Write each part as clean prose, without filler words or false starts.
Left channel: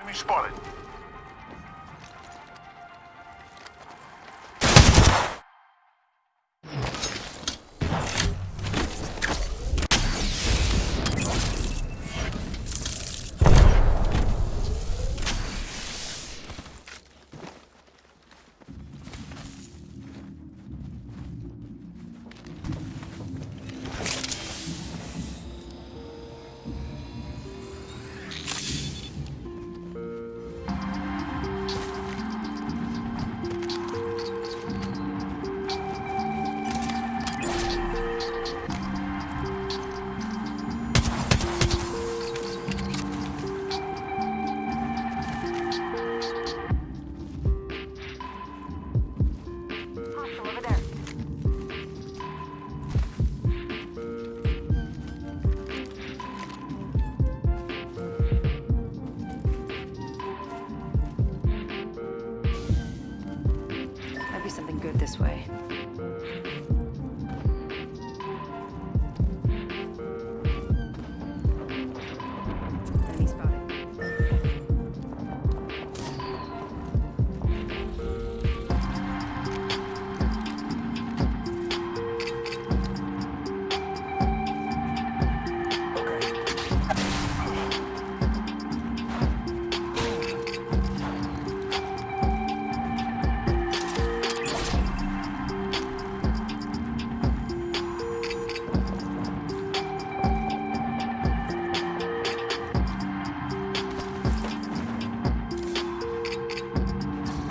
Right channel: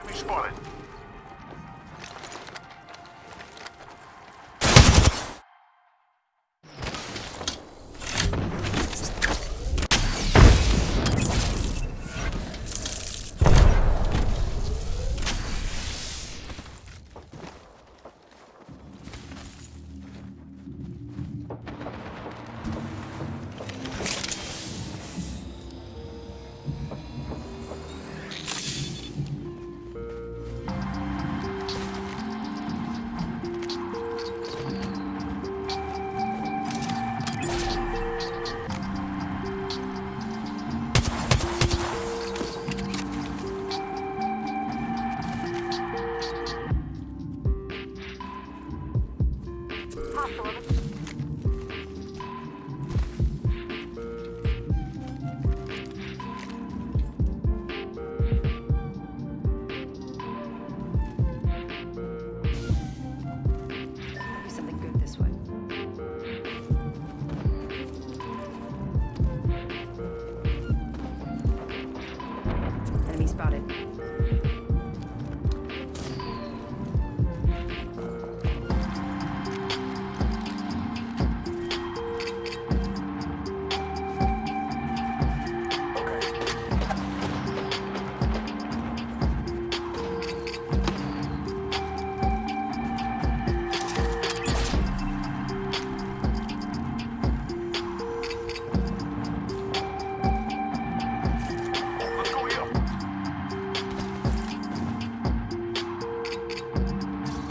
Enemy spotted. Hostile over there. Might be something good this way. Enemy spotted. Let's go here.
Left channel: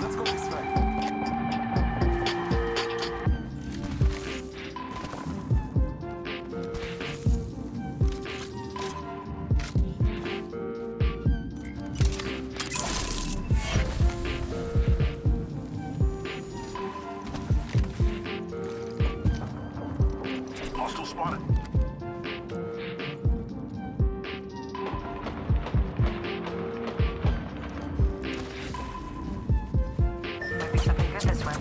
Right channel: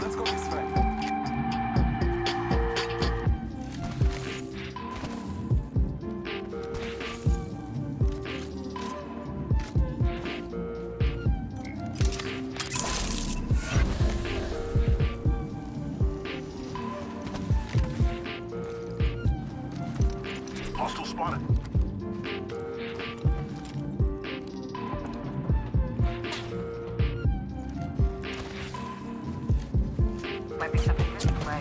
Let's go this way. Hostile spotted. Might be something good this way.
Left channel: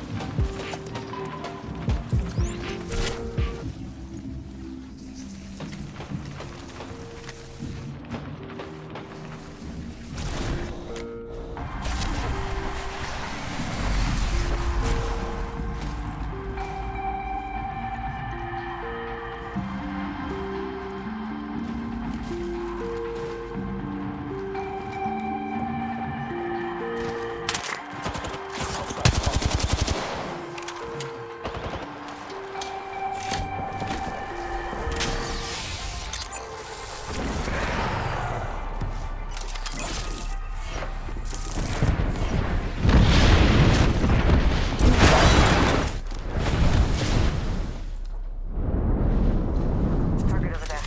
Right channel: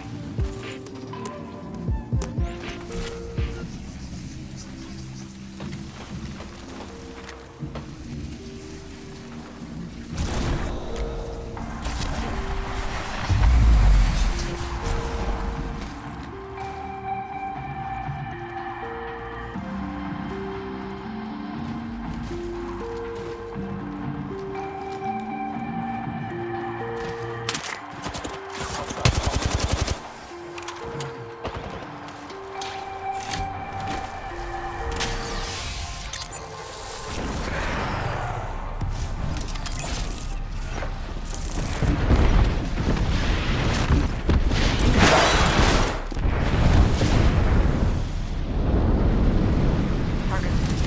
Target over there.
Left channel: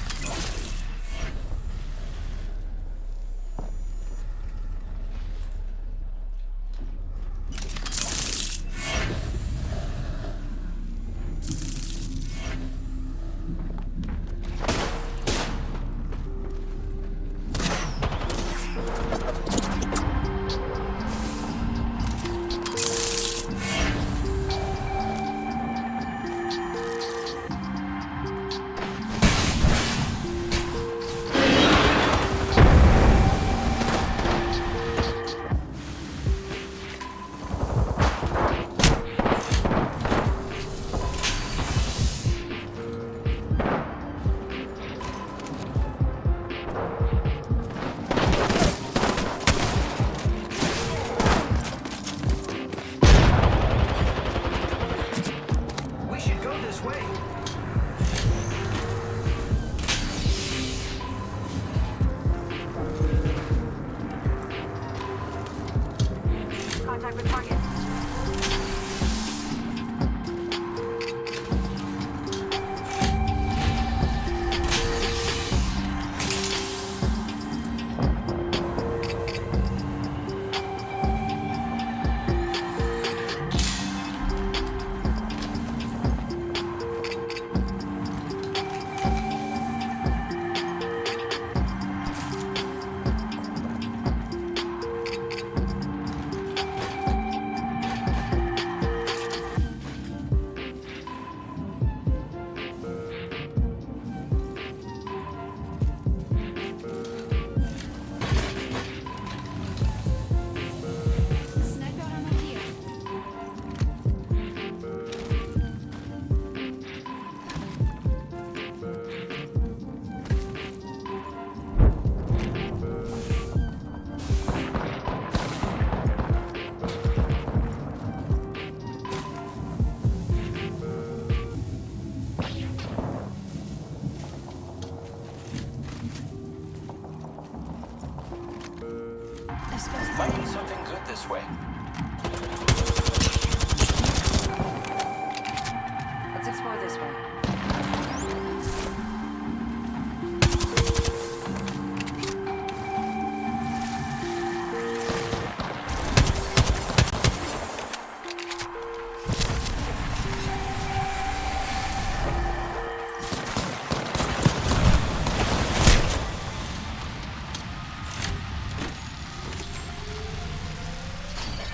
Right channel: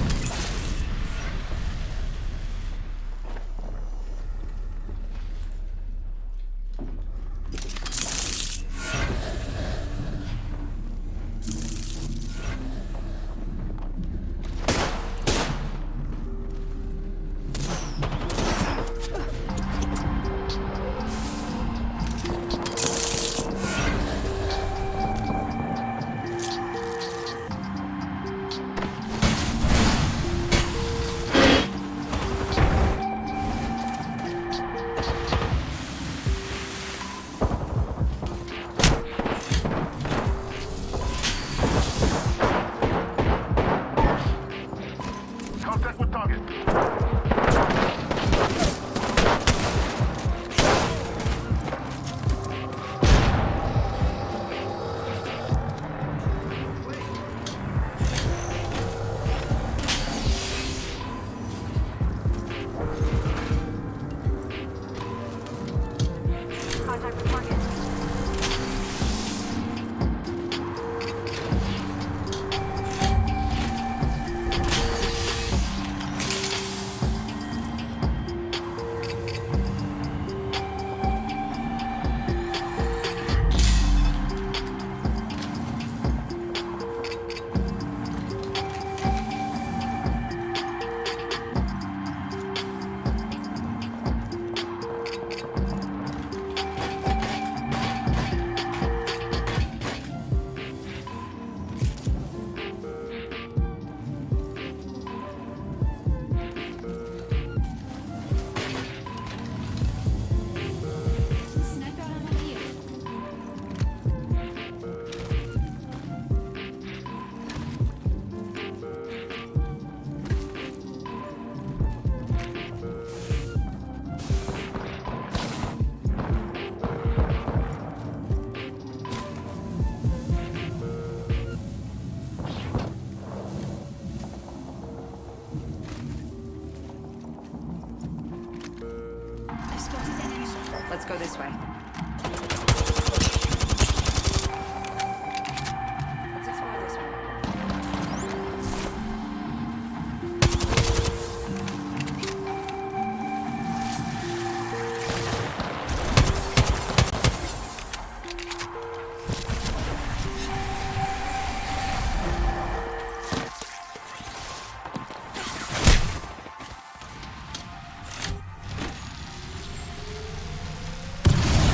Contact with target. We should go this way. Contact with target. go this this way. way. Let's explore this way.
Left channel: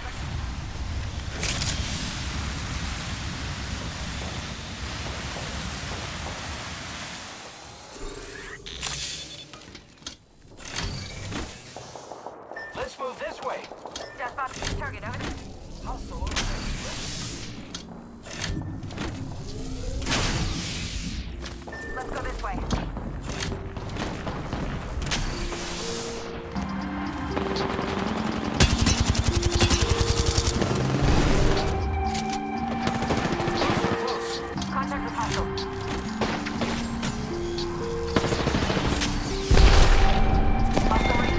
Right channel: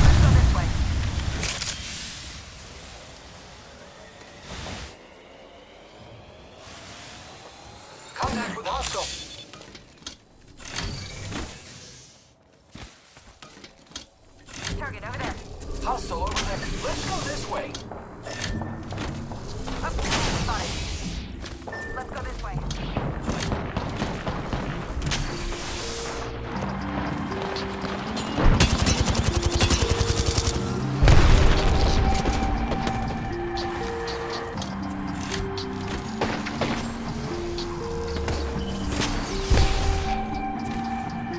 Let's go this way. Contact with hostile. Let's move this way. Just spotted target over there. Hostile over there. Let's go this way. Up, spotted. Let's go this way. Contact with hostile. Hostile right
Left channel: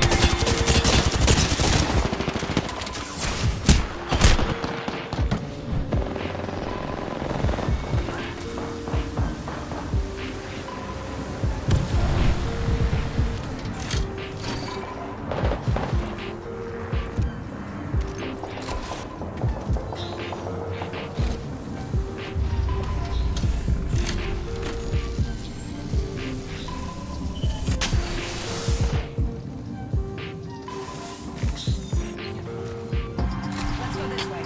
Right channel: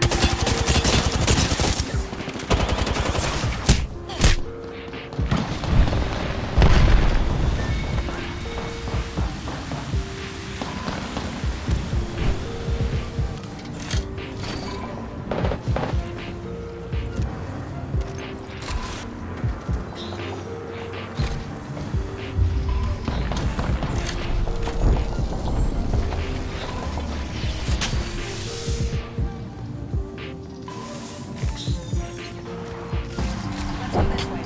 Let's go this way.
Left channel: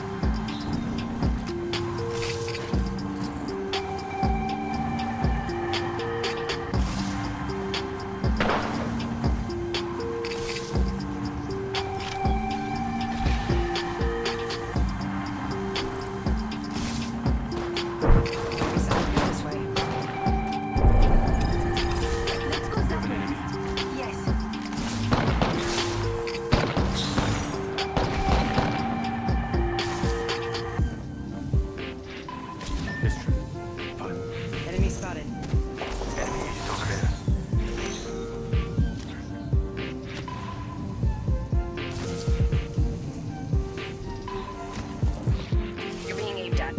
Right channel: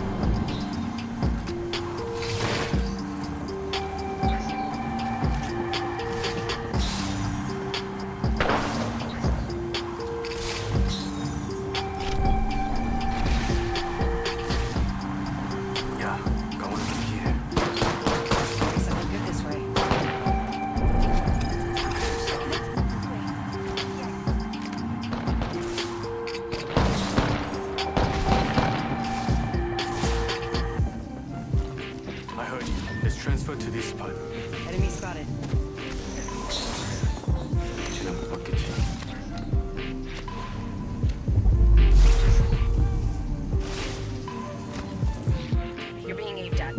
Yeah, going from here. Maybe something good this way. Let's go this way. Yes. I heard you. Let's transfer to this spot. Enemy spotted. Enemy is over there. 쟤는 못 봤겠지. You're being aimed at.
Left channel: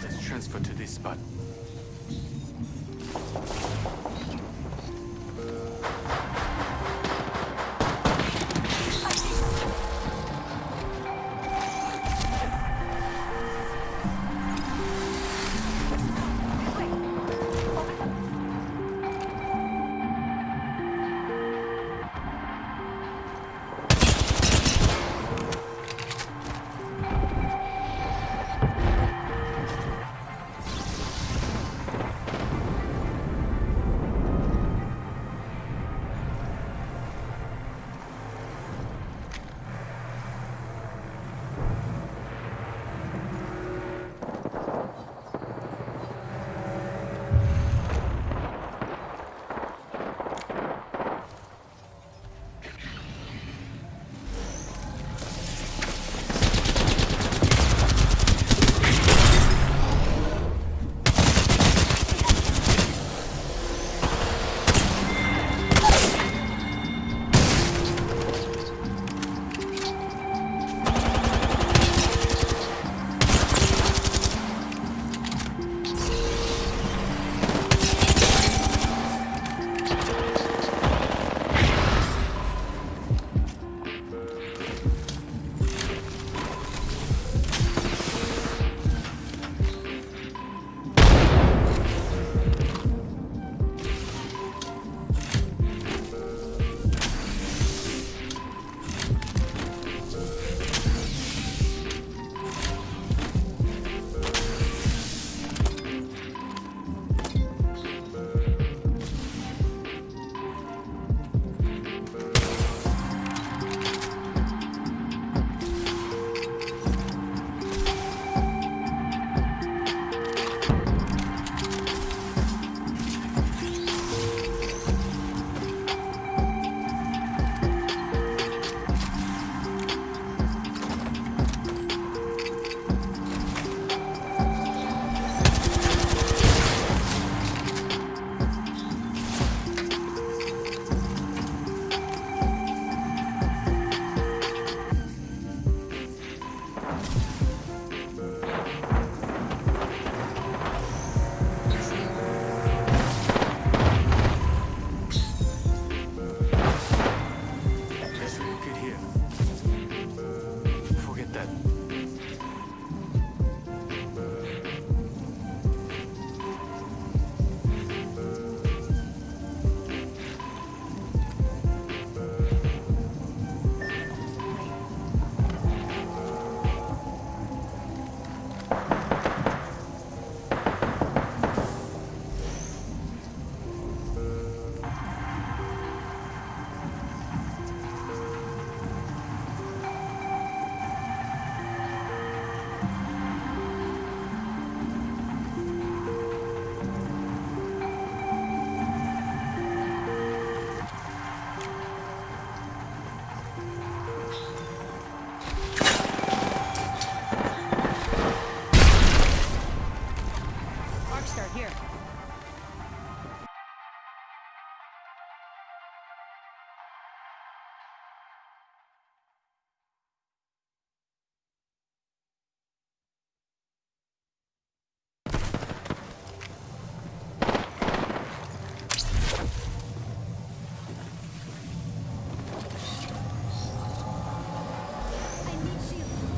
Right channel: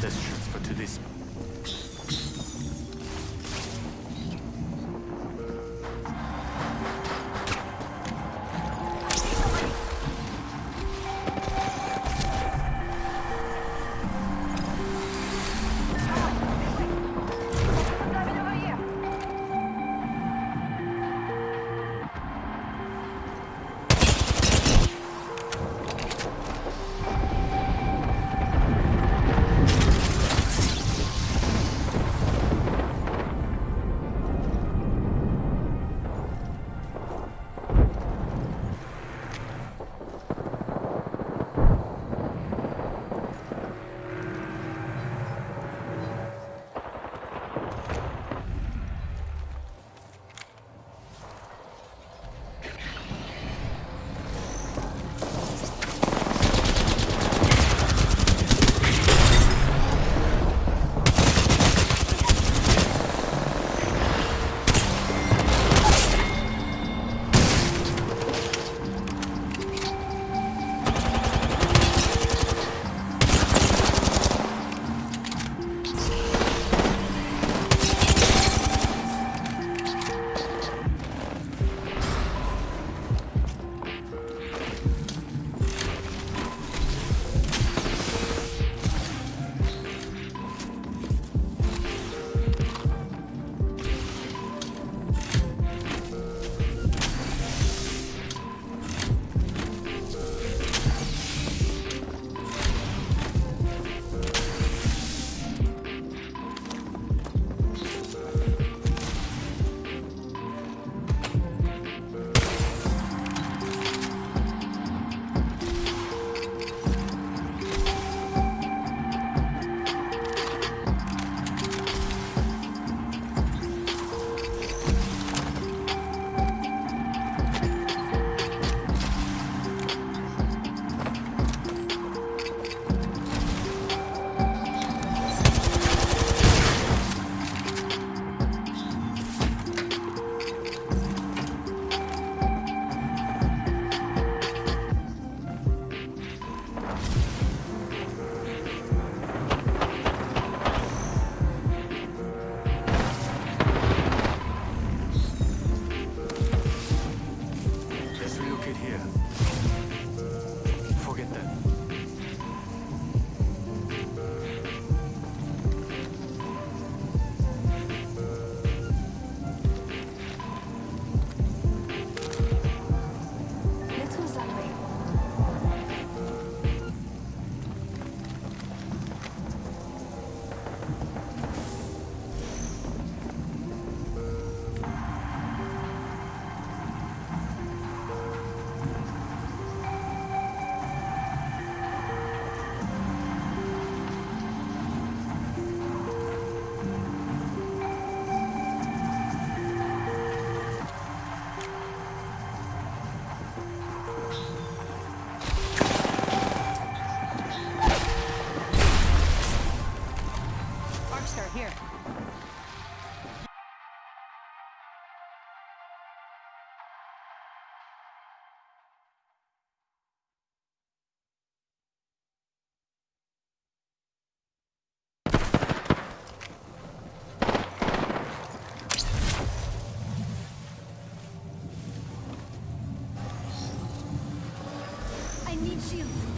Let's transfer to this spot. This way. Focus on driving over here. start here. I need shields.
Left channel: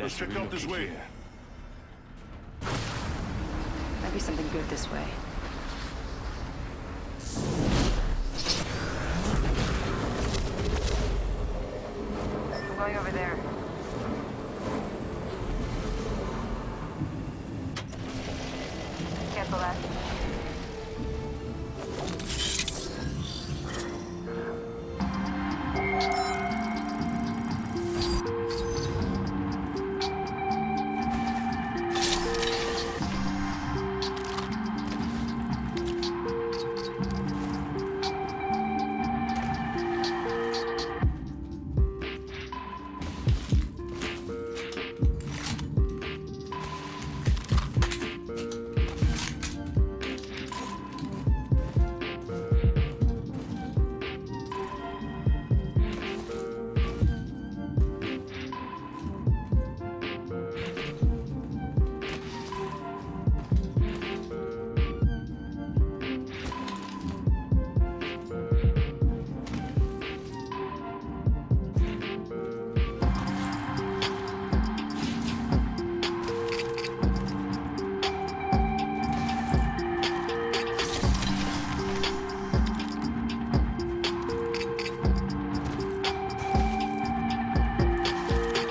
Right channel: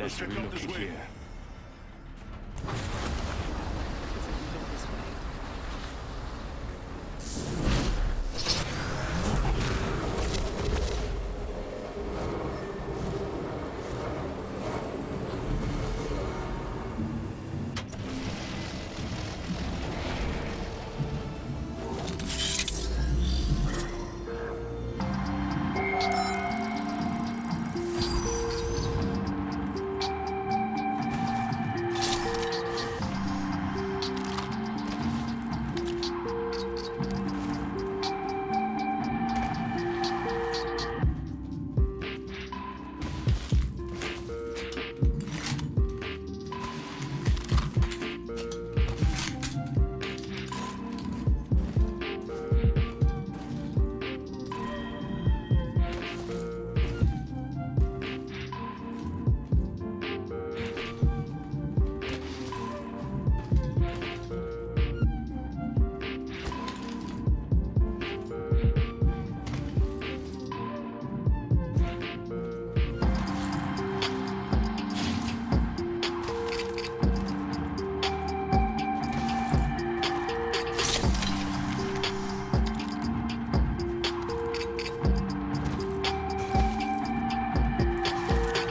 Let's check out this way. Might be something good this way. Going over there. Cancel that.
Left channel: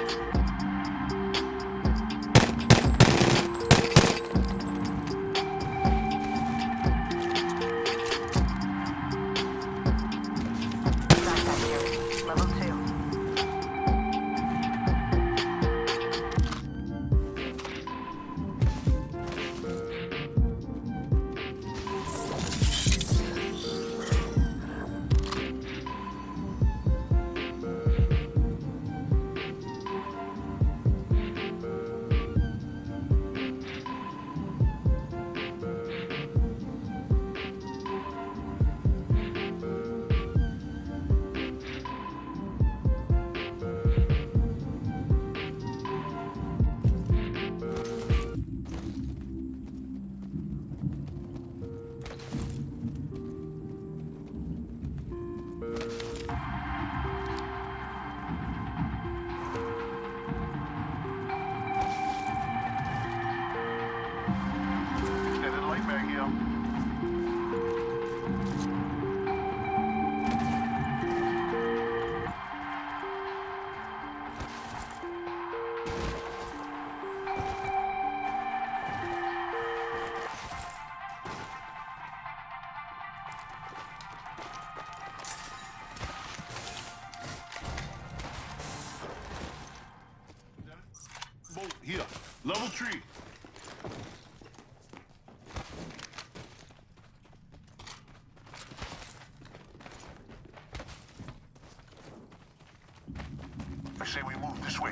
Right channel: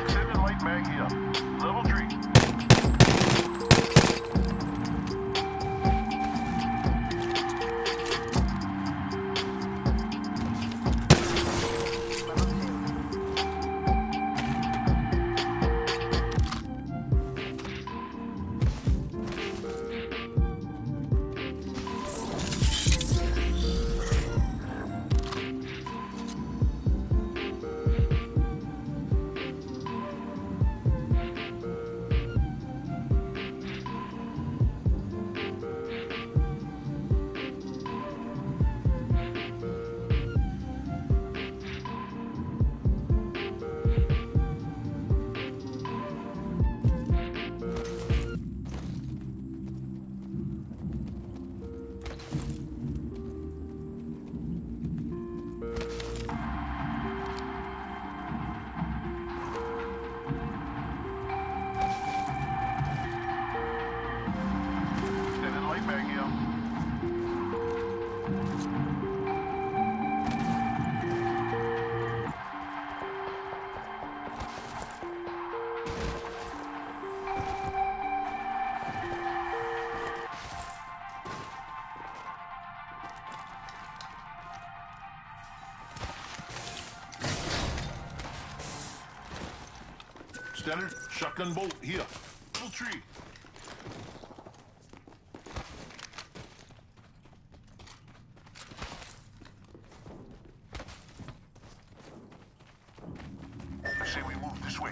Extended light mag here. Level 3. Level 2. Extended light mag here. Standard shotgun bolt here. Level 3. I say we move this way.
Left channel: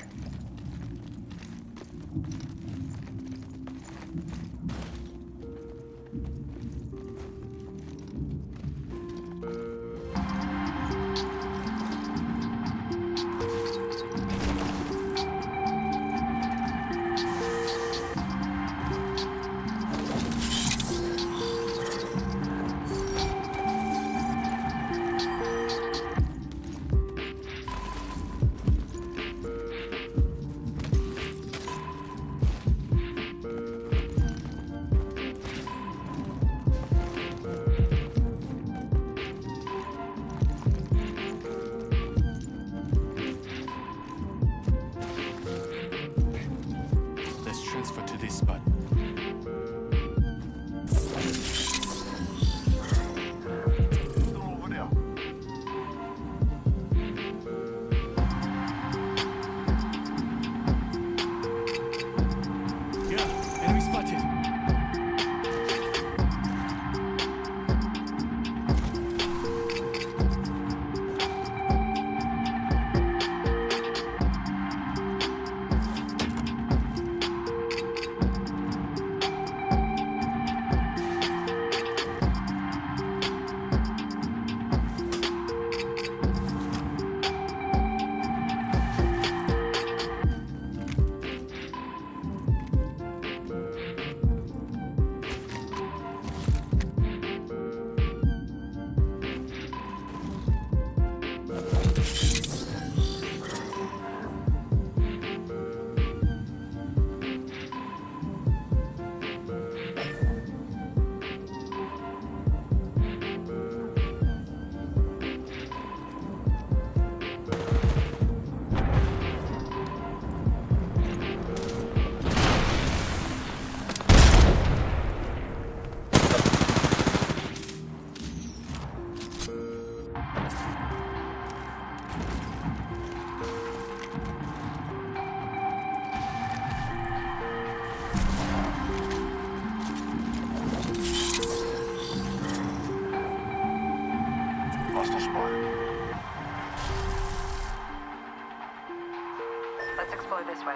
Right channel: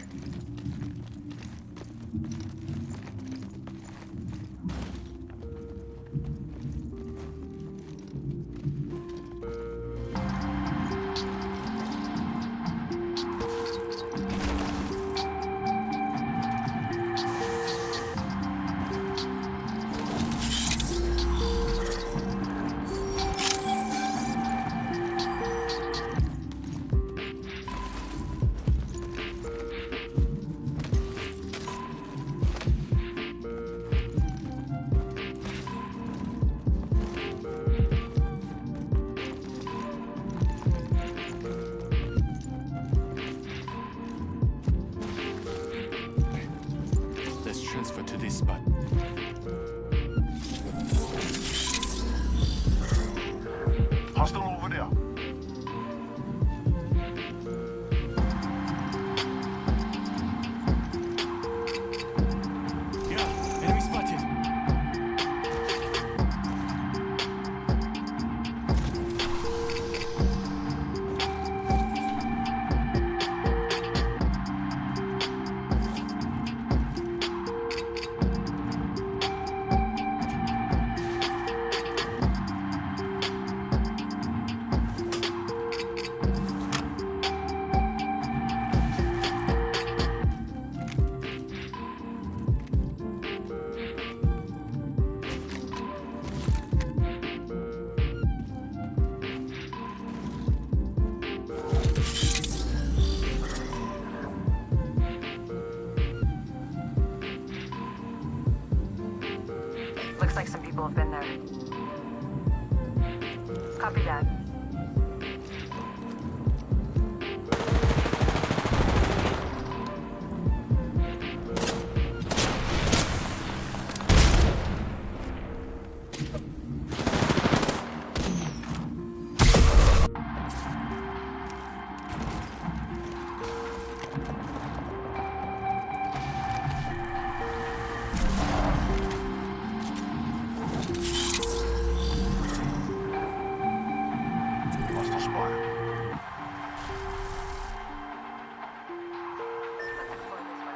Let's transfer to this spot. Hostile over there. Yeah, enemy spotted. been there. Copy that. Hostile spotted. Let's explore this way.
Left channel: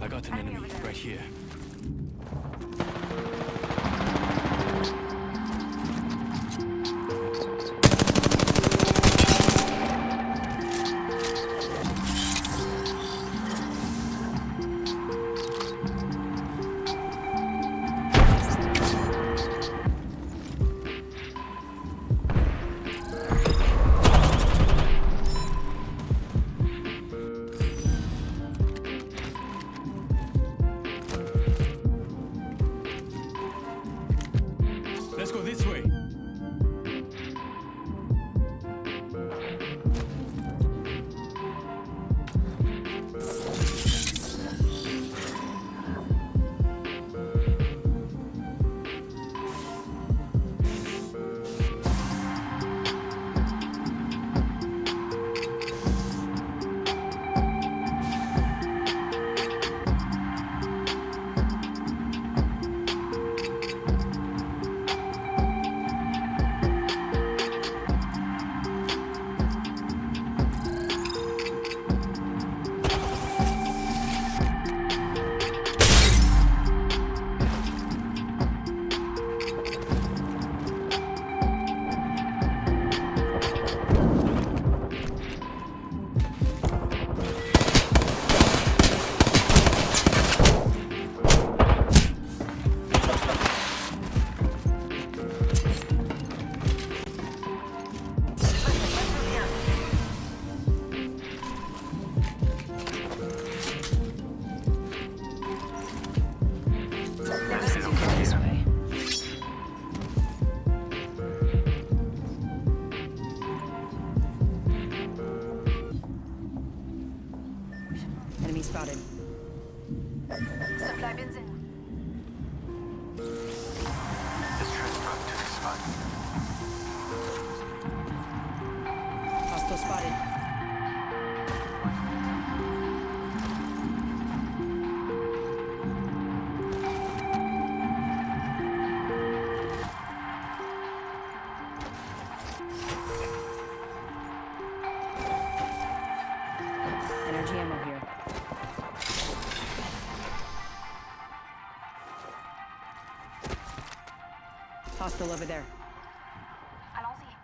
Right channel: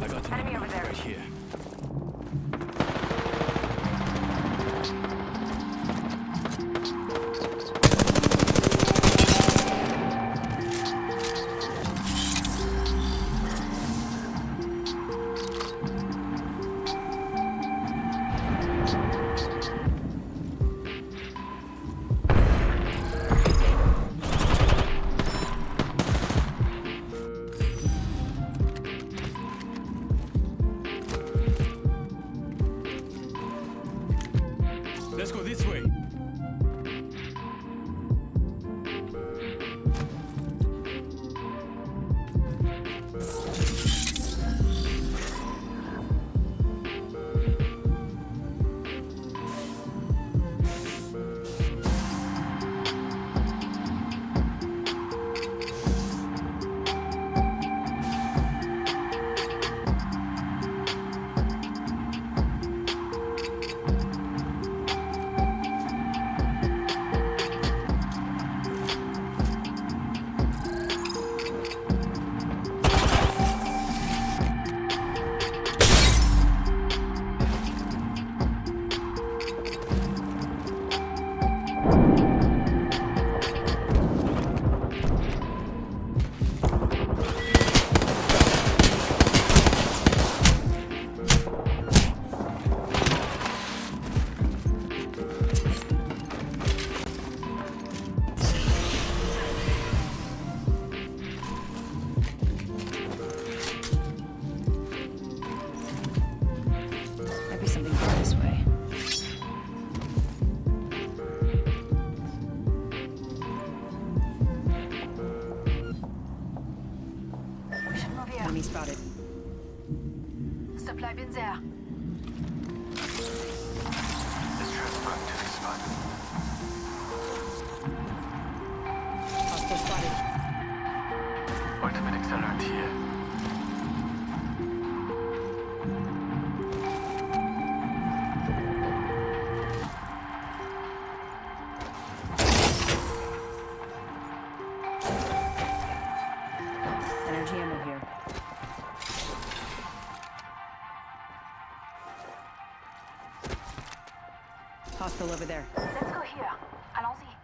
I got an Enemy enemy over there. right here. Let's go this way. Maybe something good this way. We should move here. Enemy spotted. Supply bins there. Let's transfer to this spot. Hostile spotted. Ultimate accelerant here. Energy ammo here. Hostile over there. Let's go here. Allons-y.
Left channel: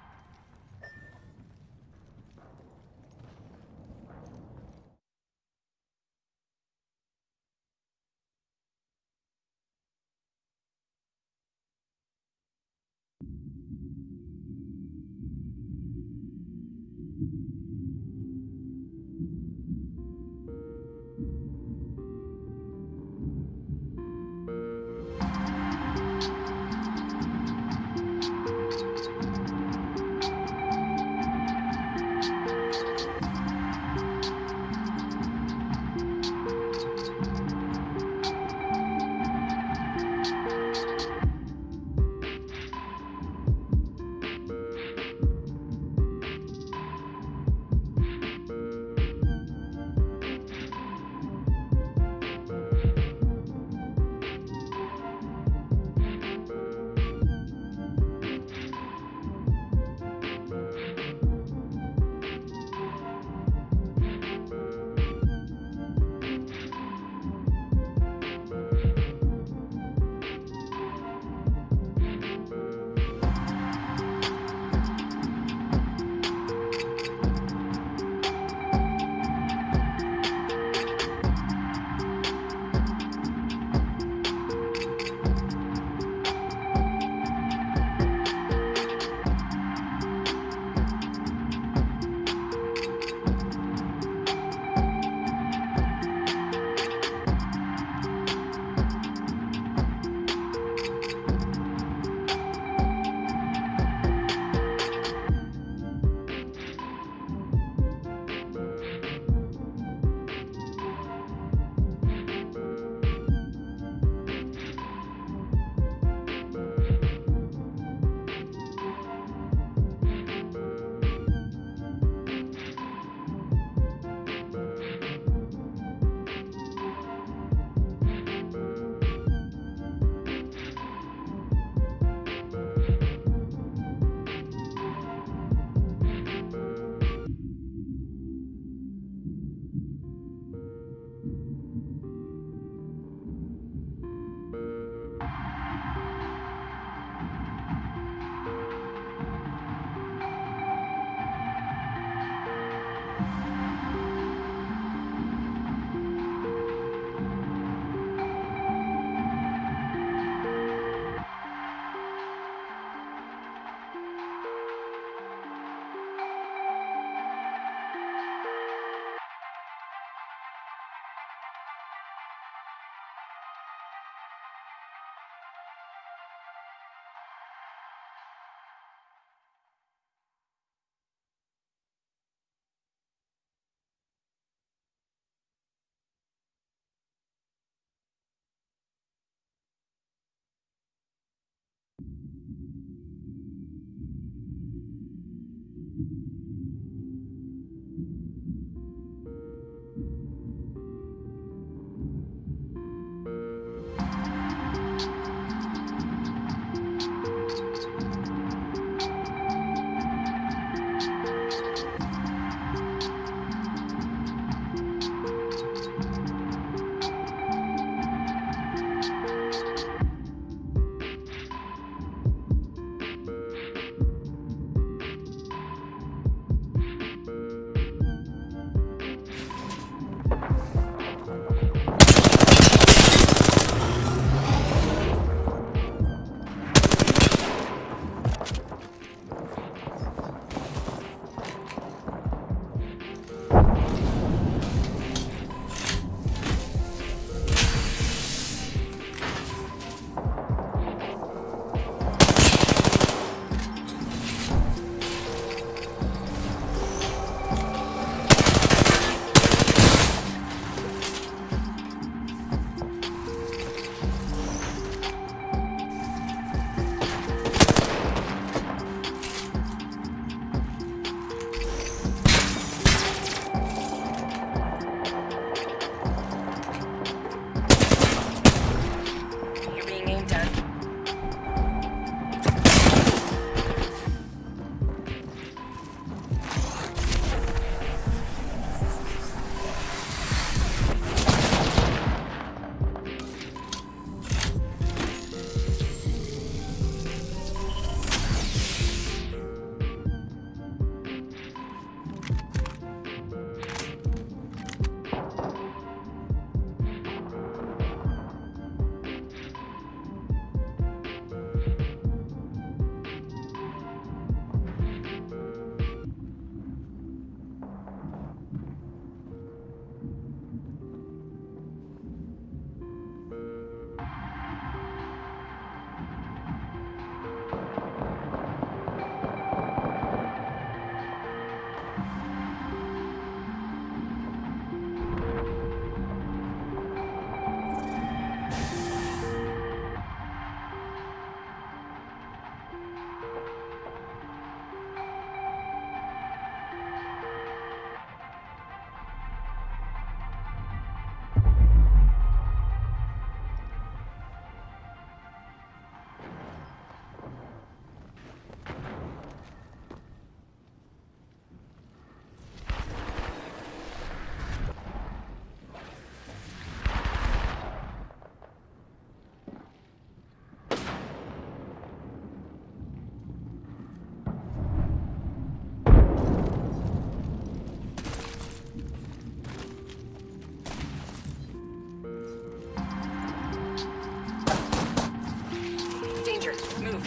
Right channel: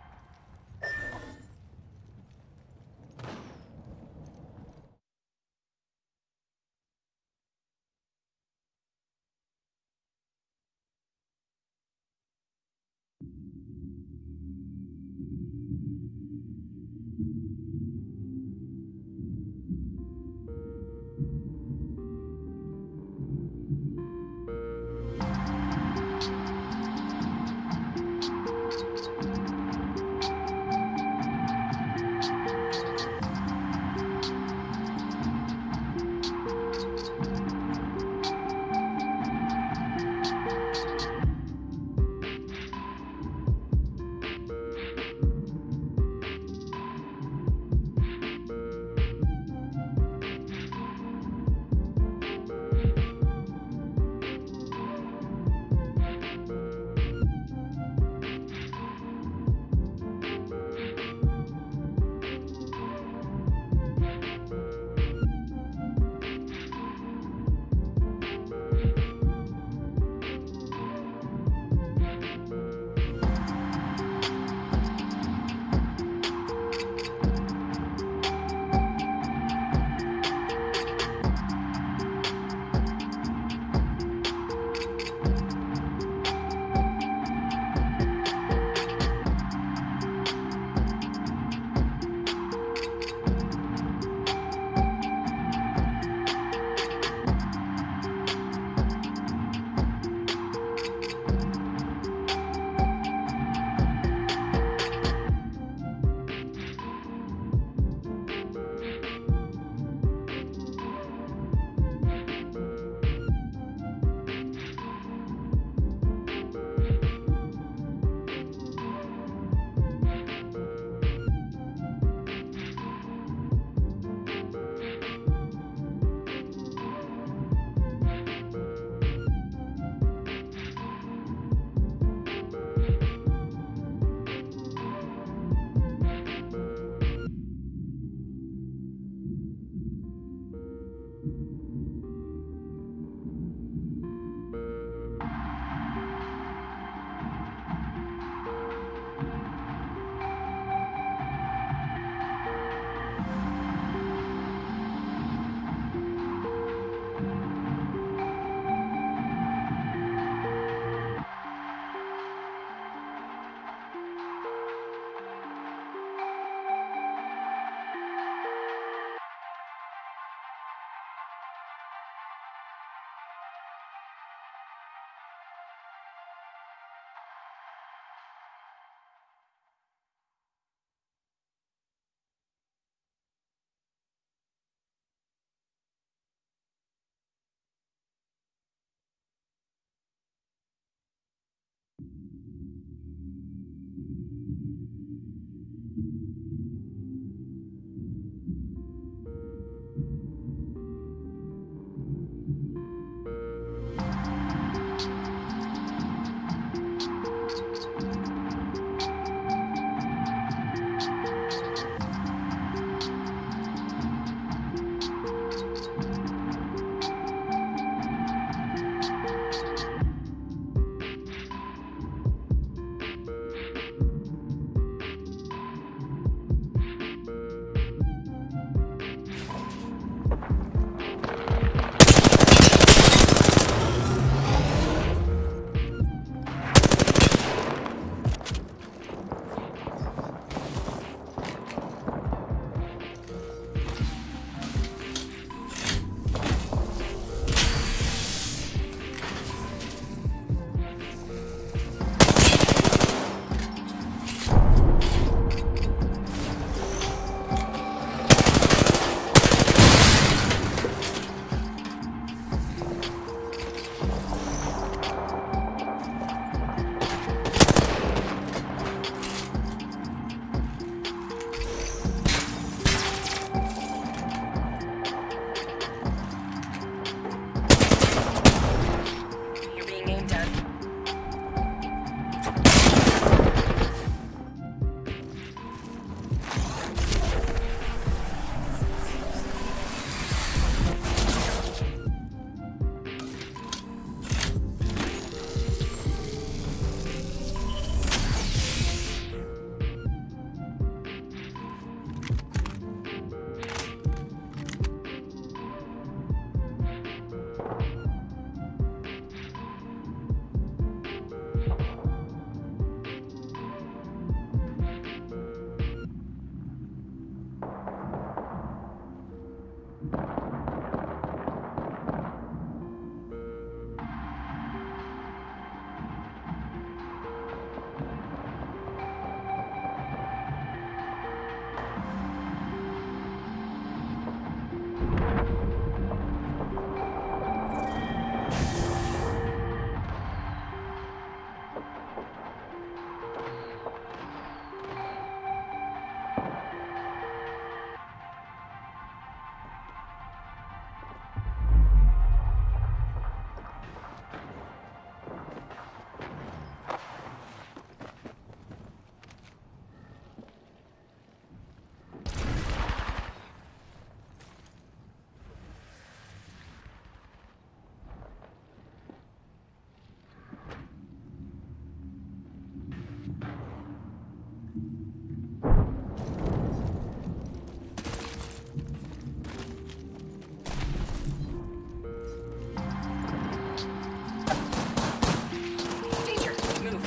Danger! Move!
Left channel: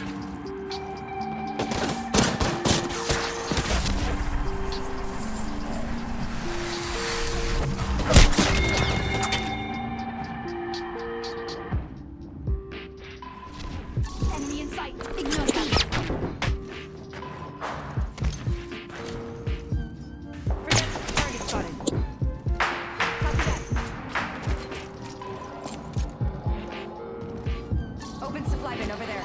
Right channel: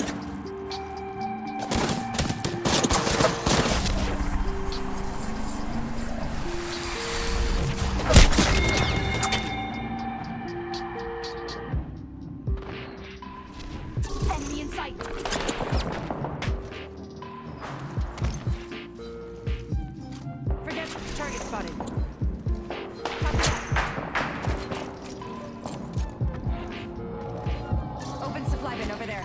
Enemy in sight. Forget target spotted. Copy that. Open supply bin over there.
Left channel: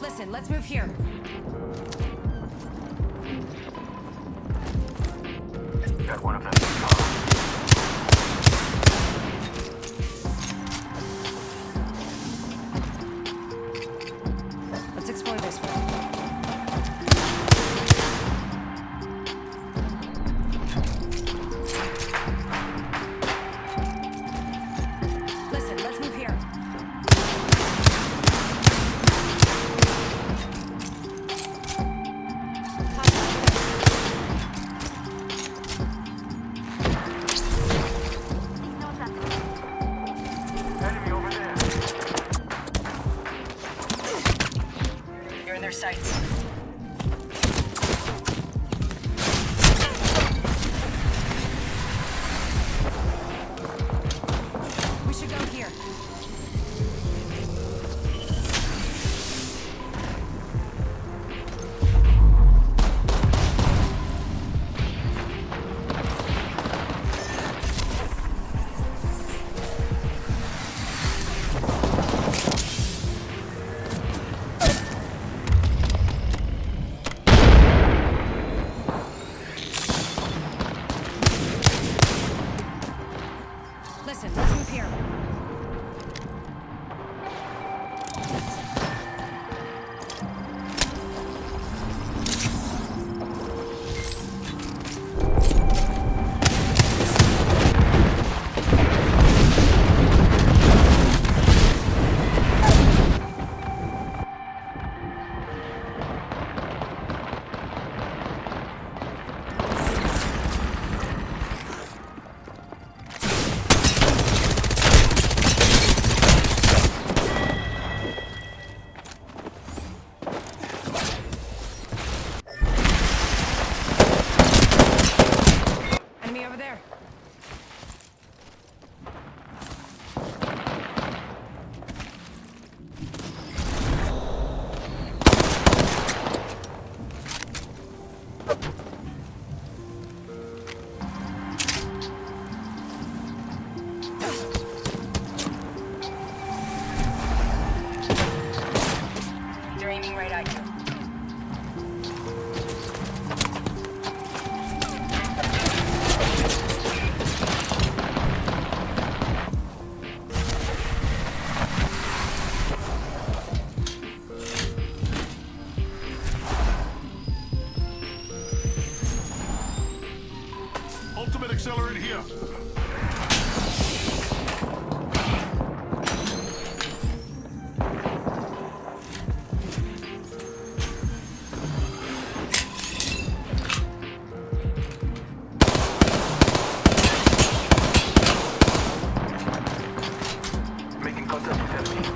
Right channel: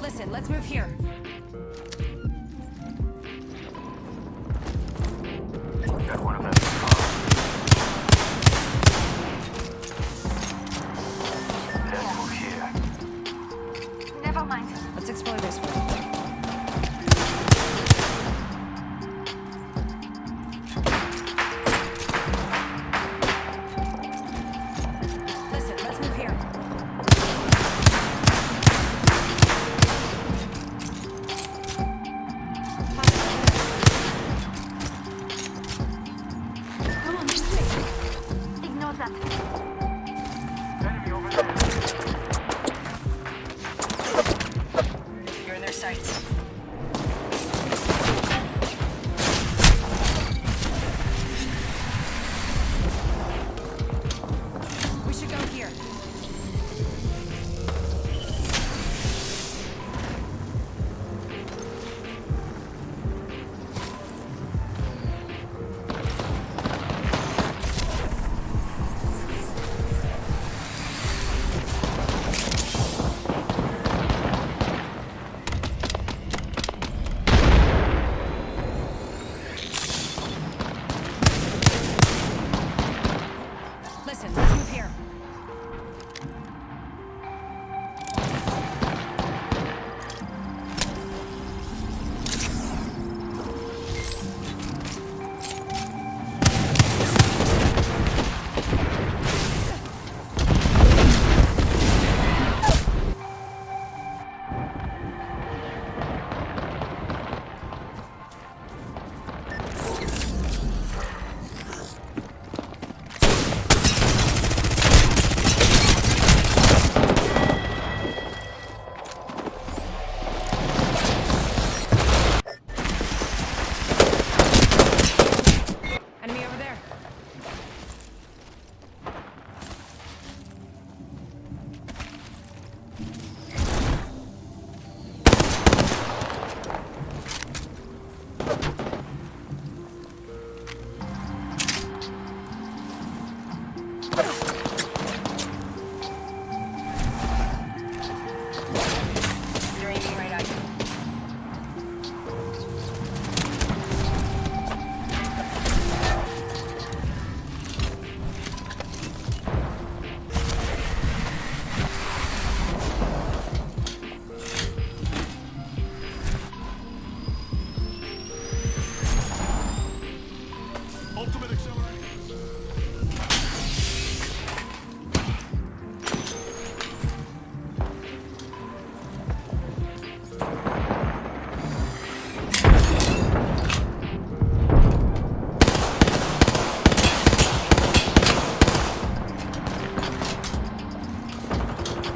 Listen, let's move here. Got one of them. Let's move here. Never mind. Let's explore this way. Listen, let's move here. Hostile over there. Ignore that. Enemy over there. You're in their sights. We should go here. Listen, let's move here. Enemy over there. They're aiming right at you. Ultimate accelerant here. Making contact with enemy.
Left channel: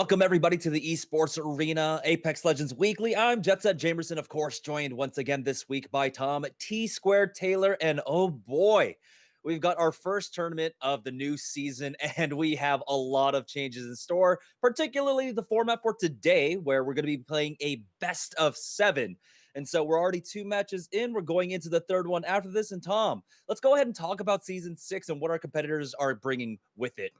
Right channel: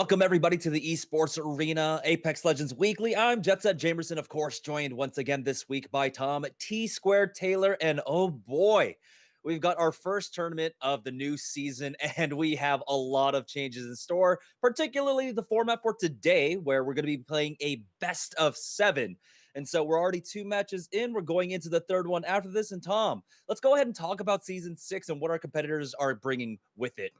Welcome everybody to the Esports Arena Apex Legends Weekly. I'm Jetset Jamerson, of course, joined once again this week by Tom T Squared Taylor, and oh boy, we've got our first tournament of the new season, and we have a lot of changes in store, particularly the format for today, where we're going to be playing a best of 7. And so we're already 2 matches in. We're going into the third one after this. And Tom, let's go ahead and talk about Season 6 and what our competitors are bringing with it.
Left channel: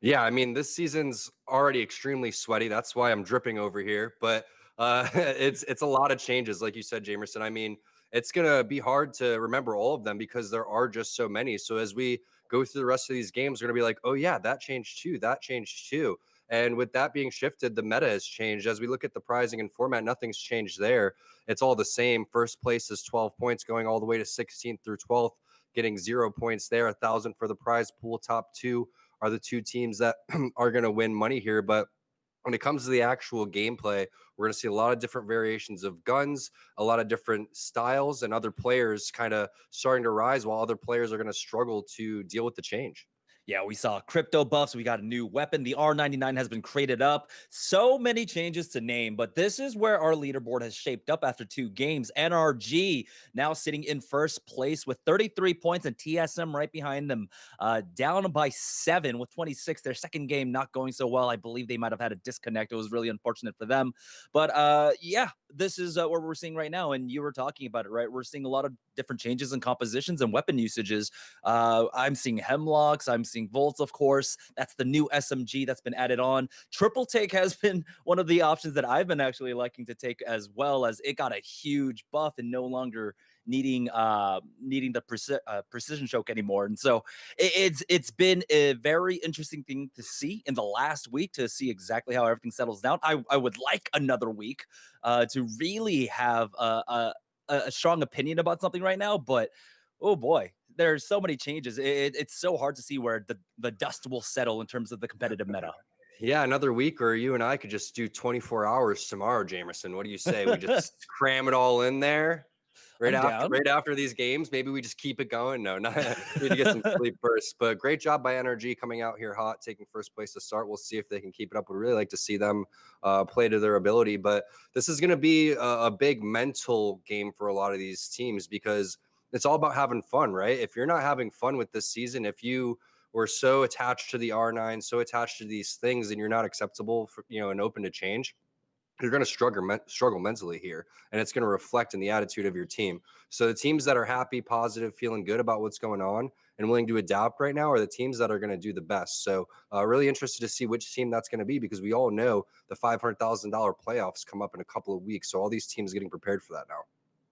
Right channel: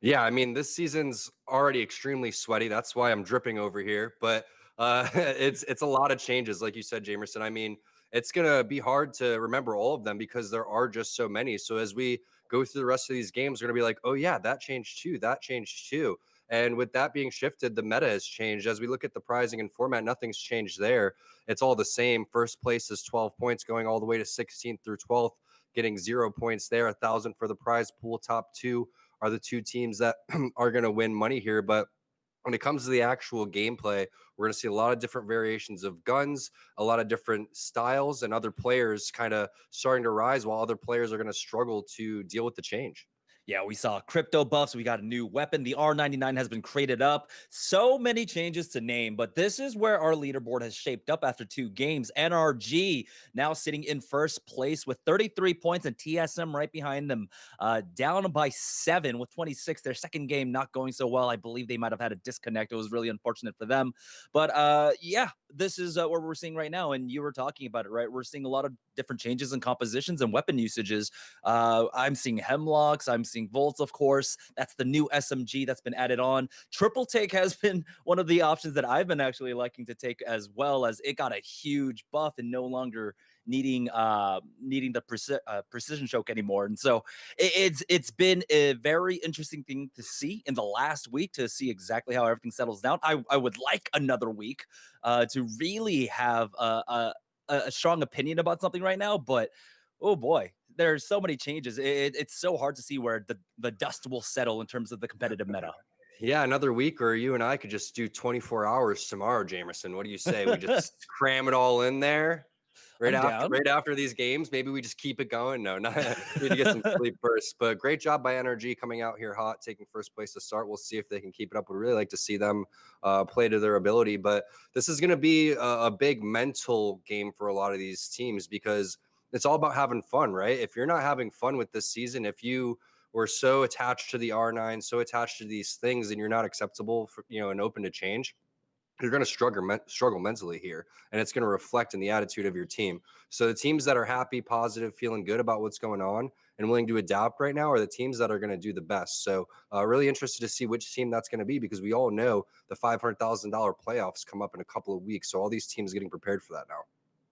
Yeah, I mean, this season's already extremely sweaty. That's why I'm dripping over here. But it's a lot of changes, like you said, Jamerson. I mean, it's gonna be hard to remember all of them because there are just so many. So as we go through the rest of these games, we're gonna be like, oh yeah, that changed too. That changed too. And with that being shifted, the meta has changed. As we look at the prizing and format, nothing's changed there. It's all the same. First place is 12 points, going all the way to 16th through 12th, getting 0 points there. 1,000 for the prize pool. Top 2 are the 2 teams that are going to win money here. But when it comes to the actual gameplay, we're going to see a lot of different variations of guns, a lot of different styles, and other players kind of starting to rise while other players are going to struggle to deal with the change. Yeah, we saw crypto buffs. We got a new weapon. The R99 has been created up. So many changes to name, but this is where our leaderboard has shaped up after 2 games. NRG now sitting in first place with 33 points and TSM right behind them, down by 7 with 26. Their second game not going so well. I believe they might have had a disconnect. It was really unfortunate for them. But yeah, this is what we're seeing right now. And you were talking about it, right? We're seeing a lot of different changes in compositions and weapon usages. I'm seeing Hemlocks. I'm seeing Volts, of course. That's the new SMG that's been added on. Triple Take has been one of the options that I've been actually liking to take, as well, as it got a huge buff and no longer needing the precision choke anymore. And so it's been a very interesting thing to see in the last week, to see exactly how everything settles down. I would like another week to really have a strong opinion about something right now, but oh boy, there's so many changes. It's so hard to see where the dust will settle in terms of the competitive meta. Yeah, another week, or you and I could just do 24 hours tomorrow, Jamerson. What do you say? We just cram it all in there right after these games. Maybe we just keep it going. No, not need to get some sleep first. But great job by NRG coming out here hot, taking first place to start. We'll see if they can keep it up. We'd really like to see them play to their ability. But this is going to be a big mental game for a lot of these teams, because it's all about having fun, right? If you're not having fun with this season, if you were so attached to the R9, so attached to these things, and you're not acceptable for, and open to change, you're going to struggle mentally here, and it's going to reflect in the attitude of your team. So the teams that are happy, positive, feeling good about what's going on and willing to adapt right now are the teams that are going to do the best. So really interested to see which team that's going to be, because we all know the $500,000 playoffs come up in a couple of weeks. So all these teams getting prepared for that now.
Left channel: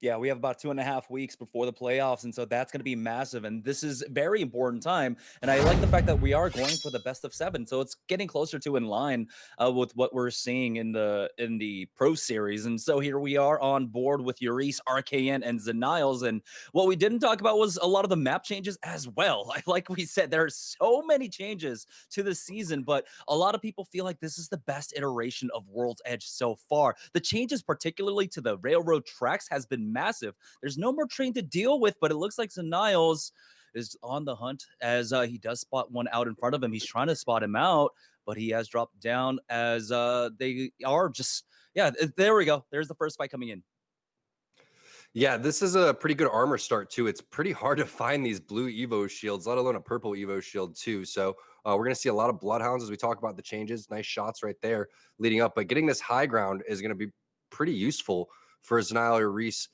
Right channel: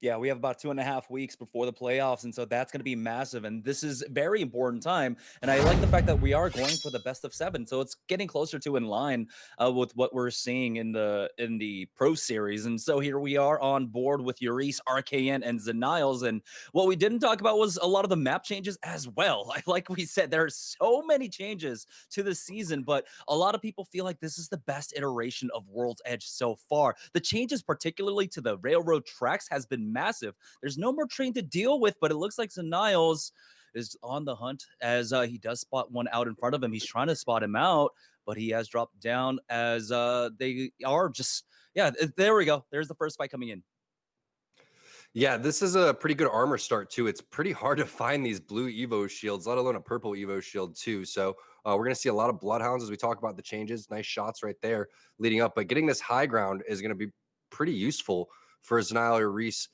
Yeah, we have about 2.5 weeks before the playoffs, and so that's going to be massive. And this is a very important time. And I like the fact that we are going for the best of 7, so it's getting closer to in line with what we're seeing in the Pro Series. And so here we are on board with Urice, RKN, and Zeniles. And what we didn't talk about was a lot of the map changes as well. Like we said, there are so many changes to the season, but a lot of people feel like this is the best iteration of World's Edge so far. The changes, particularly to the railroad tracks, has been massive. There's no more train to deal with, but it looks like Zeniles is on the hunt, as he does spot one out in front of him. He's trying to spot him out, but he has dropped down, as they are just, yeah, there we go. There's the first fight coming in. Yeah, this is a pretty good armor start too. It's pretty hard to find these blue Evo shields, let alone a purple Evo shield too. So we're going to see a lot of Bloodhounds as we talk about the changes. Nice shots right there leading up, but getting this high ground is going to be pretty useful for Zenile or Reese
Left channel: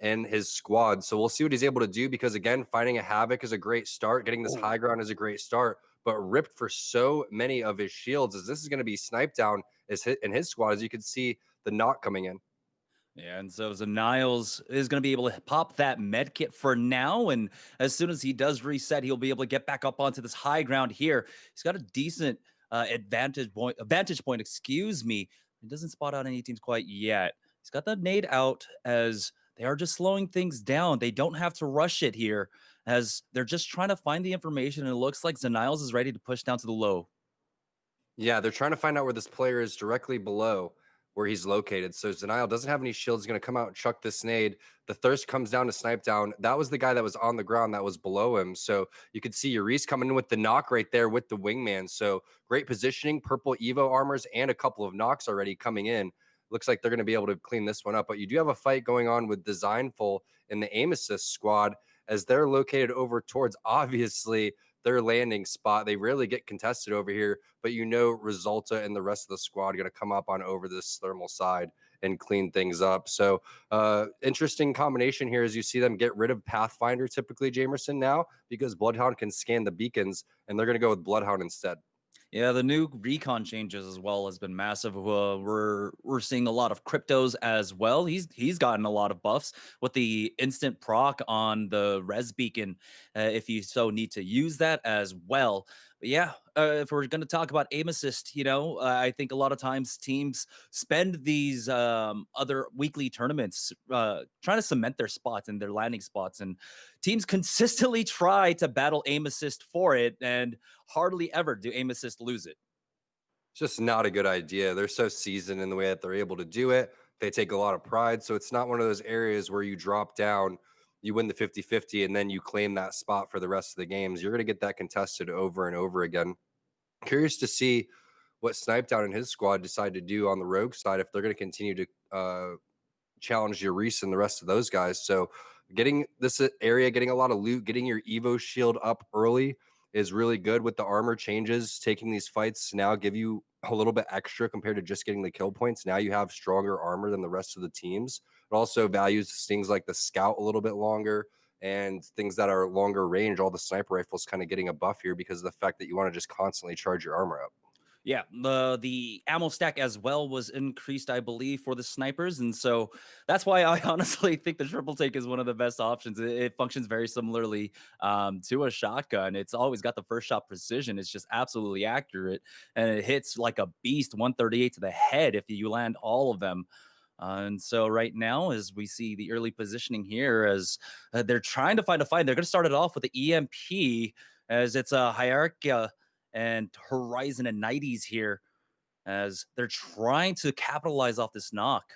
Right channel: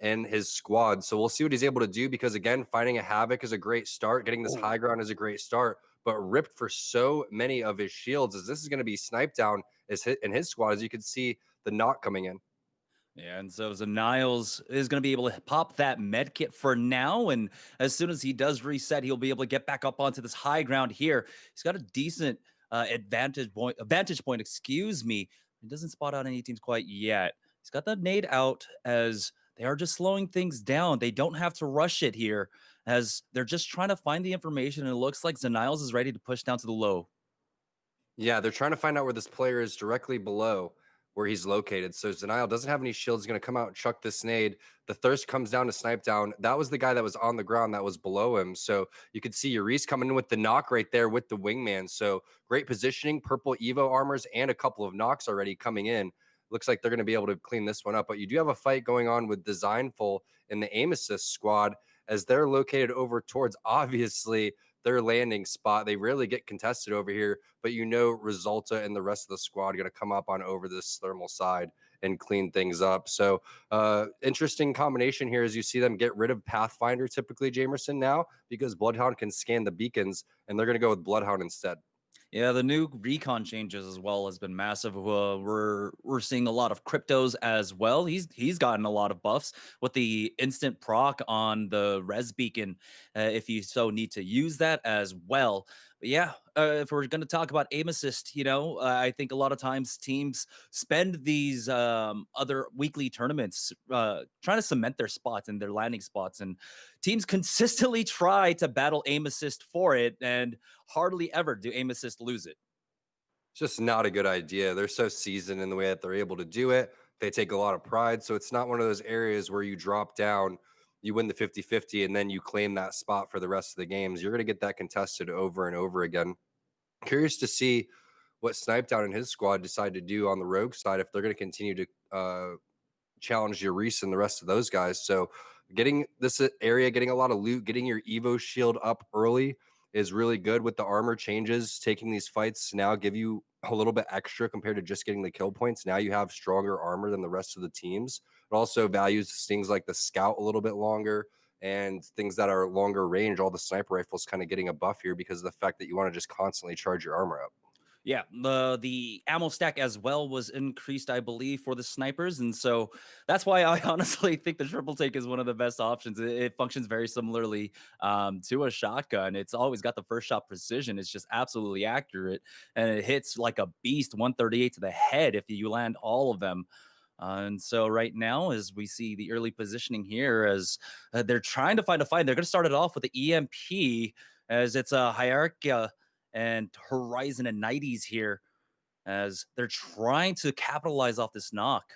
and his squad. So we'll see what he's able to do, because again, finding a Havoc is a great start. Getting this high ground is a great start, but ripped for so many of his shields, as this is going to be sniped down in his squad, as you can see the knock coming in. Yeah, and so Zeniles is going to be able to pop that med kit for now, and as soon as he does reset, he'll be able to get back up onto this high ground here. He's got a decent vantage point, excuse me. He doesn't spot out any teams quite yet. He's got the nade out, as they are just slowing things down. They don't have to rush it here, as they're just trying to find the information, and it looks like Zeniles is ready to push down to the low. Yeah, they're trying to find out where this player is directly below. where he's located. So Denial doesn't have any shields. He's going to come out and chuck this nade. The Thirst comes down to snipe down. That was the guy that was on the ground that was below him. So you could see Uriz coming in with the knock right there with the wingman. So great positioning, purple Evo armors, and a couple of knocks already coming in. Looks like they're going to be able to clean this one up. But you do have a fight going on with Designful in the aim assist squad as they're located over towards, obviously, their landing spot. They rarely get contested over here, but Resulta and the rest of the squad are going to come up on over this thermal side and clean things up. So interesting combination here as you see them get rid of Pathfinder, typically Jamerson now, because Bloodhound can scan the beacons, and they're going to go with Bloodhound instead. Yeah, the new recon changes as well has been massive. We're seeing a lot of cryptos as well. He's gotten a lot of buffs with the instant proc on the res beacon, if you so need to use that as well. But yeah, if we're going to talk about aim assist, I think a lot of times teams spend these other weekly tournaments trying to cement their spots and their landing spots, and teams consistently try to battle aim assist for it, and hardly ever do aim assist lose it. It's just not a good idea. They're so seasoned in the way that they're able to do it. They take a lot of pride. So it's not one of those areas where you drop down, you win the 50-50, and then you claim that spot for the rest of the games. You're going to get that contested over and over again. Curious to see what Snipedown and his squad decide to do on the rogue side, if they're going to continue to challenge Uriz and the rest of those guys. So getting this area, getting a lot of loot, getting your Evo shield up early is really good. With the armor changes, taking these fights now give you a little bit extra compared to just getting the kill points. Now you have stronger armor than the rest of the teams. It also values things like the scout a little bit longer and things that are longer range. All the sniper rifles kind of getting a buff here because of the fact that you want to just constantly charge your armor up. Yeah, the ammo stack as well was increased, I believe, for the snipers. And so that's why I honestly think the triple take is one of the best options. It functions very similarly to a shotgun. It's always got the first shot precision. It's just absolutely accurate. And it hits like a beast, 138 to the head if you land all of them. And so right now, as we see the early positioning here, as they're trying to find a fight, they're going to start it off with the EMP, as it's a hierarchy and Horizon and 90s here, as they're trying to capitalize off this knock.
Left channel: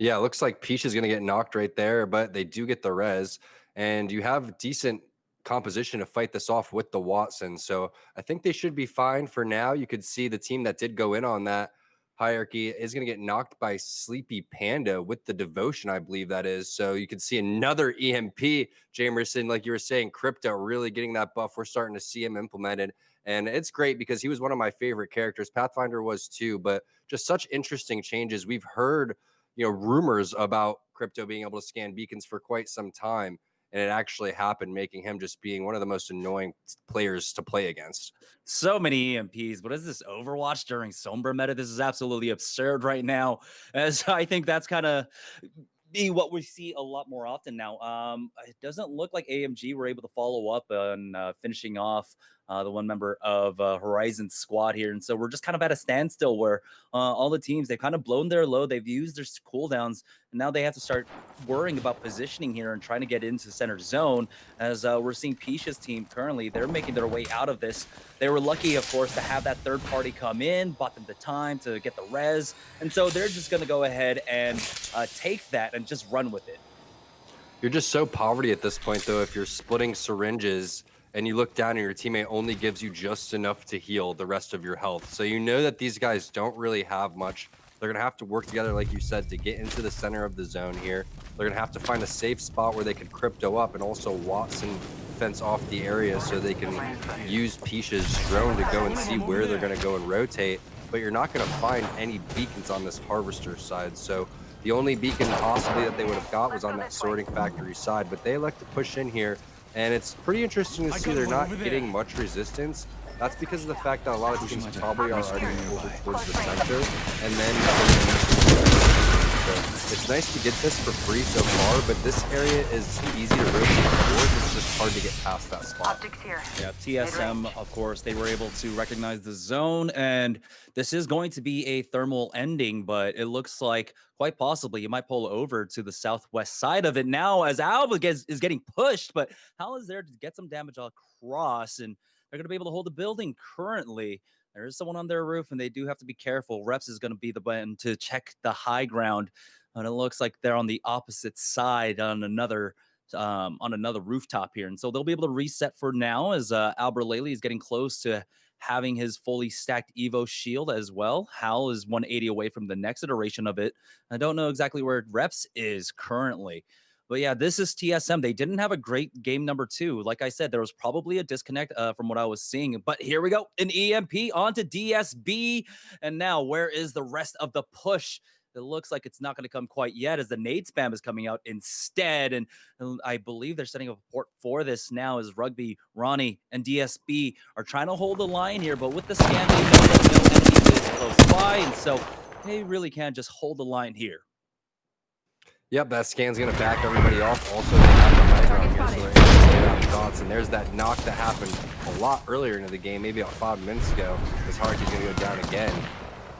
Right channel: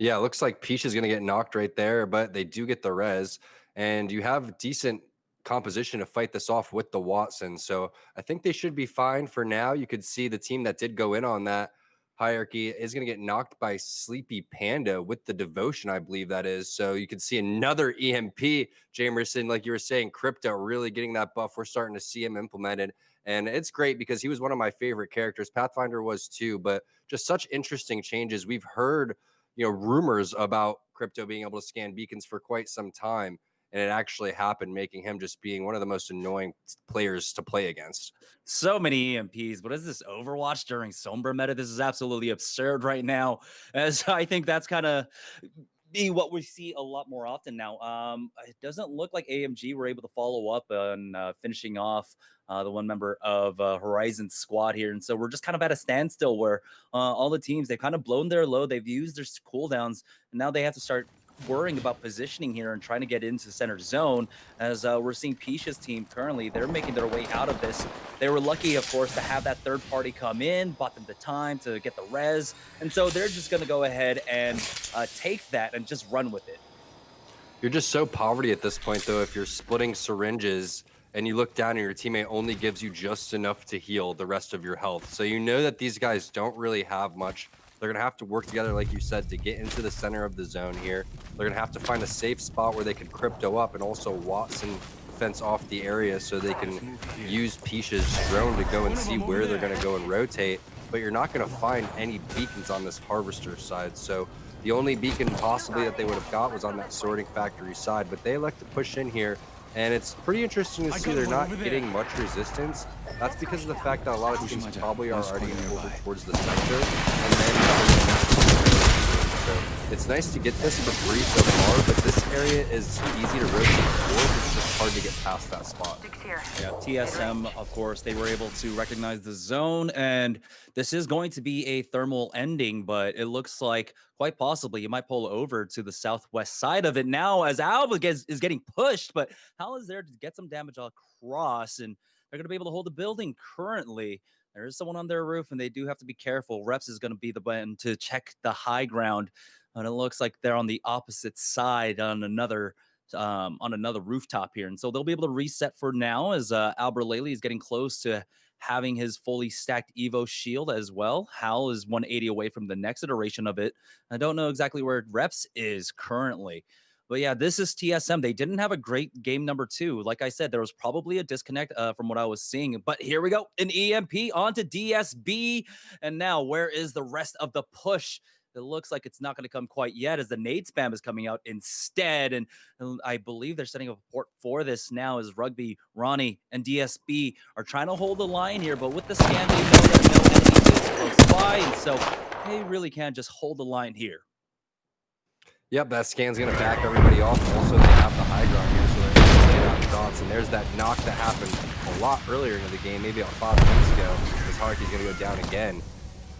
Yeah, it looks like Peach is going to get knocked right there, but they do get the res, and you have decent composition to fight this off with the Watson. So I think they should be fine for now. You could see the team that did go in on that hierarchy is going to get knocked by Sleepy Panda with the devotion, I believe that is. So you could see another EMP, Jamerson, like you were saying, Crypto really getting that buff. We're starting to see him implemented, and it's great because he was one of my favorite characters. Pathfinder was too, but just such interesting changes. We've heard, rumors about Crypto being able to scan beacons for quite some time, and it actually happened, making him just being one of the most annoying players to play against. So many EMPs. What is this, Overwatch during Sombra meta? This is absolutely absurd right now, as I think that's kind of be what we see a lot more often now. It doesn't look like AMG were able to follow up on finishing off the one member of Horizon squad here. And so we're just kind of at a standstill where all the teams, they've kind of blown their load. They've used their cooldowns, and now they have to start worrying about positioning here and trying to get into center zone, as we're seeing Pisha's team currently. They're making their way out of this. They were lucky, of course, to have that third party come in, bought them the time to get the res. And so they're just going to go ahead and take that and just run with it. You're just so poverty at this point, though, if you're splitting syringes and you look down and your teammate only gives you just enough to heal the rest of your health. So you know that these guys don't really have much. They're going to have to work together, like you said, to get into the center of the zone here. They're going to have to find a safe spot where they can crypto up, and also Watson fence off the area so they can use Pisha's drone to go and see where they're going to go and rotate. But you're not going to find any beacons on this harvester side. So the only beacon possibly that they would have got was on that sorting factory side, but they elect to push in here. And it's pretty interesting to see they're not getting much resistance. That's because of the fact that a lot of teams probably are already over towards the center, and then so it's nice to get this for free so far, but this area is easy to rotate towards. It's just hard to get past that spot. Optics here. Yeah, TSM, of course, they were able to recognize the zone, and this is going to be a thermal ending, but it looks like quite possibly you might pull over to the southwest side of it now, as Alba is getting pushed, but Hal is there to get some damage across, and they're going to be able to hold the building currently. There is someone on their roof, and they do have to be careful. Reps is going to be the one to check the high ground, and it looks like they're on the opposite side on another rooftop here, and so they'll be able to reset for now as Albert Laley is getting close to having his fully stacked Evo shield as well. Hal is 180 away from the next iteration of it. I don't know exactly where Reps is currently. But yeah, this is TSM. They didn't have a great game number 2. Like I said, there was probably a disconnect from what I was seeing. But here we go. An EMP onto DSB. And now where is the rest of the push? It looks like it's not going to come quite yet as the nade spam is coming out instead. And I believe they're setting up a port for this now as Rugby, Ronnie, and DSB are trying to hold the line here. But with the scan, they know that no enemy is close by. And so they really can just hold the line here. Yep, that scan's going to back everybody off. Also, they have the high ground here, so they're able to stand out shots. And there's that knock that happened a lot earlier into the game, maybe about 5 minutes ago, as Haruki's going to go down again.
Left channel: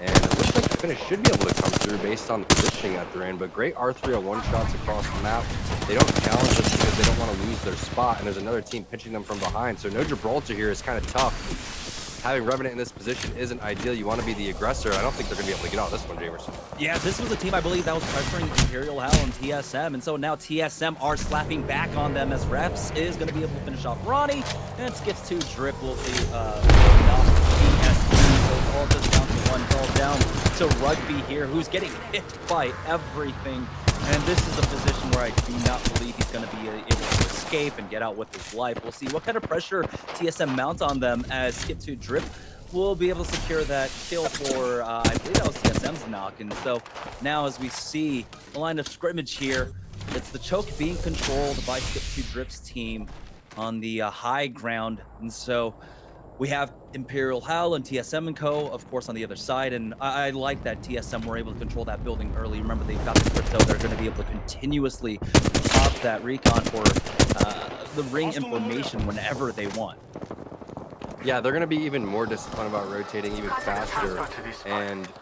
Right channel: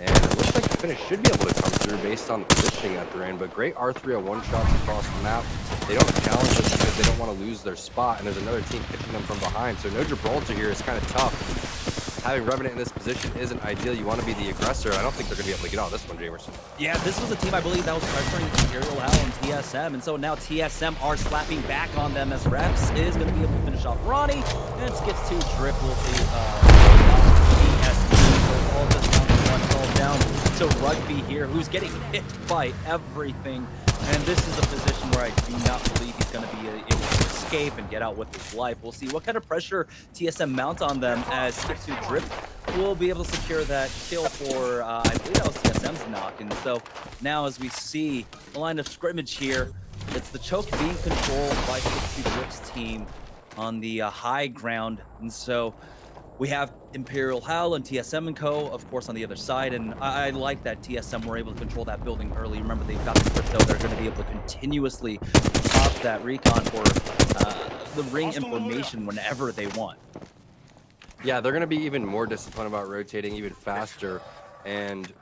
And it looks like the finish should be able to come through based on the positioning that they're in. But great R301 shots across the map. They don't challenge us because they don't want to lose their spot. And there's another team pitching them from behind. So no Gibraltar here is kind of tough. Having Revenant in this position isn't ideal. You want to be the aggressor. I don't think they're going to be able to get out of this one, Jamerson. Yeah, this was a team, I believe, that was pressuring Imperial Hell and TSM. And so now TSM are slapping back on them as Reps is going to be able to finish off Ronnie. And skips to Drip will see TSB. So it's all just down to one. It's all down to Rugby here, who's getting hit by everything. And this is a position where I do not believe he's going to be able to escape and get out with his life. We'll see what kind of pressure TSM mount on them as Skip to Drip will be able to secure that kill for, I believe that was TSM's knock. And so now as we see the line of scrimmage here, it's the choke being controlled by Skip to Drip's team on the high ground. And so we have Imperial Hell and TSM and Co, of course, on the other side. And I like that TSM were able to control that building early. Remember, they've got the crypto. They're going to be able to continuously pop that recon for the ring information whenever they want. Yeah, they're going to be even more disciplined about rotating even faster. And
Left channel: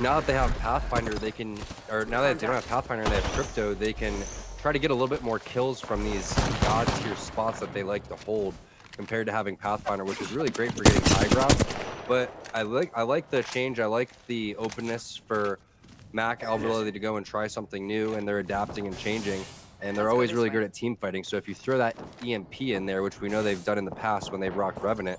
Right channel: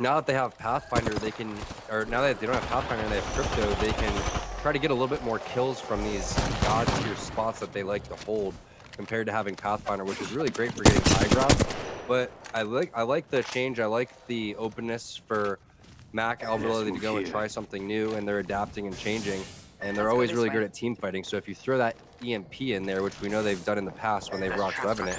now that they have Pathfinder, they can, or now that they don't have Pathfinder and they have crypto, they can try to get a little bit more kills from these god tier spots that they like to hold, compared to having Pathfinder, which is really great for getting high ground. But I like the change. I like the openness for Mac Alberelli to go and try something new, and they're adapting and changing. And they're always really good at team fighting. So if you throw that EMP in there, which we know they've done in the past when they've rocked Revenant,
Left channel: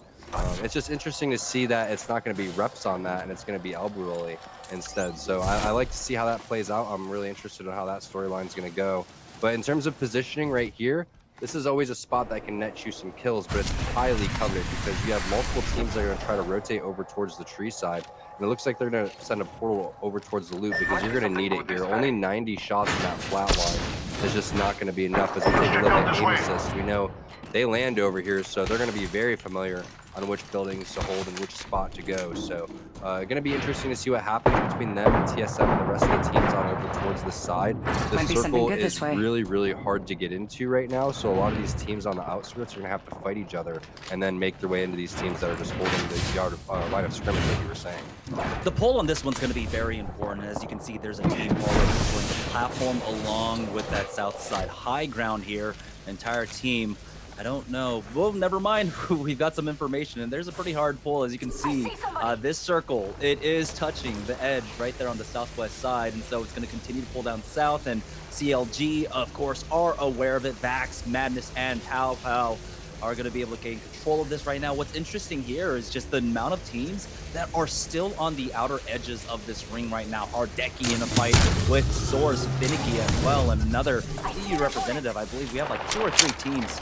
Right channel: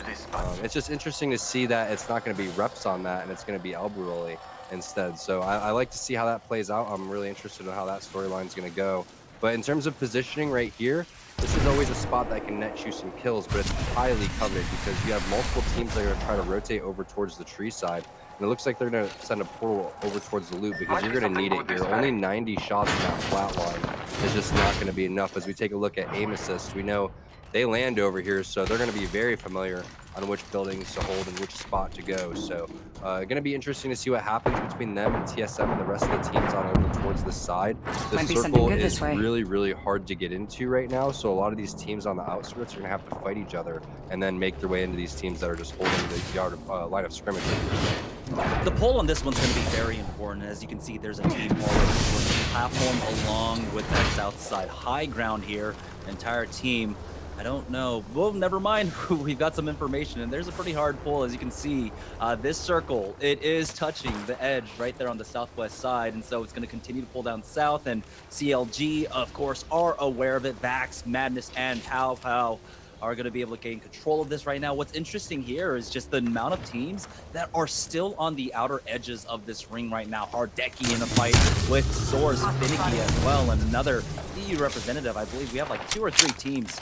it's just interesting to see that it's not going to be Reps on that, and it's going to be Alberelli instead. So I like to see how that plays out. I'm really interested in how that storyline is going to go. But in terms of positioning right here, this is always a spot that can net you some kills, but it's highly coveted because you have multiple teams that are going to try to rotate over towards the tree side. And it looks like they're going to send a portal over towards the loop because you're going to need it here. Only 90 shots in that flat line is just not going to be enough. As we take a look at aim assist, we know they land over here, so they're going to be very familiar on which buildings to hold and which spot to go. So going to be interesting to see what happens between them and TSM and the rest of the teams on over towards the side. The circle is really, really hard to get into right now. So a lot of these teams on the outskirts are going to have to fight each other and then make their way into these teams that are just holding the yard of, line of scrimmage, like you were saying. The pull on this one's going to be very important. As you can see, there's a team already on the platform along with that south side high ground here. The entire team, I don't know. Well, never mind. We've got some information, and there's a pretty hard pull. As you can see, this circle, it is touching the edge right there on the southwest side, and so it's going to continue to pull down south, and CLG, of course, are aware of it. Vax, Madness, and Pow Pow are going to be able to gain control of this right now. What's interesting here is just the amount of teams that are still on the outer edges of this ring right now. Hardeki in a fight with Source, Finicky as well, and another EU representative. I believe we have like 2 or 3 teams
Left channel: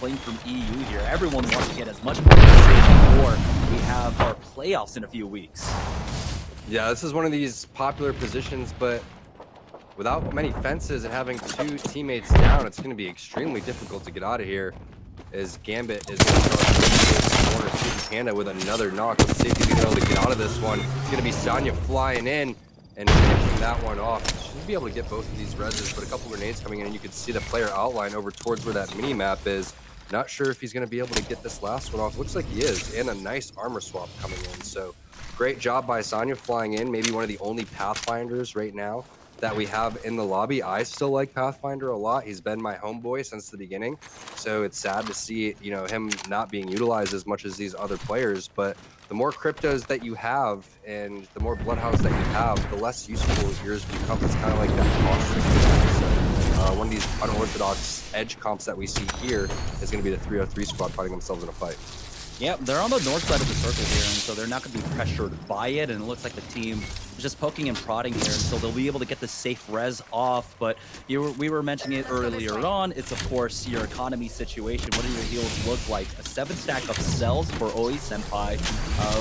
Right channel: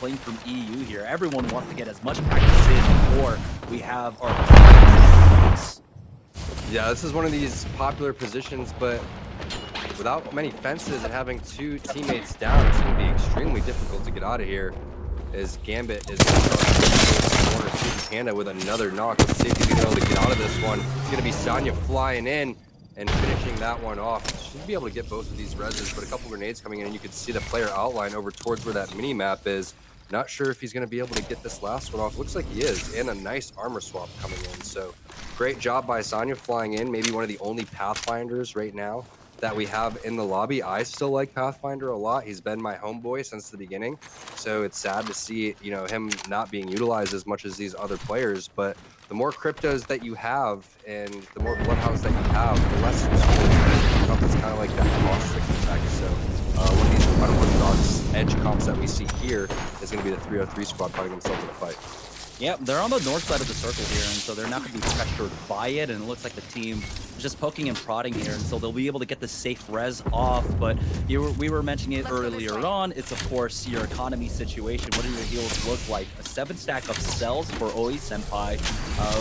playing from EU here. Everyone wants to get as much practice in before we have playoffs in a few weeks. Yeah, this is one of these popular positions, but without many fences and having 2 teammates down, it's going to be extremely difficult to get out of here. As Gambit is going to start corner, Super Panda with another knock. Let's see if he's going to be able to get out of this one. It's going to be Sonya flying in and finishing that one off. Should be able to get both of these reses, but a couple grenades coming in, and you can see the player outline over towards where that mini map is. Not sure if he's going to be able to get this last one off. Looks like he is, and a nice armor swap coming in. So great job by Sonya flying in. Maybe one of the only Pathfinders right now that we have in the lobby. I still like Pathfinder a lot. He's been my homeboy since the beginning. So it's sad to see, you know, him not being utilized as much as these other players. But the more cryptos that you have and the more Bloodhounds that you have, the less useful it becomes. It's kind of like that caustic effect. So one of these unorthodox edge comps that we see here is going to be the 303 squad fighting themselves in a fight. Yeah, they're on the north side of the circle here, and so they're not going to be pressured by it, and it looks like the team is just poking and prodding here, and so they'll be able to get the safe res off, but we were mentioning it earlier on. It's, of course, your economy situation. What do your heals look like? A 7-stack of cells for Oi Senpai.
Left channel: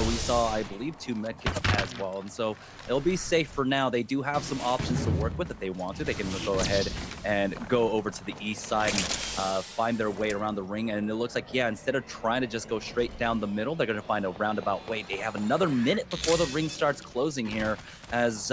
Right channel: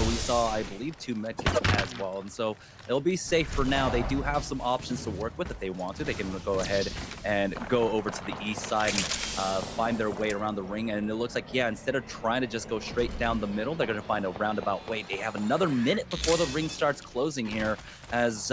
We saw, I believe, 2 medkits as well, and so it'll be safe for now. They do have some options to work with if they want to. They can go ahead and go over to the east side and find their way around the ring, and it looks like, yeah, instead of trying to just go straight down the middle, they're going to find a roundabout way. They have another minute before the ring starts closing here, as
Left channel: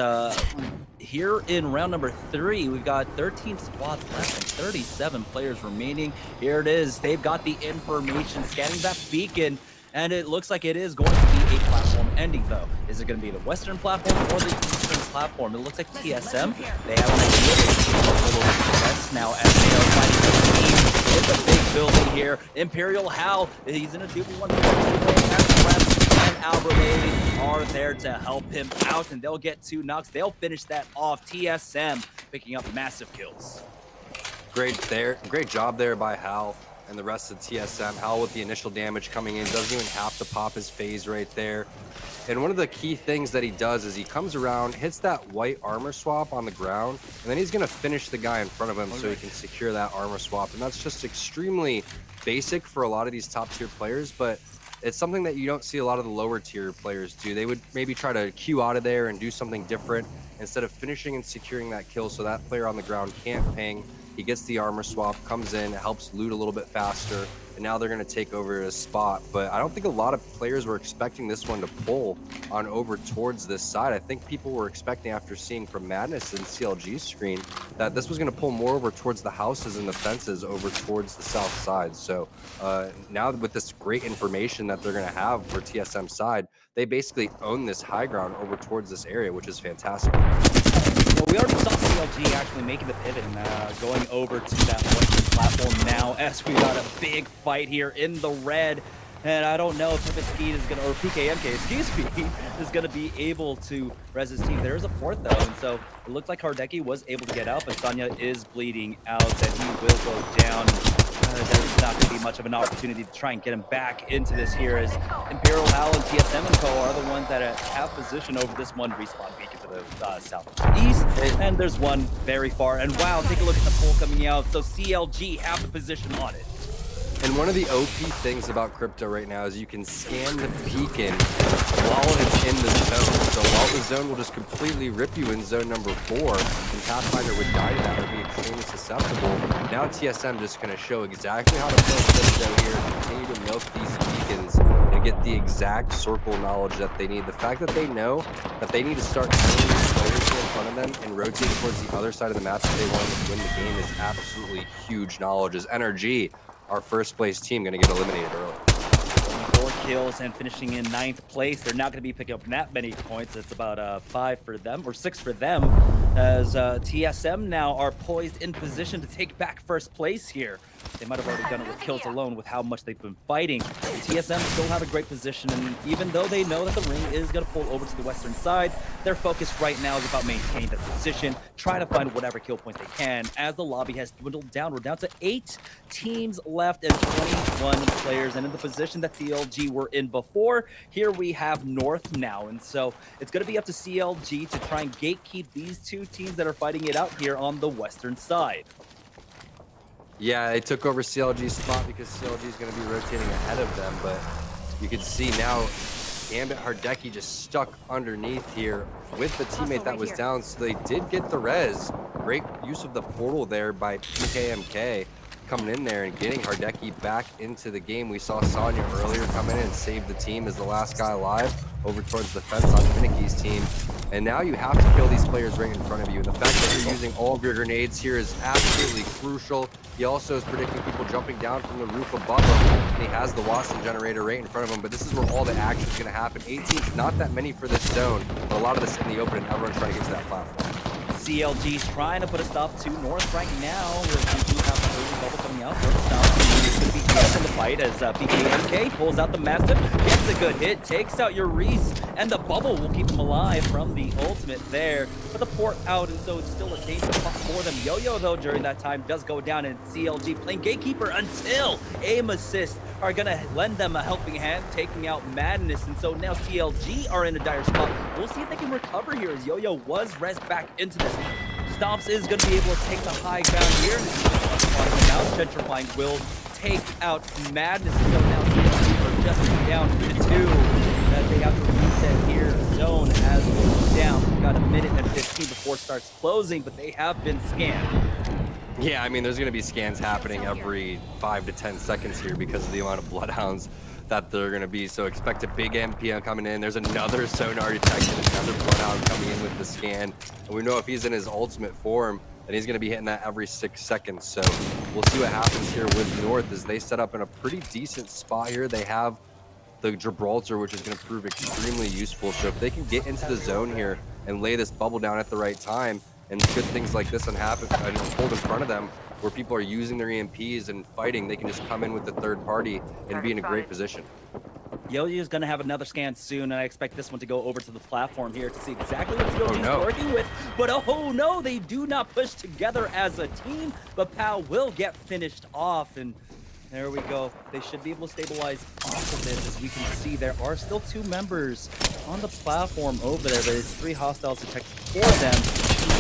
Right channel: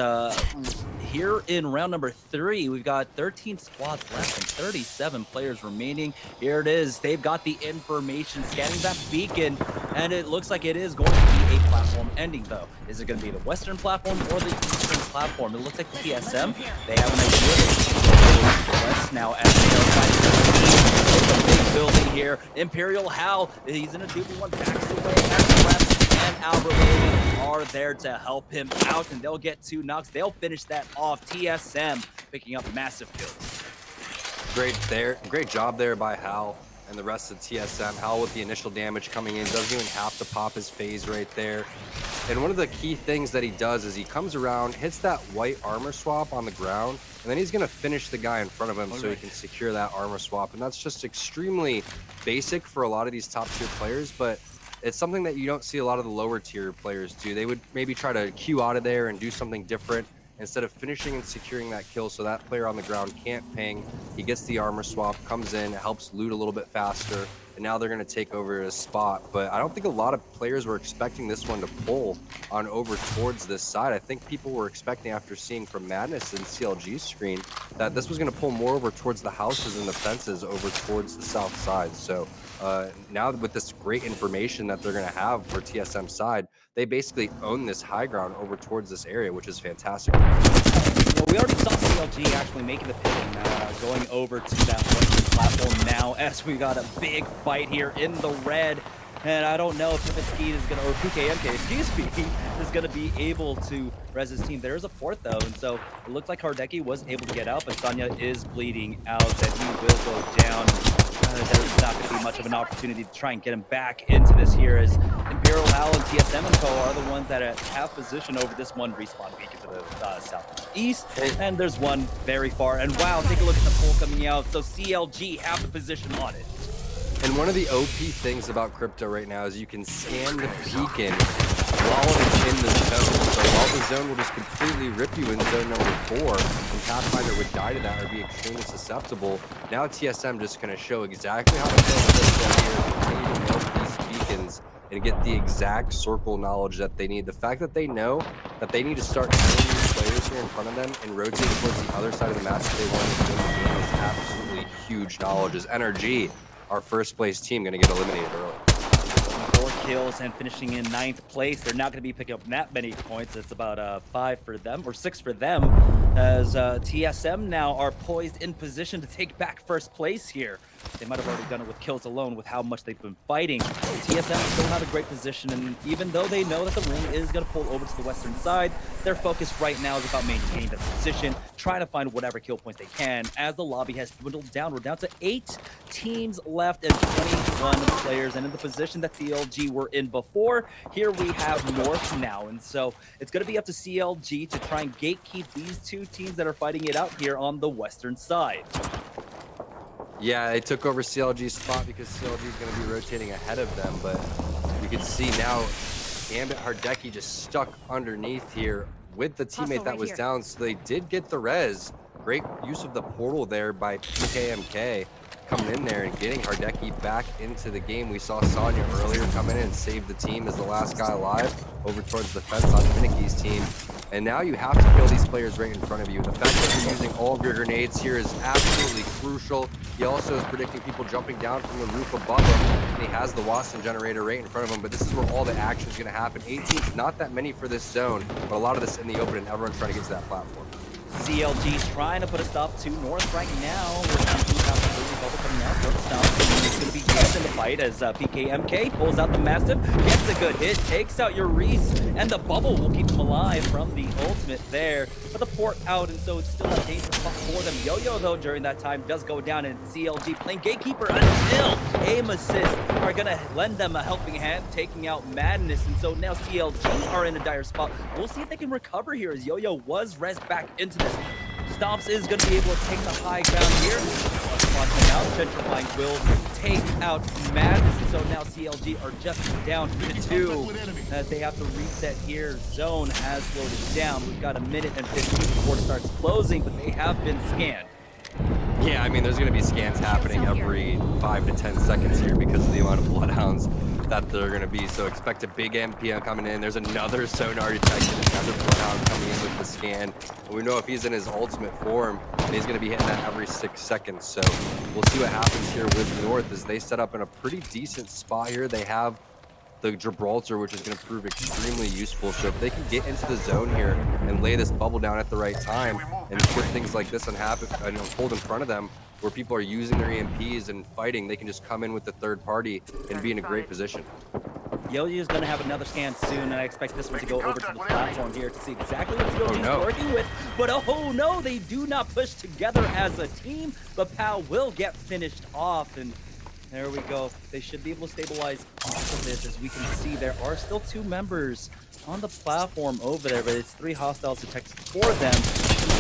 here in round number 3, we've got 13 squads left and 37 players remaining. Here it is. They've got the information, scanning that beacon, and it looks like it is going to be a platform ending, though. Is it going to be the western platform or the eastern platform? It looks like TSM. They have an idea. They can go a little west now as they are fighting the team in the big building here. Imperial Hal, he's in a 2v1 and Alberlade are there to help him out, and they'll get 2 knocks. They'll finish that off. TSM picking up massive kills. Great job there by Hal and the rest of TSM. Hal with the initial damage coming in, doesn't even have to pop his phase right there. And one of the key things that he does is he comes around, hits that white armor swap on the ground, and then he's going to finish the guy in front of him so he can secure that armor swap. And that's just extremely basic for a lot of these top tier players, but it's something that you don't see a lot of the lower tier players do. They would maybe try to queue out of there and do something different instead of finishing and securing that kill so that player on the ground can't ping. He gets the armor swap, comes in, helps loot a little bit faster, and now they're going to take over his spot. But I don't think a lot of players were expecting this one to pull on over towards this side. I think people were expecting, after seeing from Madness and CLG's screen, that this was going to pull more over towards the houses and the fences over towards the south side. So now with this great information that they're going to have for TSM side, they basically own this high ground over towards this area, which is fantastic. Well, we already saw CLG actually making the pivot and going over to that western platform now, as we got a big fight here in the red. And I don't know if Pipitsky is going to, or PKMK, excuse me, is going to be able to res his team. There's a fourth, though, and so it looked like Hardeki was able to get out, but Sonya is bleeding out, and he will go down. There's not going to be much of an opportunity to try and get him back into this here, as Imperial Hal and TSM and Co. are the ones that have position over this one respawn beacon to the southeast, and there's one very far. And wow, take a look at the poll coming out. So CLG have the position on it. And one of the OP things about crypto right now is you can scan the beacon while it's in the zone. So while the zone will just completely rip you in zone number 4, and Pathfinder would die to that or be extremely susceptible. Now TSM just going to show exactly how to play crypto here, continue to milk these beacons, and get the exact circle knowledge that they need. The fact that they know that they need to start killing these players here in front of them and rotate towards the other side of the map if they want to win the game is absolutely huge knowledge. As NRG, our first place team, going to get eliminated early. 4 kills and finishing in 9th place. They're not going to be picking up that many points. It's about 5 for them, or 6 for them, as TSM now are poised in position to take back first place here. They might have already done it with kills alone with how much they've been fighting. TSM still have a great position, and even though they know that the ring is going to pull over to the western side, their focus right now is about maintaining their position, trying to find whatever kill points they can, as the lobby has dwindled down. We're down to 8 teams left and 21 players, and in the position that CLG were in before, here we have North now, and so it's going to be up to CLG to try and gatekeep these 2 teams that are fighting it out here on the western side. Yeah, they took over CLG's spot because CLG is going to be rotating ahead of them, but you can see now Gambit Hardeki just stuck underneath here with the teammate that was down, so they did get the res. Great use of the portal there by PKMK, coming in there and getting Hardeki back into the game. We saw Sonya earlier come in and save the team as the last guy alive over towards the fence on Finicky's team. And now you have to kill these players right in front of you. And the fact that you're using all of your grenades here is absolutely crucial. He also is predicting people jumping down from the roof above him, and he has the Watson generator right in front of him. But this is where all the action is going to happen. 18's not that many for this zone, but a lot of this in the open, and everyone's trying to get to that platform. CLG's trying to put a stop to North right now. We do have the early bubble coming out. It's going to be Yes in the fight as PKMK pulls out the Mastiff, gets a good hit, takes out your Reese, and the bubble will keep them alive from the ultimate there. But the port out, and so it's still a dangerous spot for them. Yo-Yo, though, during that time does go down, and CLG playing Gatekeeper until aim assist are going to lend them a helping hand, taking out Madness. And so now CLG are in a dire spot. We'll see if they can recover here, as Yo-Yo was res back into this. Stomps is going to be able to take the high ground here. Now Gentrifying will take out Madness. And so now CLG are just down to 2 as they have to reset here. Zone has slowed down. We've got a minute and 15 before it starts closing, but they have been scanned. Yeah, I mean, there's going to be scans happening every 5 to 10 seconds here because of the amount of Bloodhounds that they're going to be. So expect a big MPM coming in. There's another sonar detection, another Bloodhound coming in with the scan. And we know if he's in his ultimate form, and he's going to be hitting that every 6 seconds. So we'll see what happens here with North as they set up in a pretty decent spot here. They have the Gibraltar, which is going to prove extremely useful. So if they can get into the zone here and lay this bubble down at the right time, and good things like this unfold in front of them, where people are using their EMPs and fighting, they can just come in with the third party and be in a great position. Yo-Yo is going to have another scan soon, and I expect this one to go over to the platform here to see exactly what CLG is working with. But oh no, they do not push together as a team, but Pal will get finished off, and there we go. They should be able to stabilize off of this. As we can see, there are still 2 members on the platform over there, but it's 3 hostiles detected for them.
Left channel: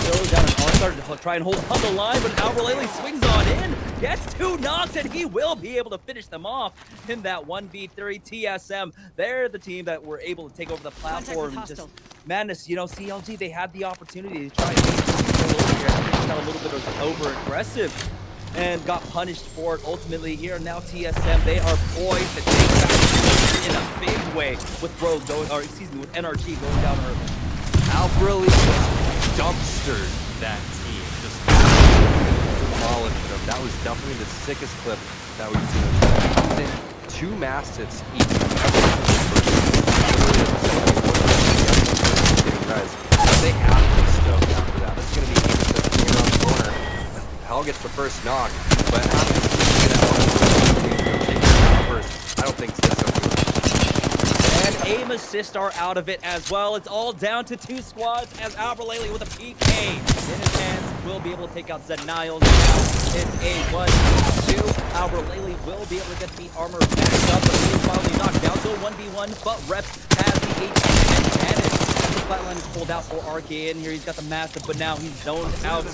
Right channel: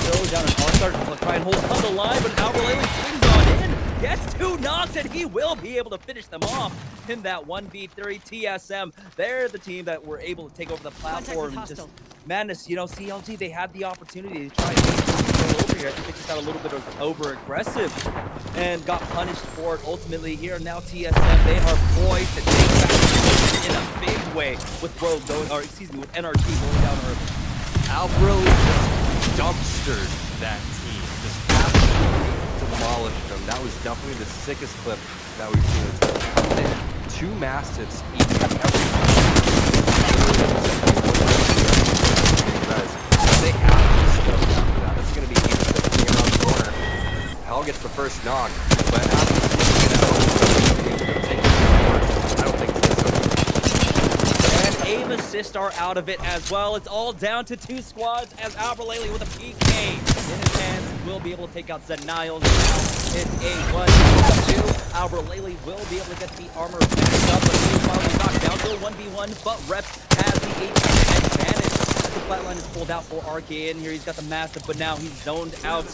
Throw down an R-Start to try and hold on the line, but Albralele swings on in, gets 2 knocks, and he will be able to finish them off in that 1v3 TSM. They're the team that were able to take over the platform. Just Madness, you know, CLG, they had the opportunity to try and take control over here. I think they just got a little bit of over-aggressive and got punished for it ultimately here. Now TSM, they are poised to take back in a big way with Rogue going, or excuse me, with NRG going down early. Albralele just dumpstered that team, just absolutely demolished them. That was definitely the sickest clip that we've seen. It comes in 2 Mastiffs each and every res. They have to be stoked after that. This is going to be Aim around the corner. Hell gets the first knock, but after get out, take it down first. I don't think TSM. And aim assist are out of it as well. It's all down to 2 squads as Albralele with a PK in his hands will be able to take out Zed Niles. Now it's a 1-2. Albralele will be able to get the armor back up, but he is finally knocked down to a 1v1, but Reps has the HP advantage. The flatline is pulled out for Arcane. Here he's got the Mastiff, but now he's zoned out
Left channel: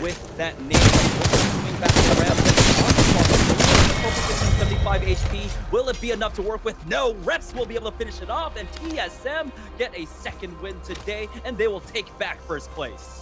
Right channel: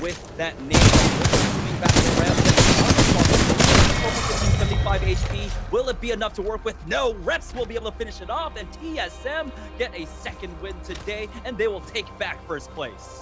with that nade. Coming back around. 75 HP. Will it be enough to work with? No. Reps will be able to finish it off, and TSM get a second win today, and they will take back first place.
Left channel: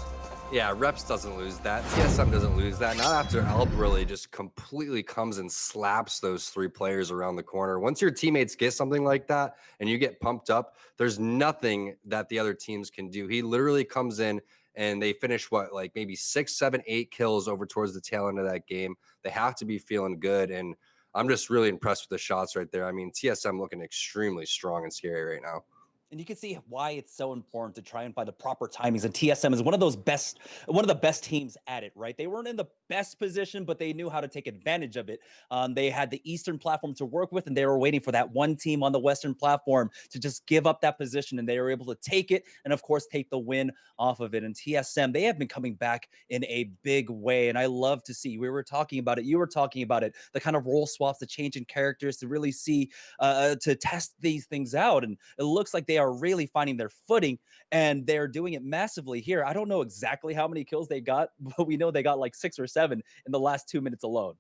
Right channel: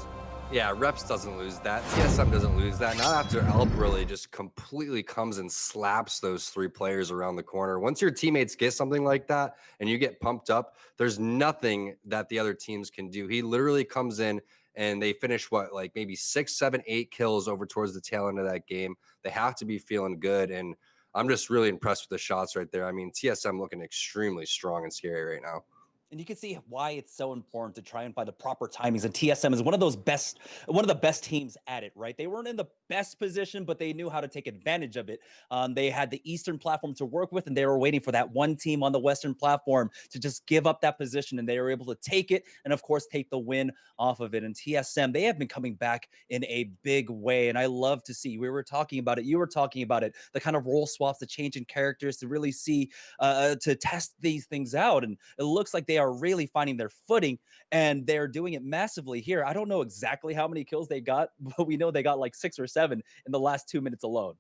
Yeah, Reps doesn't lose that. TSM doesn't lose that. Not after Albralele just completely comes and slaps those 3 players around the corner. Once your teammates get something like that and you get pumped up, there's nothing that the other teams can do. He literally comes in and they finish like maybe 6, 7, 8 kills over towards the tail end of that game. They have to be feeling good, and I'm just really impressed with the shots right there. I mean, TSM looking extremely strong and scary right now. And you can see why it's so important to try and find the proper timings. And TSM is one of the best teams at it, right? They weren't in the best position, but they knew how to take advantage of it. They had the Eastern platform to work with, and they were waiting for that one team on the Western platform to just give up that position, and they were able to take it and, of course, take the win off of it. And TSM, they have been coming back in a big way, and I love to see. We were talking about it. You were talking about it. The kind of role swaps, the change in characters to really see, to test these things out. And it looks like they are really finding their footing, and they're doing it massively here. I don't know exactly how many kills they got, but we know they got like 6 or 7 in the last 2 minutes alone.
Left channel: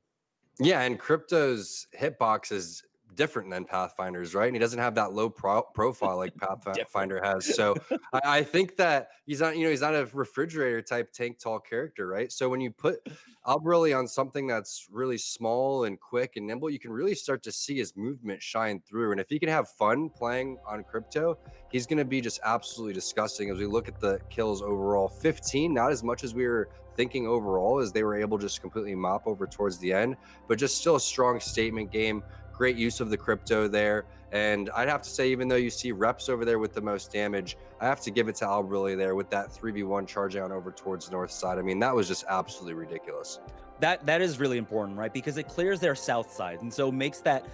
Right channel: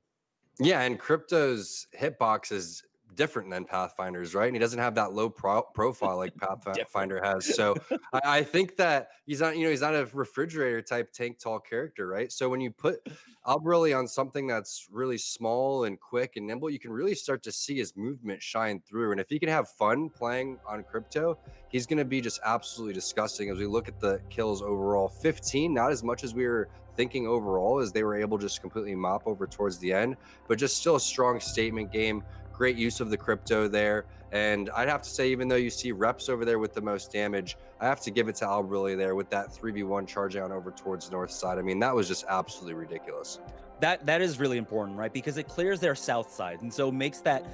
Yeah, and Crypto's hitbox is different than Pathfinder's, right? And he doesn't have that low profile like Pathfinder has. So I think that he's not a refrigerator type tank tall character, right? So when you put Albralele on something that's really small and quick and nimble, you can really start to see his movement shine through. And if he can have fun playing on Crypto, he's going to be just absolutely disgusting. As we look at the kills overall, 15, not as much as we were thinking overall, as they were able to just completely mop over towards the end, but just still a strong statement game. great use of the crypto there. And I'd have to say, even though you see Reps over there with the most damage, I have to give it to Albrille there with that 3v1 charge down over towards north side. I mean, that was just absolutely ridiculous. That is really important, right? Because it clears their south side, and so makes that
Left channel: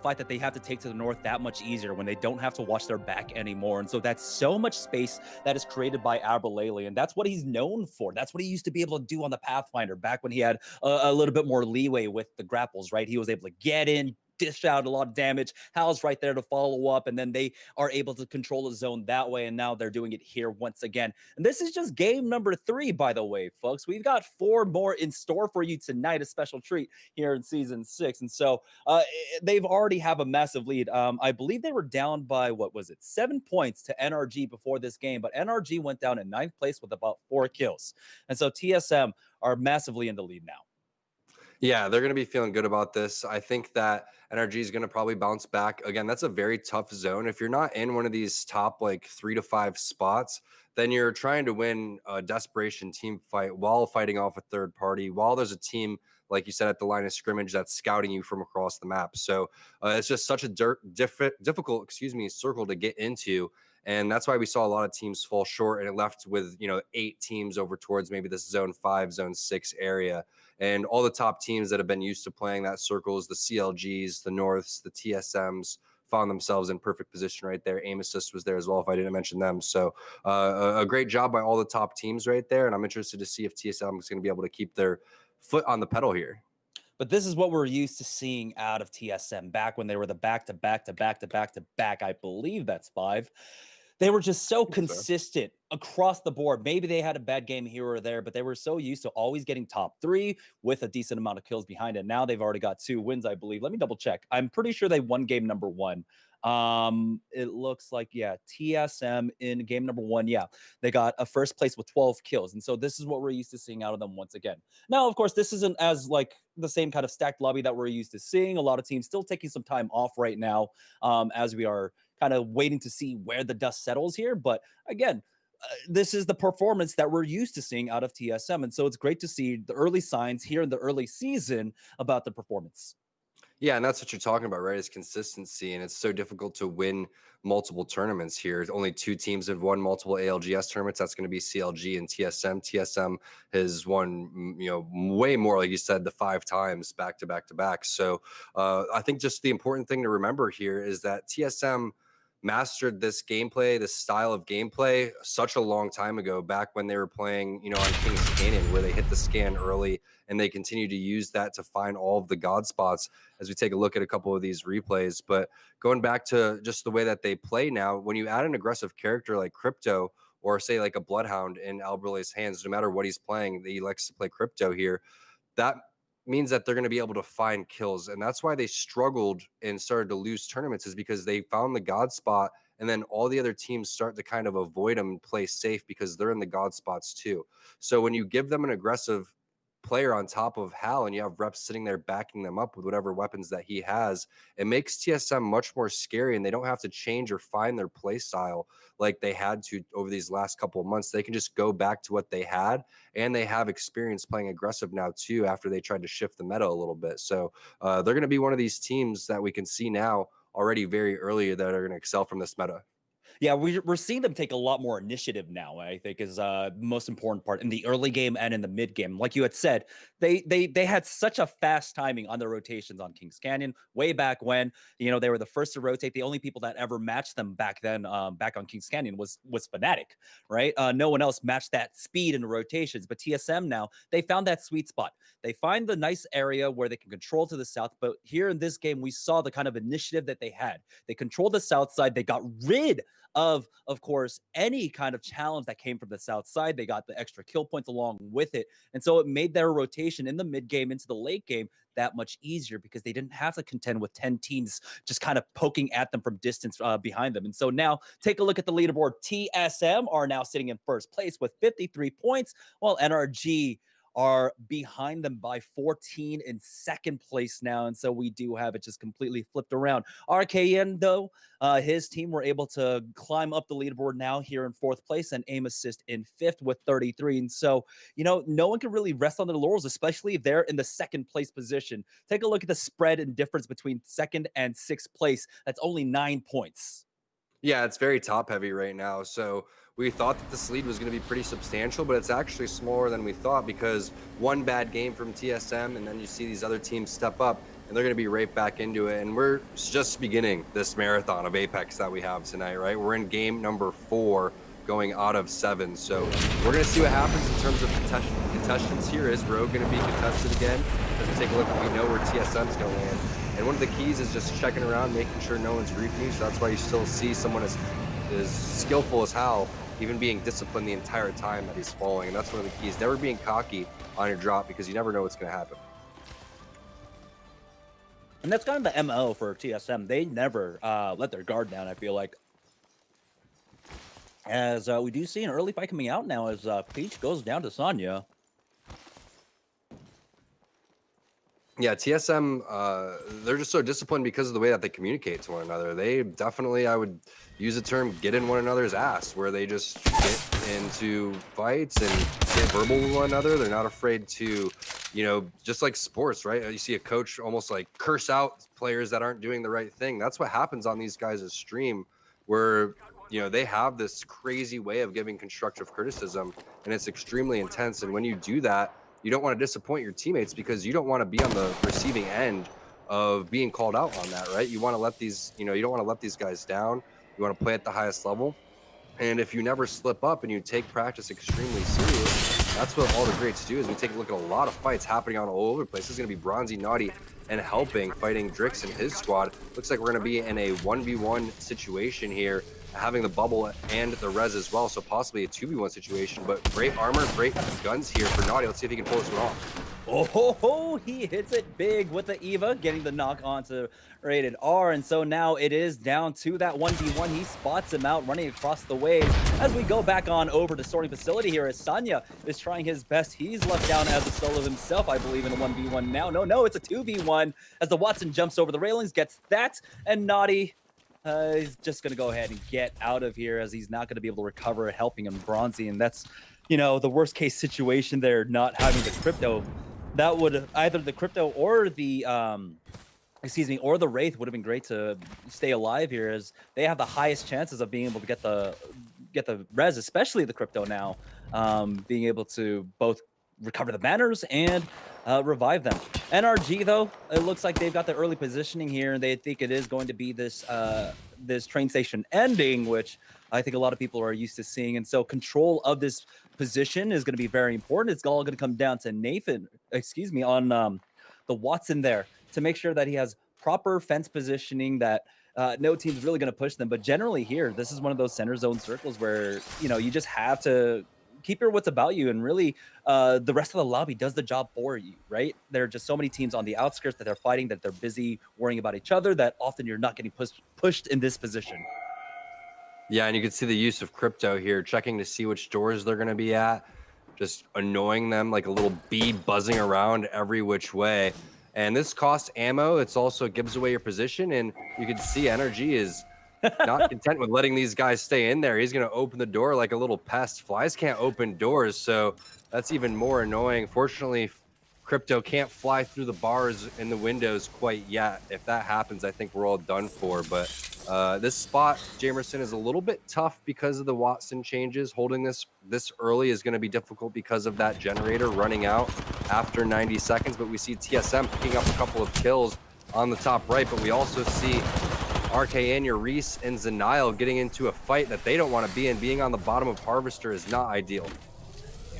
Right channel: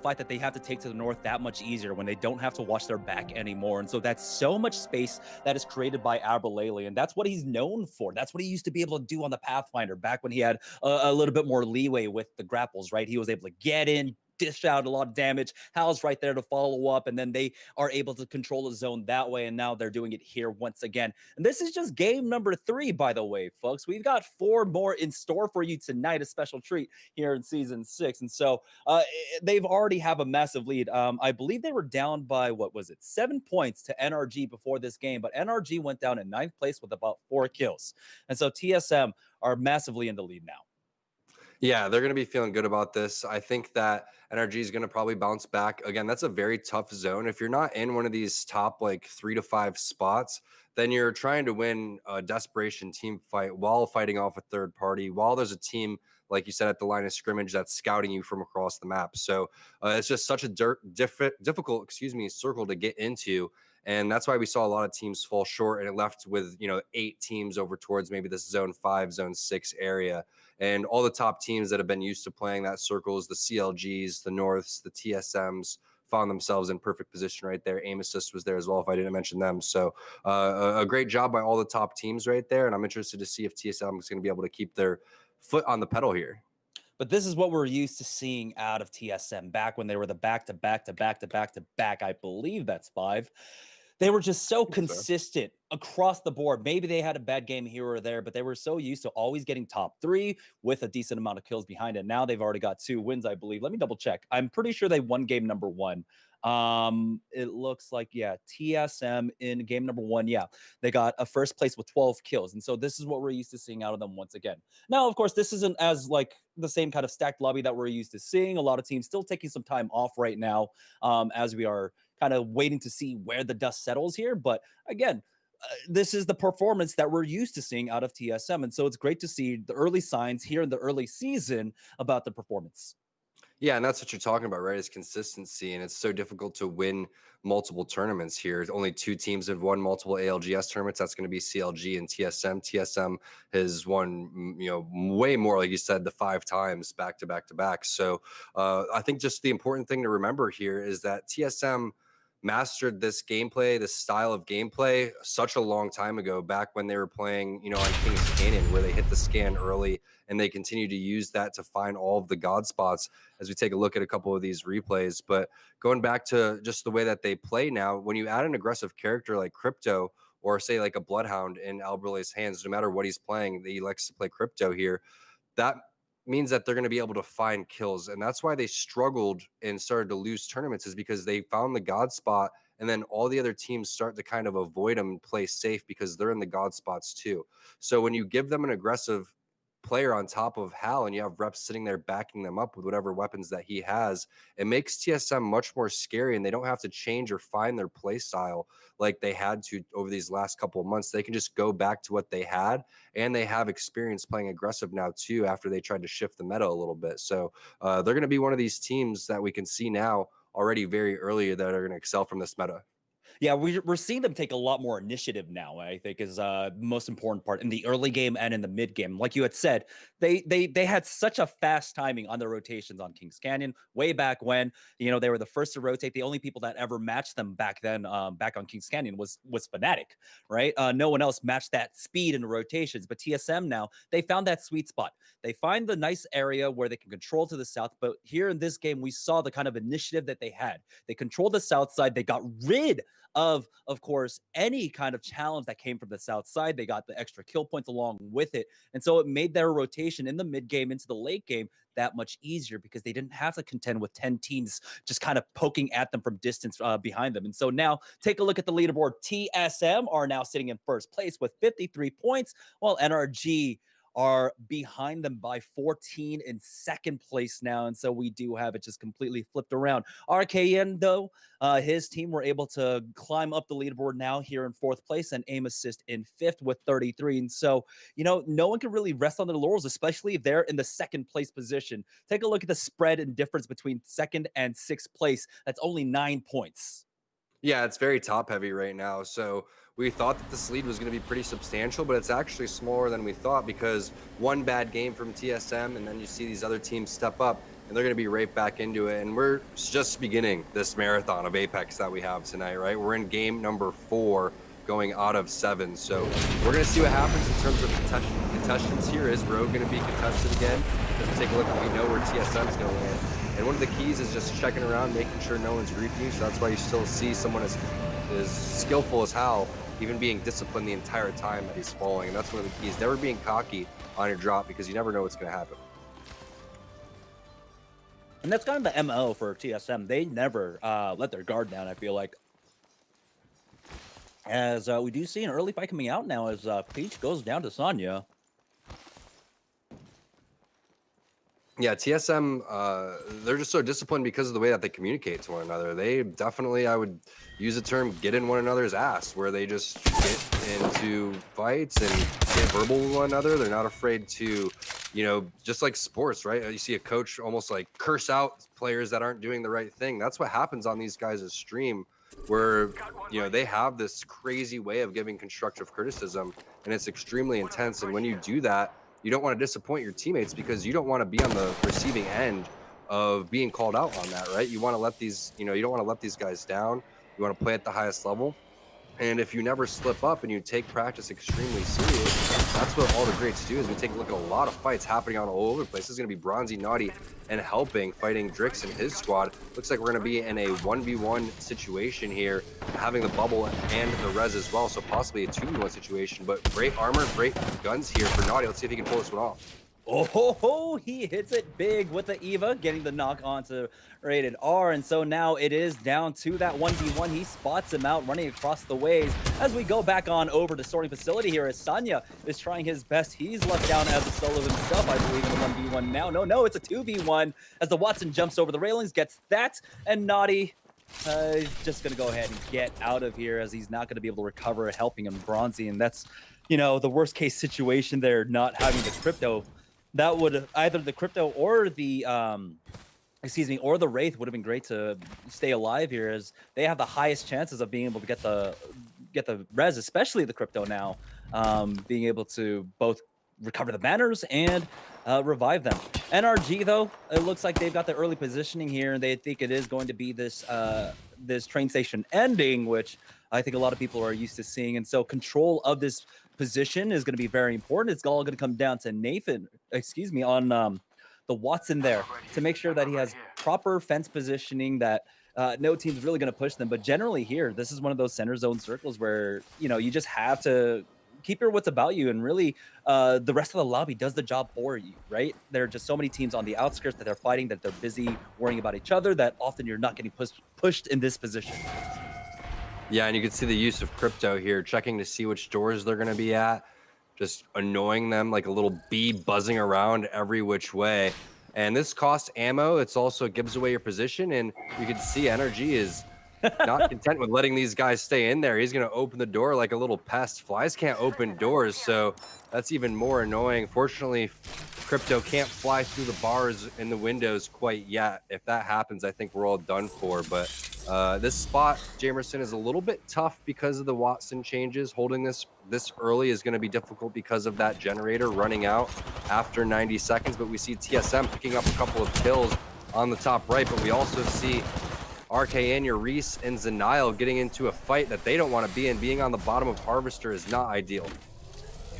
fight that they have to take to the north that much easier when they don't have to watch their back anymore. And so that's so much space that is created by Aberlele, and that's what he's known for. That's what he used to be able to do on the Pathfinder back when he had a little bit more leeway with the grapples, right? He was able to get in, dish out a lot of damage. Hal's right there to follow up, and then they are able to control the zone that way. And now they're doing it here once again. And this is just game number 3, by the way, folks. We've got 4 more in store for you tonight, a special treat here in season 6. And so they've already have a massive lead. I believe they were down by, what was it, 7 points to NRG before this game, but NRG went down in 9th place with about 4 kills. And so TSM are massively in the lead now. Yeah, they're going to be feeling good about this. I think that NRG is going to probably bounce back. Again, that's a very tough zone. If you're not in one of these top like 3 to 5 spots, then you're trying to win a desperation team fight while fighting off a third party, while there's a team, like you said, at the line of scrimmage that's scouting you from across the map. So it's just such a difficult, circle to get into. And that's why we saw a lot of teams fall short, and it left with, 8 teams over towards maybe this zone 5, zone 6 area. And all the top teams that have been used to playing that circles, the CLGs, the Norths, the TSMs, found themselves in perfect position right there. Aim Assist was there as well, if I didn't mention them. So a great job by all the top teams right there. And I'm interested to see if TSM is going to be able to keep their foot on the pedal here. But this is what we're used to seeing out of TSM back when they were the back-to-back, I believe that's 5. They were just so consistent across the board. Maybe they had a bad game here or there, but they were so used to always getting top 3 with a decent amount of kills behind it. Now they've already got 2 wins, I believe. Let me double check. I'm pretty sure they won game number 1. It looks like, yeah, TSM in game number 1, yeah, they got a first place with 12 kills. And so this is what we're used to seeing out of them once again. Now, of course, this isn't as like the same kind of stacked lobby that we're used to seeing. A lot of teams still taking some time off right now, as we are kind of waiting to see where the dust settles here. But again, this is the performance that we're used to seeing out of TSM. And so it's great to see the early signs here in the early season about the performance. Yeah, and that's what you're talking about, right? Is consistency, and it's so difficult to win multiple tournaments here. Only 2 teams have won multiple ALGS tournaments. That's going to be CLG and TSM. TSM has won, way more, like you said, the 5 times back to back to back. So I think just the important thing to remember here is that TSM mastered this gameplay, this style of gameplay, such a long time ago, back when they were playing, on King's Canyon, where they hit the scan early, and they continue to use that to find all of the god spots as we take a look at a couple of these replays. But going back to just the way that they play now, when you add an aggressive character like Crypto, or say like a Bloodhound in Albrille's hands, no matter what he's playing, he likes to play Crypto here, that means that they're going to be able to find kills. And that's why they struggled and started to lose tournaments, is because they found the god spot, and then all the other teams start to kind of avoid them and play safe because they're in the god spots too. So when you give them an aggressive player on top of Hal, and you have Reps sitting there backing them up with whatever weapons that he has, it makes TSM much more scary, and they don't have to change or find their play style like they had to over these last couple of months. They can just go back to what they had, and they have experience playing aggressive now too, after they tried to shift the meta a little bit. So they're going to be one of these teams that we can see now already very early that are going to excel from this meta. Yeah, we're seeing them take a lot more initiative now, I think, is the most important part in the early game and in the mid game. Like you had said, they had such a fast timing on their rotations on Kings Canyon way back when, they were the first to rotate. The only people that ever matched them back then, back on Kings Canyon was Fnatic, right? No one else matched that speed in the rotations. But TSM now, they found that sweet spot. They find the nice area where they can control to the south. But here in this game, we saw the kind of initiative that they had. They controlled the south side. They got rid of course, any kind of challenge that came from the south side. They got the extra kill points along with it. And so it made their rotation in the mid game into the late game that much easier, because they didn't have to contend with 10 teams just kind of poking at them from distance behind them. And so now take a look at the leaderboard. TSM are now sitting in first place with 53 points, while NRG are behind them by 14 in second place now. And so we do have it just completely flipped around. RKN, though, his team were able to climb up the leaderboard now here in fourth place and aim assist in fifth with 33. And so, no one can really rest on their laurels, especially if they're in the second place position. Take a look at the spread and difference between second and sixth place. That's only 9 points. Yeah, it's very top heavy right now. So we thought that this lead was going to be pretty substantial, but it's actually smaller than we thought because one bad game from TSM, and then you see these other teams step up, and they're going to be right back into it. And we're just beginning this marathon of Apex that we have tonight, right? We're in game number 4 going out of 7. So we're going to see what happens in terms of contestants here. Is Rogue going to be contested again? Let's take a look. We know where TSM's going to land. And one of the keys is just checking around, making sure no one's griefing you. So that's why you still see someone as skillful as Hal, even being disciplined the entire time that he's falling. And that's one of the keys. Never being cocky on your drop because you never know what's going to happen. And that's kind of the MO for TSM. They never let their guard down, I feel like. As we do see an early fight coming out now as Peach goes down to Sonya. Yeah, TSM, they're just so disciplined because of the way that they communicate to one another. They definitely, I would use the term, get in one another's ass, where they just get into fights and get verbal with one another. They're not afraid to, just like sports, right? You see a coach almost like curse out players that aren't doing the right thing. That's what happens on these guys' stream, where, they have this crazy way of giving constructive criticism, and it's extremely intense. And when you do that, you don't want to disappoint your teammates because you don't want to be on the receiving end of being called out on that, right? You want to let these, you don't want to let these guys down. You want to play at the highest level. And if you never slip up and you take practice extremely serious, that's what all the greats do. Is we take a look at a lot of fights happening on all over the place. This is going to be Bronzy, Naughty, and Helping fighting Drix and his squad. Looks like we're going to be in a 1v1 situation here, having the bubble and the res as well, so possibly a 2v1 situation. But great armor, great guns here for Naughty. Let's see if he can pull this one off. Oh, he hits it big with the Eva, getting the knock onto Rated R. And so now it is down to that 1v1. He spots him out running across the ways as we go back on over to Sorting Facility here as Sonya is trying his best. He's left down as a solo himself, I believe, in a 1v1 now. No, it's a 2v1 as the Watson jumps over the railings, gets that, and Naughty he's just going to go ahead and get out of here as he's not going to be able to recover, helping him Bronzy. And that's, the worst case situation there, not having the crypto. That would either the crypto or the or the Wraith would have been great to stay alive here, as they have the highest chances of being able to get the res, especially the crypto now, being able to both recover the banners and revive them. NRG, though, it looks like they've got the early positioning here, and they think it is going to be this this train station ending, which I think a lot of people are used to seeing. And so control of this position is going to be very important. It's all going to come down to Nathan, on the Watson there, to make sure that he has proper fence positioning, that no team's really going to push them. But generally here, this is one of those center zone circles where, you just have to keep your wits about you, and really the rest of the lobby does the job for you, right? There are just so many teams on the outskirts that they're fighting, that they're busy worrying about each other, that often you're not getting pushed in this position. Yeah, and you can see the use of crypto here, checking to see which doors they're going to be at, just annoying them like a little bee buzzing around every which way. And this costs ammo. It's also gives away your position, and you can see NRG is not content with letting these guys stay in there. He's going to open the door like a little pest. Flies can't open doors, so that's even more annoying. Fortunately, crypto can't fly through the bars in the windows quite yet. If that happens, I think we're all done for. But this spot, Jamerson, is a little bit tough because of the Watson changes. Holding this early is going to be difficult because of that generator running out after 90 seconds. But we see TSM picking up a couple of kills on the top right. But we also see RKN, Reese, and Zenile getting into a fight that they don't want to be in. Being on the bottom of Harvester is not ideal.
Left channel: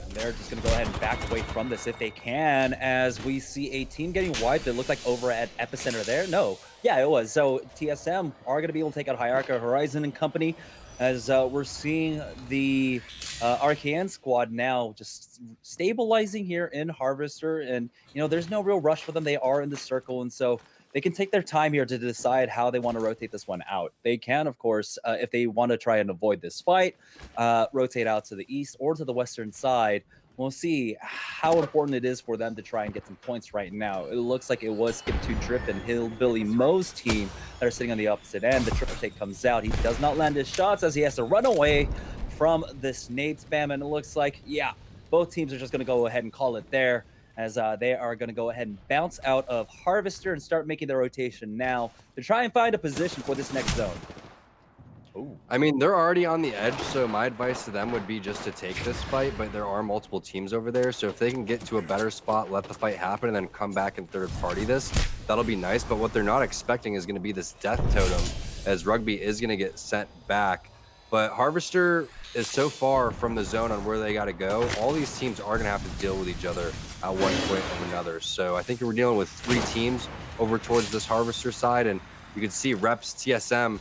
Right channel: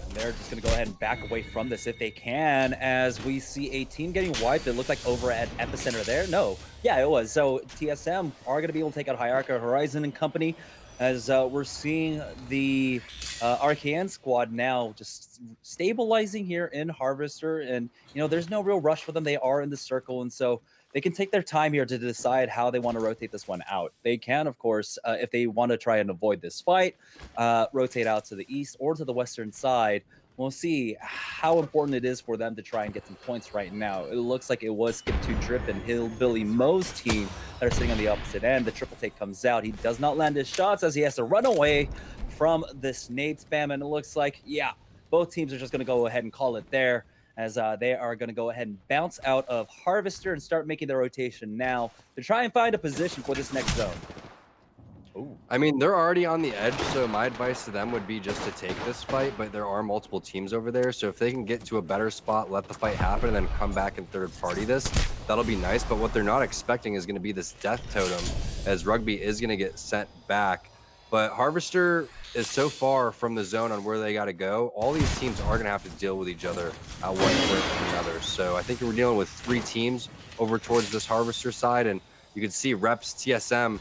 And they're just going to go ahead and back away from this if they can, as we see a team getting wiped. It looked like over at Epicenter there. No. Yeah, it was. So TSM are going to be able to take out Hierarcha Horizon and company, as we're seeing the RKN squad now just stabilizing here in Harvester. And, there's no real rush for them. They are in the circle. And so they can take their time here to decide how they want to rotate this one out. They can, of course, if they want to try and avoid this fight, rotate out to the east or to the western side. We'll see how important it is for them to try and get some points right now. It looks like it was Skip2 Drip and Hillbilly Mo's team that are sitting on the opposite end. The triple take comes out. He does not land his shots as he has to run away from this nade spam. And it looks like, yeah, both teams are just going to go ahead and call it there, as they are going to go ahead and bounce out of Harvester and start making their rotation now to try and find a position for this next zone. Ooh. I mean, they're already on the edge, so my advice to them would be just to take this fight, but there are multiple teams over there, so if they can get to a better spot, let the fight happen, and then come back and third party this, that'll be nice. But what they're not expecting is going to be this death totem, as Rugby is going to get sent back. But Harvester is so far from the zone on where they got to go. All these teams are going to have to deal with each other at one point or another. So I think we're dealing with 3 teams over towards this Harvester side, and you can see Reps, TSM,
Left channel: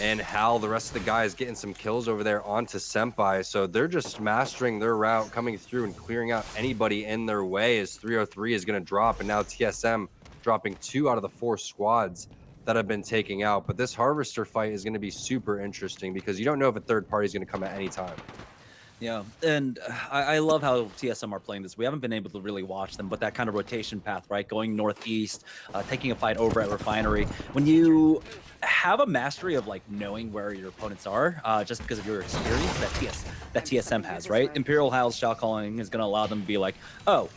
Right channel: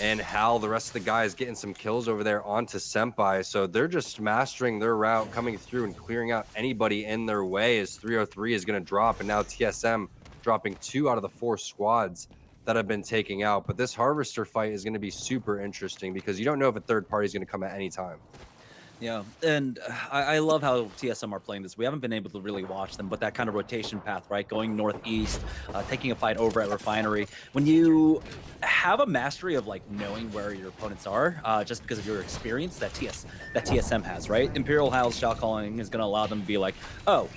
and Hal, the rest of the guys, getting some kills over there onto Senpai. So they're just mastering their route, coming through and clearing out anybody in their way as 303 is going to drop. And now TSM dropping 2 out of the 4 squads that have been taken out. But this Harvester fight is going to be super interesting because you don't know if a third party is going to come at any time. Yeah, and I love how TSM are playing this. We haven't been able to really watch them, but that kind of rotation path, right? Going northeast, taking a fight over at Refinery. When you have a mastery of like knowing where your opponents are, just because of your experience that TSM has, right? Imperial Hal's shot calling is going to allow them to be like, oh,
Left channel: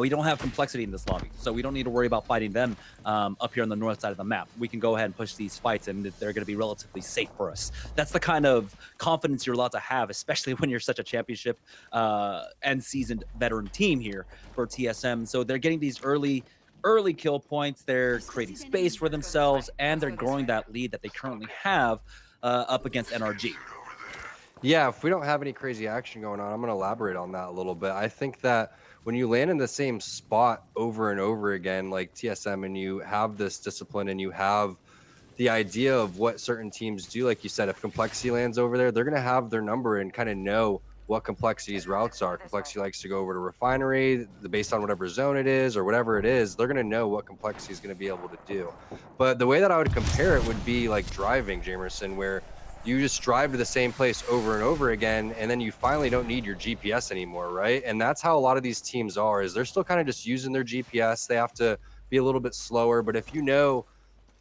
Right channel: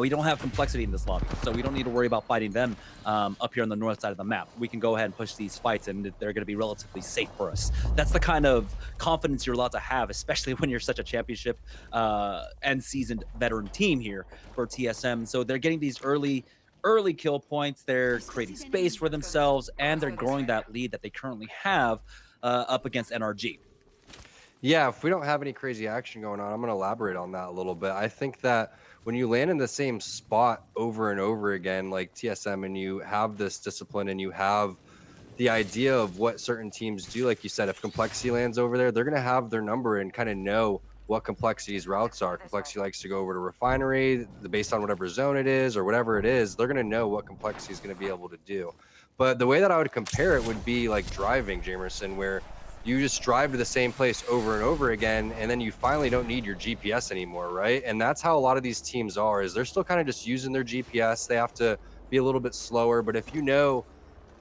we don't have complexity in this lobby, so we don't need to worry about fighting them up here on the north side of the map. We can go ahead and push these fights, and they're going to be relatively safe for us. That's the kind of confidence you're allowed to have, especially when you're such a championship and seasoned veteran team here for TSM. So they're getting these early kill points. They're creating space for themselves, and they're growing that lead that they currently have up against NRG. Yeah, if we don't have any crazy action going on, I'm going to elaborate on that a little bit. I think that when you land in the same spot over and over again, like TSM, and you have this discipline and you have the idea of what certain teams do, like you said, if Complexity lands over there, they're going to have their number and kind of know what Complexity's routes are. Complexity likes to go over to Refinery based on whatever zone it is or whatever it is. They're going to know what Complexity is going to be able to do. But the way that I would compare it would be like driving, Jamerson, where you just drive to the same place over and over again, and then you finally don't need your GPS anymore, right? And that's how a lot of these teams are, is they're still kind of just using their GPS. They have to be a little bit slower, but if you know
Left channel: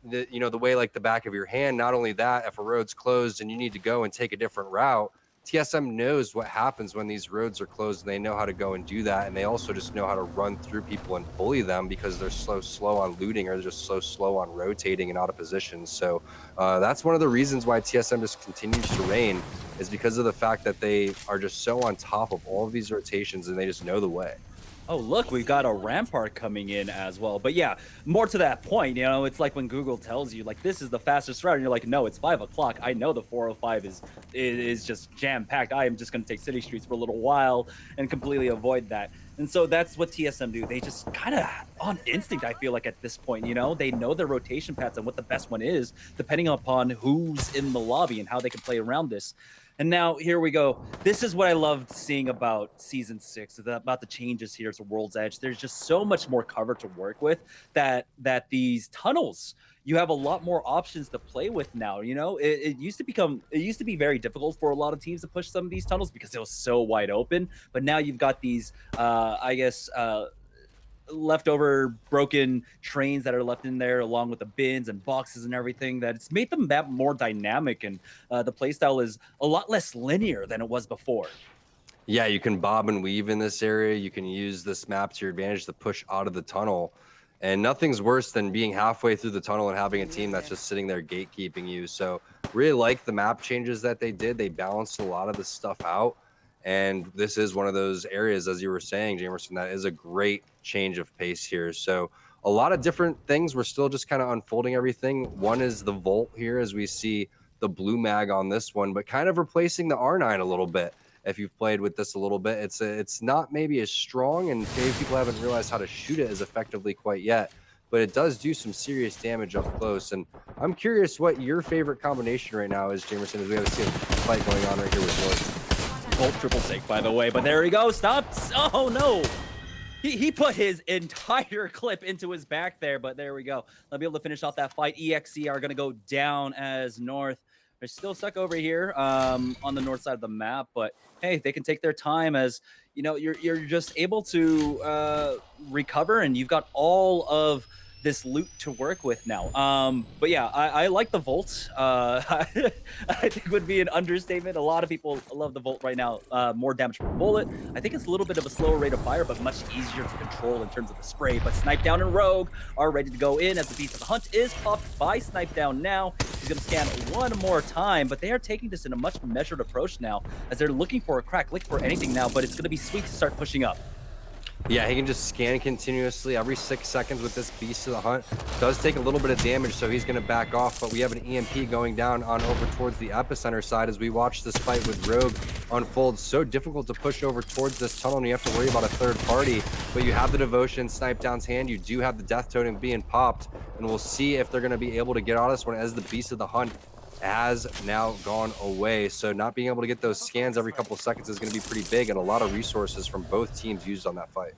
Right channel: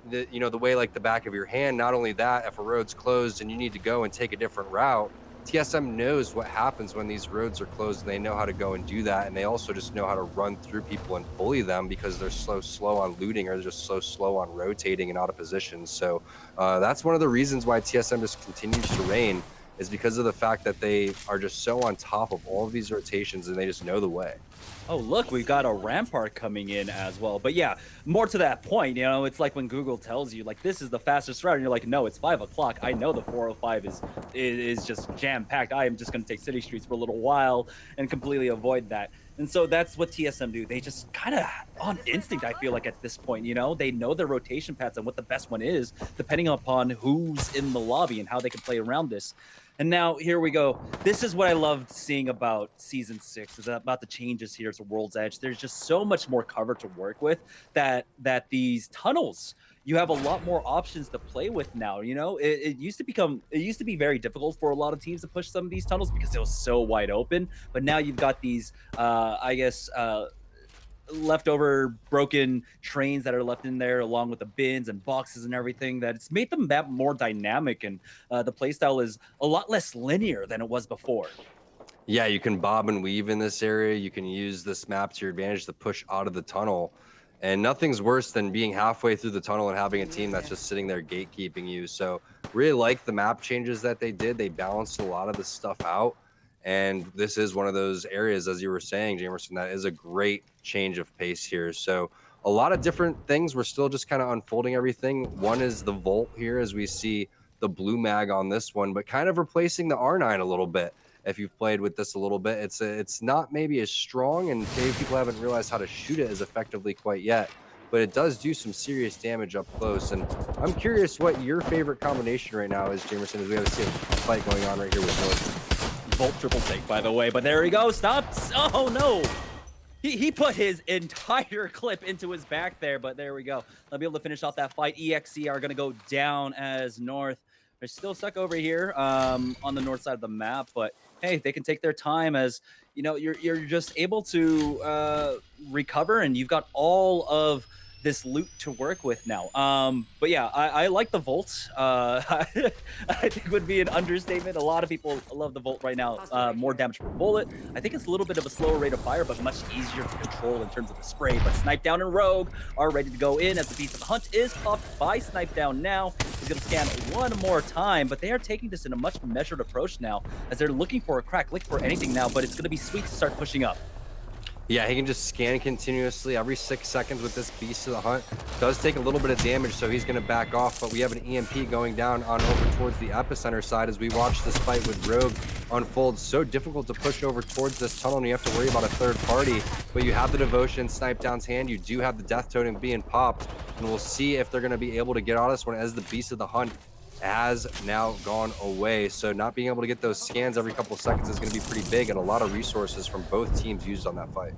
that, you know, the way like the back of your hand, not only that, if a road's closed and you need to go and take a different route, TSM knows what happens when these roads are closed, and they know how to go and do that. And they also just know how to run through people and bully them because they're so slow on looting, or they're just so slow on rotating and out of position. So that's one of the reasons why TSM just continues to reign, is because of the fact that they are just so on top of all of these rotations, and they just know the way. Oh, look, we've got a Rampart coming in as well. But yeah, more to that point, you know, it's like when Google tells you, like, this is the fastest route, and you're like, no, it's 5 o'clock. I know the 405 is just jam-packed. I am just going to take city streets for a little while and completely avoid that. And so that's what TSM do. They just kind of on instinct, I feel like, at this point, you know, they know their rotation paths and what the best one is, depending upon who's in the lobby and how they can play around this. And now here we go. This is what I loved seeing about Season 6, is about the changes here to World's Edge. There's just so much more cover to work with that these tunnels, you have a lot more options to play with now. You know, it used to be very difficult for a lot of teams to push some of these tunnels because it was so wide open. But now you've got these, leftover broken trains that are left in there, along with the bins and boxes and everything, that it's made them that more dynamic, and the playstyle is a lot less linear than it was before. Yeah, you can bob and weave in this area. You can use this map to your advantage to push out of the tunnel, and nothing's worse than being halfway through the tunnel and having a team that's just sitting there gatekeeping you. So really like the map changes that they did. They balanced a lot of this stuff out. And this is one of those areas, as you were saying, Jamerson, that is a great change of pace here. So a lot of different things. We're still just kind of unfolding everything. One is the Volt here, as we see the blue mag on this one, but kind of replacing the R9 a little bit. If you've played with this a little bit, it's not maybe as strong, and maybe people haven't realized how to shoot it as effectively quite yet, but it does do some serious damage up close. And I'm curious what your favorite combination right now is, Jamerson, as we have a fight going on right here with North. Volt triple take, by the way, but there he goes. Stops. Oh no, he put his entire clip into his back there, but there we go. They'll be able to finish off that fight. EXE are going to go down as North. They're still stuck over here on the north side of the map, but hey, they can take their time, as you know, you're just able to recover, and you've got all of this loot to work with now. But yeah, I like the Volt. I think would be an understatement. A lot of people love the Volt right now. More damage per bullet. I think it's a little bit of a slower rate of fire, but much easier to control in terms of the spray. But Snipe Down and Rogue are ready to go in as the Beast of the Hunt is popped by Snipe Down now. He's going to scan one more time, but they are taking this in a much measured approach now as they're looking for a crack, looking for anything now, but it's going to be sweet to start pushing up. Yeah, he can just scan continuously every 6 seconds with this Beast of the Hunt. Does take a little bit of damage, so he's going to back off, but we have an EMP going down on over towards the epicenter side as we watch this fight with Rogue unfold. So difficult to push over towards this tunnel, and you have to worry about a third party, but you have the Devotion Snipe Down's hand. You do have the Death Totem being popped, and we'll see if they're going to be able to get on this one as the Beast of the Hunt has now gone away. So not being able to get those scans every couple of seconds is going to be pretty big, and a lot of resources from both teams used on that fight.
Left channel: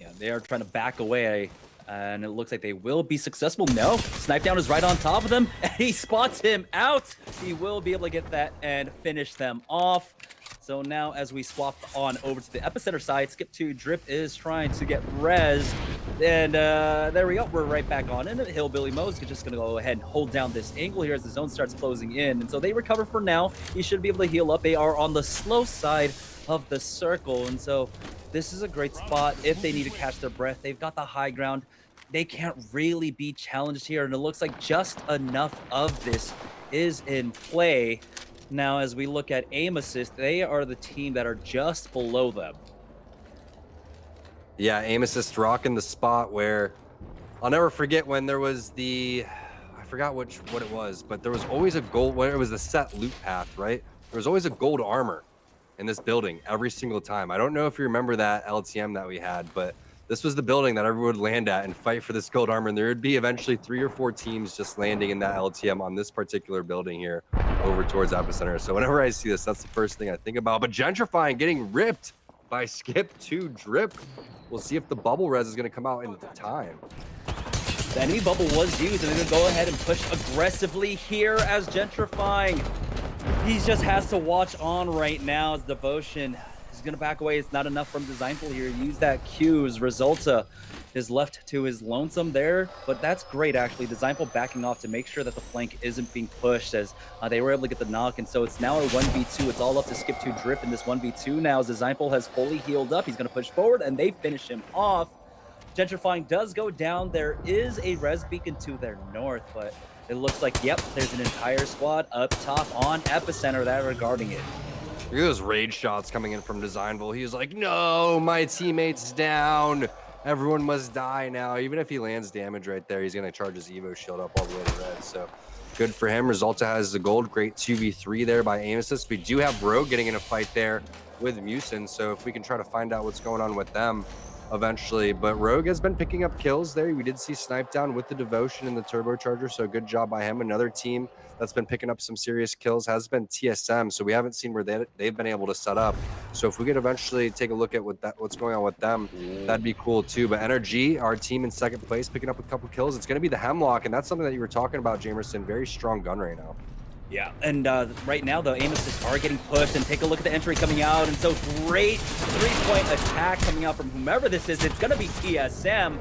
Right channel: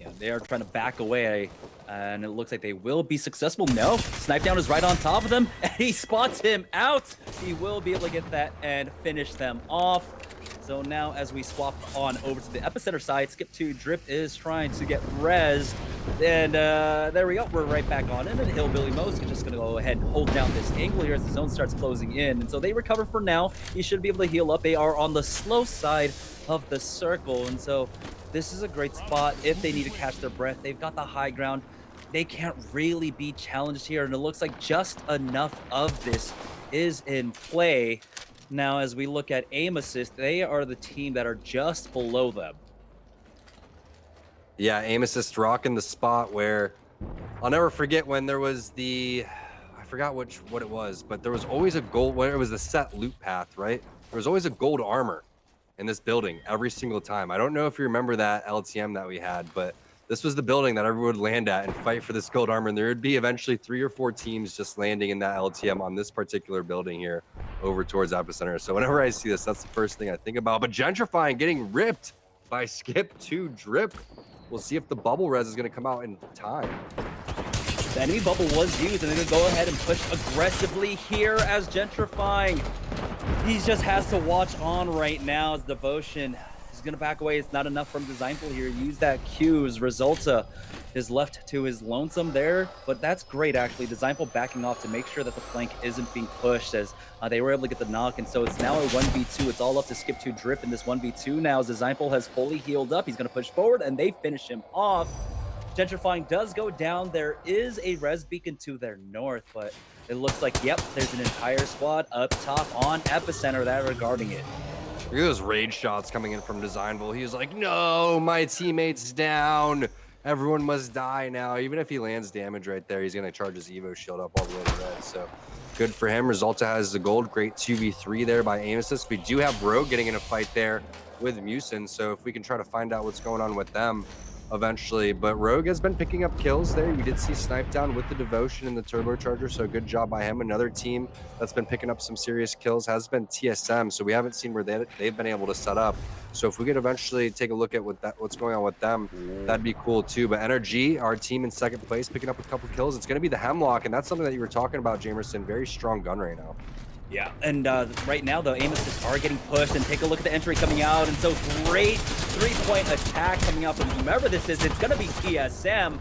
Yeah, they are trying to back away, and it looks like they will be successful. No, Snipe Down is right on top of them, and he spots him out. He will be able to get that and finish them off. So now as we swap on over to the epicenter side, Skip2Drip is trying to get res. And there we go. We're right back on in. And Hillbilly Mo's just going to go ahead and hold down this angle here as the zone starts closing in. And so they recover for now. He should be able to heal up. They are on the slow side of the circle. And so this is a great spot if they need to catch their breath. They've got the high ground. They can't really be challenged here. And it looks like just enough of this is in play. Now, as we look at aim assist, they are the team that are just below them. Yeah, aim assist rocking the spot where I'll never forget when there was I forgot what it was, but there was always a gold, where it was the set loot path, right? There was always a gold armor in this building every single time. I don't know if you remember that LTM that we had, but this was the building that everyone would land at and fight for this gold armor. And there would be eventually 3 or 4 teams just landing in that LTM on this particular building here over towards epicenter. So whenever I see this, that's the first thing I think about. But Gentrifying getting ripped by Skip2Drip. We'll see if the bubble res is going to come out in time. The enemy bubble was used, and they're going to go ahead and push aggressively here as Gentrifying. He just has to watch on right now as Devotion is going to back away. It's not enough from Designful here. Use that Q as Resulta is left to his lonesome there, but that's great actually. Designful backing off to make sure that the flank isn't being pushed as they were able to get the knock, and so it's now a 1v2. It's all up to Skip2Drip in this 1v2 now as Designful has fully healed up. He's going to push forward, and they finish him off. Gentrifying does go down. There is a res beacon to their north, but it looks like, yep, there's an entire squad up top on epicenter that are guarding it. Look at those rage shots coming in from Designful. He's like, no, my teammate's down. Everyone must die now. Even if he lands damage right there, he's going to charge his Evo shield up all the way to red. So good for him. Resulta has the gold. Great 2v3 there by aim assist. We do have Rogue getting in a fight there with Musin. So if we can try to find out what's going on with them eventually. But Rogue has been picking up kills there. We did see Snipe Down with the Devotion and the Turbocharger. So good job by him. Another team that's been picking up some serious kills has been TSM. So we haven't seen where they've been able to set up. So if we could eventually take a look at what's going on with them, that'd be cool too. But NRG, our team in second place, picking up a couple kills. It's going to be the Hemlock, and that's something that you were talking about, Jamerson. Very strong gun right now. Yeah, and right now the aim assists are getting pushed, and take a look at the entry coming out, and so great 3-point attack coming out from whomever this is. It's going to be TSM,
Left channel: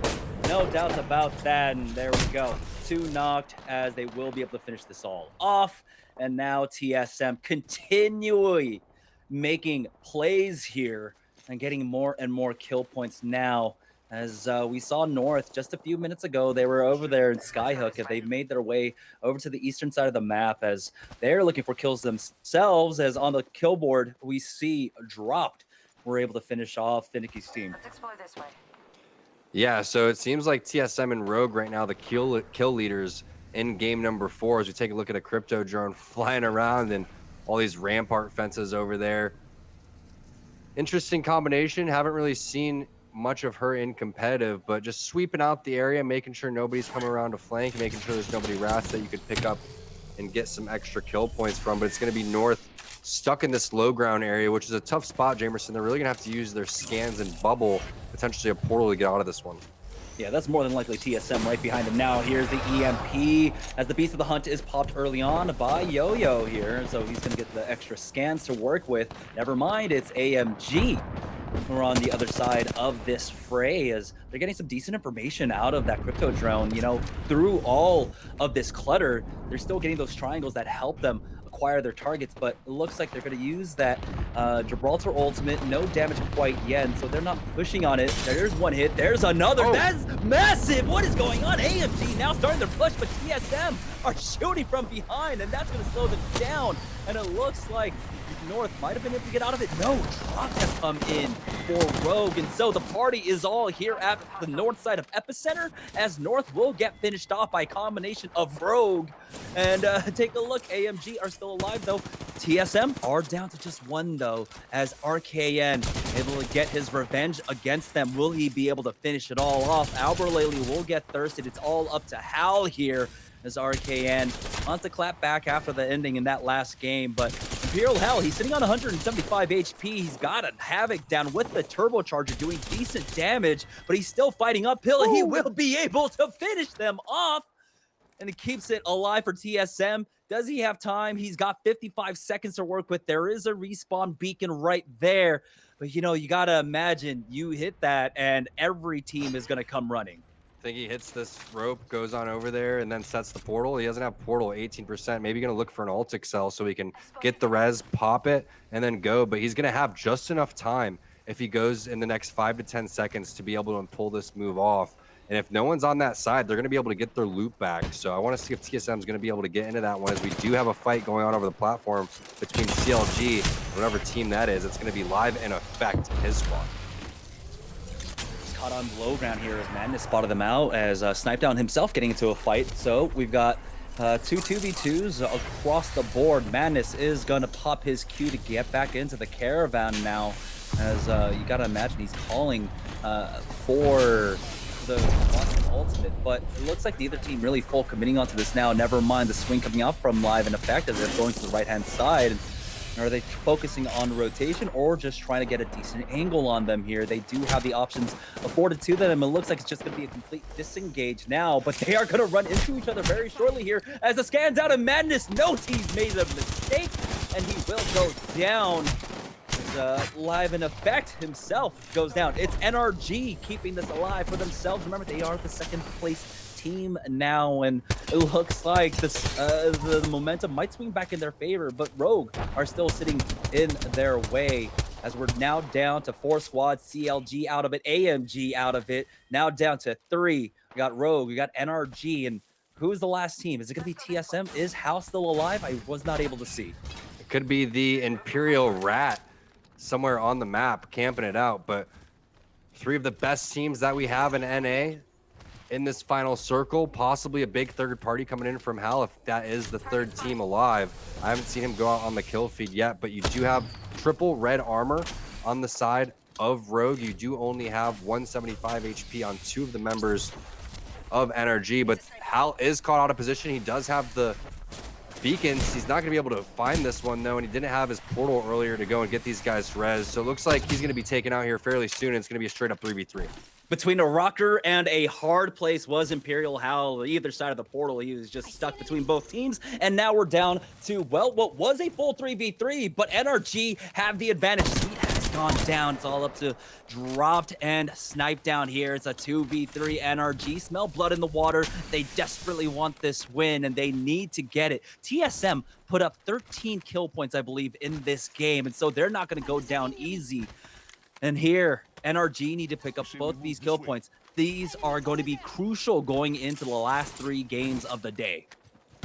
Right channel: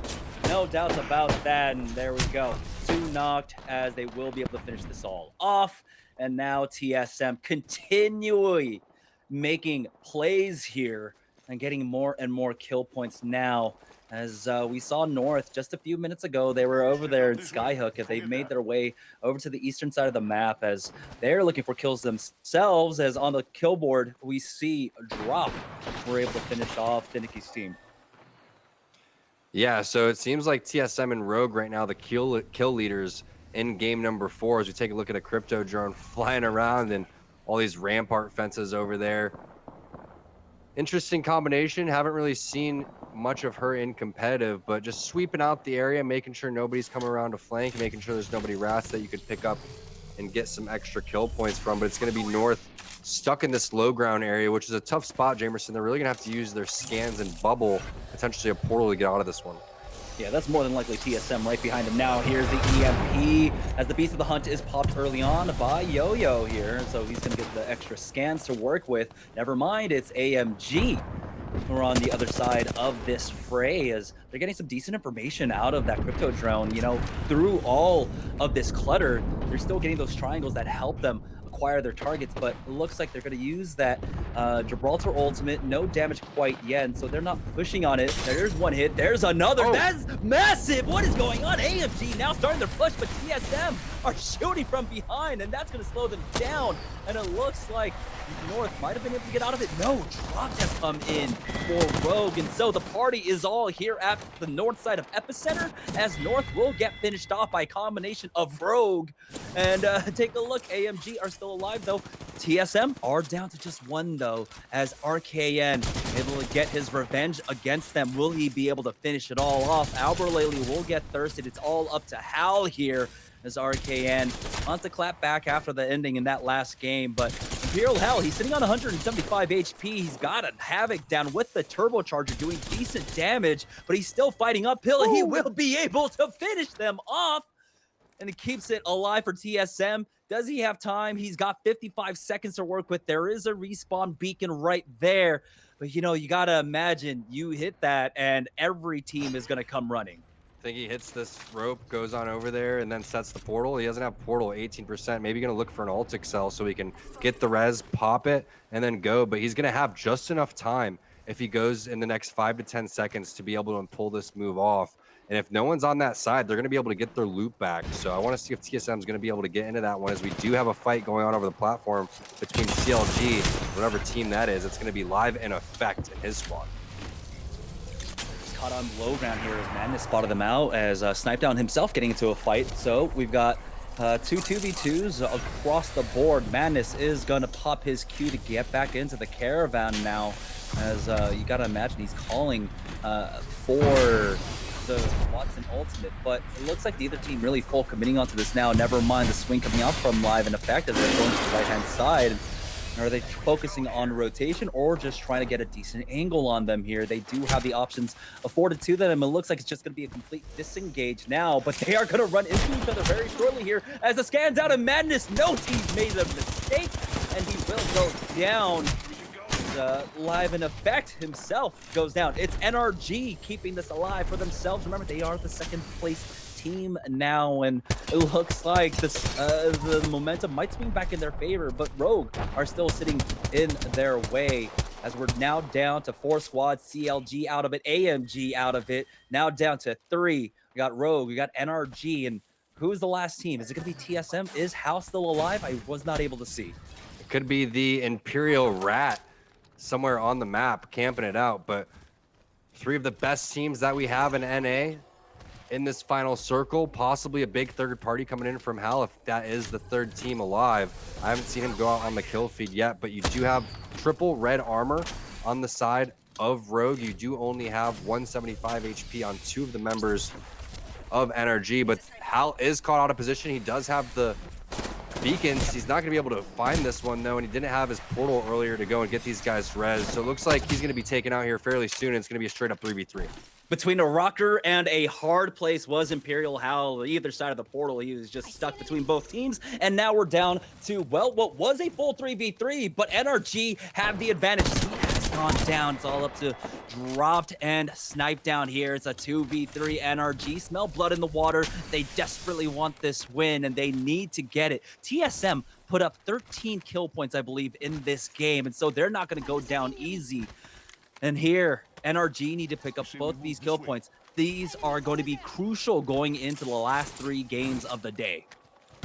no doubts about that, and there we go. 2 knocked as they will be able to finish this all off, and now TSM continually making plays here and getting more and more kill points now. As we saw North just a few minutes ago, they were over there in Skyhook, and they've made their way over to the eastern side of the map as they're looking for kills themselves. As on the kill board, we see Drop. We're able to finish off Finicky's team. Let's explore this way. Yeah, so it seems like TSM and Rogue right now, the kill leaders in game number 4, as we take a look at a crypto drone flying around and all these rampart fences over there. Interesting combination. Haven't really seen much of her in competitive, but just sweeping out the area, making sure nobody's coming around to flank, making sure there's nobody rats that you could pick up and get some extra kill points from. But it's going to be North stuck in this low ground area, which is a tough spot, Jamerson. They're really going to have to use their scans and bubble, potentially a portal, to get out of this one. Yeah, that's more than likely TSM right behind him now. Here's the EMP as the Beast of the Hunt is popped early on by Yo-Yo here. So he's going to get the extra scans to work with. Never mind, it's AMG. we're on the other side of this fray as they're getting some decent information out of that crypto drone. You know, through all of this clutter, they're still getting those triangles that help them acquire their targets, but it looks like they're going to use that Gibraltar ultimate. No damage quite yet, and so they're not pushing on it. There's one hit. There's another. Oh. That's massive. What is going on? AMG now starting their push, but TSM are shooting from behind, and that's going to slow them down. And it looks like North might have been able to get out of it. No, drop has come in for Rogue, and so the party is all here at the north side of Epicenter, as North will get finished off by a combination of Rogue. And take a look, AMG are still alive though. TSM are down to just one though, as RKN able to get his revenge against them. Will he be able to finish it all off? Alberlele will get thirsted. It's all up to Hal here, as RKN wants to clap back after the ending in that last game. But Imperial Hell, he's sitting on 175 HP. He's got a Havoc down with the turbocharger doing decent damage, but he's still fighting uphill, and he will be able to finish them off. And it keeps it alive for TSM. Does he have time? He's got 55 seconds to work with. There is a respawn beacon right there. But, you know, you got to imagine you hit that, and every team is going to come running. I think he hits this rope, goes on over there, and then sets the portal. He doesn't have portal, 18%. Maybe going to look for an ult excel so he can get the res, pop it, and then go. But he's going to have just enough time if he goes in the next 5 to 10 seconds to be able to pull this move off. And if no one's on that side, they're going to be able to get their loot back. So I want to see if TSM is going to be able to get into that one, as we do have a fight going on over the platform between CLG, whatever team that is. It's going to be live in effect in his squad. Caught on low ground here as Madness spotted them out, as Snipedown himself getting into a fight. So we've got two 2v2s across the board. Madness is going to pop his Q to get back into the caravan now, as you got to imagine he's calling for the Watson ultimate, but it looks like neither team really full committing onto this now. Never mind the swing coming out from Live in effect as they're going to the right-hand side. Are they focusing on rotation or just trying to get a decent angle on them here? They do have the options afforded to them. It looks like it's just going to be a complete disengage now, but they are going to run into each other very shortly here as the scans out of Madness knows he's made a mistake, and he will go down. Live in effect himself goes down. It's NRG keeping this alive for themselves. Remember, they are the second place team now, and it looks like this the momentum might swing back in their favor, but Rogue are still sitting in their way, as we're now down to 4 squads. CLG out of it, AMG out of it, now down to 3. We got Rogue, we got NRG, and who's the last team? Is it going to be TSM? Is Hal still alive? I was not able to see. It could be the Imperial Rat somewhere on the map camping it out, but 3 of the best teams that we have in NA in this final circle, possibly a big third party coming in from Hal if that is the third team alive. I haven't seen him go out on the kill feed yet, but you do have triple red armor on the side of Rogue. You do only have 175 HP on 2 of the members of NRG, but Hal is caught out of position. He does have the beacons. He's not going to be able to find this one though, and he didn't have his portal earlier to go and get these guys res. So it looks like he's going to be taken out here fairly soon, and it's going to be a straight up 3v3. Between a rocker and a hard place was Imperial Hal. Either side of the portal, he was just stuck between both teams. And now we're down to, well, what was a full 3v3, but NRG have the advantage. He has gone down. It's all up to Dropped and Sniped down here. It's a 2v3. NRG smell blood in the water. They desperately want this win, and they need to get it. TSM put up 13 kill points, I believe, in this game, and so they're not going to go down easy. And here, NRG need to pick up both these kill points. These are going to be crucial going into the last 3 games of the day.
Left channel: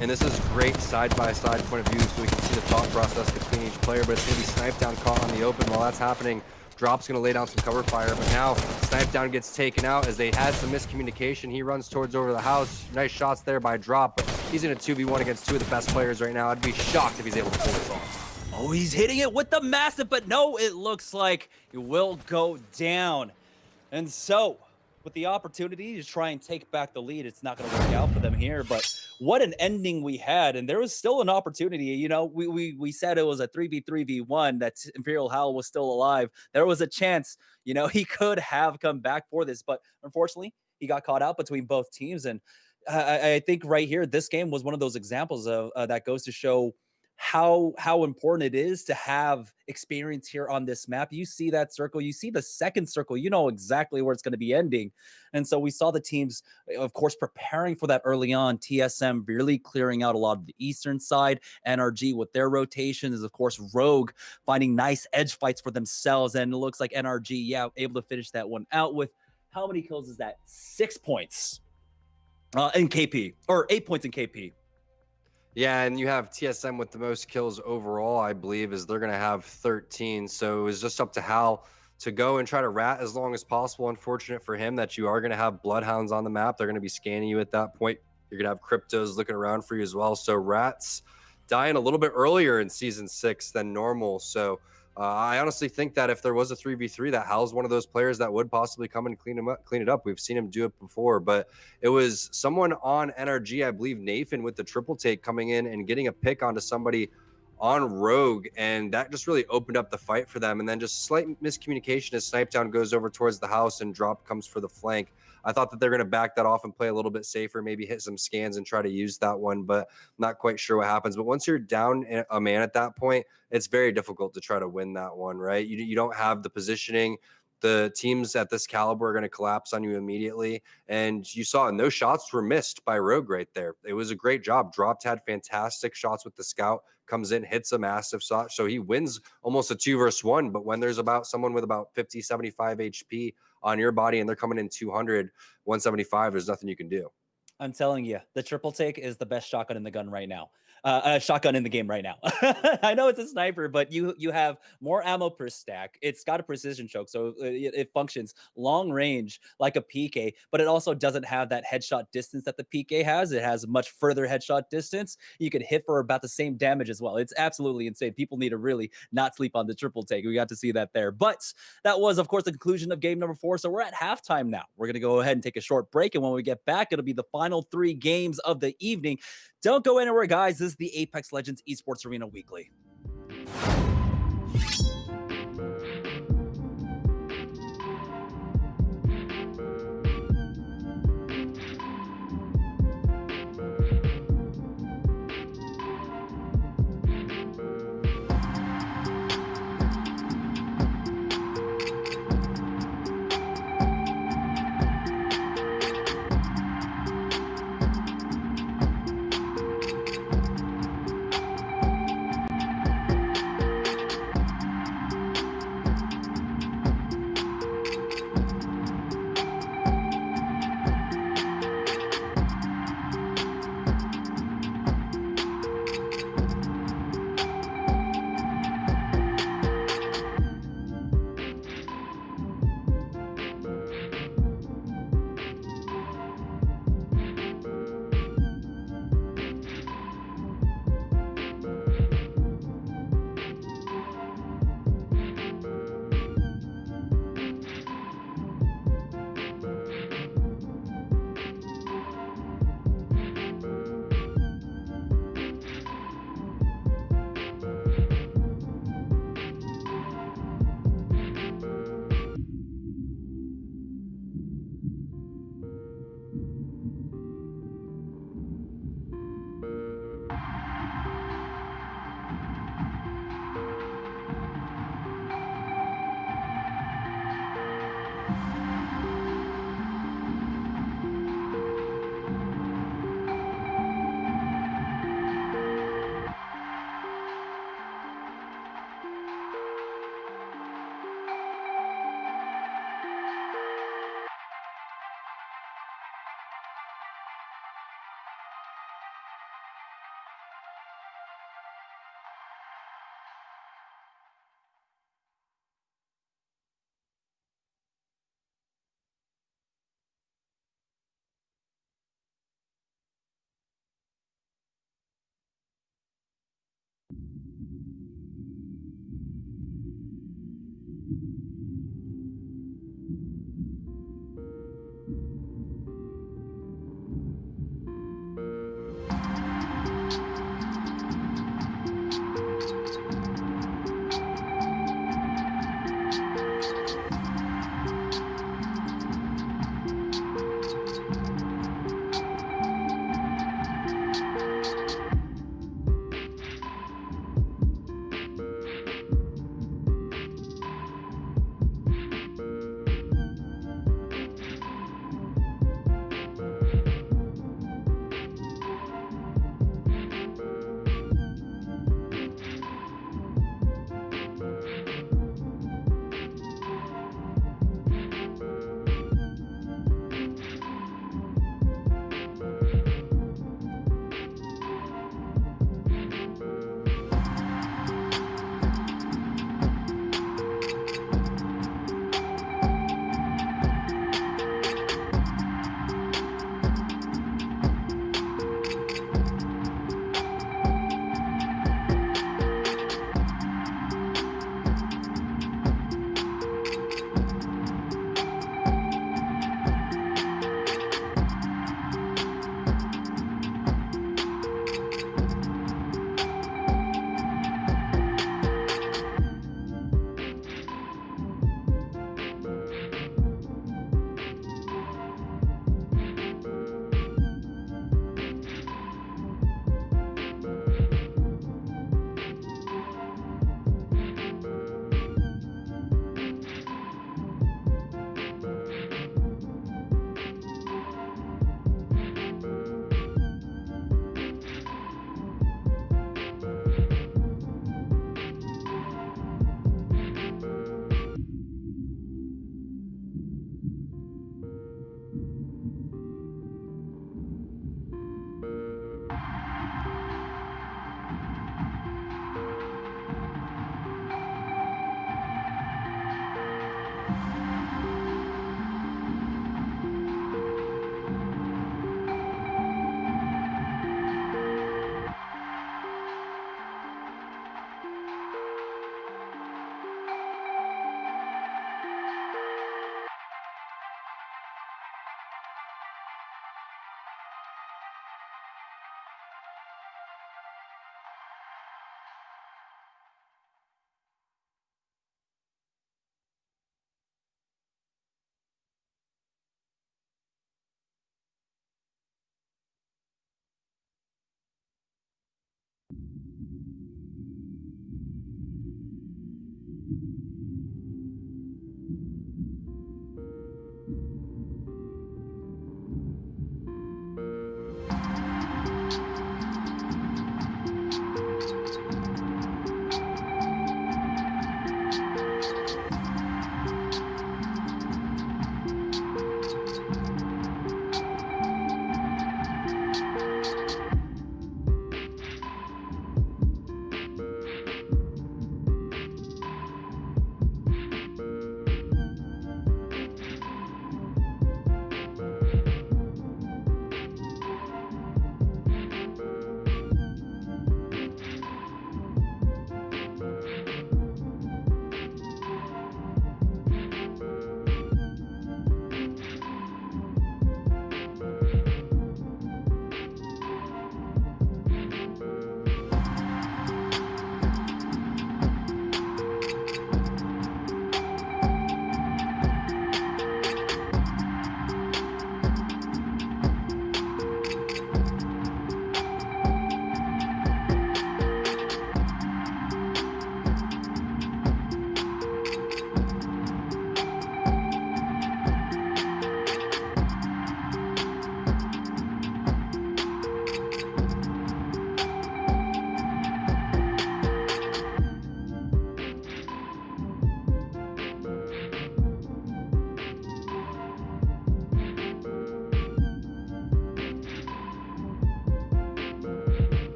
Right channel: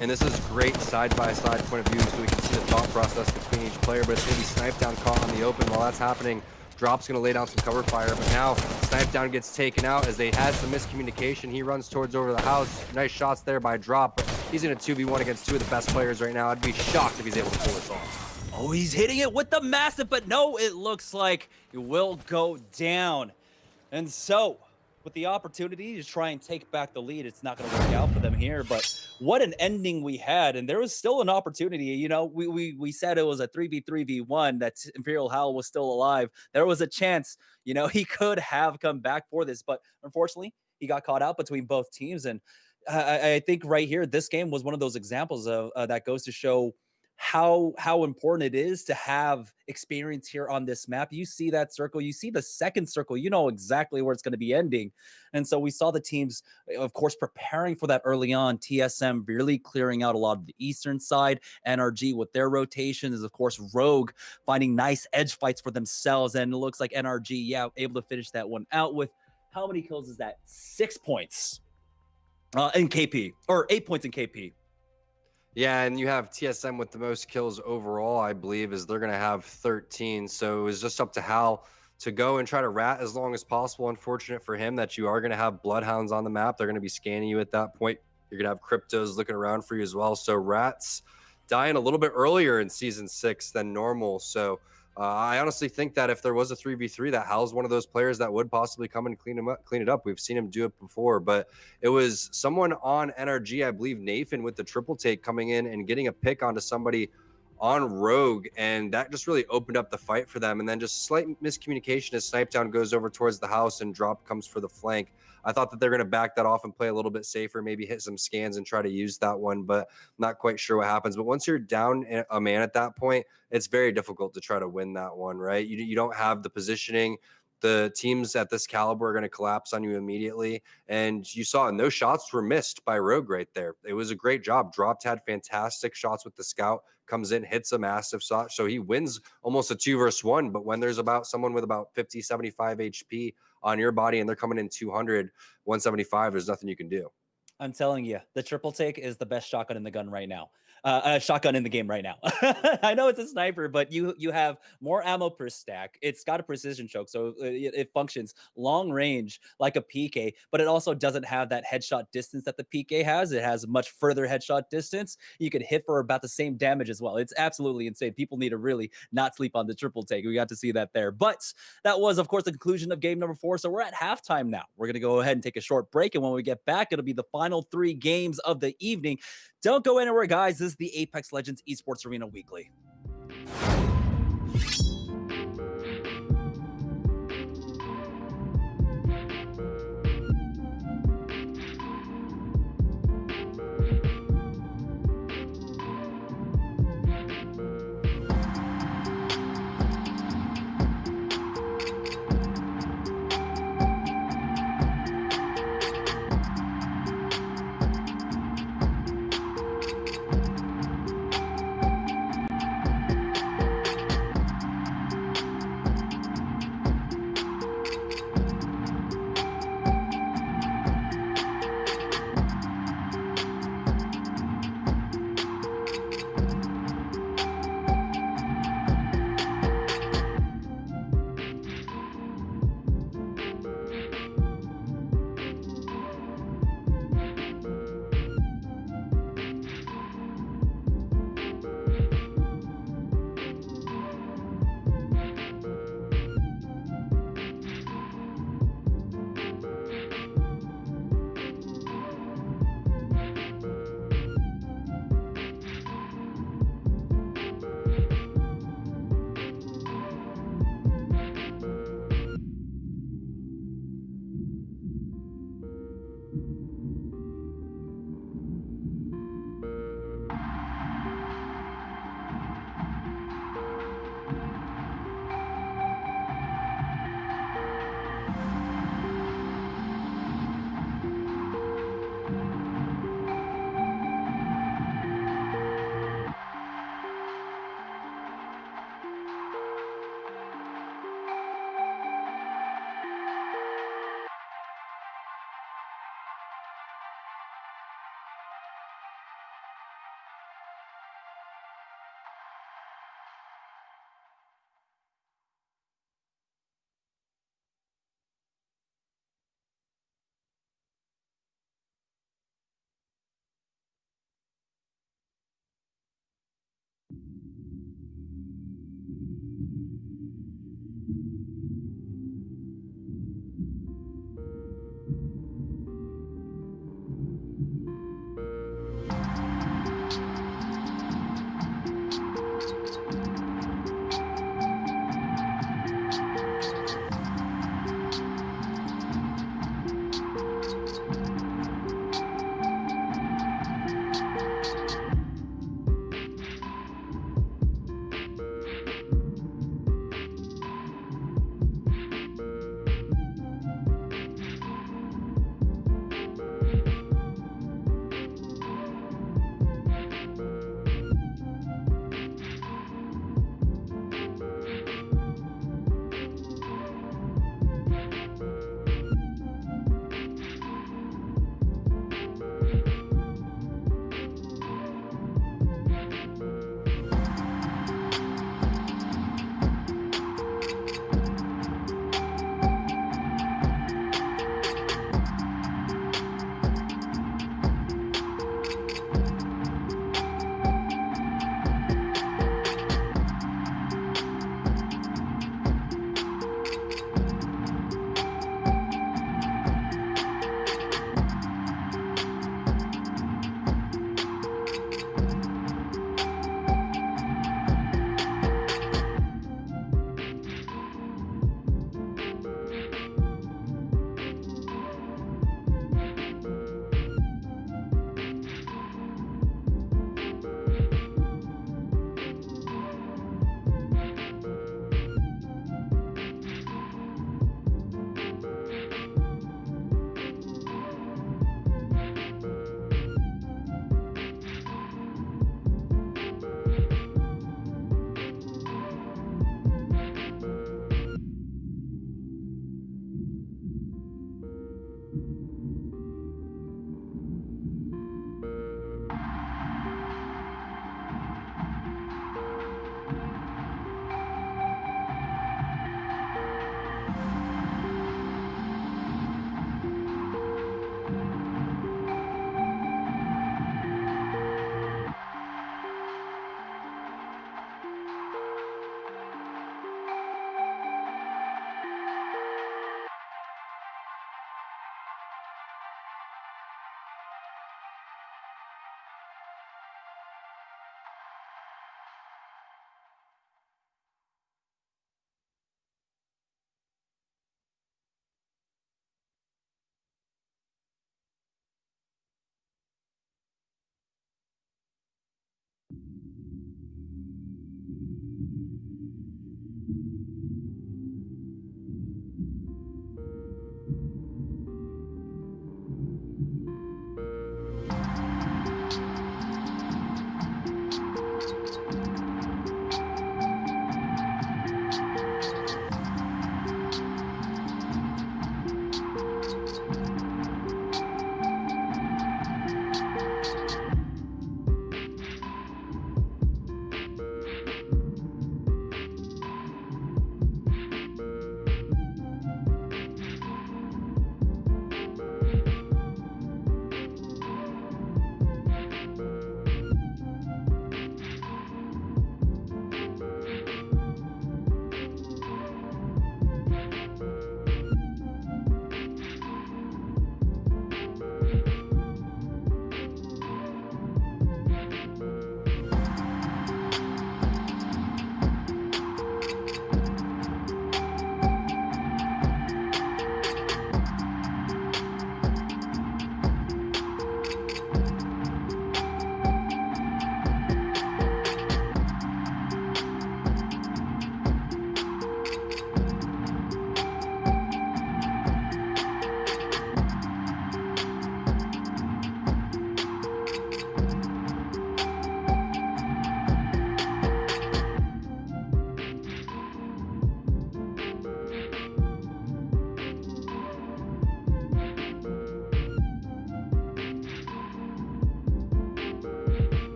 And this is great side-by-side point of view, so we can see the thought process between each player, but it's going to be Sniped down caught on the open. While that's happening, Drop's going to lay down some cover fire, but now Sniped down gets taken out as they had some miscommunication. He runs towards over the house. Nice shots there by Drop, but he's in a 2v1 against 2 of the best players right now. I'd be shocked if he's able to pull this off. Oh, he's hitting it with the massive, but no, it looks like it will go down. And so, with the opportunity to try and take back the lead, it's not going to work out for them here, but what an ending we had. And there was still an opportunity. You know, we said it was a 3v3v1, that Imperial Hal was still alive. There was a chance, you know, he could have come back for this, but unfortunately, he got caught out between both teams. And I think right here, this game was one of those examples of that goes to show how important it is to have experience here on this map. You see that circle, you see the second circle, you know exactly where it's going to be ending. And so we saw the teams, of course, preparing for that early on. TSM really clearing out a lot of the eastern side. NRG with their rotation is, of course, Rogue finding nice edge fights for themselves. And it looks like NRG, yeah, able to finish that one out with how many kills is that? 6 points in KP, or 8 points in KP. Yeah, and you have TSM with the most kills overall, I believe, is they're going to have 13. So it was just up to Hal to go and try to rat as long as possible. Unfortunate for him that you are going to have Bloodhounds on the map. They're going to be scanning you at that point. You're going to have Cryptos looking around for you as well. So rats dying a little bit earlier in Season 6 than normal. So I honestly think that if there was a 3v3, that Hal's one of those players that would possibly come and clean it up. We've seen him do it before, but it was someone on NRG, I believe Nathan, with the triple take coming in and getting a pick onto somebody on Rogue, and that just really opened up the fight for them. And then just slight miscommunication as Snipedown goes over towards the house and Drop comes for the flank. I thought that they're going to back that off and play a little bit safer, maybe hit some scans and try to use that one, but not quite sure what happens. But once you're down a man at that point, it's very difficult to try to win that one, right? You don't have the positioning. The teams at this caliber are going to collapse on you immediately. And you saw, and those shots were missed by Rogue right there. It was a great job. Dropped had fantastic shots with the scout, comes in, hits a massive shot. So he wins almost a 2v1. But when there's about someone with about 50, 75 HP on your body and they're coming in 200, 175, there's nothing you can do. I'm telling you, the triple take is the best shotgun in the gun right now. Shotgun in the game right now. I know it's a sniper, but you have more ammo per stack. It's got a precision choke, so it functions long range like a PK, but it also doesn't have that headshot distance that the PK has. It has much further headshot distance. You could hit for about the same damage as well. It's absolutely insane. People need to really not sleep on the triple take. We got to see that there. But that was, of course, the conclusion of game number 4. So we're at halftime now. We're going to go ahead and take a short break, and when we get back, it'll be the final 3 games of the evening. Don't go anywhere, guys. This is the Apex Legends Esports Arena Weekly.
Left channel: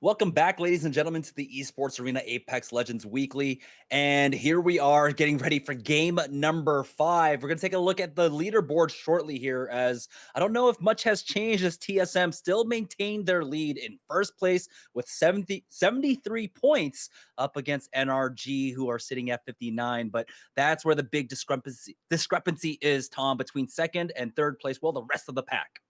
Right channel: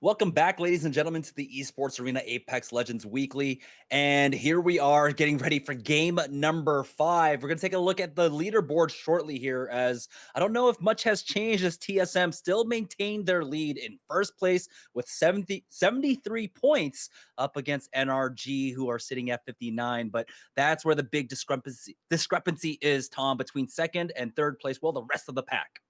Welcome back, ladies and gentlemen, to the Esports Arena Apex Legends Weekly. And here we are getting ready for game number 5. We're going to take a look at the leaderboard shortly here, as I don't know if much has changed, as TSM still maintained their lead in first place with 73 points up against NRG, who are sitting at 59. But that's where the big discrepancy is, Tom, between second and third place. Well, the rest of the pack.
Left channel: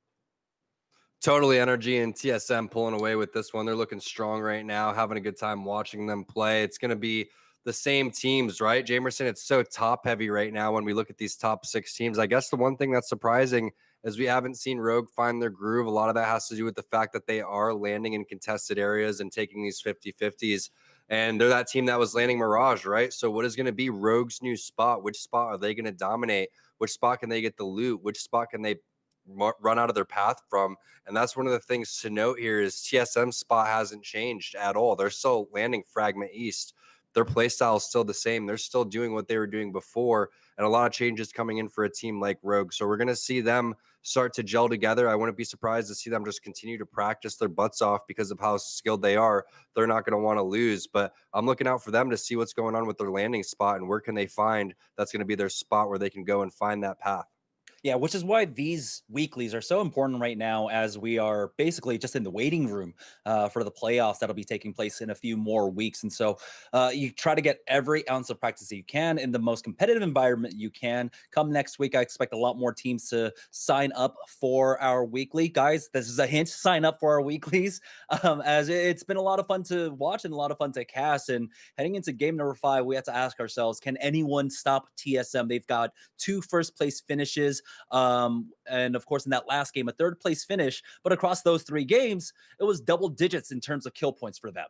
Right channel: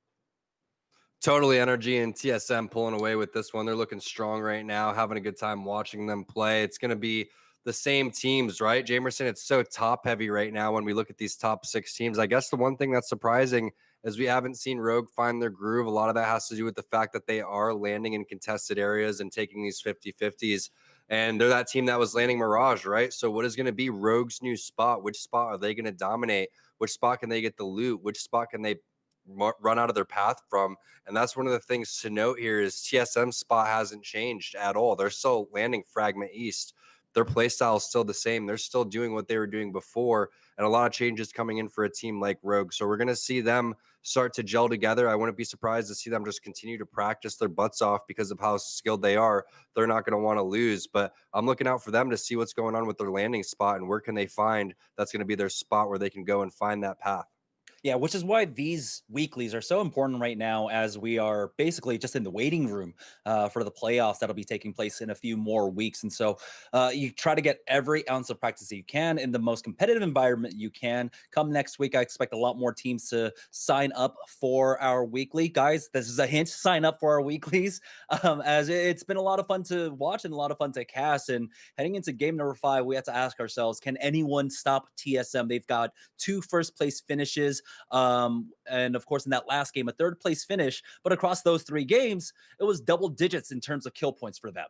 Totally, NRG and TSM pulling away with this one. They're looking strong right now, having a good time watching them play. It's going to be the same teams, right, Jamerson? It's so top heavy right now when we look at these top 6 teams. I guess the one thing that's surprising is we haven't seen Rogue find their groove. A lot of that has to do with the fact that they are landing in contested areas and taking these 50-50s. And they're that team that was landing Mirage, right? So what is going to be Rogue's new spot? Which spot are they going to dominate? Which spot can they get the loot? Which spot can they run out of their path from? And that's one of the things to note here is TSM's spot hasn't changed at all. They're still landing Fragment East. Their play style is still the same. They're still doing what they were doing before, and a lot of changes coming in for a team like Rogue. So we're going to see them start to gel together. I wouldn't be surprised to see them just continue to practice their butts off because of how skilled they are. They're not going to want to lose, but I'm looking out for them to see what's going on with their landing spot and where can they find that's going to be their spot where they can go and find that path. Yeah, which is why these weeklies are so important right now, as we are basically just in the waiting room for the playoffs that'll be taking place in a few more weeks. And so you try to get every ounce of practice that you can in the most competitive environment you can. Come next week, I expect a lot more teams to sign up for our weekly. Guys, this is a hint, sign up for our weeklies, as it's been a lot of fun to watch and a lot of fun to cast. And heading into game number 5, we have to ask ourselves, can anyone stop TSM? They've got 2 first-place finishes. And of course, in that last game, a 3rd place finish, but across those 3 games, it was double digits in terms of kill points for them.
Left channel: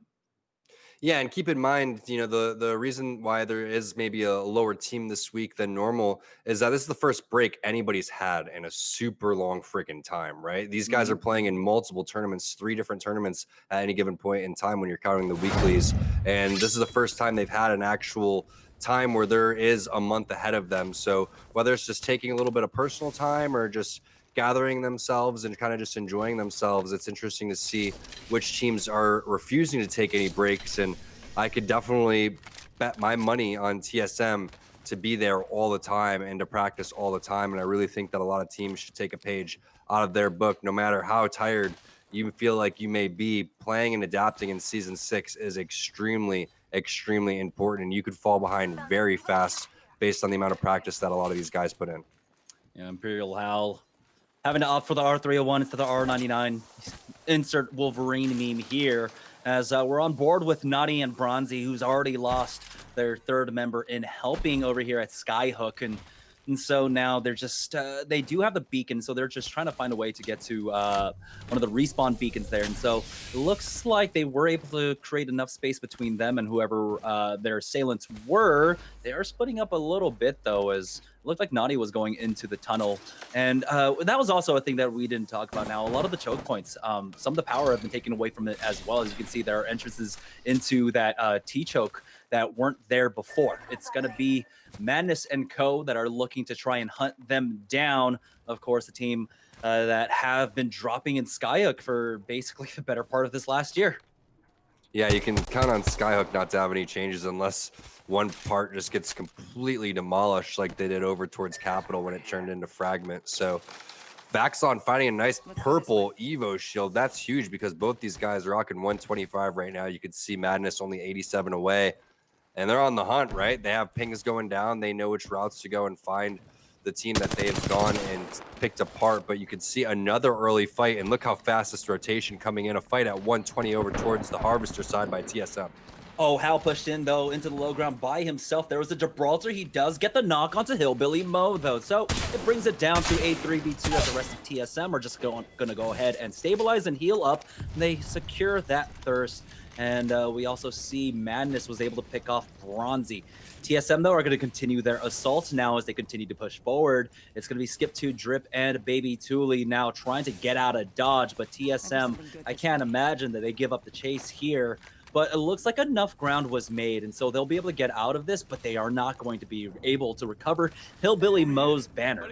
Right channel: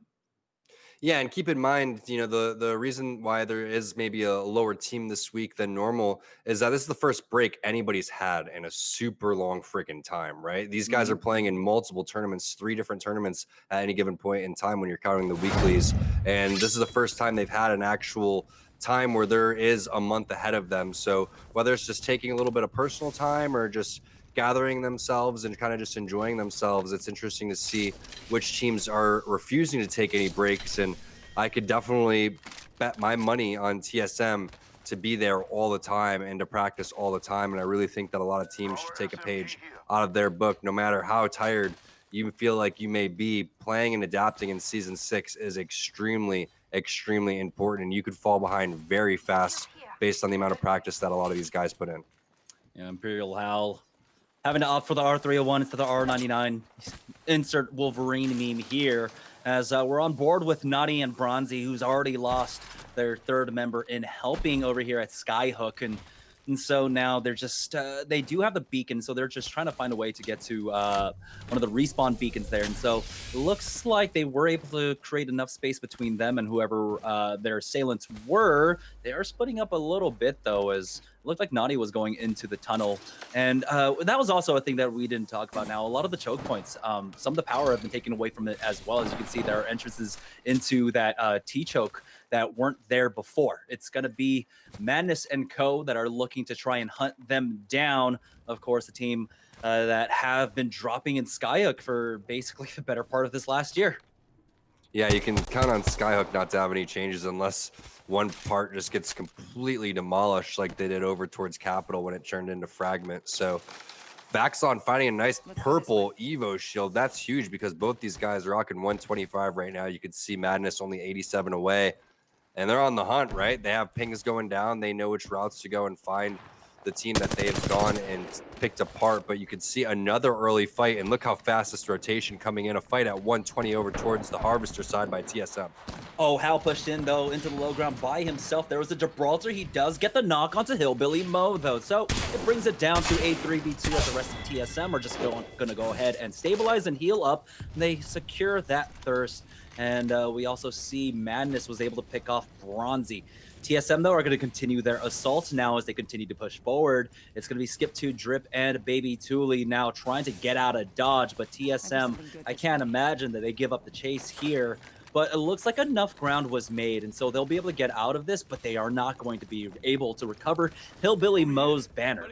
Yeah, and keep in mind, you know, the reason why there is maybe a lower team this week than normal is that this is the first break anybody's had in a super long freaking time, right? These guys are playing in multiple tournaments, 3 different tournaments at any given point in time when you're counting the weeklies. And this is the first time they've had an actual time where there is a month ahead of them. So whether it's just taking a little bit of personal time or just gathering themselves and kind of just enjoying themselves, it's interesting to see which teams are refusing to take any breaks. And I could definitely bet my money on TSM to be there all the time and to practice all the time. And I really think that a lot of teams should take a page out of their book. No matter how tired you feel like you may be, playing and adapting in Season 6 is extremely important, and you could fall behind very fast based on the amount of practice that a lot of these guys put in. Yeah, Imperial Hal having to opt for the R301 instead of the R99. Insert Wolverine meme here, as we're on board with Nadi and Bronzy, who's already lost their 3rd member in helping over here at Skyhook. And so now they're just, they do have the beacon, so they're just trying to find a way to get to one of the respawn beacons there. And so it looks like they were able to create enough space between them and whoever their assailants were. They are splitting up a little bit, though, as it looked like Nadi was going into the tunnel. And that was also a thing that we didn't talk about. Now, a lot of the choke points, some of the power have been taken away from it as well. As you can see, there are entrances into that T-choke that weren't there before. It's going to be Madness and Co. that are looking to try and hunt them down. Of course, the team that have been dropping in Skyhook for basically the better part of this last year. Yeah, you can count on Skyhook not to have any changes unless one part just gets completely demolished like they did over towards Capital when it turned into Fragment. So Vaxon finding a nice purple Evo shield. That's huge because both these guys are rocking 125 right now. You could see Madness only 87 away. And they're on the hunt, right? They have pings going down. They know which routes to go and find the team that they have gone and picked apart. But you can see another early fight. And look how fast this rotation coming in. A fight at 120 over towards the Harvester side by TSM. Oh, Hal pushed in, though, into the low ground by himself. There was a Gibraltar. He does get the knock onto Hillbilly Mo, though. So it brings it down to a 3v2 as the rest of TSM are just going to go ahead and stabilize and heal up. And they secure that thirst. And we also see Madness was able to pick off Bronzy. TSM, though, are going to continue their assault now as they continue to push forward. It's going to be Skip2, Drip, and Baby Thule now trying to get out of dodge. But TSM, I can't imagine that they give up the chase here. But it looks like enough ground was made, and so they'll be able to get out of this, but they are not going to be able to recover Hillbilly Mo's banner.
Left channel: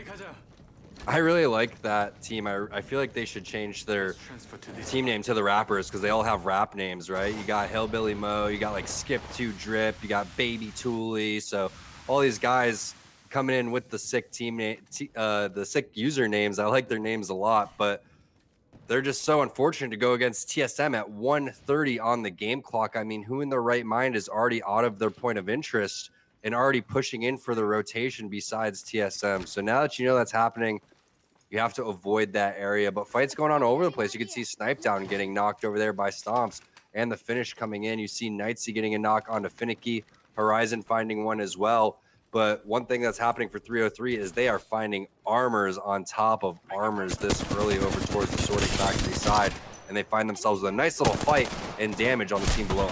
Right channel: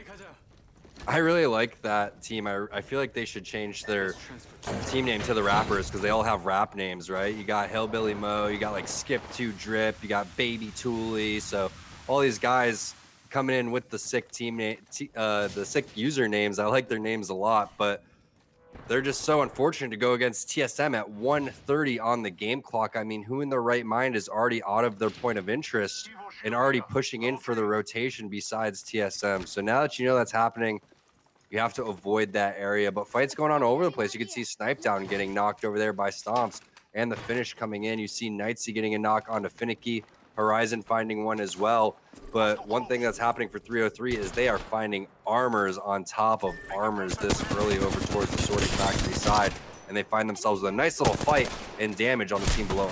I really like that team. I feel like they should change their team name to the Rappers because they all have rap names, right? You got Hillbilly Mo, you got like Skip 2 Drip, you got Baby Tooley. So all these guys coming in with the sick team name, the sick usernames. I like their names a lot, but they're just so unfortunate to go against TSM at 1:30 on the game clock. I mean, who in their right mind is already out of their point of interest and already pushing in for the rotation besides TSM? So now that you know that's happening, you have to avoid that area. But fights going on all over the place. You can see Snipe Down getting knocked over there by Stomps and the finish coming in. You see Knightsy getting a knock onto Finicky, Horizon finding one as well. But one thing that's happening for 303 is they are finding armors on top of armors this early over towards the sorting factory side. And they find themselves with a nice little fight and damage on the team below.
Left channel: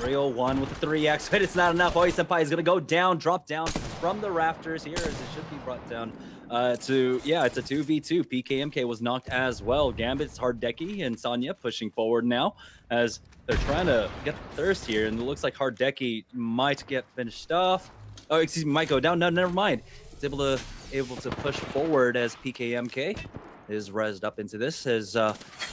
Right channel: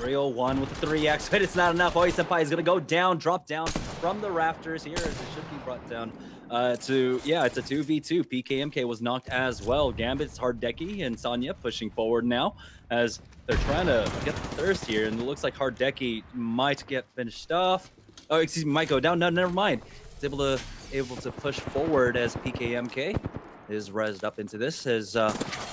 301 with the 3x, but it's not enough. Oi Senpai is going to go down, drop down from the rafters here as it should be brought down it's a 2v2. PKMK was knocked as well. Gambit's Hardeki and Sanya pushing forward now as they're trying to get the thirst here, and it looks like Hardeki might get finished off. Oh, excuse me, might go down. No, never mind. It's able to push forward as PKMK is rezzed up into this as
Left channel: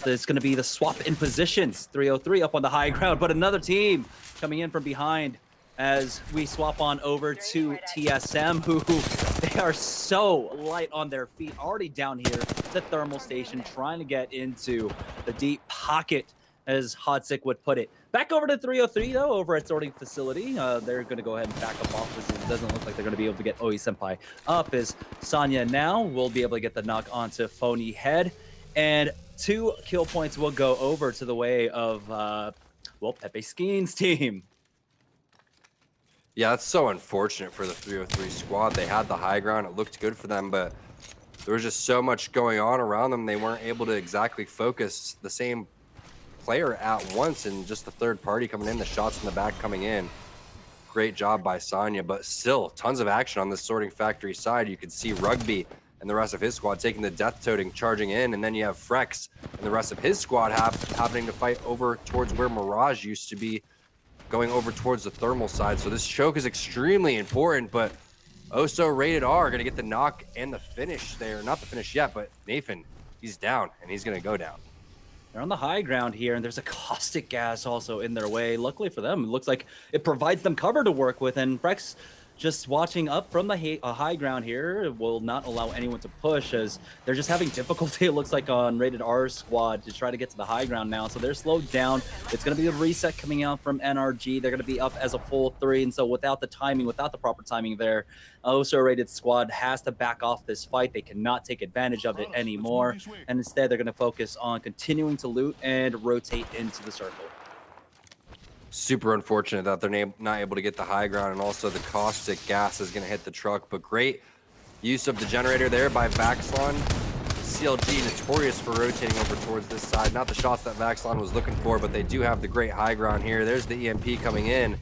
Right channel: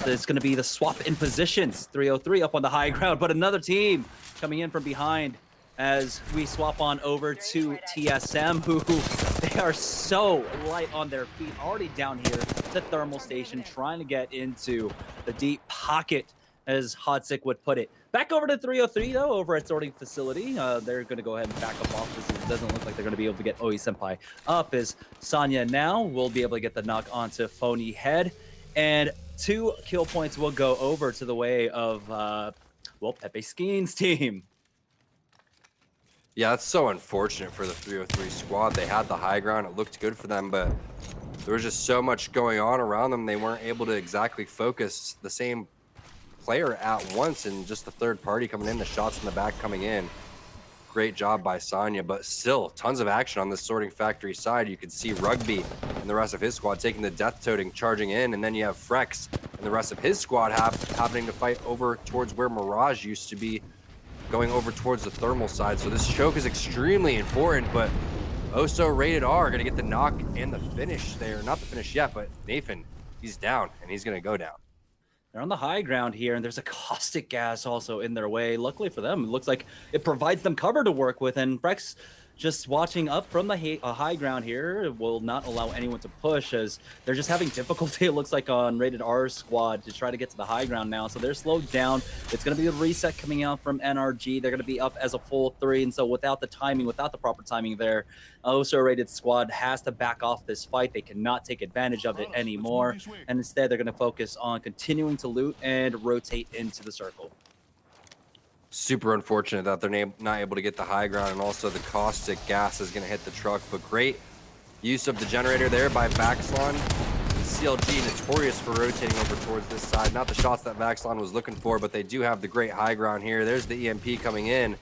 it's going to be the swap in positions. 303 up on the high ground, but another team coming in from behind as we swap on over to TSM, who they are so light on their feet, already down here to thermal station, trying to get into the deep pocket, as Hodsick would put it. Back over to 303 though, over at sorting facility. They're going to go ahead and back up off this. It doesn't look like they're going to be able to get Oi Senpai up, as Sanya now will be able to get the knock onto Phony Head, and 2 kill points will go over to the way of Pepe Skeen's team. Yeah, it's so unfortunate for the 303 squad. They had the high ground. It looked good for them, but there was just so much going on around them. They weren't able to exactly focus the same player at once, and just the third party coming in, the shots in the back coming in. Great job by Sanya, but still tons of action on the sorting factory side. You could see Rugby and the rest of his squad taking the death toting, charging in, and then you have Frex and the rest of his squad happening to fight over towards where Mirage used to be, going over towards the thermal side. So this choke is extremely important, but Oso Rated R going to get the knock and the finish there. Not the finish yet, but Nathan, he's down, and he's going to go down. They're on the high ground here, and there's a caustic gas also in their way. Luckily for them, it looks like it provides them cover to work with, and Brex just watching up from the high ground here will not allow anyone to push, as they're just having difficulty, it looks like, on Rated R's squad to try to get to the high ground now. So they're slowed down. It's going to be a reset coming out from NRG. They're going to be up as a full 3, and so without the proper timing there, Oso Rated squad has to back off this fight. They cannot take advantage of it anymore, and instead they're going to focus on continuing to loot and rotate into the circle. Super unfortunate that they're not able to get the high ground, and also the caustic gas is going to hit the truck. But great use of the generator there by Vaxlon. CLG notorious for rotating over towards this side. Not the shots that Vaxlon was looking for, but they do have the great high ground here. There's the EMP coming in.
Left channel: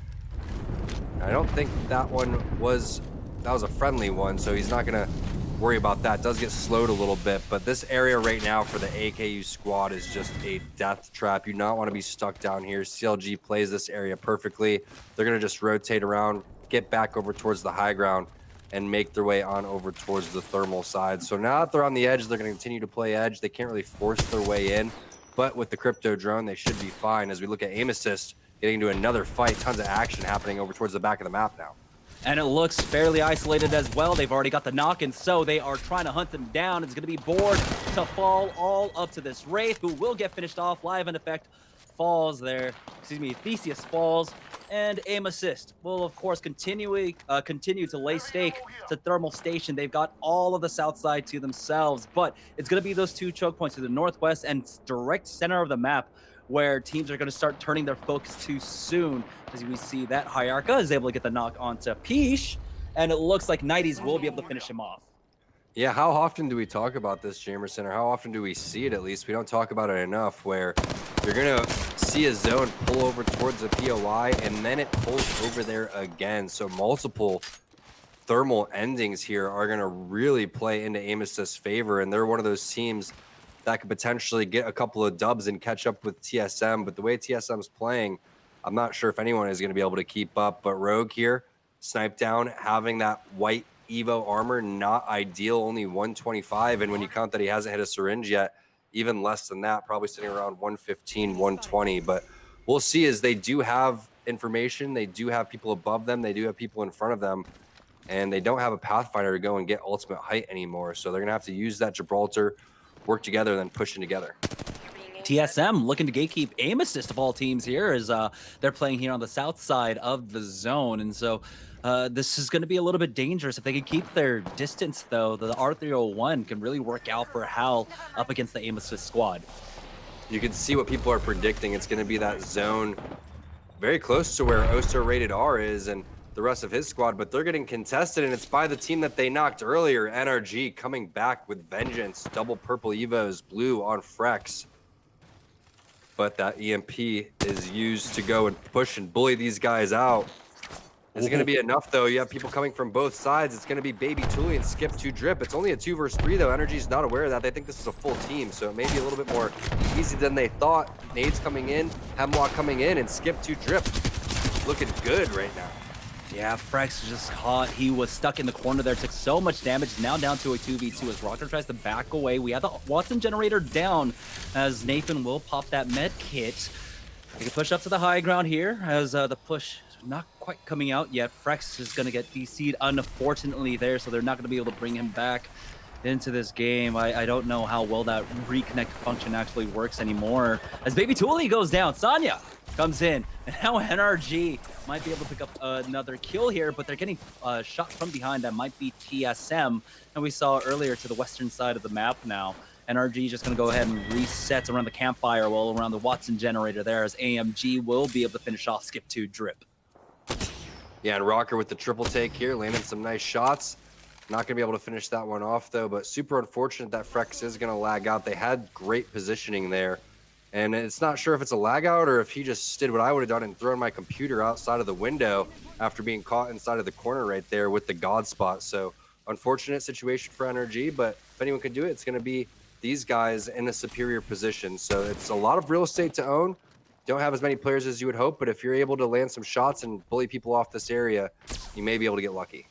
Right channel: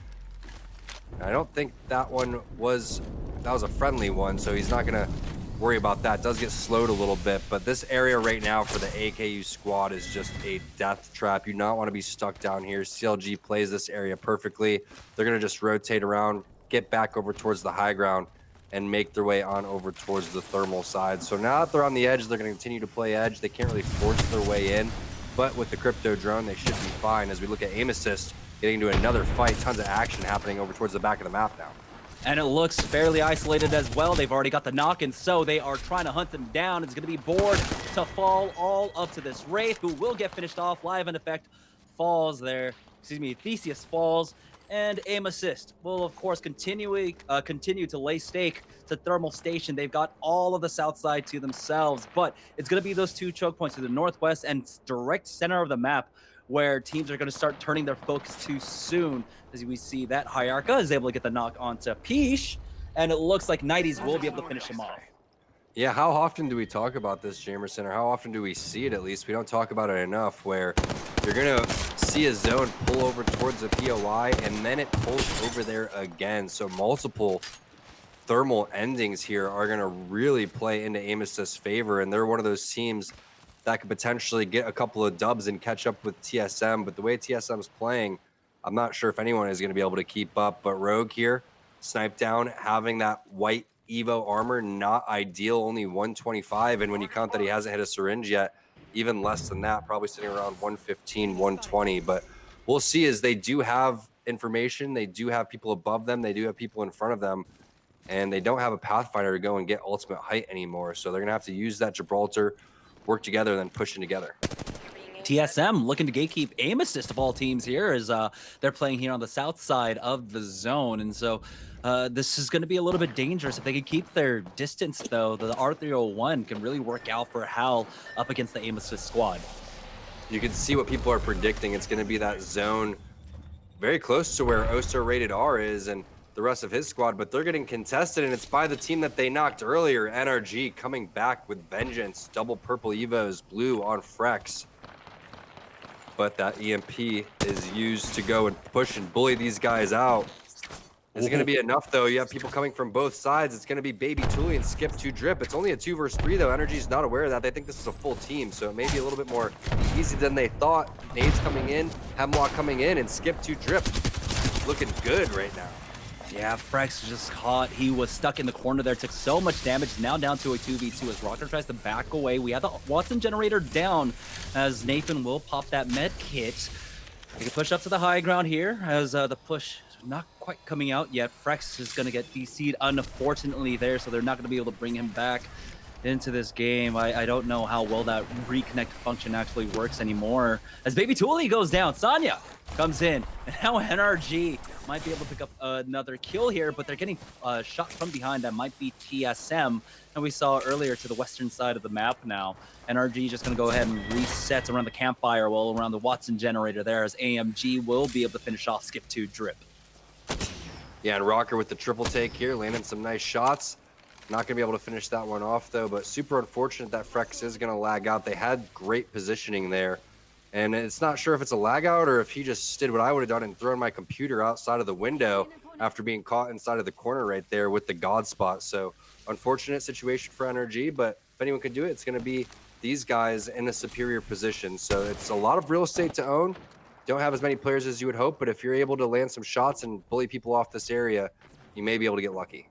I don't think that was a friendly one, so he's not going to worry about that. Does get slowed a little bit, but this area right now for the AKU squad is just a death trap. You do not want to be stuck down here. CLG plays this area perfectly. They're going to just rotate around, get back over towards the high ground, and make their way on over towards the thermal side. So now that they're on the edge, they're going to continue to play edge. They can't really force their way in, but with the crypto drone, they should be fine. As we look at aim assist, getting into another fight, tons of action happening over towards the back of the map now. And it looks fairly isolated as well. They've already got the knock, and so they are trying to hunt them down. It's going to be Board to fall all up to this Wraith, who will get finished off. Live in effect falls there. Excuse me, Theseus falls. And aim assist will, of course, continue to lay stake to thermal station. They've got all of the south side to themselves, but it's going to be those 2 choke points to the northwest and direct center of the map, where teams are going to start turning their focus too soon. As we see that Hyarka is able to get the knock onto Peach, and it looks like Nighties will be able to finish him off. Yeah, how often do we talk about this, Jamerson, or how often do we see it at least? We don't talk about it enough, where you're going to see a zone pull over towards a POI, and then it pulls over there again. So multiple thermal endings here are going to really play into aim assist's favor, and they're one of those teams that could potentially get a couple of dubs and catch up with TSM. But the way TSM's playing, I'm not sure if anyone is going to be able to keep up. But Rogue here, Snipe Down, having that white Evo armor, not ideal, only 125. And when you count that he hasn't hit a syringe yet, even less than that, probably sitting around 115, 120. But we'll see, as they do have information, they do have people above them, they do have people in front of them, and they don't have a Pathfinder to go and get ultimate height anymore. So they're going to have to use that Gibraltar, work together, and then pushing together. TSM looking to gatekeep aim assist of all teams here as they're playing here on the south side of the zone. And so this is going to be a little bit dangerous. If they can keep their distance, though, the R301 can really work out for Hal up against the aim assist squad. You can see what people are predicting. It's going to be that zone very close to where Oso Rated R is and the rest of his squad, but they're getting contested, and it's by the team that they knocked earlier, NRG, coming back with vengeance. Double purple Evos, blue on Frex. But that EMP is used to go and push and bully these guys out. Is it going to be enough, though? You have people coming from both sides. It's going to be Baby Tuli and Skip 2 Drip. It's only a 2 versus 3, though. Energy's not aware of that. They think this is a full team, so it may be a little bit more easy than they thought. Nades coming in, Hemlock coming in, and Skip 2 Drip looking good right now. Yeah, Frex just caught. He was stuck in the corner there, took so much damage. Now down to a 2v2 as Rocker tries to back away. We have the Watson generator down as Nathan will pop that med kit. They can push up to the high ground here as the push is not quite coming out yet. Frex is going to get DC'd unfortunately there, so they're not going to be able to bring him back into this game. I don't know how well that reconnect function actually works anymore. As Baby Tuli goes down, Sonya comes in, and now NRG might be able to pick up another kill here, but they're getting shot from behind. That might be TSM, and we saw earlier to the western side of the map now. NRG just going to go ahead and reset around the campfire wall around the Watson generator there, as AMG will be able to finish off Skip 2 Drip. Yeah, and Rocker with the triple take here, landing some nice shots. Not going to be able to finish that one off, though, but super unfortunate that Frex is going to lag out. They had great positioning there. And it's not sure if it's a lag out or if he just did what I would have done and thrown my computer outside of the window after being caught inside of the corner right there with the God spot. So unfortunate situation for NRG, but if anyone could do it, it's going to be these guys in a superior position. So it's a lot of real estate to own. Don't have as many players as you would hope, but if you're able to land some shots and bully people off this area, you may be able to get lucky.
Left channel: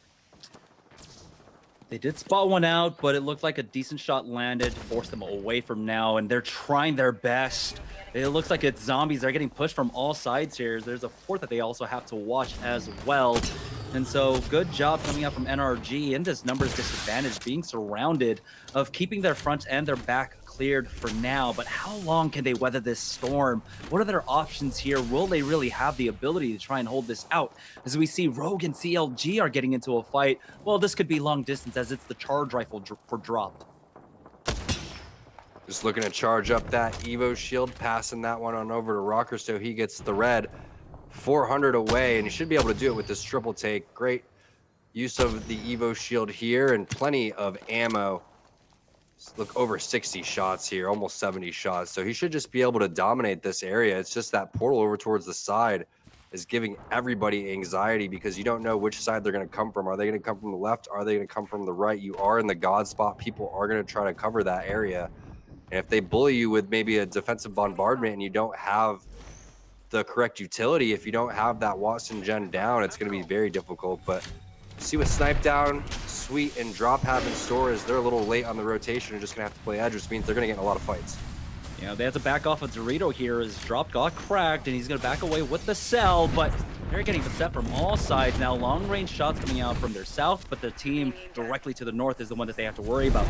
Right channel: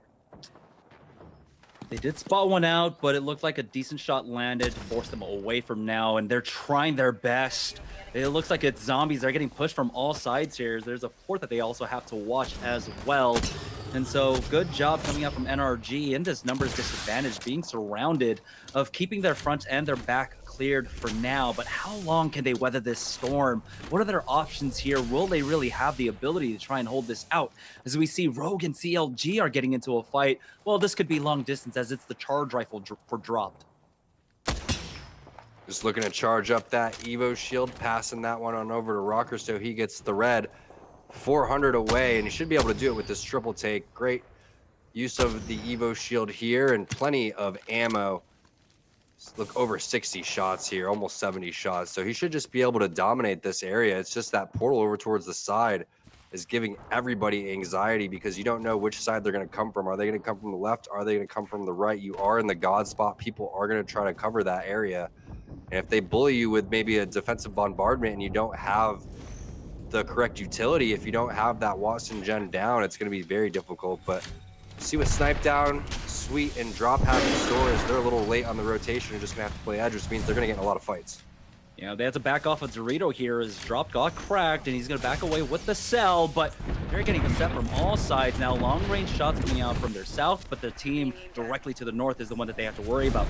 They did spot one out, but it looked like a decent shot landed to force them away from now, and they're trying their best. It looks like it's zombies. They're getting pushed from all sides here. There's a port that they also have to watch as well. And so good job coming out from NRG in this numbers disadvantage, being surrounded, of keeping their front and their back cleared for now. But how long can they weather this storm? What are their options here? Will they really have the ability to try and hold this out? As we see Rogue and CLG are getting into a fight, well, this could be long distance as it's the charge rifle for dropped. Just looking to charge up that Evo shield, passing that one on over to Rocker so he gets the red. 400 away, and he should be able to do it with this triple take. Great use of the Evo shield here and plenty of ammo. Look, over 60 shots here, almost 70 shots. So he should just be able to dominate this area. It's just that portal over towards the side is giving everybody anxiety because you don't know which side they're going to come from. Are they going to come from the left? Are they going to come from the right? You are in the God spot. People are going to try to cover that area. And if they bully you with maybe a defensive bombardment and you don't have the correct utility, if you don't have that Watson gen down, it's going to be very difficult. But see what Snipe Down, Sweet, and Drop have in store is they're a little late on the rotation and just going to have to play edge, which means they're going to get in a lot of fights. Yeah, they have to back off of Dorito here as Drop got cracked, and he's going to back away with the cell, but they're getting beset from all sides. Now, long-range shots coming out from their south, but the team directly to the north is the one that they have to worry about.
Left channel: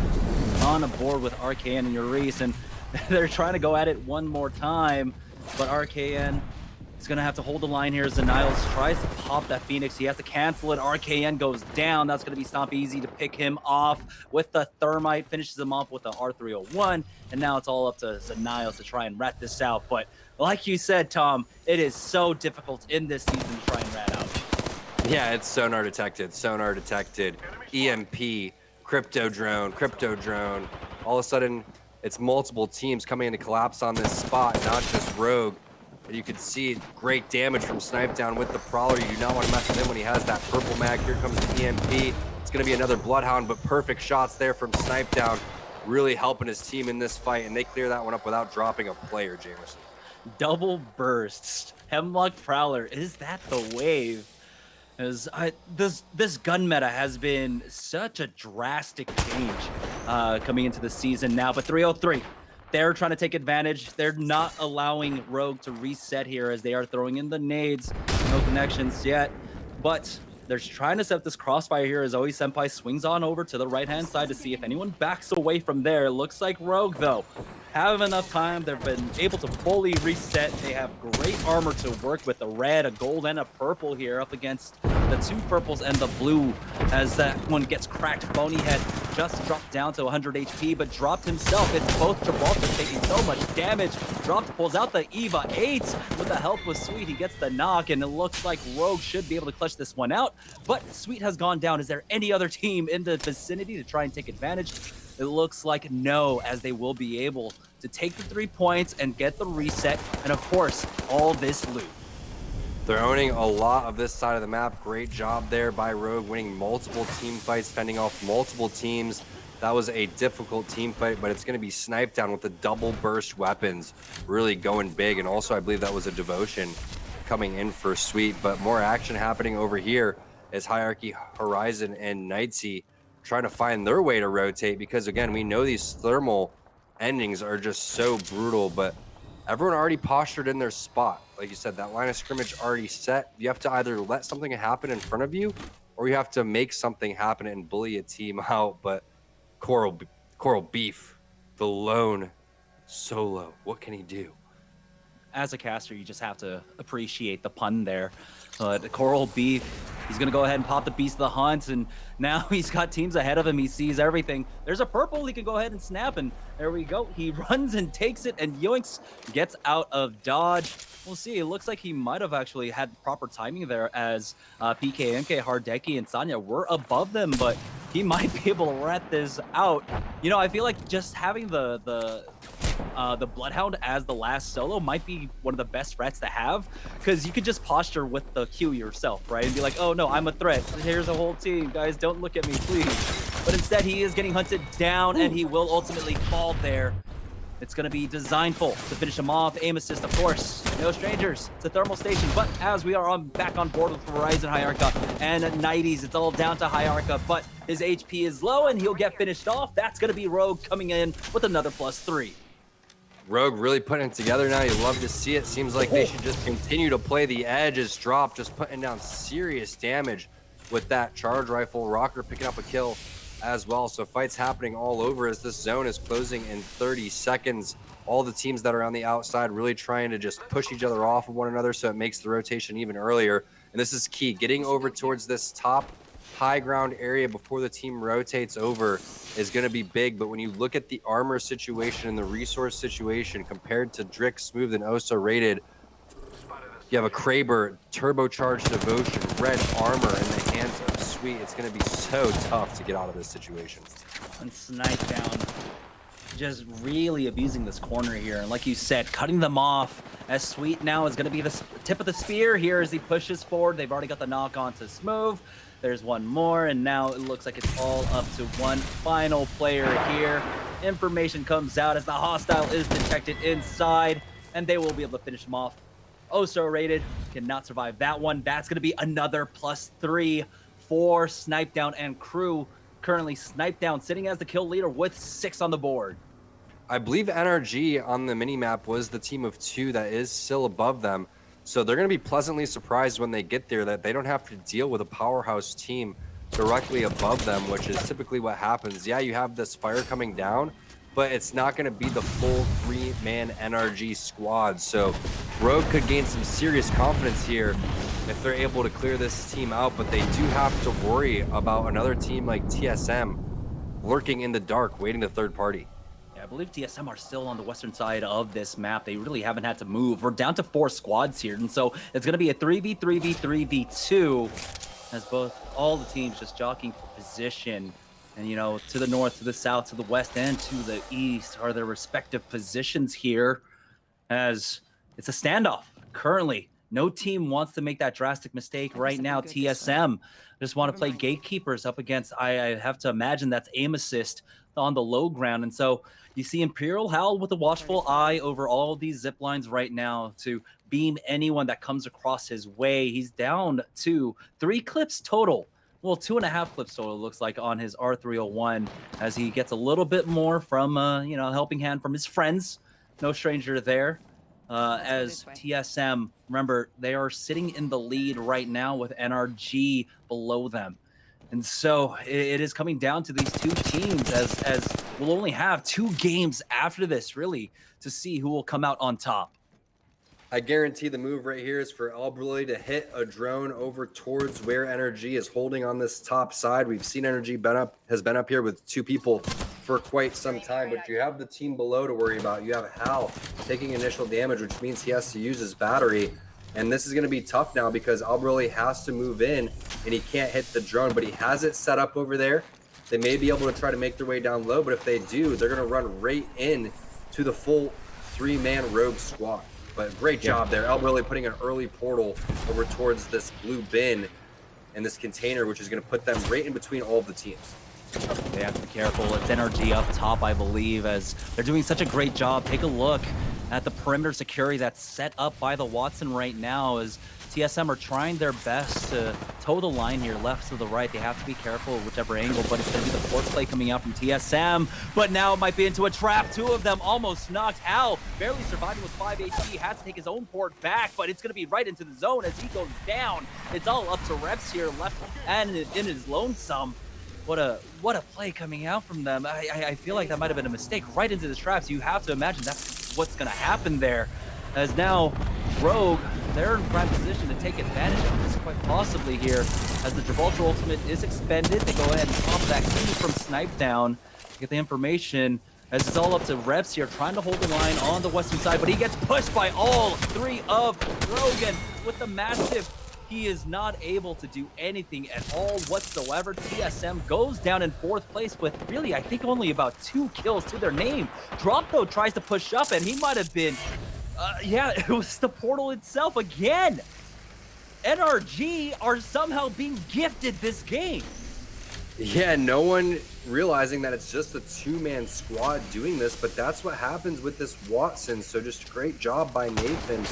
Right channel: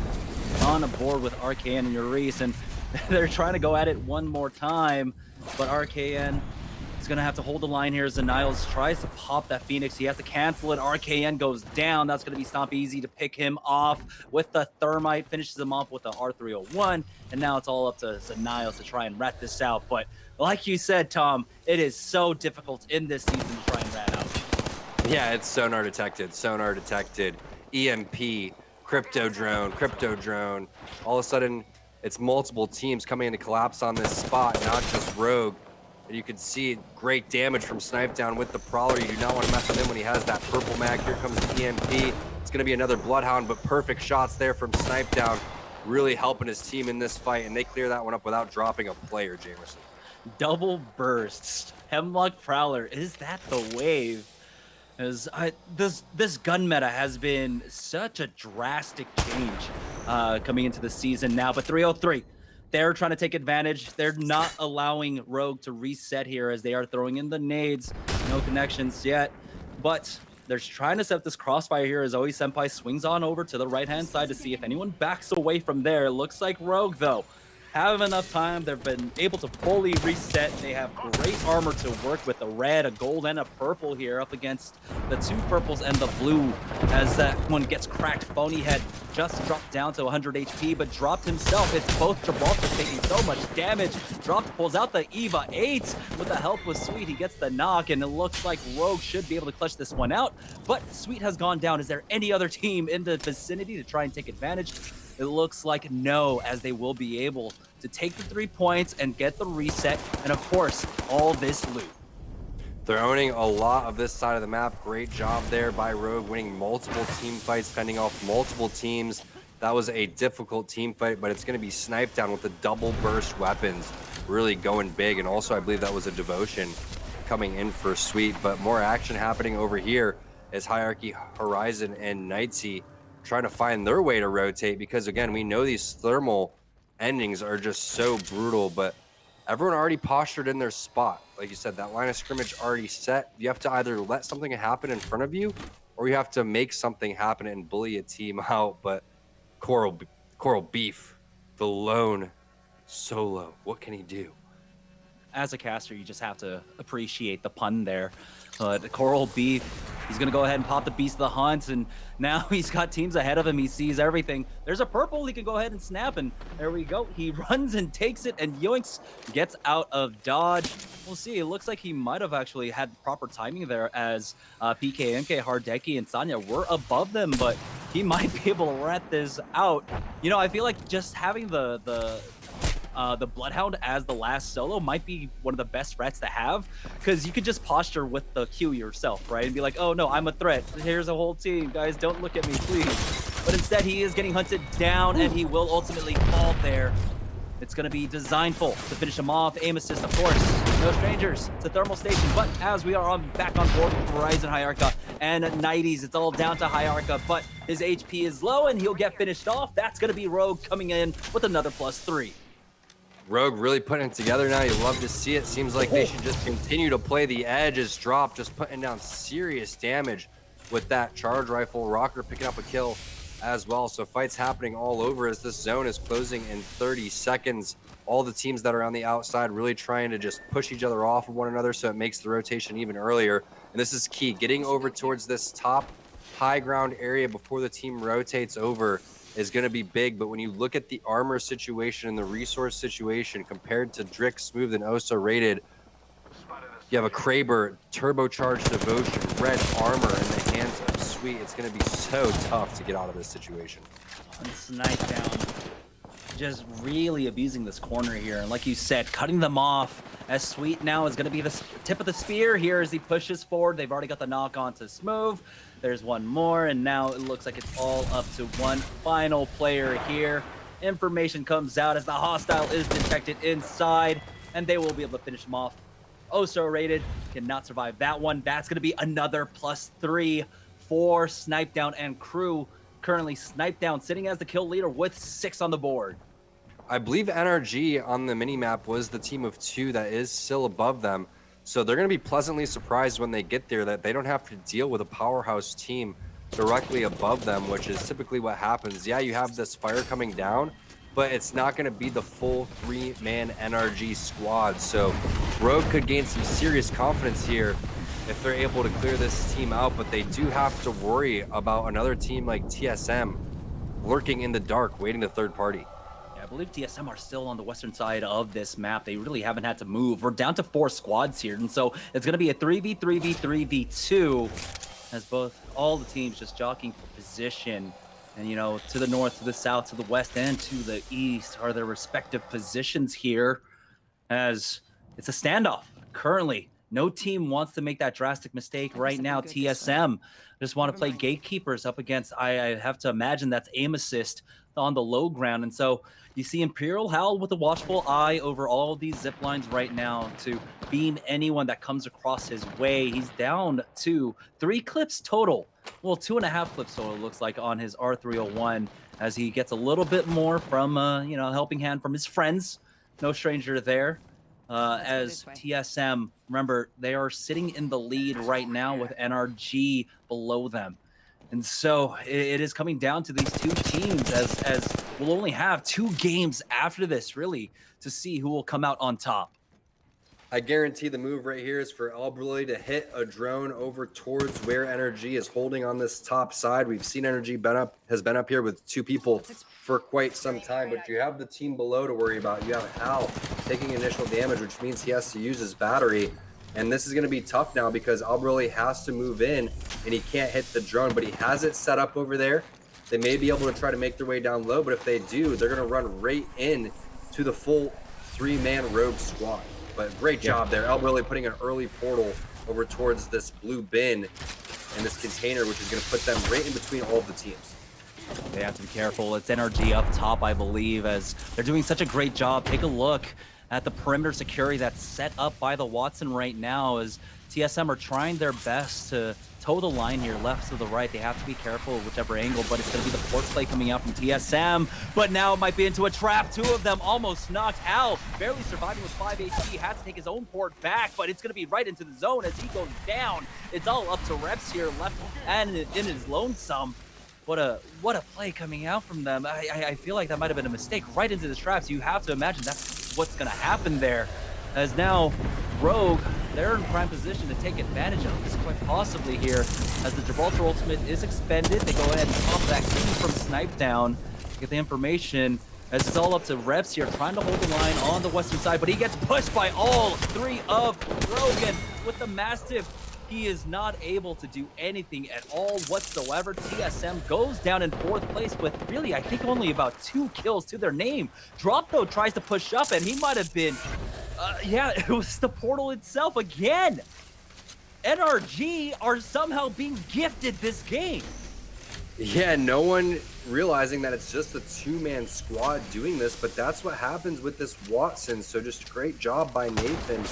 On board with RKN and Urice, and they're trying to go at it one more time, but RKN is going to have to hold the line here as Niles tries to pop that Phoenix. He has to cancel it. RKN goes down. That's going to be Stomp Easy to pick him off with the Thermite, finishes him off with the R301, and now it's all up to Niles to try and rat this out. But like you said, Tom, it is so difficult in this season to try and rat out. Yeah, it's sonar detected, EMP, crypto drone. All of a sudden, it's multiple teams coming in to collapse on this spot, not just Rogue. And you can see great damage from Snipe Down with the Prowler. You do not want to mess with him when he has that purple mag. Here comes the EMP. It's going to be another Bloodhound, but perfect shots there from Snipe Down, really helping his team in this fight, and they clear that one up without dropping a player, Jamerson. Double bursts. Hemlock Prowler. Is that the wave? As this gun meta has been such a drastic change coming into the season now. But 303, they're trying to take advantage. They're not allowing Rogue to reset here as they are throwing in the nades. No connections yet, but they're trying to set this crossfire here as Oe Senpai swings on over to the right-hand side to see if anyone backs away from there. Looks like Rogue, though, have enough time. They've been able to fully reset. They have great armor to work with, a red, a gold, and a purple here up against the two purples and the blue as that one gets cracked. Phony Head just dropped down to 100 HP, but dropped himself. It's both Gibraltar taking so much damage. Dropped, pulls out the Eva 8 with the help with Sweet. He gets the knock, and it looks like Rogue should be able to clutch this one out, but Sweet has gone down. Is there any other team in the vicinity to try and take advantage? It looks like no, as they will be able to take the 3 points and get the reset, and of course, all this loot. They're owning a lot of this side of the map. Great job there by Rogue, winning multiple team fights, fending off multiple teams. That was a difficult team fight, but it's going to be Sniped Down with the double burst weapons, really going big. And also, I believe that was a Devotion coming in for Sweet, but more action happening over here as Hierarchy, Horizon, and Knightsy trying to find their way to rotate, because again, we know these thermal endings are just so brutal, but everyone already postured in their spot. Like you said, that line of scrimmage already set. You have to either let something happen in front of you, or you have to make something happen and bully a team out. But Coral Beef, the lone solo, what can he do? As a caster, you just have to appreciate the pun there. But Coral Beef, he's going to go ahead and pop the Beast of the Hunt, and now he's got teams ahead of him. He sees everything. There's a purple he can go ahead and snap, and there we go. He runs and takes it, and Yoinks gets out of dodge. We'll see. It looks like he might have actually had proper timing there as PK, MK, Hardeki, and Sanya were above them, but he might be able to rat this out. You know, I feel like just having the Bloodhound as the last solo might be one of the best threats to have, because you could just posture with the Q yourself, right? And be like, oh no, I'm a threat. Here's a whole team. Guys, don't look at me, please. But instead, he is getting hunted down, and he will ultimately fall there. It's going to be Designful to finish him off. Aim assist, of course. No strangers. It's a thermal station. But as we are back on board with Horizon, Hierarcha, and Nighties, it's all down to Hierarcha, but his HP is low, and he'll get finished off. That's going to be Rogue coming in with another +3. Rogue really putting it together now. You love to see it. Seems like they should just continue to play the edges drop, just putting down serious damage with that charge rifle. Rocker picking up a kill as well. So fights happening all over as this zone is closing in 30 seconds. All the teams that are on the outside really trying to just push each other off of one another, so it makes the rotation even earlier. And this is key, getting over towards this top high ground area before the team rotates over is going to be big. But when you look at the armor situation and the resource situation compared to Drick, Smooth, and Oso rated, you have a Kraber, turbocharged Devotion, red armor in the hands of Sweet. It's going to be so tough to get out of this situation. And Snipe Down just really abusing this corner here. And like you said, cutting them off as Sweet now is going to be the tip of the spear here as he pushes forward. They've already got the knock on to Smooth. There's one more, and now it looks like it's all up to one final player here. Information comes out as the hostile is detected inside, and they will be able to finish him off. Oso rated, cannot survive that one. That's going to be another +3 for Snipe Down and crew. Currently, Snipe Down sitting as the kill leader with 6 on the board. I believe NRG on the minimap was the team of 2 that is still above them. So they're going to be pleasantly surprised when they get there that they don't have to deal with a powerhouse team directly above them, which is typically what happens. Yeah, you have this fire coming down, but it's not going to be the full 3-man NRG squad. So Rogue could gain some serious confidence here if they're able to clear this team out, but they do have to worry about another team like TSM lurking in the dark, waiting the third party. I believe TSM are still on the western side of this map. They really haven't had to move. We're down to 4 squads here, and so it's going to be a 3v3v3v2 as all the teams just jockeying for position. And, you know, to the north, to the south, to the west, and to the east are their respective positions here as it's a standoff. Currently, no team wants to make that drastic mistake right now. TSM just want to play gatekeepers up against, I have to imagine that's aim assist on the low ground. And so you see Imperial Hal with a watchful eye over all of these zip lines right now to beam anyone that comes across his way. He's down to 3 clips total. Well, 2.5 clips total, looks like, on his R301 as he gets a little bit more from, helping hand from his friends. No stranger there. As TSM, remember, they are sitting in the lead right now with NRG below them. And so it is coming down to these two teams as we'll only have 2 games after this, really, to see who will come out on top. I guarantee the move right here is for Albrully to hit a drone over towards where NRG is holding on this top side. We've seen NRG has been up here with 2 people for quite some time, but you have the team below to worry about. You have Hal taking initial damage, which means he has to use his battery. And this is going to be tough now because Albrully has to move in and he can't hit the drone, but he has it set up over there. They may be able to try to make their way down low, but if they do, they're going to run right in to the full 3-man rogue squad. But great job there. Albrully putting an early portal over towards this blue bin and this container, which is going to put them right in between all of the teams. They have to be careful. It's NRG up top, I believe, as they're doing such a great job. Take a look at the perimeter security that's set up by the Watson right now as TSM are trying their best to toe the line here, left to the right. They have to be careful whichever angle, but it's going to be the force play coming out from TSM. But now it might be into a trap. 2 of them almost knocked. Hal barely surviving with 5 HP, has to take his own port back, but it's going to be right into the zone as he goes down. It's all up to Reps here, left and in his lonesome. What a play coming out from them. I feel like that might have been a mistake right into the traps. You have to imagine that's what's going to happen there. As now Rogue, they're in prime position to take advantage of this quite possibly here. As the Gibraltar ultimate is expended, they go ahead and pop that key from Snipe down to get the information. As it's all up to Reps here, trying to hold the line on the western side, but he gets pushed by all 3 of Rogan with the massive. He is not able to do anything at all whatsoever. TSM goes down in 4th place with really, I think, only about 2 kills to their name. Drop, though, tries to push up, and he might have been, it was the portal itself again. NRG are somehow being gifted this game. Yeah, no one realizing that it's just a 2-man squad doing this, but that's what happens with this Watson. So just a great job by Nathan,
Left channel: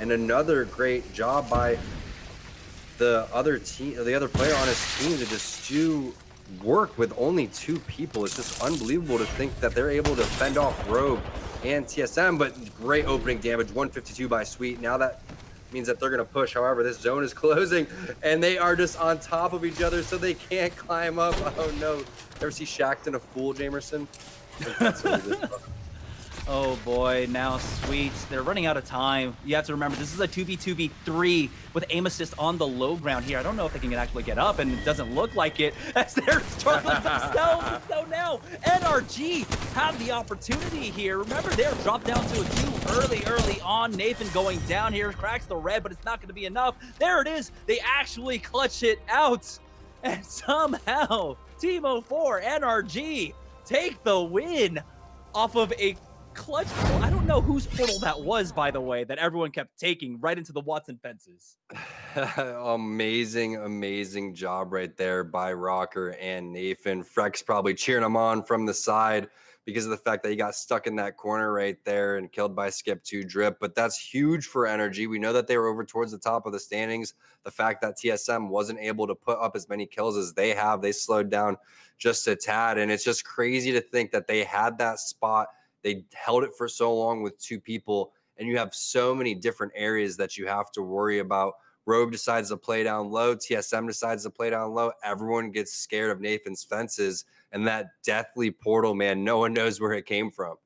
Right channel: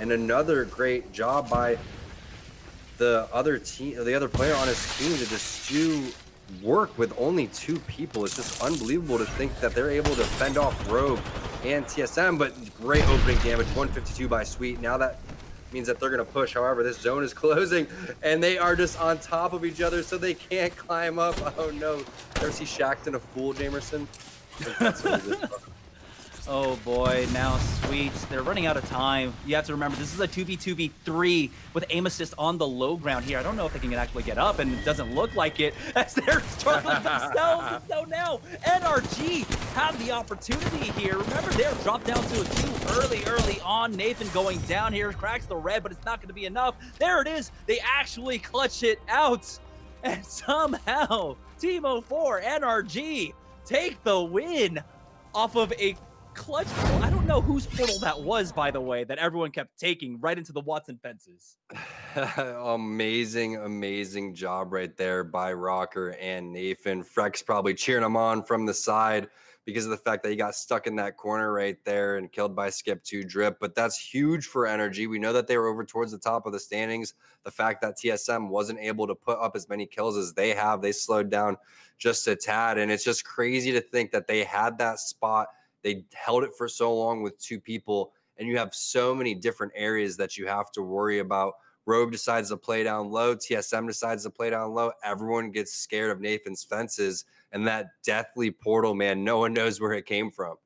and another great job by the other team, the other player on his team, to just do work with only 2 people. It's just unbelievable to think that they're able to fend off Rogue and TSM, but great opening damage, 152 by Sweet. Now that means that they're going to push. However, this zone is closing and they are just on top of each other, so they can't climb up. Oh no. Ever see Shackton a fool, Jamerson? That's what it is. Oh boy, now Sweet, they're running out of time. You have to remember, this is a 2v2v3 with aim assist on the low ground here. I don't know if they can actually get up, and it doesn't look like it as they're struggling themselves. So now NRG have the opportunity here. Remember, they're dropped down to a 2 early on. Nathan going down here, cracks the red, but it's not going to be enough. There it is. They actually clutch it out. And somehow, Team 04, NRG, take the win off of a clutch. I don't know whose portal that was, by the way, that everyone kept taking right into the Watson fences. Amazing job right there by Rocker and Nathan. Freck's probably cheering him on from the side because of the fact that he got stuck in that corner right there and killed by Skip 2 Drip. But that's huge for NRG. We know that they were over towards the top of the standings. The fact that TSM wasn't able to put up as many kills as they have, they slowed down just a tad. And it's just crazy to think that they had that spot. They held it for so long with 2 people, and you have so many different areas that you have to worry about. Rogue decides to play down low. TSM decides to play down low. Everyone gets scared of Nathan's fences, and that deathly portal, man, no one knows where it came from.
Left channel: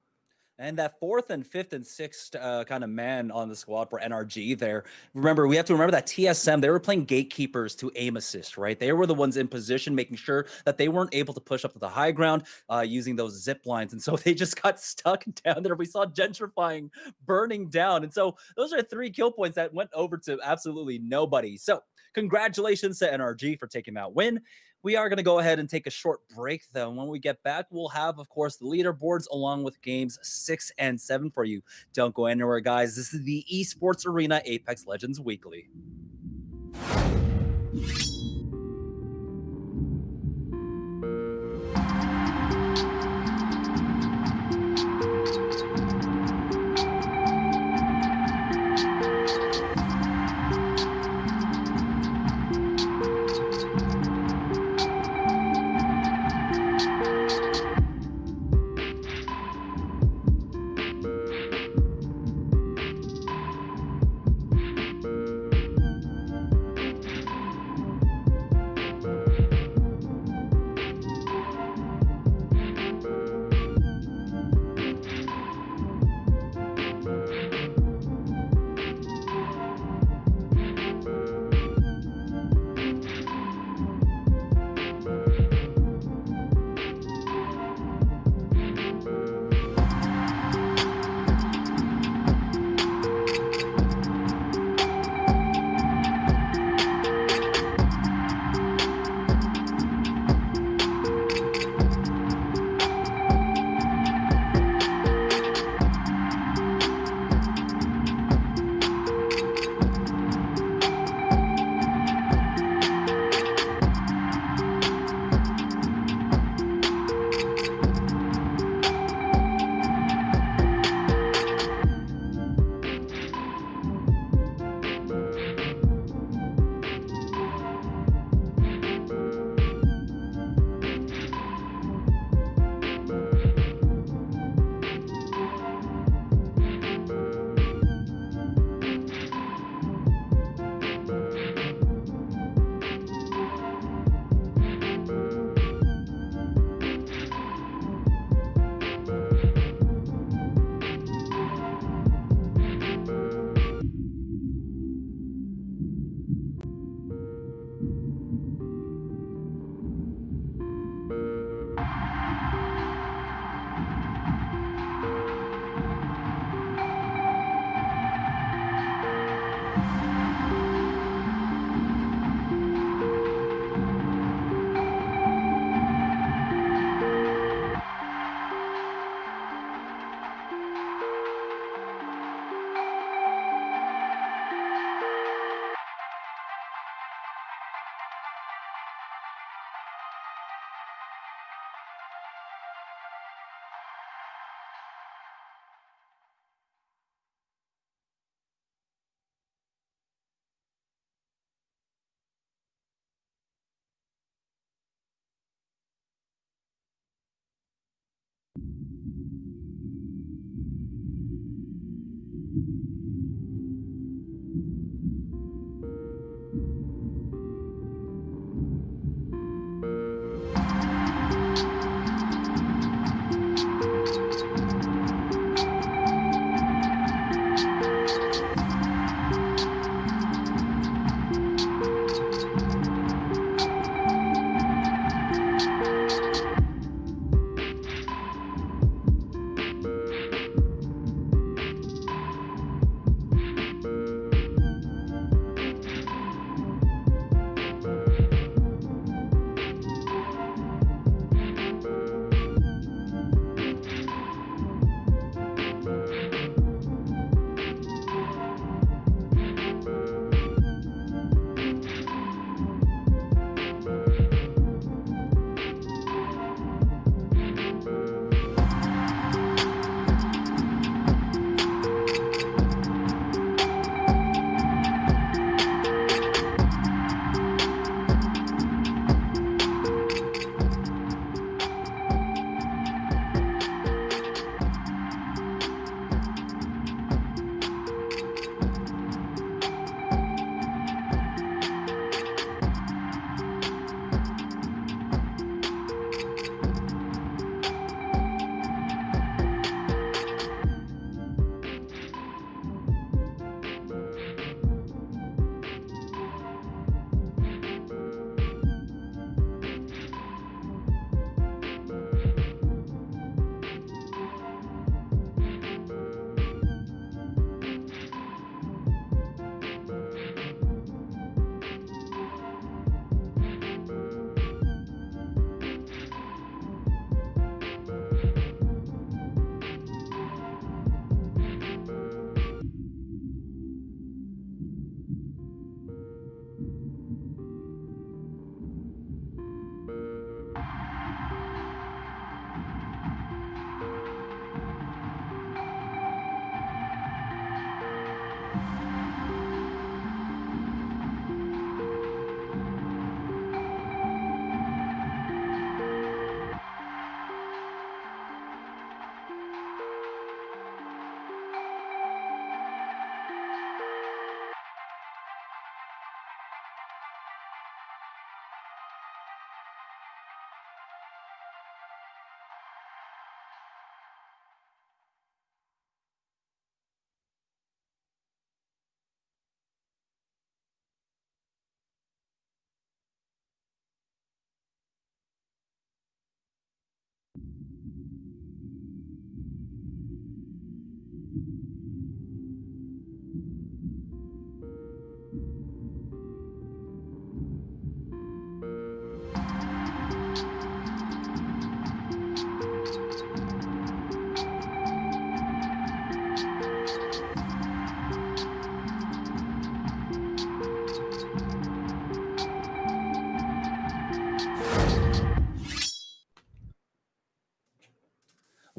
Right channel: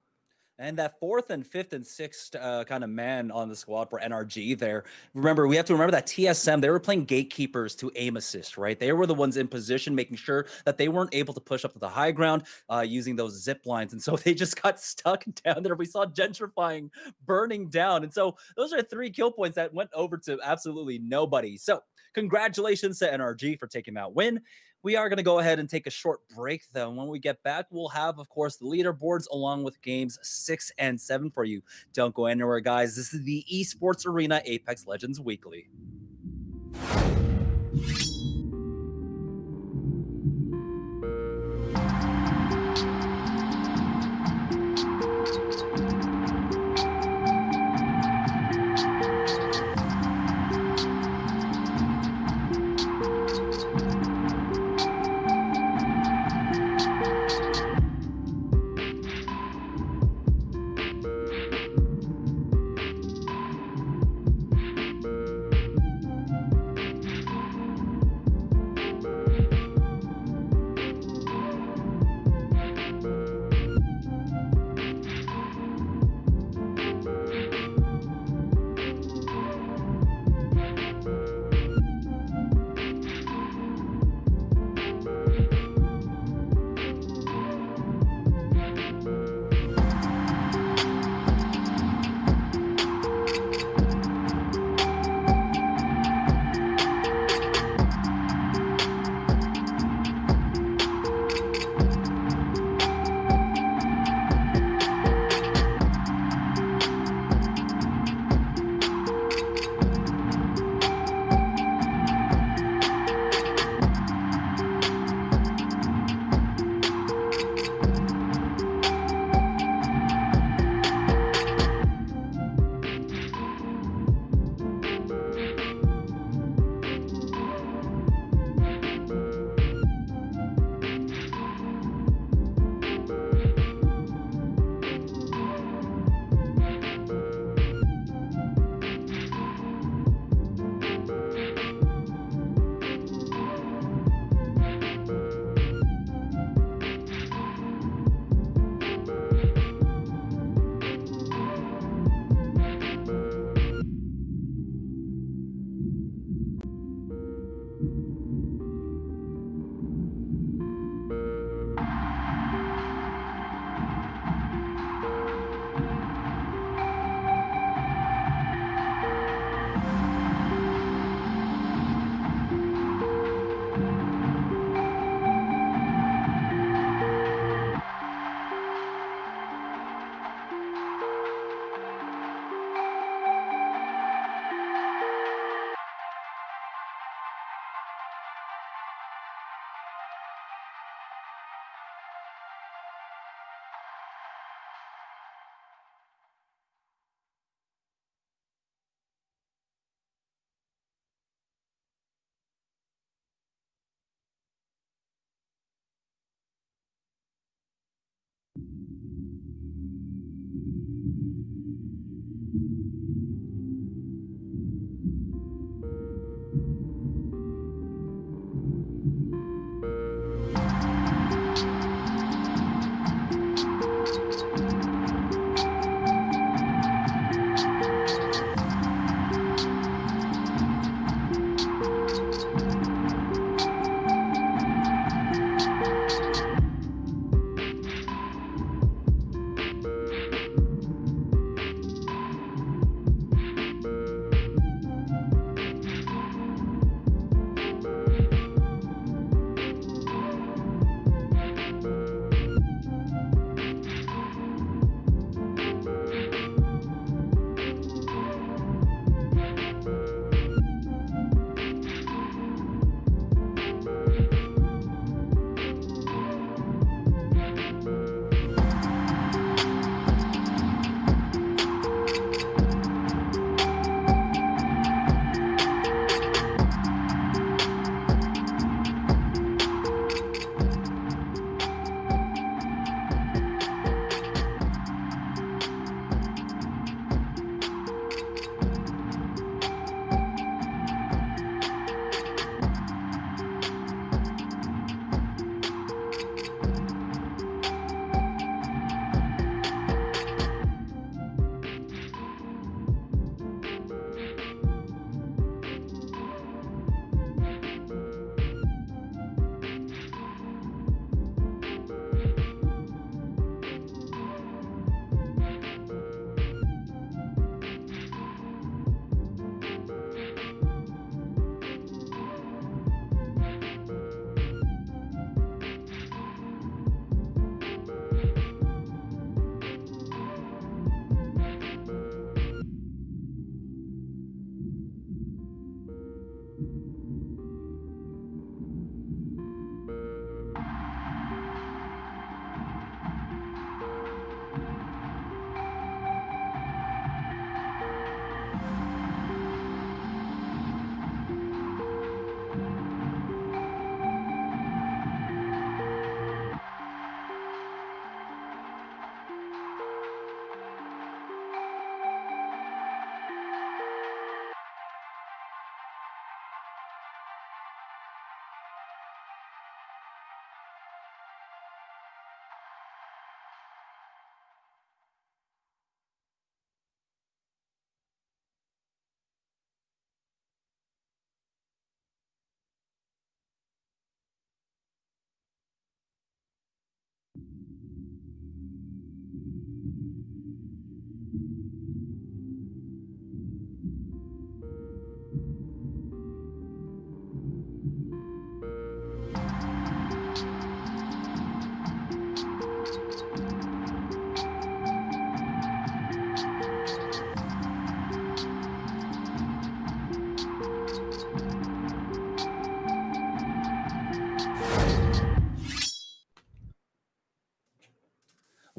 And that 4th and 5th and 6th kind of man on the squad for NRG there. Remember, we have to remember that TSM, they were playing gatekeepers to aim assist, right? They were the ones in position, making sure that they weren't able to push up to the high ground using those zip lines. And so they just got stuck down there. We saw gentrifying burning down. And so those are 3 kill points that went over to absolutely nobody. So congratulations to NRG for taking that win. We are going to go ahead and take a short break, though. When we get back, we'll have, of course, the leaderboards along with games 6 and 7 for you. Don't go anywhere, guys. This is the Esports Arena Apex Legends Weekly.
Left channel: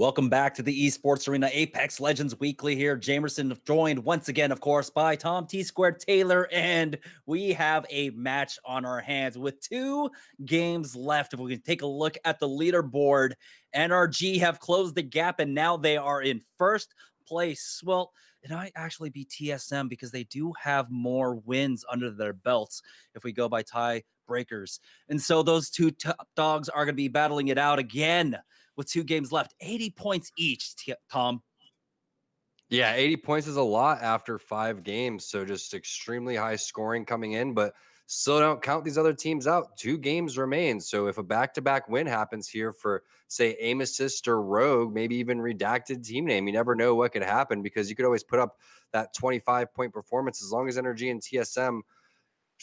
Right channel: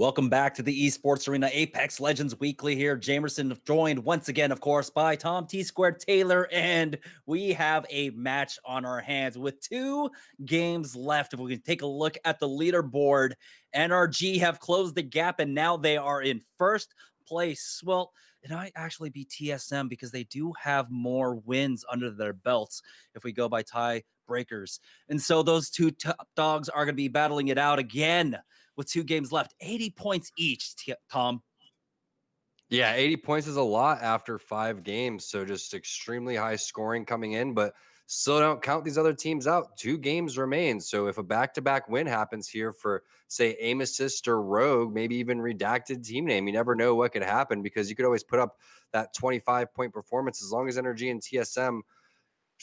Welcome back to the Esports Arena Apex Legends Weekly here. Jamerson joined once again, of course, by Tom T Squared Taylor, and we have a match on our hands with 2 games left. If we can take a look at the leaderboard, NRG have closed the gap, and now they are in first place. Well, it might actually be TSM because they do have more wins under their belts if we go by tie breakers. And so those 2 top dogs are going to be battling it out again with 2 games left. 80 points each, Tom. Yeah, 80 points is a lot after 5 games. So just extremely high scoring coming in, but still don't count these other teams out. 2 games remain. So if a back-to-back win happens here for, say, Aim Assist or Rogue, maybe even redacted team name, you never know what could happen because you could always put up that 25-point performance as long as NRG and TSM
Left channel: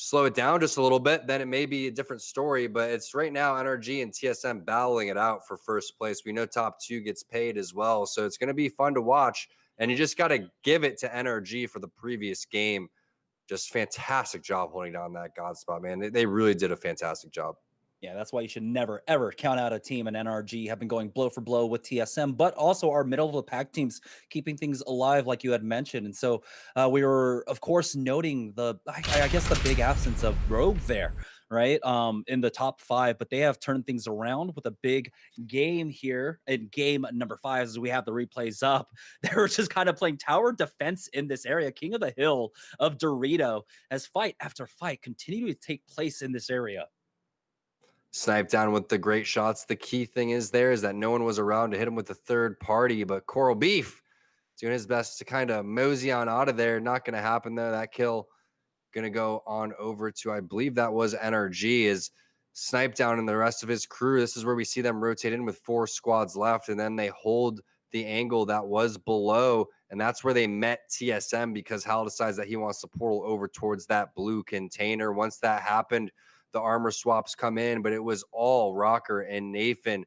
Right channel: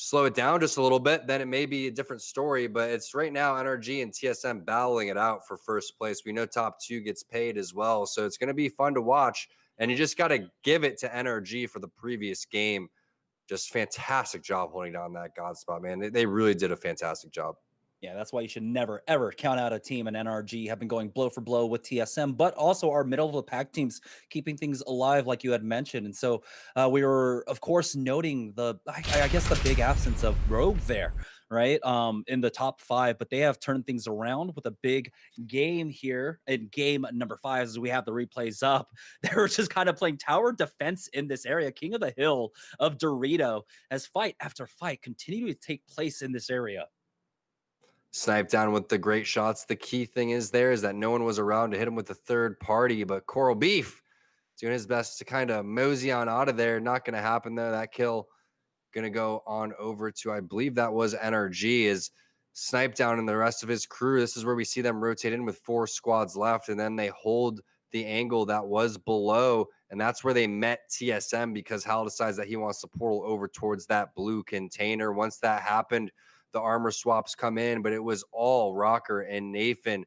slow it down just a little bit, then it may be a different story. But it's right now NRG and TSM battling it out for first place. We know top 2 gets paid as well. So it's going to be fun to watch. And you just got to give it to NRG for the previous game. Just fantastic job holding down that God spot, man. They really did a fantastic job. Yeah, that's why you should never, ever count out a team. And NRG have been going blow for blow with TSM, but also our middle of the pack teams keeping things alive, like you had mentioned. And so we were, of course, noting I guess the big absence of Rogue there, right? In the top 5, but they have turned things around with a big game here in game number 5 as we have the replays up. They were just kind of playing tower defense in this area. King of the Hill of Dorito as fight after fight continue to take place in this area. Snipe down with the great shots. The key thing is that no one was around to hit him with the third party, but Coral Beef doing his best to kind of mosey on out of there. Not going to happen though. That kill going to go on over to, I believe that was NRG, is Snipe down and the rest of his crew. This is where we see them rotate in with 4 squads left, and then they hold the angle that was below, and that's where they met TSM because Hal decides that he wants to portal over towards that blue container. Once that happened, the armor swaps come in, but it was all Rocker and Nathan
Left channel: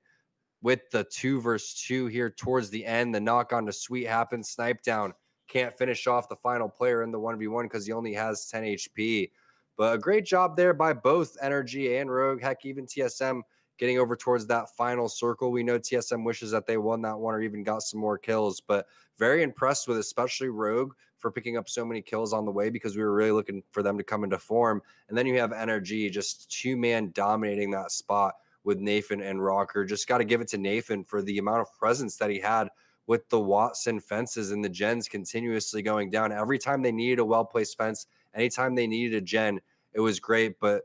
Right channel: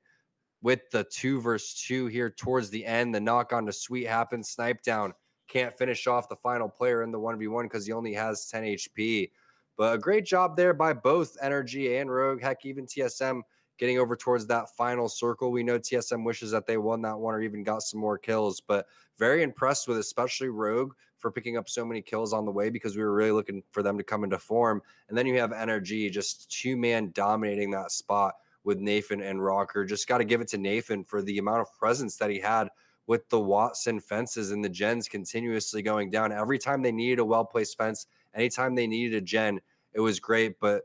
with the 2 versus 2 here towards the end. The knock on to Sweet happens. Snipe down can't finish off the final player in the 1v1 because he only has 10 HP. But a great job there by both NRG and Rogue. Heck, even TSM getting over towards that final circle. We know TSM wishes that they won that one or even got some more kills, but very impressed with especially Rogue for picking up so many kills on the way because we were really looking for them to come into form. And then you have NRG just 2-man dominating that spot with Nathan and Rocker. Just got to give it to Nathan for the amount of presence that he had with the Watson fences and the gens continuously going down. Every time they needed a well-placed fence, anytime they needed a gen, it was great. But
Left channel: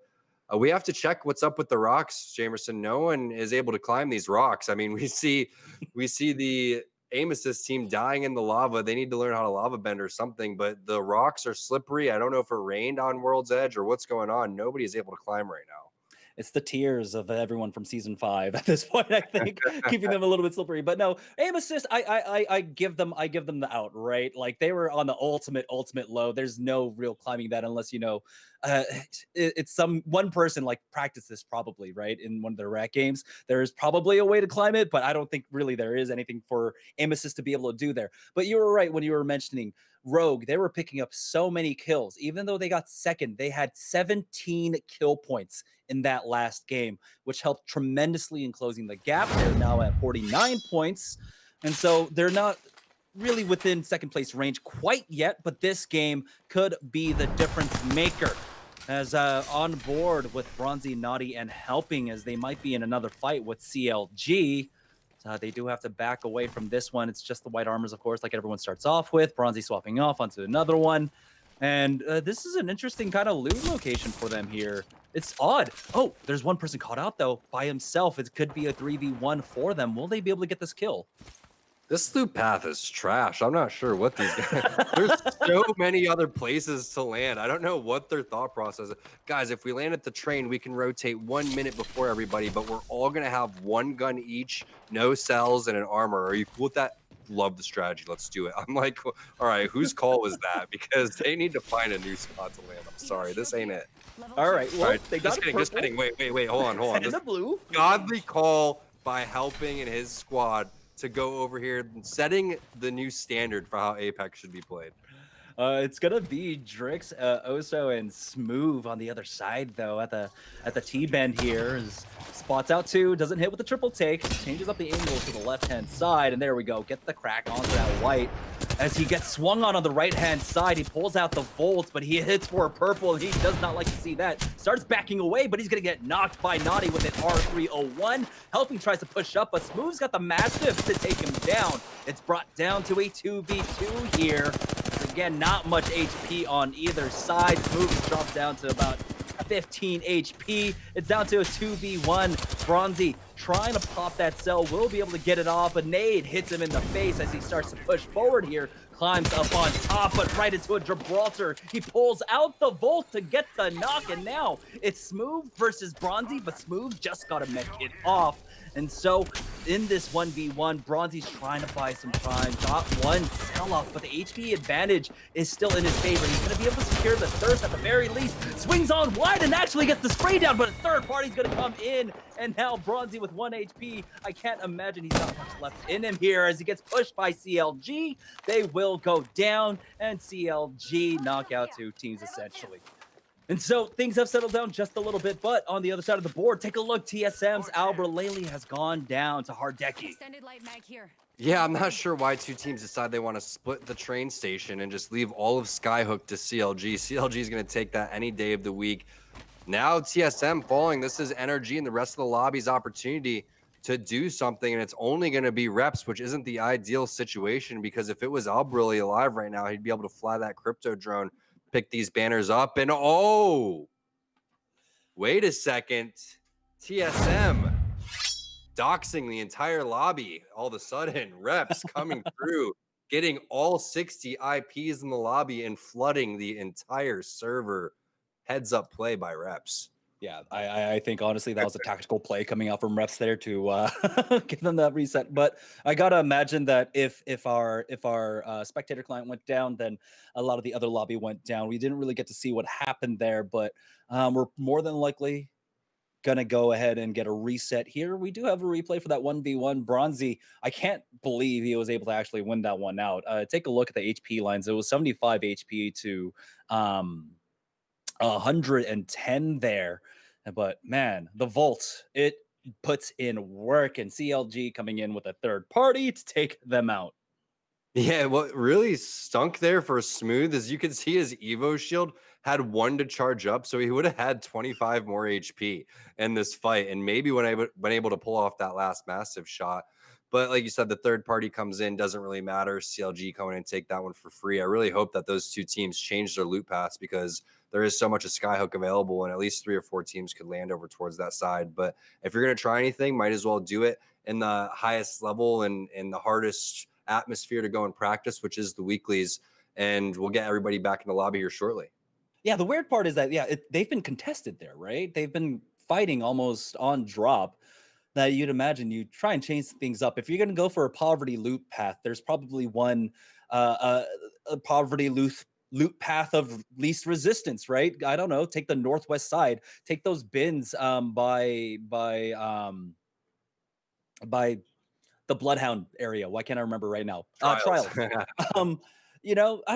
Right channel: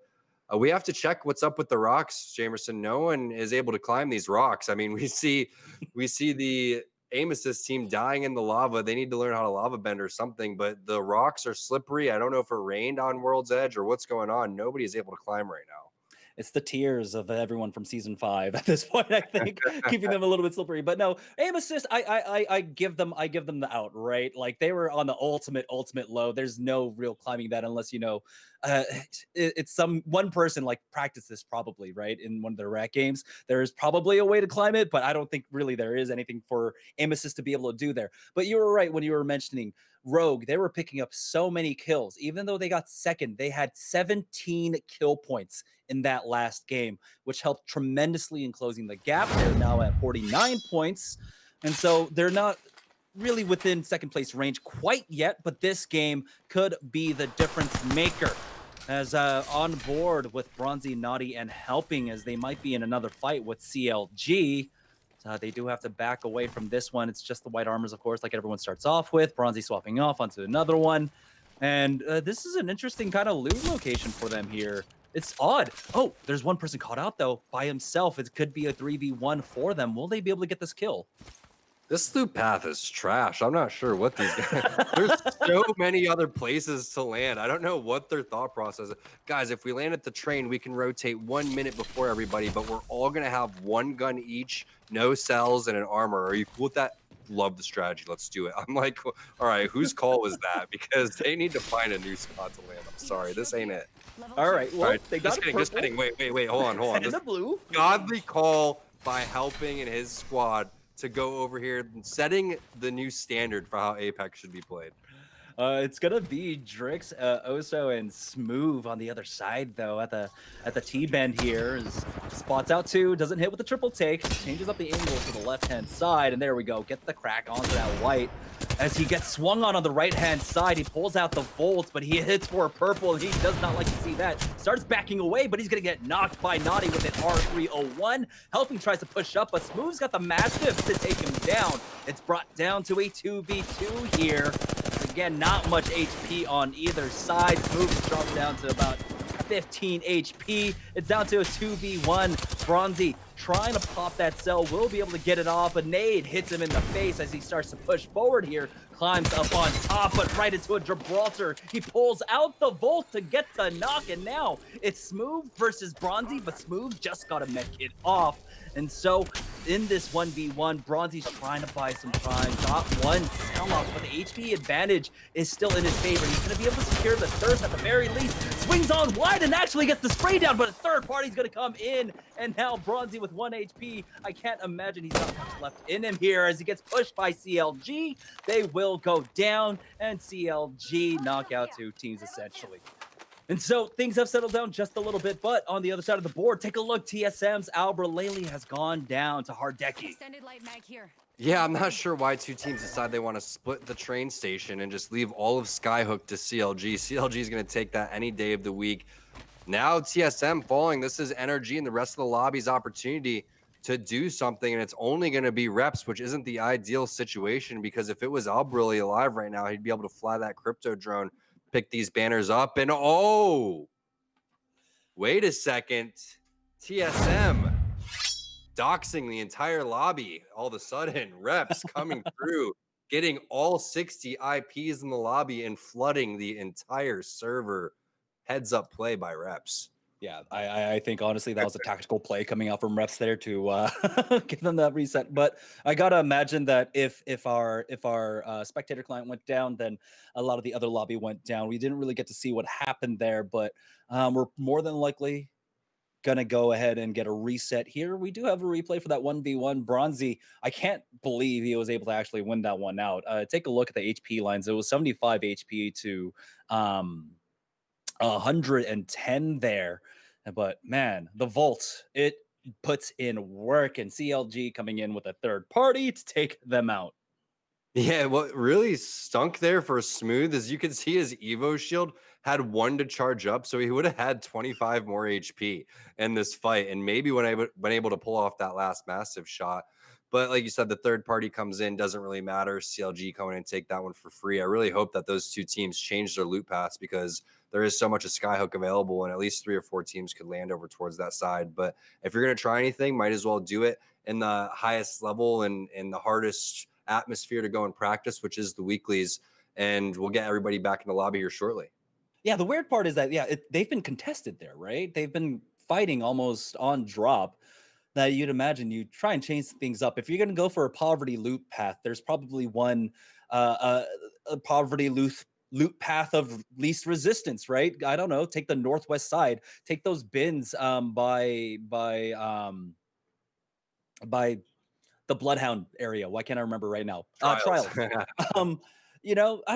we have to check what's up with the rocks, Jamerson. No one is able to climb these rocks. I mean, we see the Aim Assist team dying in the lava. They need to learn how to lava bend or something, but the rocks are slippery. I don't know if it rained on World's Edge or what's going on. Nobody is able to climb right now. It's the tears of everyone from season 5 at this point, I think, keeping them a little bit slippery. But no, Aim Assist, I give them the out, right? Like they were on the ultimate low. There's no real climbing that unless it's some one person like practice this probably, right? In one of their rack games. There is probably a way to climb it, but I don't think really there is anything for Aim Assist to be able to do there. But you were right when you were mentioning Rogue. They were picking up so many kills. Even though they got second, they had 17 kill points in that last game, which helped tremendously in closing the gap. They're now at 49 points. And so they're not really within second place range quite yet, but this game could be the difference maker. As on board with Bronzy, Naughty, and helping as they might be in another fight with CLG. They do have to back away from this one. It's just the white armors, of course, like everyone starts off with. Bronzy swapping off onto another one. And this is an interesting kind of loot location for them here. It's odd. Oh, there's one person caught out, though, by himself. It could be a 3v1 for them. Will they be able to get this kill? This loop path is trash. I'm not sure what these guys... There's so many other places to land. I don't know what their thought process is. Guys, if we land at the train, we can rotate 1 minute before everybody, but we're all going to have one gun each, no cells, and an armor. Are you cool with that? Love the strategy. Let's do it. I'm like, all right, whose call was that? Because they need to find a new spot to land. I'm sorry. This ain't it. All right. Well, all right, they got just kidding. Wait. Hold on. And the blue. Godly call by Helping and his squad to go over here, setting the new standard for how Apex should be played. It's gonna be Drix, Oso, and Smooth on the other side, though. At the T bend here, spots out two, doesn't hit with the triple take, changes up the angle to the left hand side, and there we go. Get the crack onto that white. As he gets swung on the right hand side, he pulls out the Volt, but he hits for a purple, and he does not like to see that. Starts backing away, but he's gonna get knocked by Naughty with an R301. Helping tries to push up, but Smooth's got the Mastiff to take him down. It's brought down to a 2v2 here. Again, not much HP on either side. Smooth is dropped down to about 15 HP. It's down to a 2v1. Bronzy trying to pop that cell, will be able to get it off. A nade hits him in the face as he starts to push forward here. Climbs up on top, but right into a Gibraltar. He pulls out the Volt to get the knock, and now it's Smooth versus Bronzy, but Smooth just got a med kit off. And so in this 1v1, Bronzy's trying to buy some time. Got one sell off, but the HP advantage is still in his favor. He's going to be able to secure the thirst at the very least. Swings on wide and actually gets the spray down, but a third party's going to come in. And now Bronzy with 1 HP. I can't imagine he's got much left in him here as he gets pushed by CLG. They will go down, and CLG knock out two teams essentially. And so things have settled down just a little bit, but on the other side of the board, take a look. TSM's Albert Laley has gone down to Hardeki. Extended light mag here. Yeah, I'm not sure why two teams decide they want to split the train station and just leave all of Skyhook to CLG. CLG is going to take that any day of the week. Now TSM falling. This is NRG and the rest of the lobby's opportunity to do something, and it's only going to be reps, which isn't the ideal situation, because if it was Albrilly alive right now, he'd be able to fly that crypto drone, pick these banners up, and oh, wait a second. TSM doxing the entire lobby. All of a sudden, reps coming through, getting all 60 IPs in the lobby and flooding the entire server. Heads up play by reps. Yeah, I think honestly that was a tactical play coming out from reps there to give them that reset. But I gotta imagine that if our spectator client went down, then a lot of the other lobby went down. We didn't really get to see what happened there, but we're more than likely gonna go ahead and get a reset here. We do have a replay for that 1v1. Bronzy, I can't believe he was able to actually win that one out. Take a look at the HP lines. It was 75 HP to 110 there, but man, the Volt, it puts in work, and CLG coming in with a third party to take them out. Yeah, what really stunk there for Smooth is you could see his Evo shield had 1 to charge up, so he would have had 25 more HP in this fight, and maybe when I been able to pull off that last massive shot. But like you said, the third party comes in, doesn't really matter. CLG coming in and take that one for free. I really hope that those two teams change their loot paths, because there is so much of Skyhook available, and at least 3 or 4 teams could land over towards that side. But if you're going to try anything, might as well do it in the highest level and in the hardest atmosphere to go and practice, which is the weeklies. And we'll get everybody back in the lobby here shortly. Yeah, the weird part is that, they've been contested there, right? They've been fighting almost on drop. That you'd imagine you try and change things up. If you're going to go for a poverty loot path, there's probably one a poverty loot path of least resistance, right? I don't know. Take the northwest side. Take those bins by the Bloodhound area. Why can't I remember right now? Trials. I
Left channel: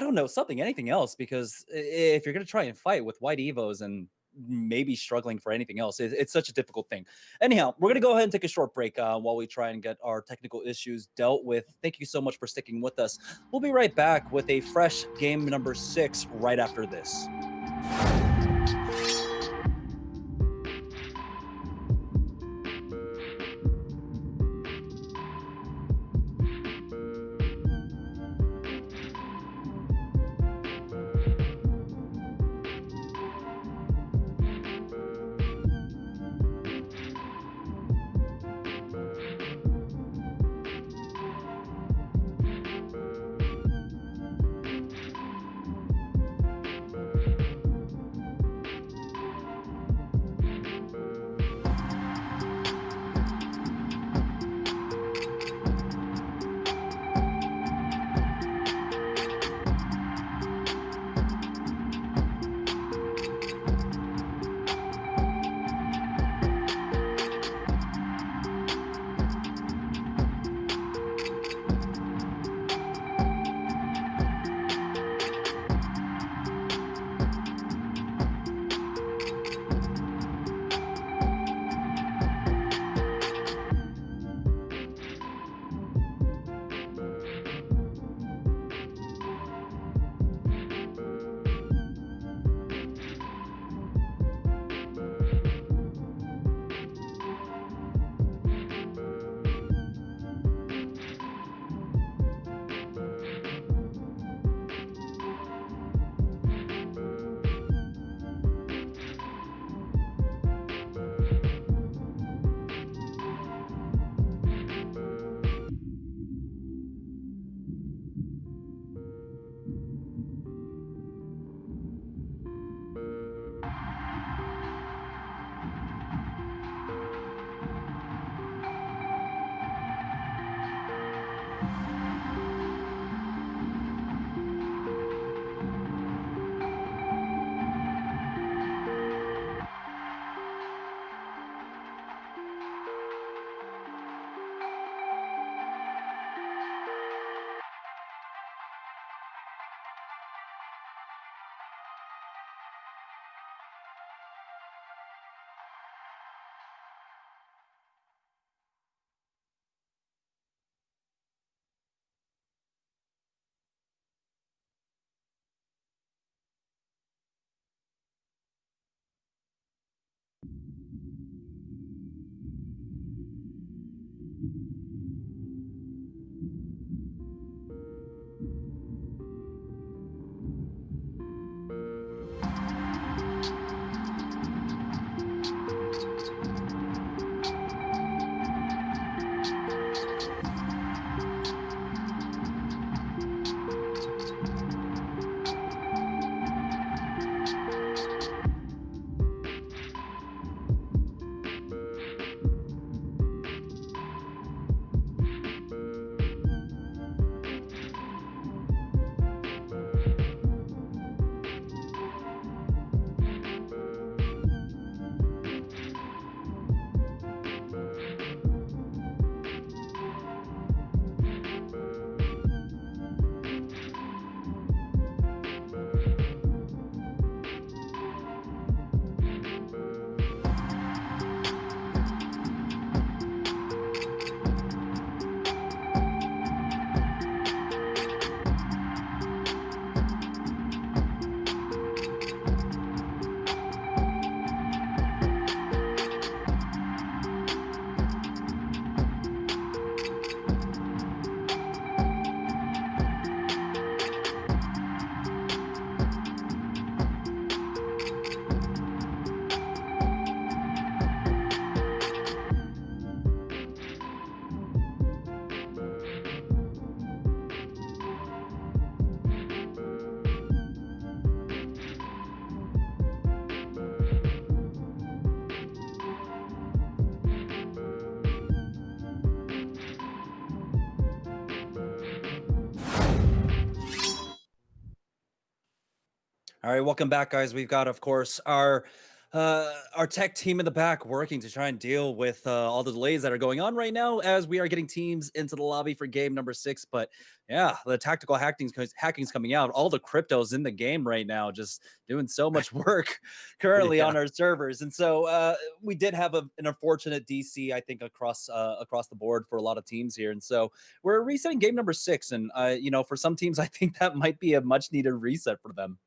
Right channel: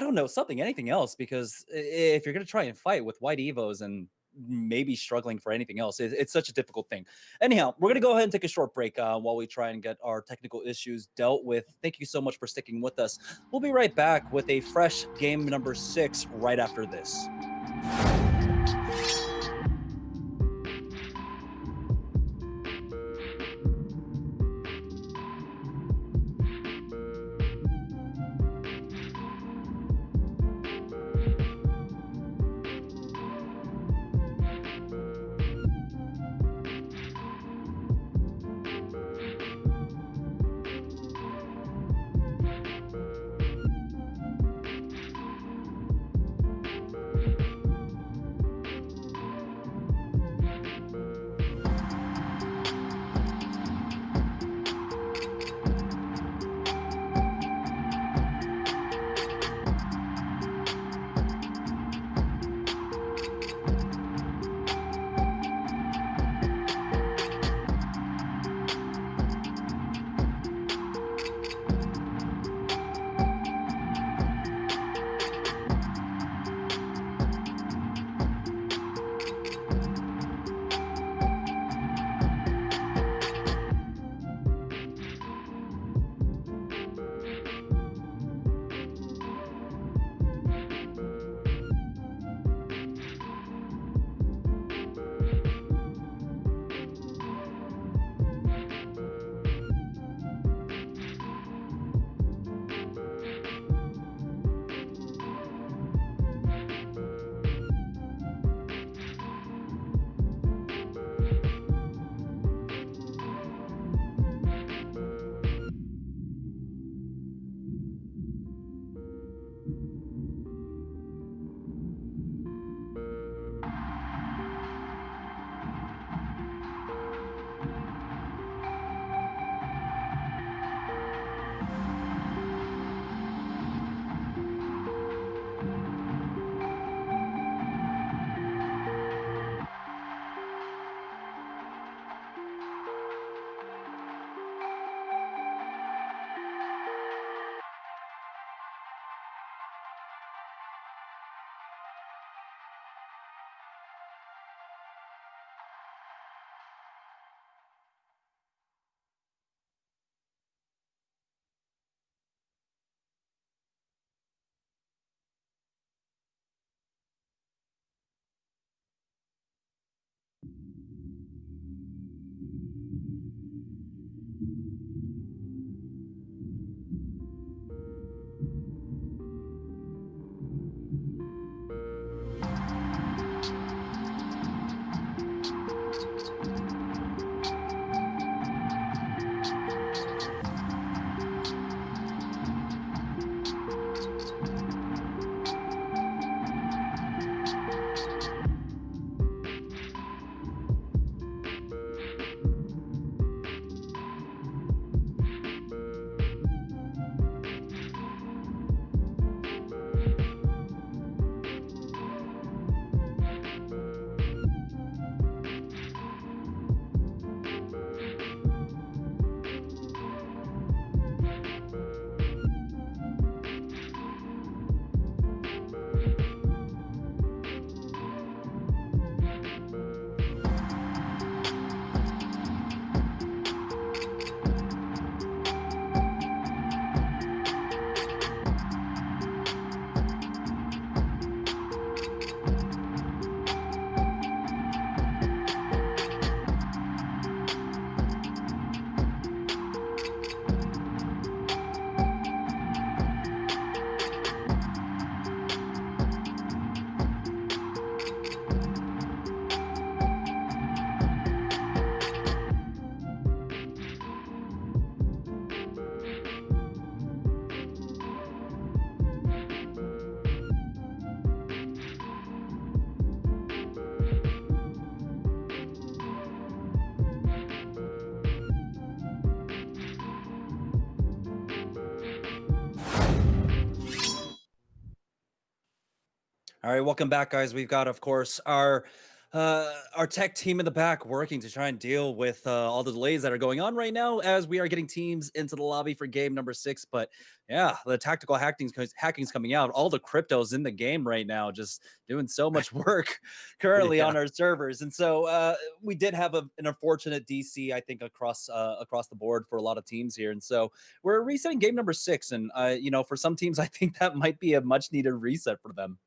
don't know, anything else, because if you're going to try and fight with white Evos and maybe struggling for anything else, it's such a difficult thing. Anyhow, we're going to go ahead and take a short break while we try and get our technical issues dealt with. Thank you so much for sticking with us. We'll be right back with a fresh game number 6 right after this. All right, welcome back, guys. We've got, of course, our tech team in the back working to try and deal with all the delays that are going on right now as we are getting teams into the lobby for game number 6. But yeah, the tactical hacking's coming out. All the cryptos in the game right now, just doing so much work currently on our servers. And so we did have an unfortunate DC, I think, across the board for a lot of teams here. And so we're resetting game number 6, and for some teams, I think that might be a much needed reset for them.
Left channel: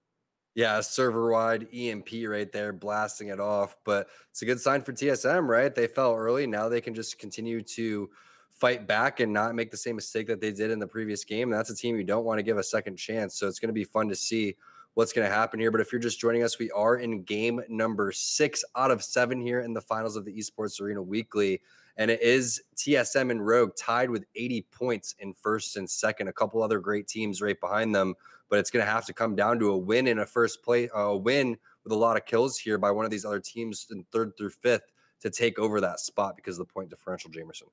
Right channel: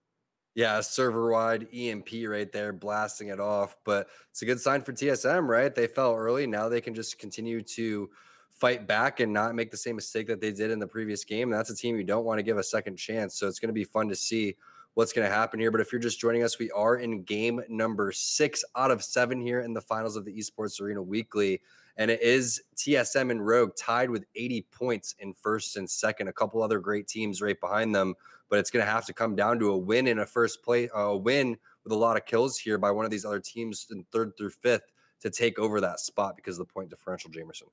Yeah, server-wide EMP right there, blasting it off. But it's a good sign for TSM, right? They fell early. Now they can just continue to fight back and not make the same mistake that they did in the previous game. That's a team you don't want to give a second chance. So it's going to be fun to see what's going to happen here. But if you're just joining us, we are in game number 6 out of 7 here in the finals of the Esports Arena Weekly. And it is TSM and Rogue tied with 80 points in first and second. A couple other great teams right behind them. But it's going to have to come down to a win in a win with a lot of kills here by one of these other teams in 3rd through 5th to take over that spot because of the point differential, Jamerson.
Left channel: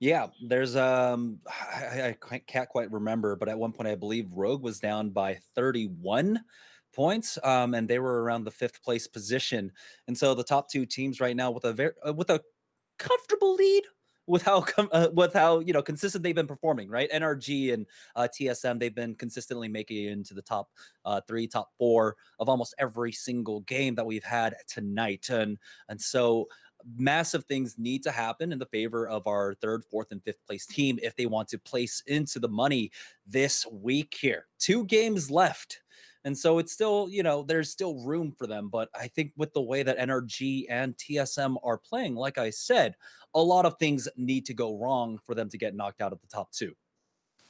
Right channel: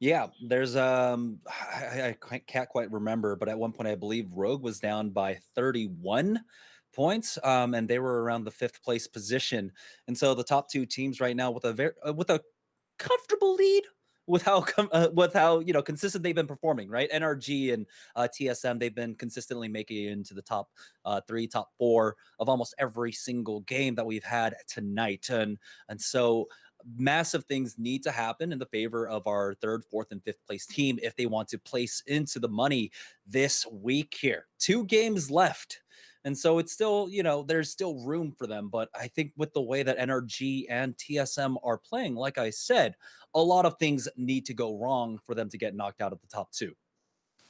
Yeah, there's I can't quite remember, but at one point I believe Rogue was down by 31 points, and they were around the 5th place position. And so the top 2 teams right now with a comfortable lead with how consistent they've been performing, right? NRG and TSM, they've been consistently making it into the top 3, top 4 of almost every single game that we've had tonight, and so massive things need to happen in the favor of our 3rd, 4th, and 5th place team if they want to place into the money this week here. 2 games left. And so it's still, there's still room for them. But I think with the way that NRG and TSM are playing, like I said, a lot of things need to go wrong for them to get knocked out of the top 2.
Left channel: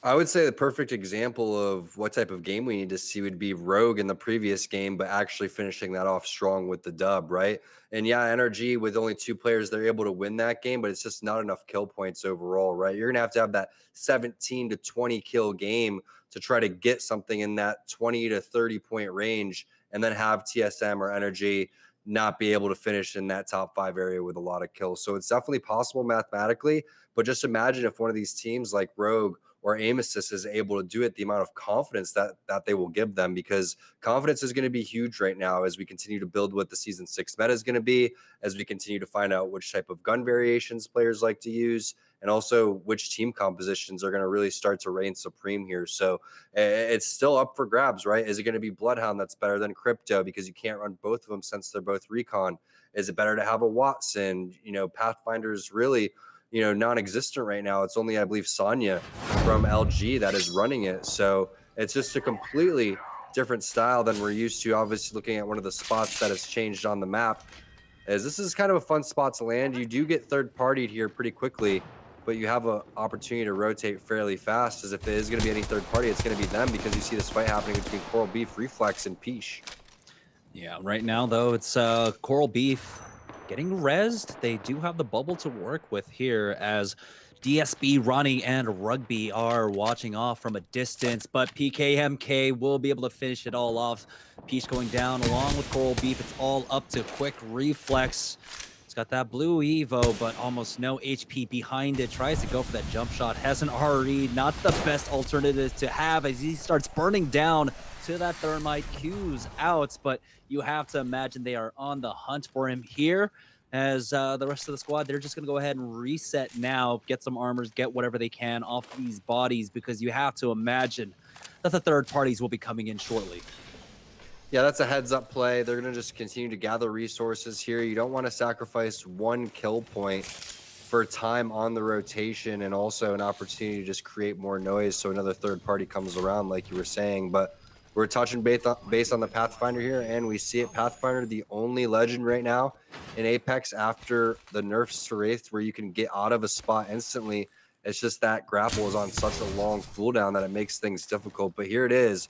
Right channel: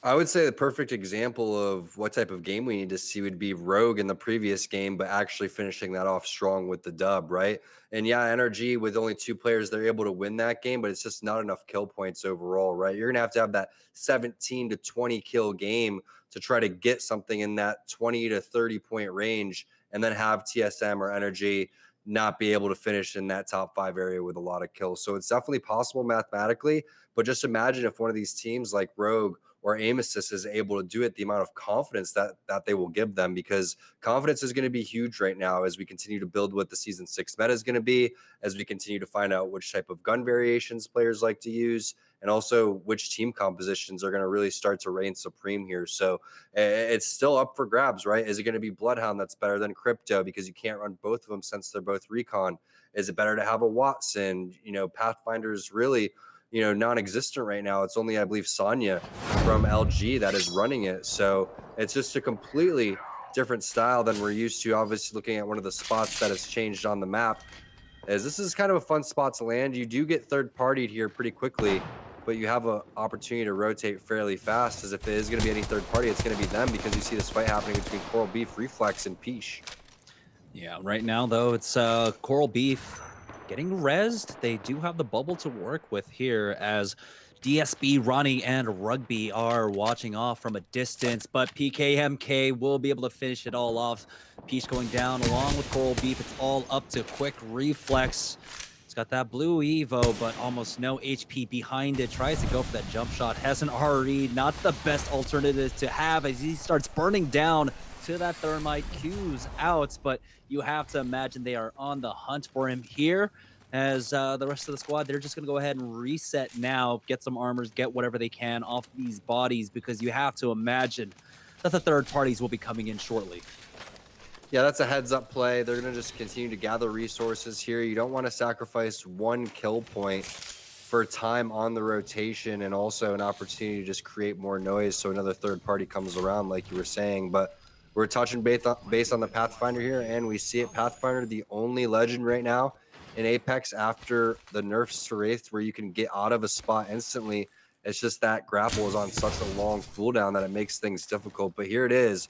I would say the perfect example of what type of game we need to see would be Rogue in the previous game, but actually finishing that off strong with the dub, right? And yeah, NRG with only 2 players, they're able to win that game, but it's just not enough kill points overall, right? You're going to have that 17 to 20 kill game to try to get something in that 20 to 30 point range, and then have TSM or NRG not be able to finish in that top 5 area with a lot of kills. So it's definitely possible mathematically, but just imagine if one of these teams like Rogue or Aim Assist is able to do it, the amount of confidence that they will give them, because confidence is going to be huge right now as we continue to build what the season 6 meta is going to be, as we continue to find out which type of gun variations players like to use, and also which team compositions are going to really start to reign supreme here. So it's still up for grabs, right? Is it going to be Bloodhound that's better than Crypto because you can't run both of them since they're both recon? Is it better to have a Watson? Pathfinder's really non-existent right now. It's only, I believe, Sonya from LG that is running it. So it's just a completely different style than we're used to. Obviously, looking at one of the spots that has changed on the map, as this is kind of a fun spot to land. You do get third-partied here pretty quickly, but you have an opportunity to rotate fairly fast, as if it is going to be any third party, it's going to be them, because you see this fight happening between Coral Beef, Reflex, and Peach. Yeah, right now, though, it's Coral Beef getting rezzed. They do have the bubble to work with here, as DSB, Ronnie, and Rugby are watching off from a distance, but PKMK will be able to finish it all off. Peach going down along with Coral Beef. It's all up to Quick Reflex. It's got that blue Evo, but almost no HP behind it. Tries to go for that jump shot. Has an RE, not the best alternative to have, as he starts burning down to that thermite. Q's out, but you have to imagine they are on the hunt for him here, as the rest of the squad, they're just going to go ahead and reset now, get some armors, get whatever they can off these bodies, because you have to imagine that the third parties will be coming in shortly. Yeah, that's a heads-up play. They're going to just continue to gather resources here. You don't want to sacrifice 1 kill point for time on the rotation, and also an opportunity to just create more noise so another third party comes around, like you were saying. But we're touching base on the Pathfinder here, and we see it. Pathfinder, the only legend right now in Apex after the nerfs to Wraith, where you can get out of a spot instantly. It's just that grapple is on such a long cooldown that it makes things difficult. But here it is.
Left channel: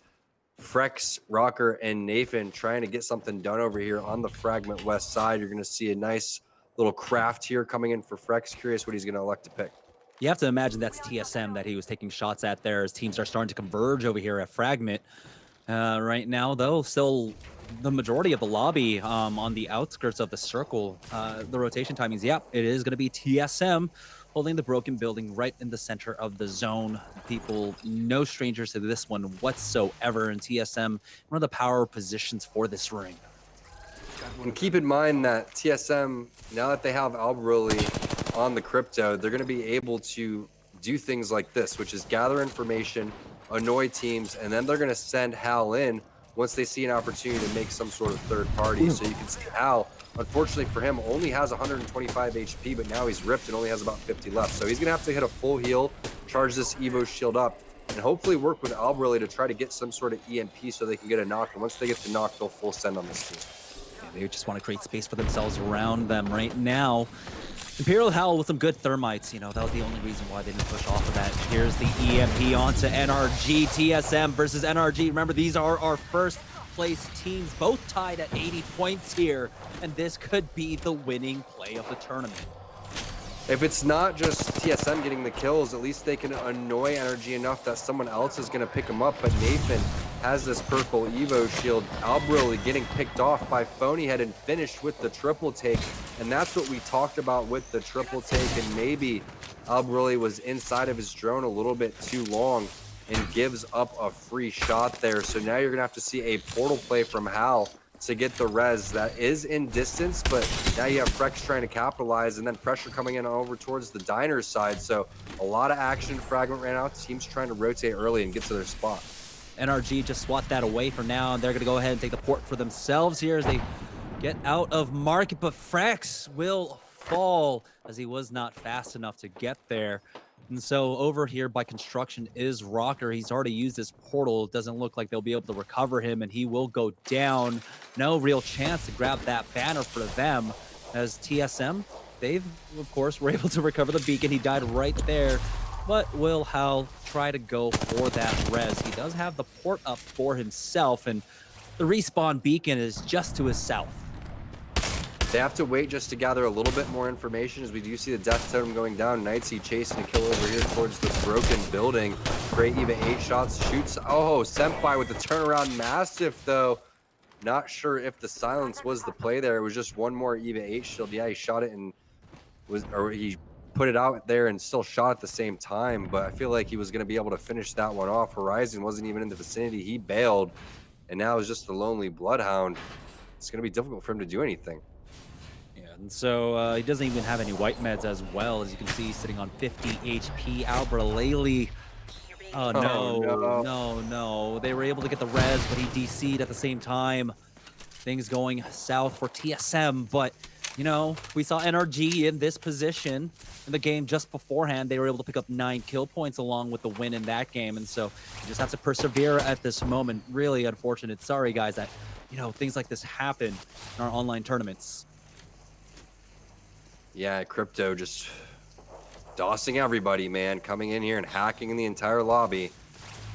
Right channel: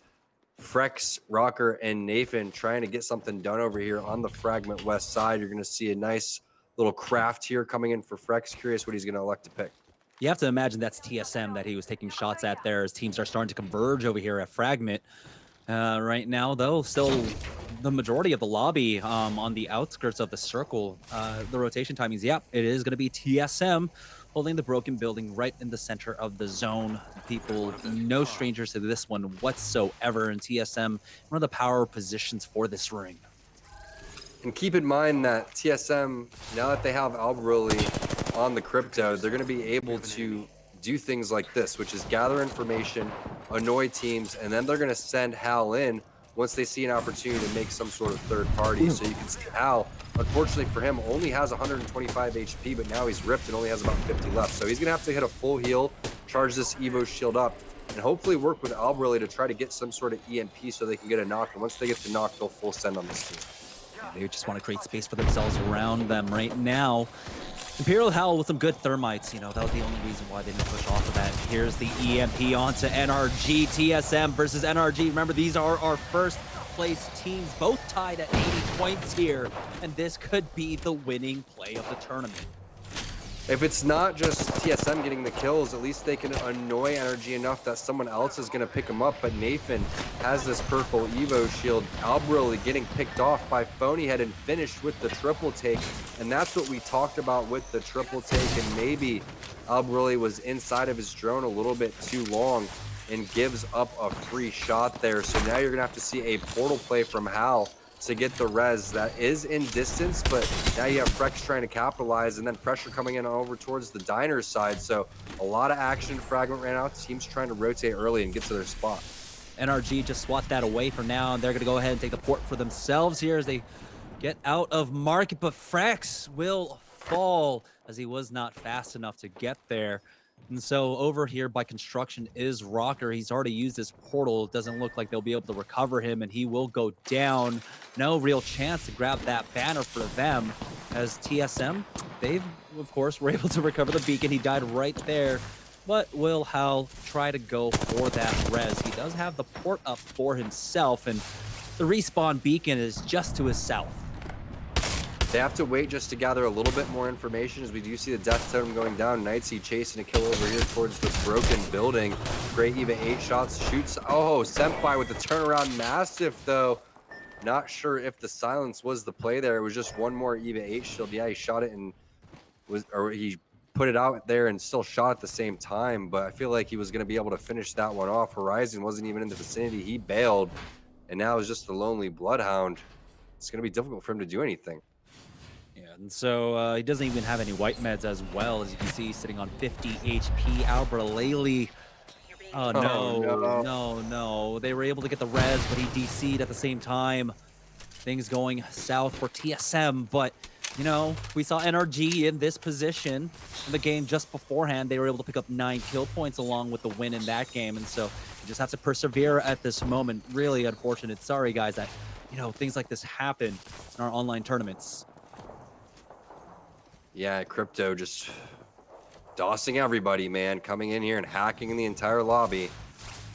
Frex, Rocker, and Nathan trying to get something done over here on the Fragment West side. You're going to see a nice little craft here coming in for Frex. Curious what he's going to elect to pick. You have to imagine that's TSM that he was taking shots at there, as teams are starting to converge over here at Fragment. Right now, though, still the majority of the lobby on the outskirts of the circle. The rotation timings, yeah, it is going to be TSM holding the broken building right in the center of the zone. People, no strangers to this one whatsoever, and TSM, one of the power positions for this ring. And keep in mind that TSM, now that they have Albaroli on the crypto, they're going to be able to do things like this, which is gather information, annoy teams, and then they're going to send Hal in once they see an opportunity to make some sort of third party. So you can see Hal, unfortunately for him, only has 125 HP, but now he's ripped and only has about 50 left. So he's going to have to hit a full heal, charge this Evo shield up, and hopefully work with Albaroli to try to get some sort of EMP so they can get a knock. And once they get the knock, they'll full send on this team. They just want to create space for themselves around them right now. Imperial Howl with some good thermites, you know, that was the only reason why they didn't push off of that. Here's the EMP onto NRG. TSM versus NRG. Remember, these are our first place teams, both tied at 80 points here, and this could be the winning play of the tournament. If it's not just TSM getting the kills, at least they can annoy NRG enough that someone else is going to pick them up. But Nathan has this purple Evo shield. Albaroli getting picked off by Phonyhead and finished with the triple take. And that's what we talked about with the triple take. And maybe Albaroli was inside of his drone a little bit too long and gives up a free shot there. So now you're going to have to see a portal play from Hal to get the res that is in distance, but now you have Frex trying to capitalize and then pressure coming in over towards the Diners side. So a lot of action. Fragment ran out. Teams trying to rotate early and get to their spot. NRG just swat that away for now, and they're going to go ahead and take the port for themselves here as they get out of market, but Frex will fall as he was not fast enough to get there. And so over here by construction is Rocker. He's already used his portal. It doesn't look like they'll be able to recover him, and he will go down. No real chance to grab that banner for them as TSM, they've, of course, were able to recover the beacon. He died right there, but will Hal try to go for that res? He does have the port up for himself, and the respawn beacon is just to his south. They have to wait just to gather a little bit more information as we do see the death totem going down. Knightsea chasing a kill over here towards the broken building. Great EVA 8 shots, shoots. Oh, Senpai with the turnaround. Mastiff though. Not sure if the silence was the play there. It was just one more EVA 8 shield. Yeah, he shot it and he put it out there and still shot at the same time. But I feel like he was going to be able to finish that one off. Horizon wasn't even in the vicinity. He bailed, and now it's just the lonely Bloodhound. It's going to be difficult for him to do anything. And so he doesn't even have any white meds as well. As you can see, sitting on 50 HP. Albaroli. Oh, no. They were able to get the res, but he DC'd at the same time. Things going south for TSM. But, you know, we saw NRG in this position in the game just beforehand. They were able to pick up 9 kill points along with the win in that game. And so you just have to persevere at this moment. Really unfortunate. Sorry, guys, that, you know, things like this happen in our online tournaments. Yeah, Crypto just dossing everybody, man. Coming in here and hacking in the entire lobby.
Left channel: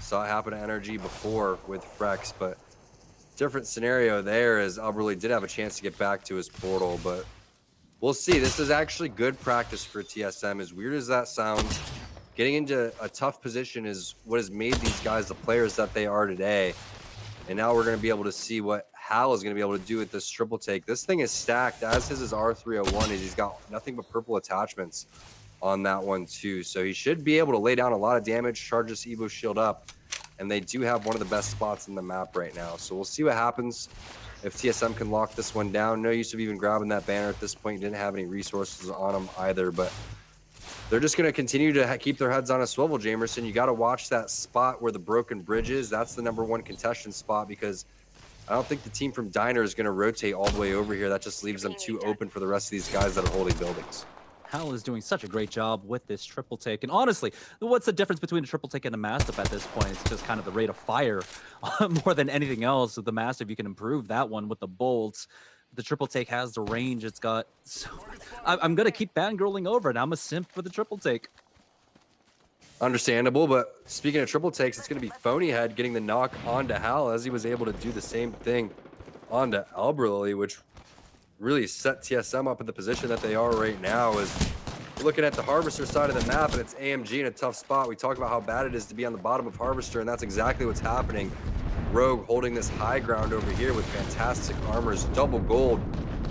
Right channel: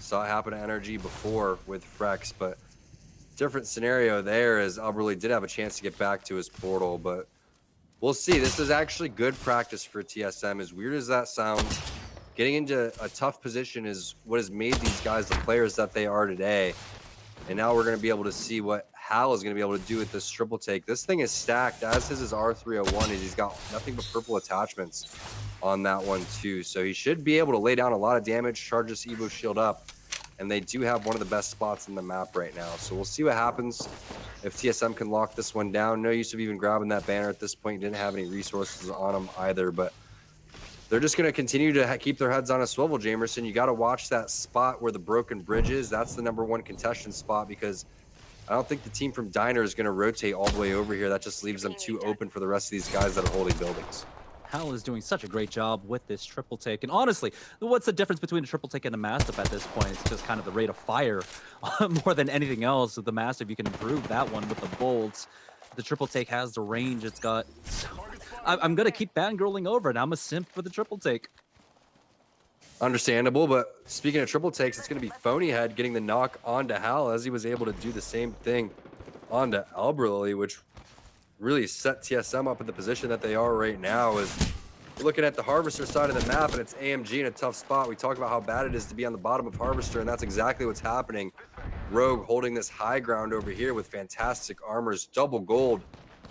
Saw it happen to NRG before with Frex, but different scenario there as Albaroli did have a chance to get back to his portal, but we'll see. This is actually good practice for TSM. As weird as that sounds, getting into a tough position is what has made these guys the players that they are today. And now we're going to be able to see what Hal is going to be able to do with this triple take. This thing is stacked, as his R301 is. He's got nothing but purple attachments on that one too. So he should be able to lay down a lot of damage, charge this Evo shield up. And they do have one of the best spots in the map right now. So we'll see what happens if TSM can lock this one down. No use of even grabbing that banner at this point. Didn't have any resources on them either, but they're just going to continue to keep their heads on a swivel, Jamerson. You got to watch that spot where the broken bridge is. That's the #1 contestant spot, because I don't think the team from Diner is going to rotate all the way over here. That just leaves them too open for the rest of these guys that are holding buildings. Hal is doing such a great job with this triple take. And honestly, what's the difference between a triple take and a Mastiff at this point? It's just kind of the rate of fire more than anything else. With the Mastiff, you can improve that one with the bolts. The triple take has the range it's got. So I'm going to keep fangirling over it. I'm a simp for the triple take. Understandable, but speaking of triple takes, it's going to be Phonyhead getting the knock onto Hal, as he was able to do the same thing onto Albaroli, which really set TSM up in the position that they are right now. Is looking at the Harvester side of the map, and it's AMG in a tough spot. We talk about how bad it is to be on the bottom of Harvester, and that's exactly what's happening. Rogue holding this high ground over here with fantastic armors, double gold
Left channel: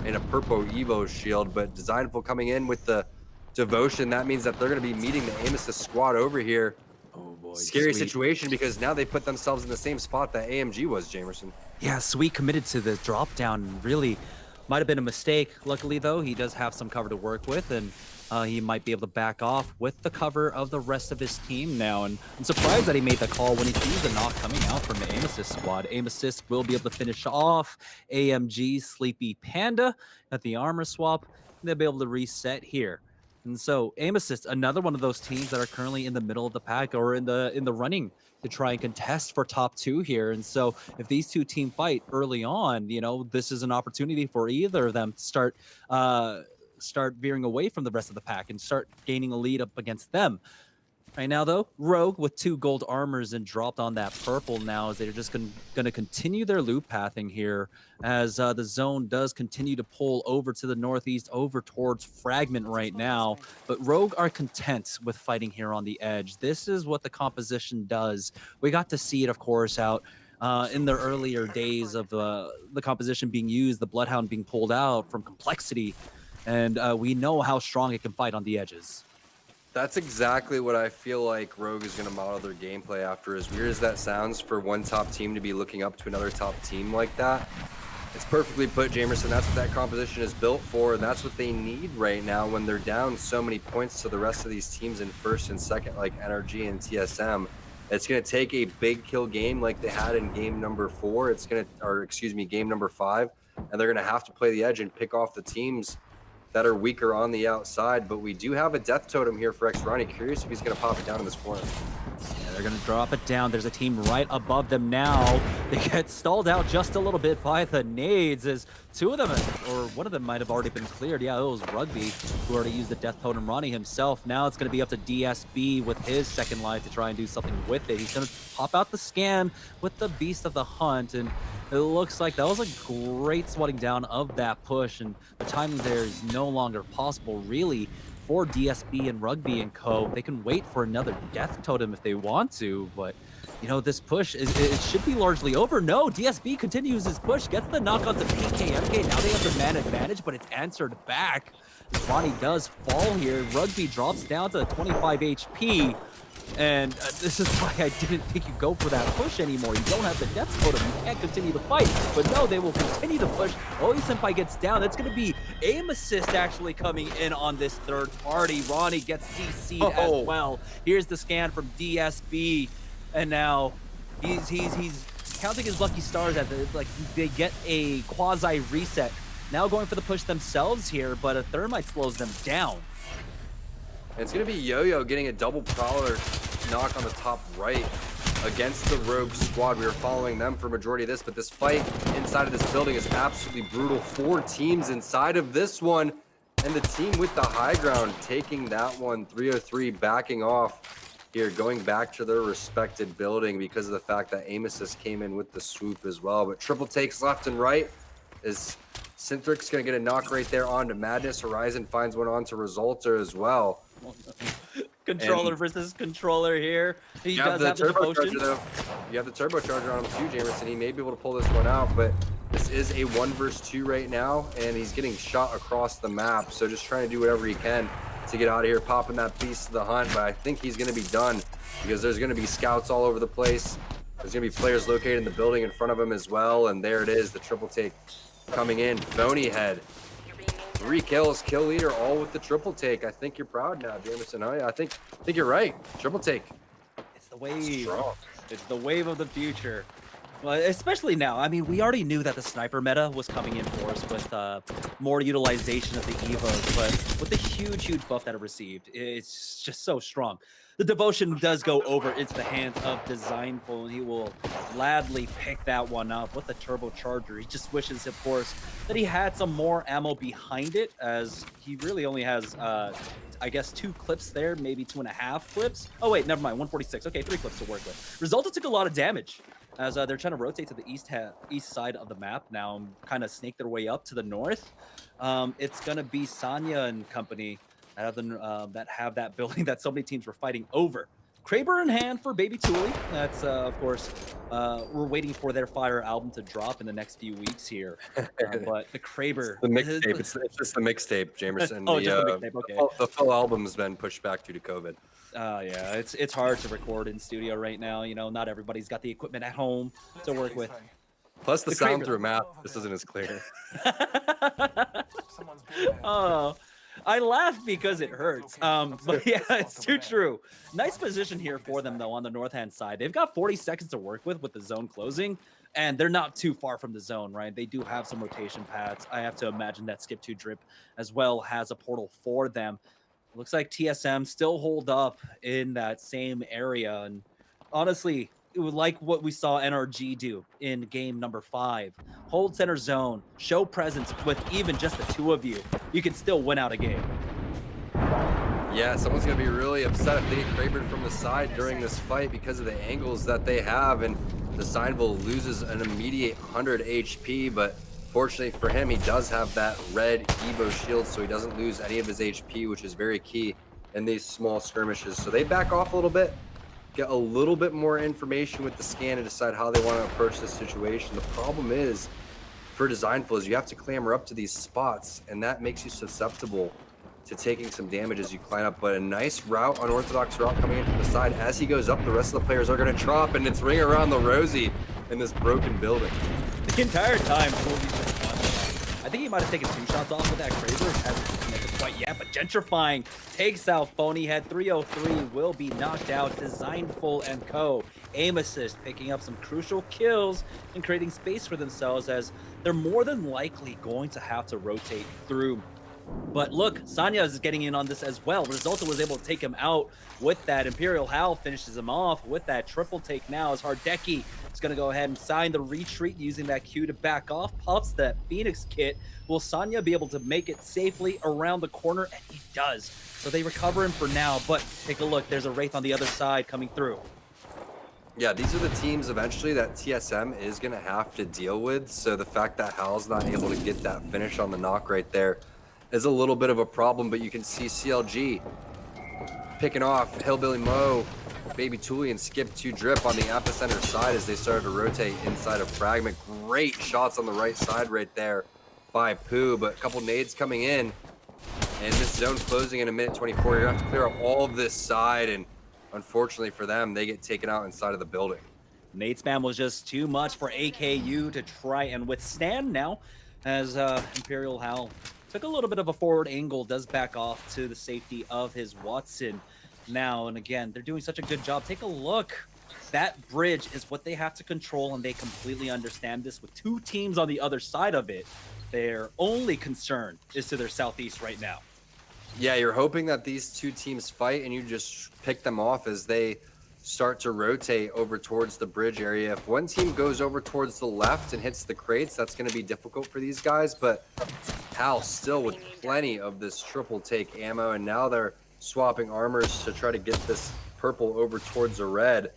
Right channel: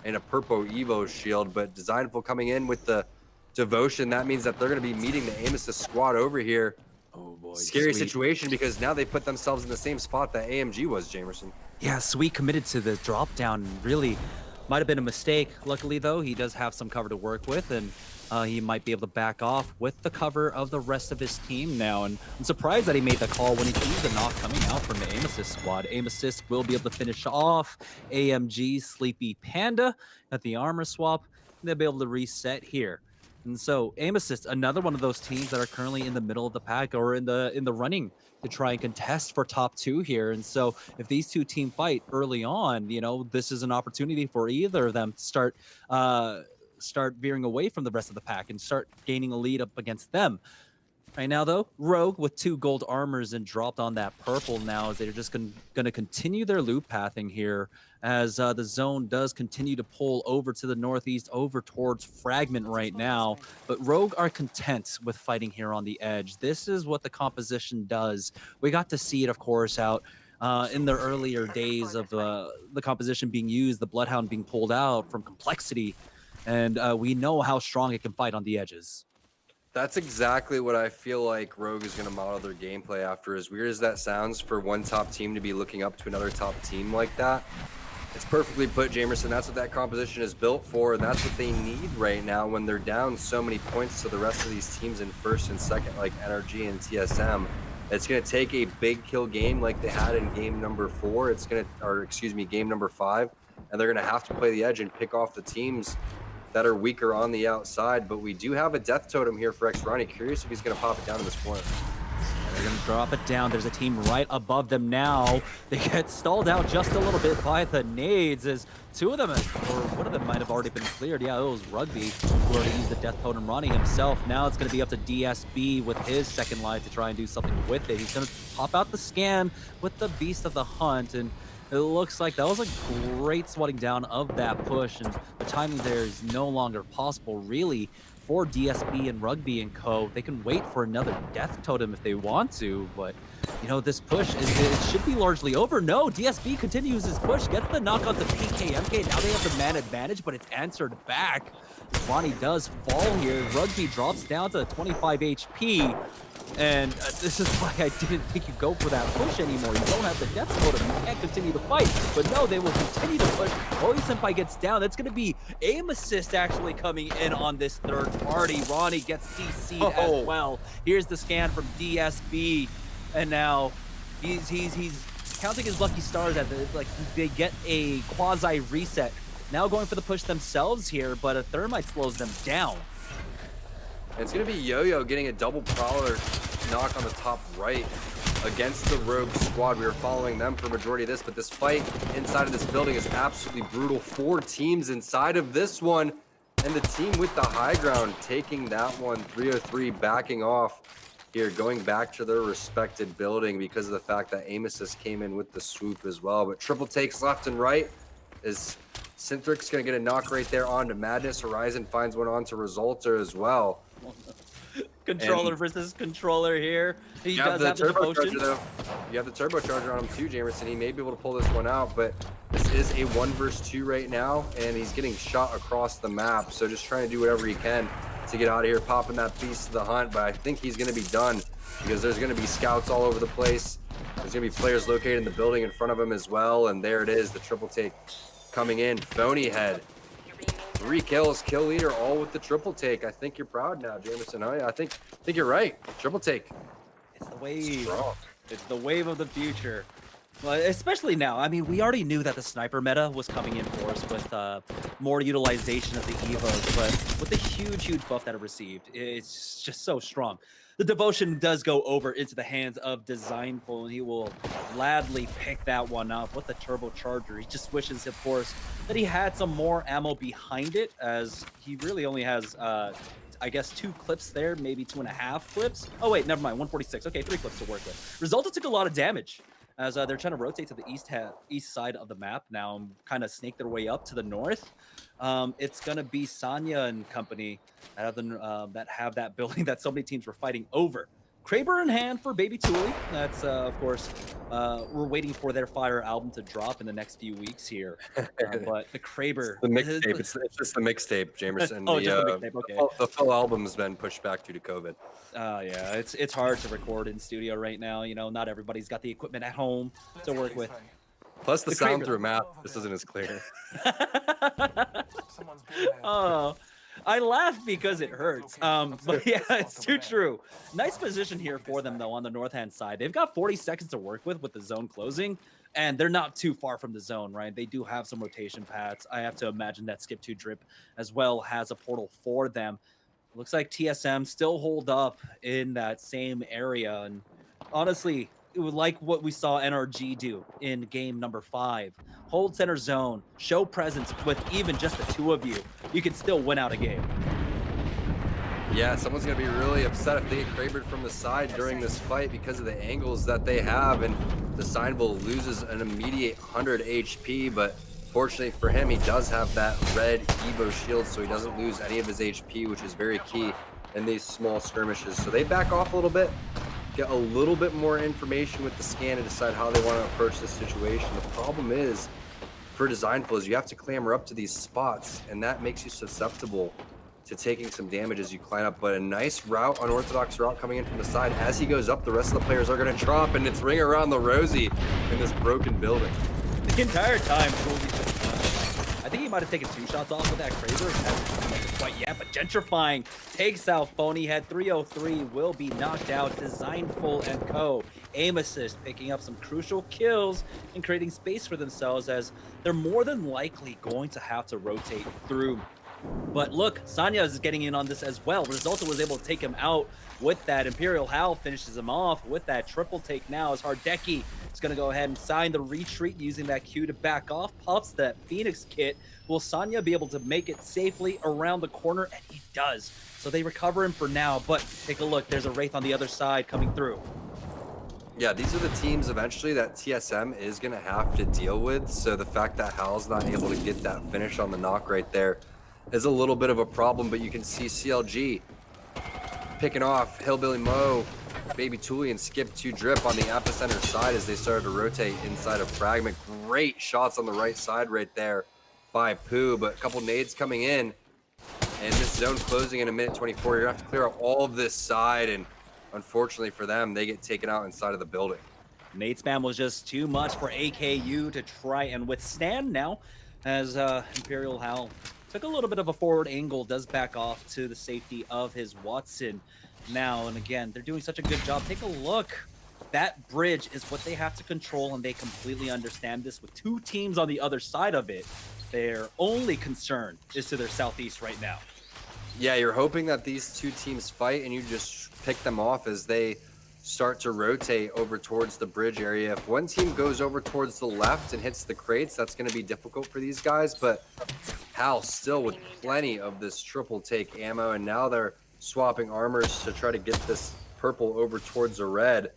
and a purple Evo shield, but Designful coming in with the Devotion, that means that they're going to be meeting the aim assist squad over here. Oh boy, Scary Sweet. situation because now they put themselves in the same spot that AMG was, Jamerson. Yeah, Sweet committed to the drop down. Really might have been a mistake. Luckily, though, he does have some cover to work with, and he might be able to back off with the cover of the rest of his team now. And I'm surprised that he made the call when he sees the knock coming out from the Aim Assist squad. Aim Assist will be able to finish off AMG Sleepy Panda at the armor swap. And they'll be able to reset here. And so Aim Assist, another one of those teams that are currently in the middle of the pack or in the running to try and contest for top 2 here. And so if these two team fight early on, you know, this is an opportunity for either of them to start veering away from the rest of the pack and start gaining a lead up against them. Right now, though, Rogue with 2 gold armors and dropped on that purple now as they're just going to continue their loop pathing here as the zone does continue to pull over to the northeast, over towards Fragment right now. But Rogue are content with fighting here on the edge. This is what the composition does. We got to see it, of course, out in the earlier days of the composition being used, the Bloodhound being pulled out from Complexity. And we know how strong it can fight on the edges. That's exactly what I feel like Rogue is going to model their gameplay after. As weird as that sounds for one top team to be looking up to another top team like that, it's perfectly put, Jamerson. That's what that composition is built for, and that's what they need right now when they're down so many points to the rest of these teams in first and second, like NRG and TSM. It's going to take a big kill game like they had in game number 4. Game number 5, and they're going to have to play the edge and pick off the teams that are weaker on the outside. But we do have a death totem here for X-Ronnie. Curious if he's going to pop it down in this corner. And they're going to drop it down. There's a team right above them now. They get stalled out just a little bit by the nades as 2 of them, or one of them might have already been cleared. Yeah, it was Rugby who already used the death totem. Ronnie himself. Now it's going to be up to DSB with his second life to try and do something with it. He's going to pop out the scan with the Beast of the Hunt, and it looks like that was a great swatting down of that push, and the timing there is no longer possible, really, for DSB and Rugby and co. They can wait for another death totem if they want to, but, you know, this push, it should be largely over. No, DSB continues his push, gets the knock on to PKMK. Now they have the man advantage, but it's answered back. Ronnie does fall here. Rugby drops down to 25 HP. And this is why I didn't think you go for that push anymore. You don't have the death totem. You can't continue to fight. But no, they will continue to push. Oli Senpai gets down. That's going to be Aim Assist actually coming in on this third party. Ronnie gets DC'd as well. Here's the scan from DSB. And now he's counting his lucky stars at they get a quasi reset. Now going for the push themselves here, but a Thermite slows them down. It's going to be Yo-Yo getting a double Prowler knock on the top right against the Rogue squad. We were following them for majority of this, but this fight inside of this building is absolutely brutal. 4 teams inside of this one, and the team with the high ground taking that one. 303 backing off here, going back to their respected building because of the fact that Aim Assist came in with the swoop as well. But triple takes left and right is Syntrix going to get a knock right there onto Madness. Horizon finds one onto Resulter as well. Controller versus controller here. He does have the devotion. Though. You have the turbocharger on him too, Jamerson. He may be able to pull this one out, but this is a 1 versus 2 right now, and he's getting shot across the map. So just trying to do whatever he can to get out of here, popping that Beast of the Hunt. But I think he's going to be done because there's going to be scouts all over the place. There's going to be players located in the building in front of him as well. And there it is, the triple take coming in. Phony Head. 3 kills, kill leader, all with the triple take. I think you're proud now, Jamerson. Oh yeah, I think you're right. Triple take. It's the wave. Strong. It's the wave of the future. Well, especially now. I mean, we already knew that the sniper meta was coming in force with more utilization of the Evos, but with the huge buff that it received, it's just so strong. The devotion does go over into the hands of Designful, and he will gladly pick that one up with the turbocharger. He just wishes, of course, that he had some more ammo behind it, as he really only has, I guess, 2 clips there, maybe 2.5 clips. Oh wait, never mind, 146. Okay, 3 clips to work with. Resulta took a lot of damage as they're trying to rotate to the east side of the map now and kind of snake their way up to the north. It's gonna be Sanya and company that have that building that so many teams were fighting over. Kraber in hand for Baby Tuli. That's, of course, we're waiting for their Fire album to drop in the next few weeks here. But the Kraber. The mixtape. It's just the mixtape, Jamerson. Oh, just the mixtape. Okay. The full album's been pushed back due to COVID. Yeah, it's hard to record in studio right now. You know, not everybody's got the equipment at home to work with. Plus, the The sound Kraber. through a map just isn't as clear. Oh, I laugh because it hurts. But yeah, it's too true. Nice position here for them though on the north hand side. They've got 40 seconds to work with the zone closing, and they're not too far from the zone, right? They do have some rotation paths. I have to imagine that Skip 2 Drip as well has a portal for them. Looks like TSM still hold up in that same area, and honestly, it would like what we saw NRG do in game number 5. Hold center zone, show presence with even just the two of you. You can still win out a game. Yeah, someone's going to be really upset if they get Krabered from the side during this fight because of the angles that they have, and Designful loses an immediate 100 HP, but fortunately for him, he does have that red Evo shield, so he doesn't lose any of his HP, which is very key in these small skirmishes. So they back off a little bit, get a little bit more information with the scan to decide how they want to approach this situation. The problem is, for Designful, is you have to clamber up to these spots, and that makes you susceptible to taking some damage as you climb up. But a nice route, unorthodox route coming in from the side. As he goes up, the rest of the players are going to drop, and it's ring around the rosy in this broken building. The entire time, Kobe's just done. I think he might have taken 2 shots off with that Kraber. He hasn't connected quite yet, but Gentrifying takes out Phony Head. 303 will be knocked out. Designful and co. Aim assist, picking up some crucial kills and creating space for themselves, as they're more than likely going to have to rotate through. But look, Sanya is getting in on this as well. Resulta was able to take him out with that. Imperial Howl finishes him off with that triple take now, as Hardeki is going to go ahead and sign the retreat using that Q to back off. Pops that Phoenix kit. Will Sanya be able to make it safely around the corner? And he does. So they recover him for now, but take a look. There's a Wraith on the other side coming through. Yeah, these are the teams eventually that TSM is going to have to deal with. So the fact that Hal's not able to get that finish on the knock right there is a little bit of a problem, but you can see CLG picking off Hillbilly Mo, Baby Tuli, and Skip 2 Drip on the epicenter side as they started to rotate inside of Fragment. Great shots on the right side right there by Pooh, but a couple nades coming in, and this zone closing in a minute 24. You're gonna have to clear out all of this side, and unfortunately for them, they get taken out inside of the building. Nade spam was just too much for AKU to try and withstand now, as Imperial Howl took a little bit of a forward angle, does back off to the safety of his Watson now. And again, they're doing such a good job. Take a look. That bridge is what they have to control, and they completely understand this. With 2 teams on the other side of it, their only concern is to their southeast right now. Yeah, you're hoping that these 2 teams fight and you just pick them off as they start to rotate over towards the bridge area. If one team goes over towards the left and hits the crates, that's going to be difficult for these guys, but Hal still with plenty of this triple take ammo, and now they're swapping armors to try to get this purple over towards the red.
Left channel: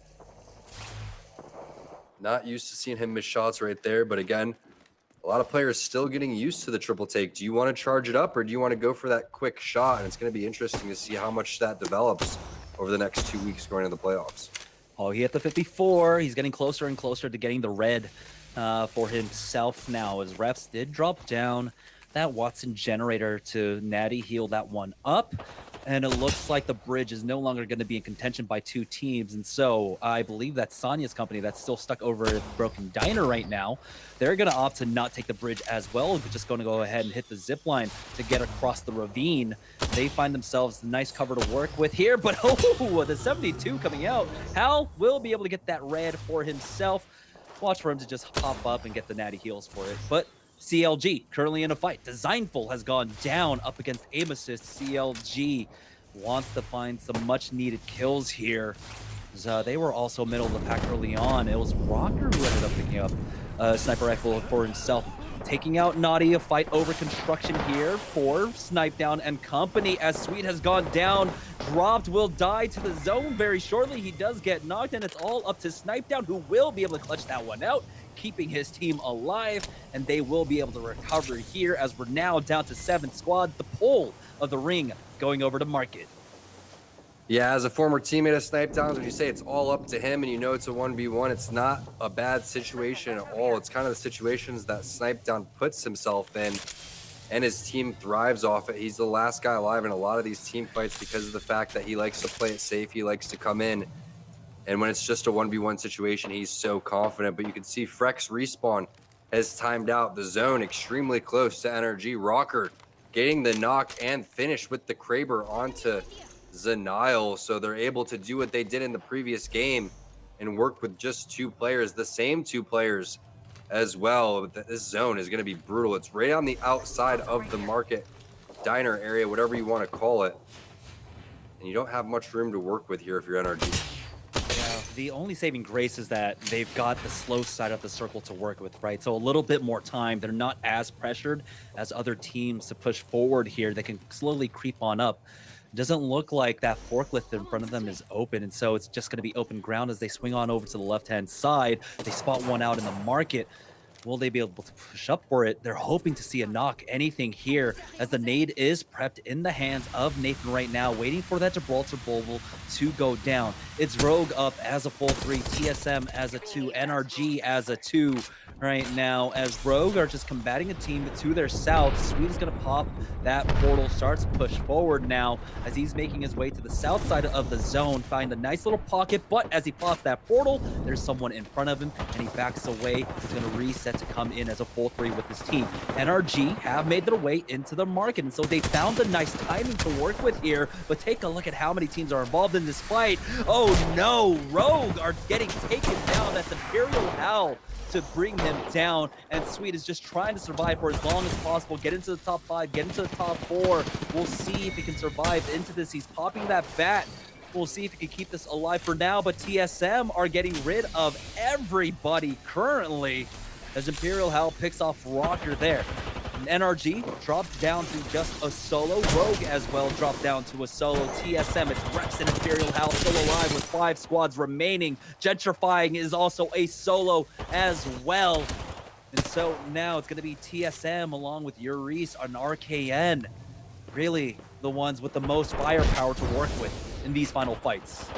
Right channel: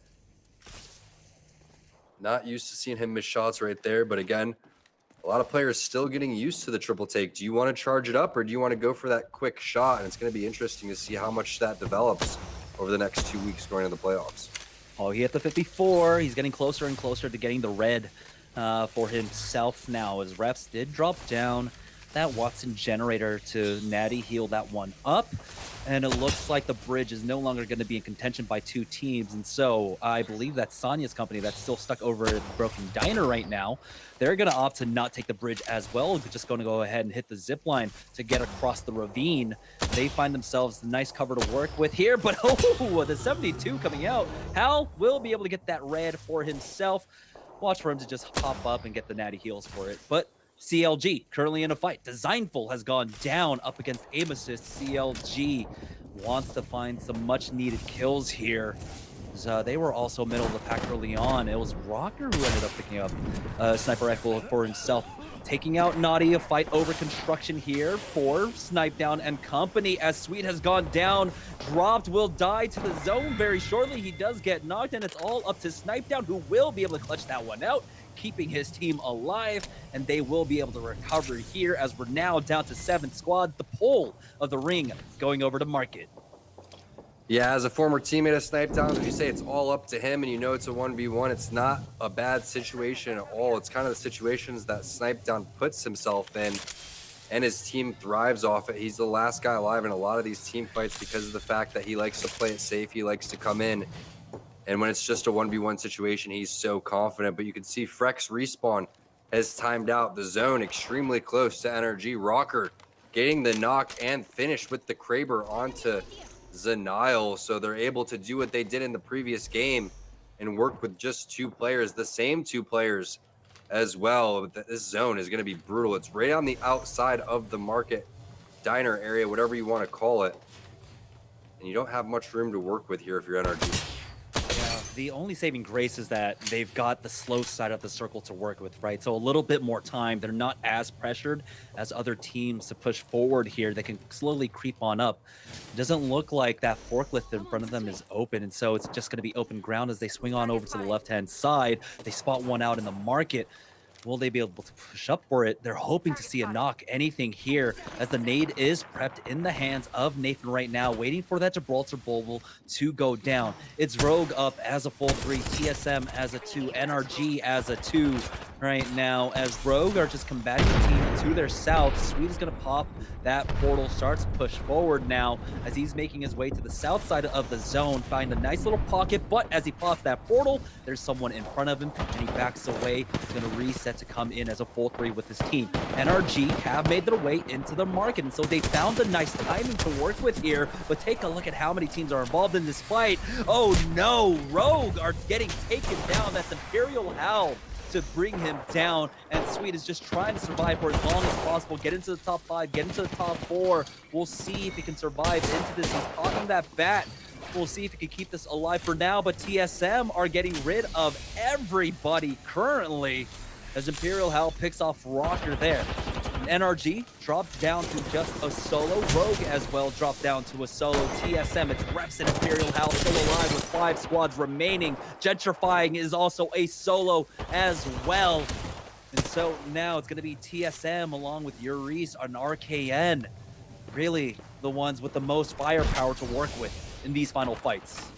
Not used to seeing him miss shots right there, but again, a lot of players still getting used to the triple take. Do you want to charge it up, or do you want to go for that quick shot? And it's going to be interesting to see how much that develops over the next 2 weeks going into the playoffs. Oh, he hit the 54. He's getting closer and closer to getting the red for himself now, as Reps did drop down that Watson generator to Natty heal that one up. And it looks like the bridge is no longer going to be in contention by 2 teams. And so I believe that Sanya's company that's still stuck over at Broken Diner right now, they're going to opt to not take the bridge as well. They're just going to go ahead and hit the zip line to get across the ravine. They find themselves a nice cover to work with here. But oh, the 72 coming out. Hal will be able to get that red for himself. Watch for him to just pop up and get the natty heals for it. But CLG currently in a fight. Designful has gone down up against Aim Assist. CLG wants to find some much needed kills here. They were also middle of the pack early on. It was Rocker who ended up picking up Sniper Rifle for himself, taking out Naughty. A fight over construction here for Snipe Down and company, as Sweet has gone down. Dropped, will die to the zone very shortly. He does get knocked, and it's all up to Snipe Down, who will be able to clutch that one out, keeping his team alive, and they will be able to recover here, as we're now down to 7 squads. The pull of the ring going over to Market. Yeah, as a former teammate of Snipe Downs, would you say it's all up to him and you know it's a 1v1? It's not a bad situation at all. It's kind of the situations that Snipe Down puts himself in and his team thrives off it. He's the last guy alive in a lot of these team fights because of the fact that he likes to play it safe. He likes to come in. And when it's just a 1v1 situation, he's so confident. But you can see Frex respawn has timed out the zone extremely close to NRG. Rocker getting the knock and finish with the Kraber onto Zanile, so they're able to do what they did in the previous game and work with just 2 players, the same 2 players as well. This zone is going to be brutal. It's right on the outside of the market diner area, whatever you want to call it, and you don't have much room to work with here if you're NRG. Yeah, the only saving grace is that they've got the slow side of the circle to work with, right? So a little bit more time. They're not as pressured as other teams to push forward here. They can slowly creep on up. It doesn't look like that forklift in front of them is open, and so it's just going to be open ground as they swing on over to the left-hand side. They spot one out in the market. Will they be able to push up for it? They're hoping to see a knock, anything here, as the nade is prepped in the hands of Nathan right now, waiting for that Gibraltar Bulbul to go down. It's Rogue up as a full 3, TSM as a 2, NRG as a 2 right now, as Rogue are just combating the team to their south. Sweet is going to pop that portal, starts push forward now as he's making his way to the south side of the zone, find a nice little pocket, but as he pops that portal, there's someone in front of him and he backs away. He's going to reset to come in as a full 3 with his team. NRG have made their way into the market, and so they found a nice timing to work with here, but take a look at how many teams are involved in this fight. Oh no, Rogue are getting taken down. That's Imperial Hell to bring him down, and Sweet is just trying to survive for as long as possible, get into the top 5, get into the top 4. We'll see if he can survive into this. He's popping that bat. We'll see if he can keep this alive for now, but TSM are getting rid of everybody currently as Imperial Hell picks off Rocker there. NRG dropped down to just a solo. Rogue as well dropped down to a solo. TSM, it's Reps and Imperial Hell still alive with 5 squads remaining. Gentrifying is also a solo as well. And so now it's going to be TSM along with Urice and RKN. Really the ones with the most firepower to work with in these final fights.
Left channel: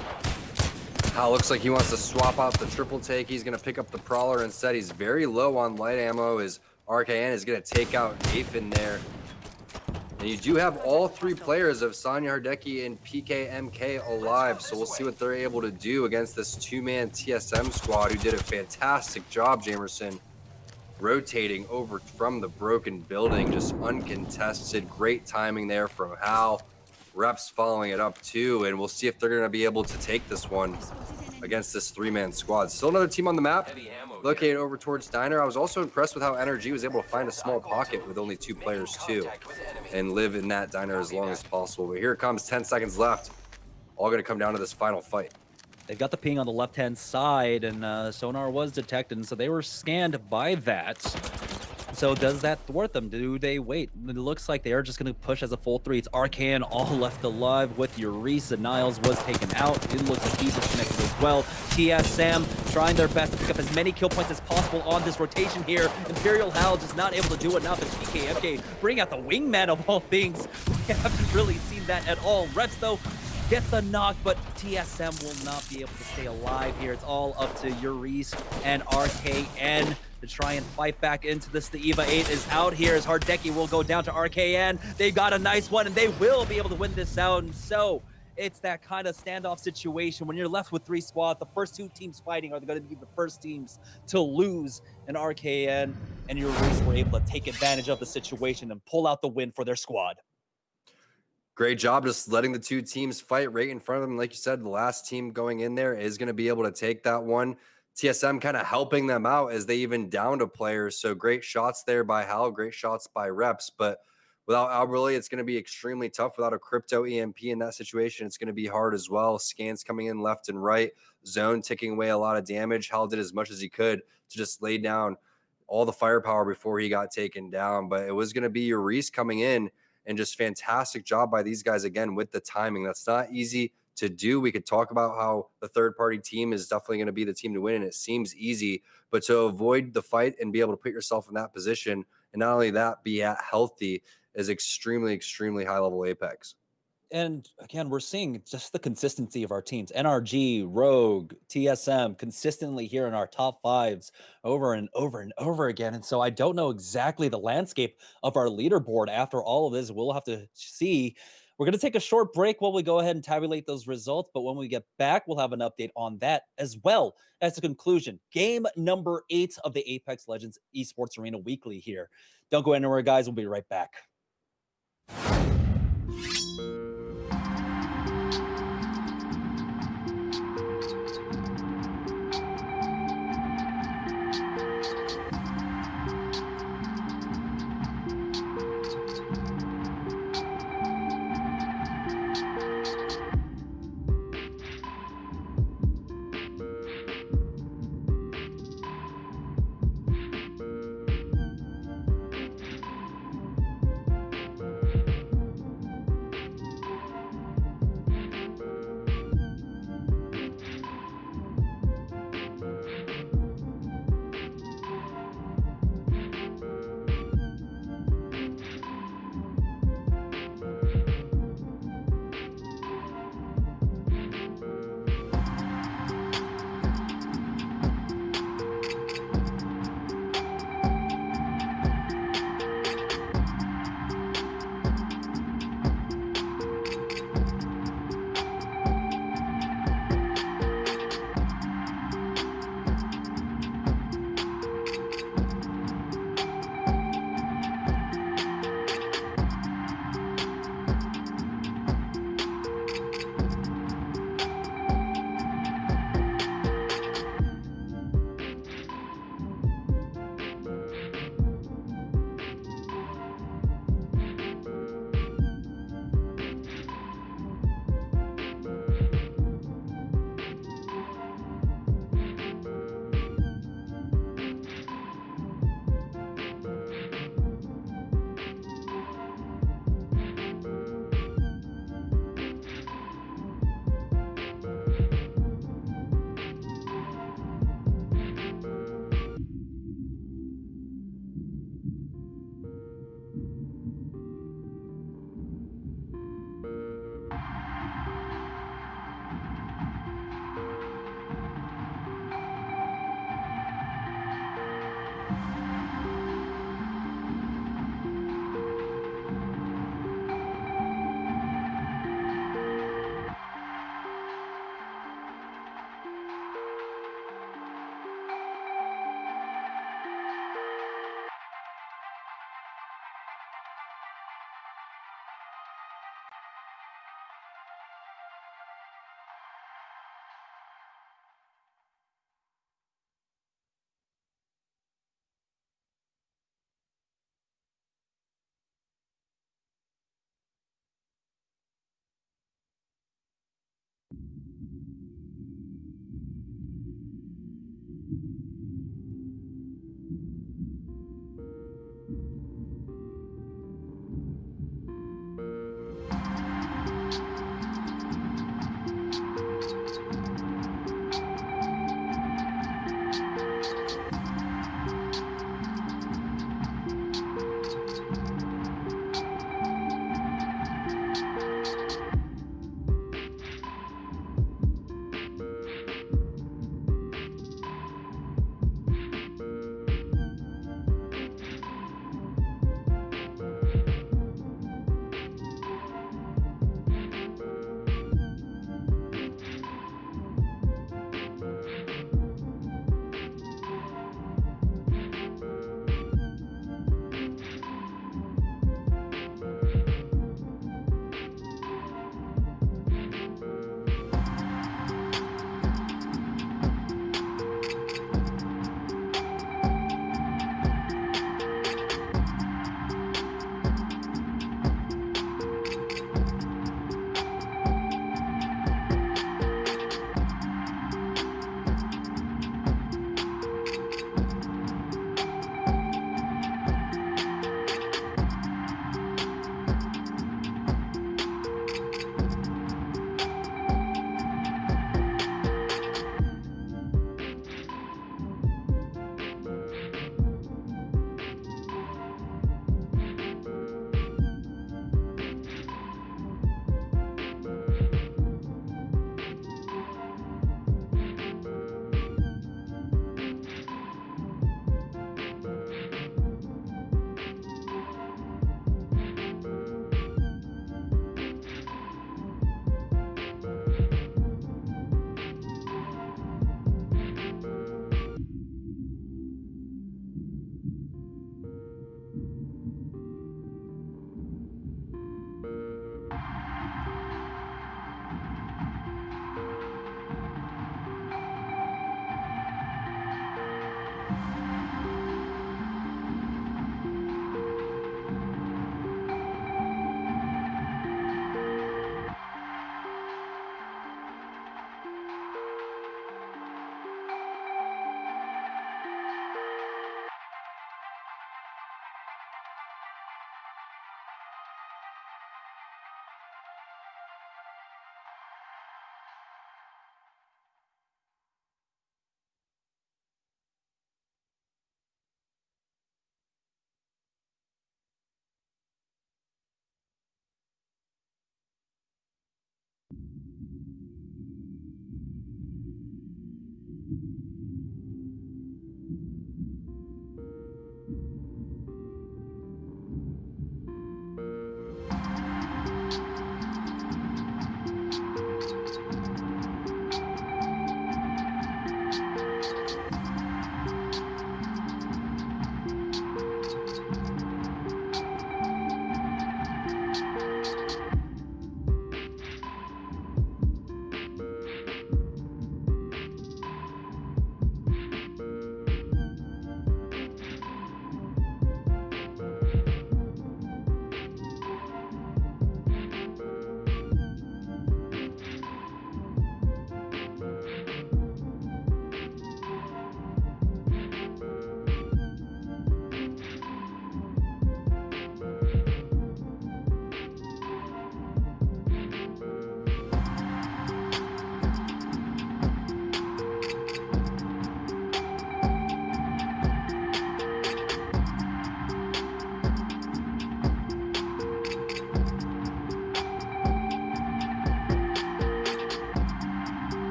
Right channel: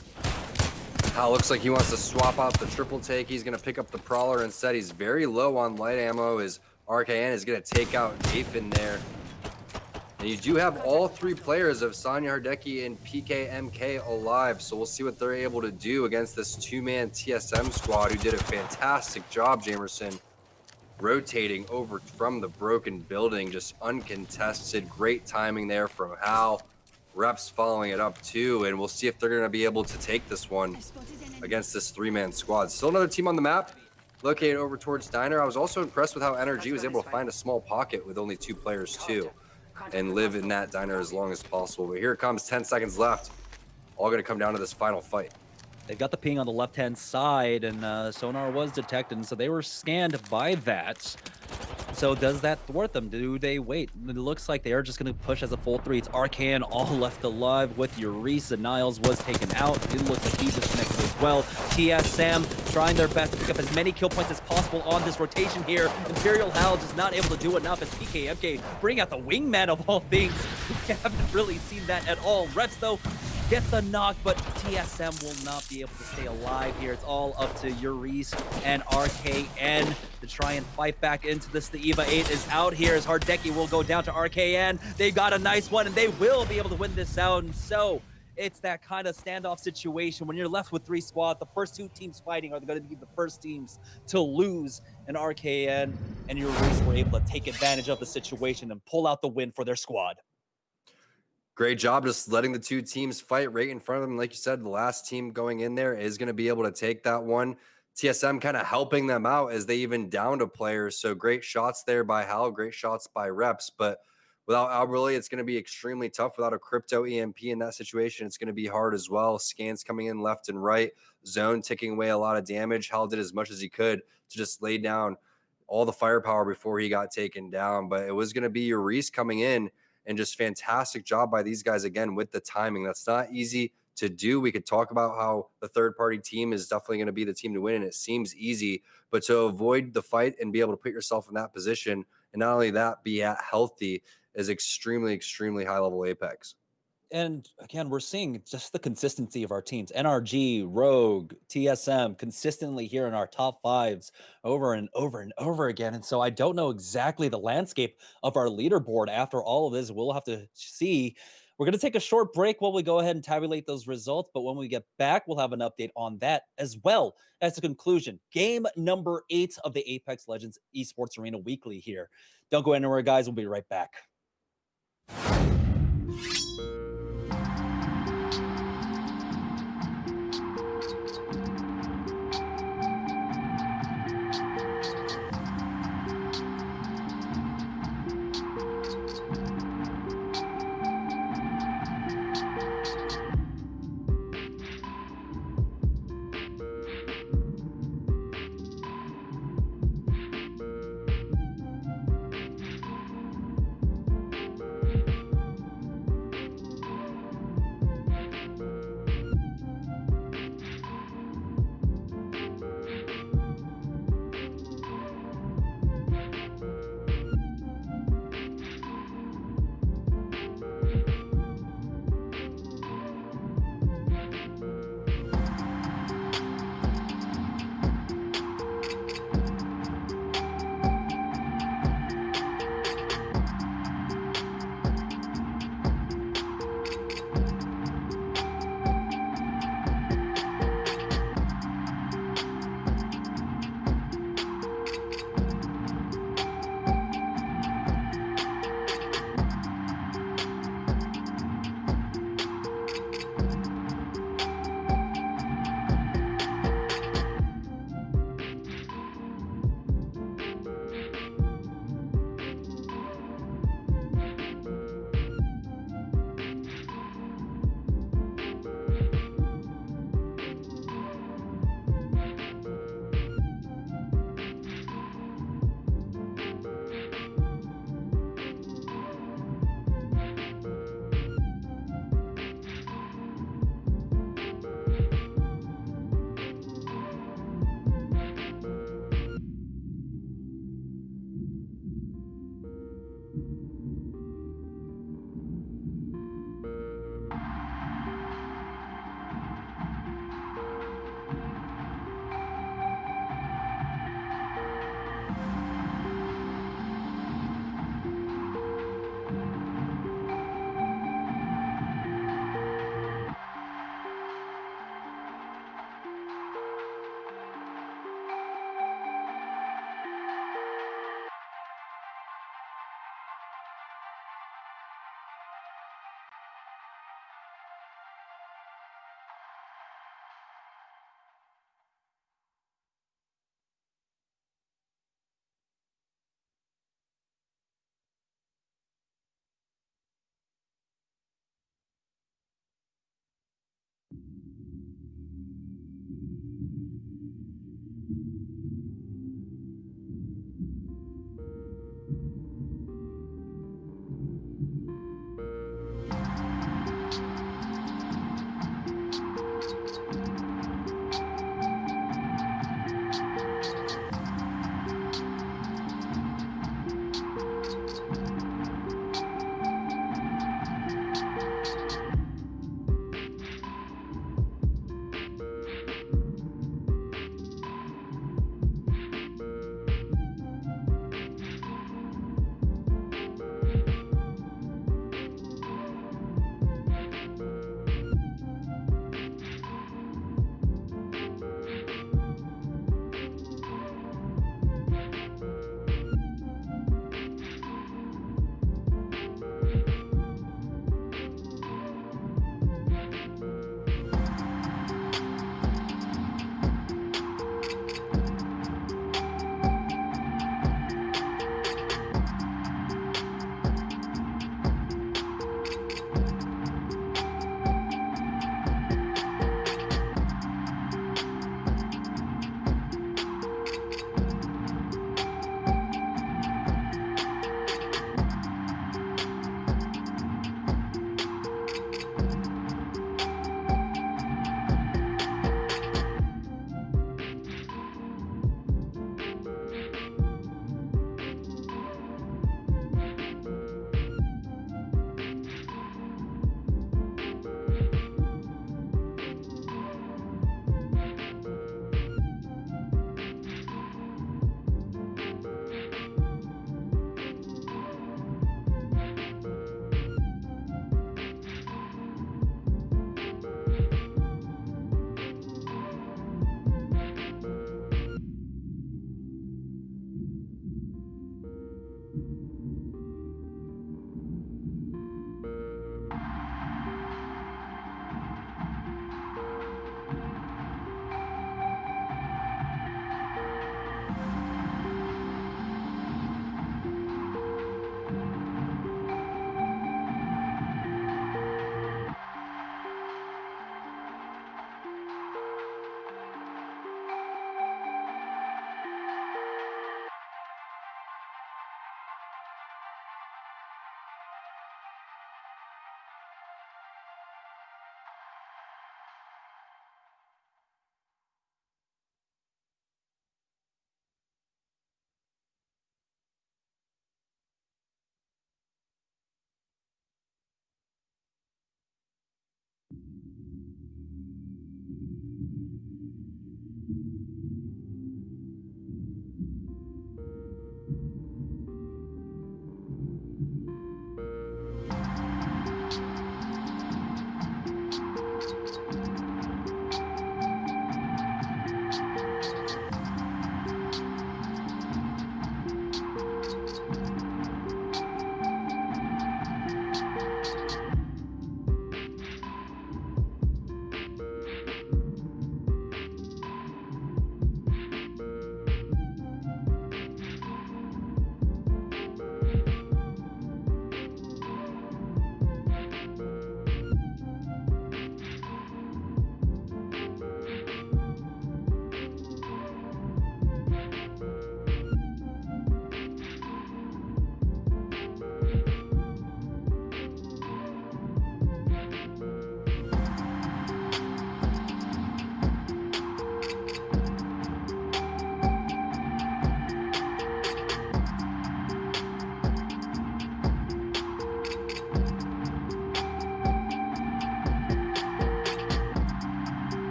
Hal looks like he wants to swap out the triple take. He's going to pick up the Prowler instead. He's very low on light ammo. His RKN is going to take out Nathan there. And you do have all 3 players of Sonya Hardecki and PKMK alive, so we'll see what they're able to do against this 2-man TSM squad who did a fantastic job, Jamerson, rotating over from the broken building, just uncontested. Great timing there from Hal. Reps following it up too, and we'll see if they're going to be able to take this one against this 3-man squad. Still another team on the map, located over towards Diner. I was also impressed with how NRG was able to find a small pocket with only 2 players too, and live in that Diner as long as possible. But here it comes, 10 seconds left. All going to come down to this final fight. They've got the ping on the left-hand side, and sonar was detected, and so they were scanned by that. So does that thwart them? Do they wait? It looks like they are just going to push as a full 3. It's Arcan all left alive with Urice, and Niles was taken out. It looks like he disconnected as well. TSM trying their best to pick up as many kill points as possible on this rotation here. Imperial Hal just not able to do enough as PKMK bring out the wingman of all things. We haven't really seen that at all. Reps, though, gets the knock, but TSM will not be able to stay alive here. It's all up to Urice and RKN to try and fight back into this. The EVA 8 is out here as Hardecki will go down to RKN. They've got a nice one, and they will be able to win this out. And so it's that kind of standoff situation. When you're left with 3 squads, the first 2 teams fighting are going to be the first teams to lose. And RKN and Urice were able to take advantage of the situation and pull out the win for their squad. Great job just letting the 2 teams fight right in front of them. Like you said, the last team going in there is going to be able to take that one. TSM kind of helping them out as they even downed a player. So great shots there by Hal, great shots by Reps. But without Alberly, it's going to be extremely tough. Without a crypto EMP in that situation, it's going to be hard as well. Scans coming in left and right. Zone ticking away a lot of damage. Hal did as much as he could to just lay down all the firepower before he got taken down. But it was going to be Urice coming in. And just fantastic job by these guys, again, with the timing. That's not easy to do. We could talk about how the third-party team is definitely going to be the team to win, and it seems easy. But to avoid the fight and be able to put yourself in that position, and not only that, be at healthy, is extremely, extremely high-level Apex. And again, we're seeing just the consistency of our teams. NRG, Rogue, TSM consistently here in our top fives over and over and over again. And so I don't know exactly the landscape of our leaderboard after all of this. We'll have to see. We're going to take a short break while we go ahead and tabulate those results. But when we get back, we'll have an update on that as well as the conclusion. Game number 8 of the Apex Legends Esports Arena Weekly here. Don't go anywhere, guys. We'll be right back.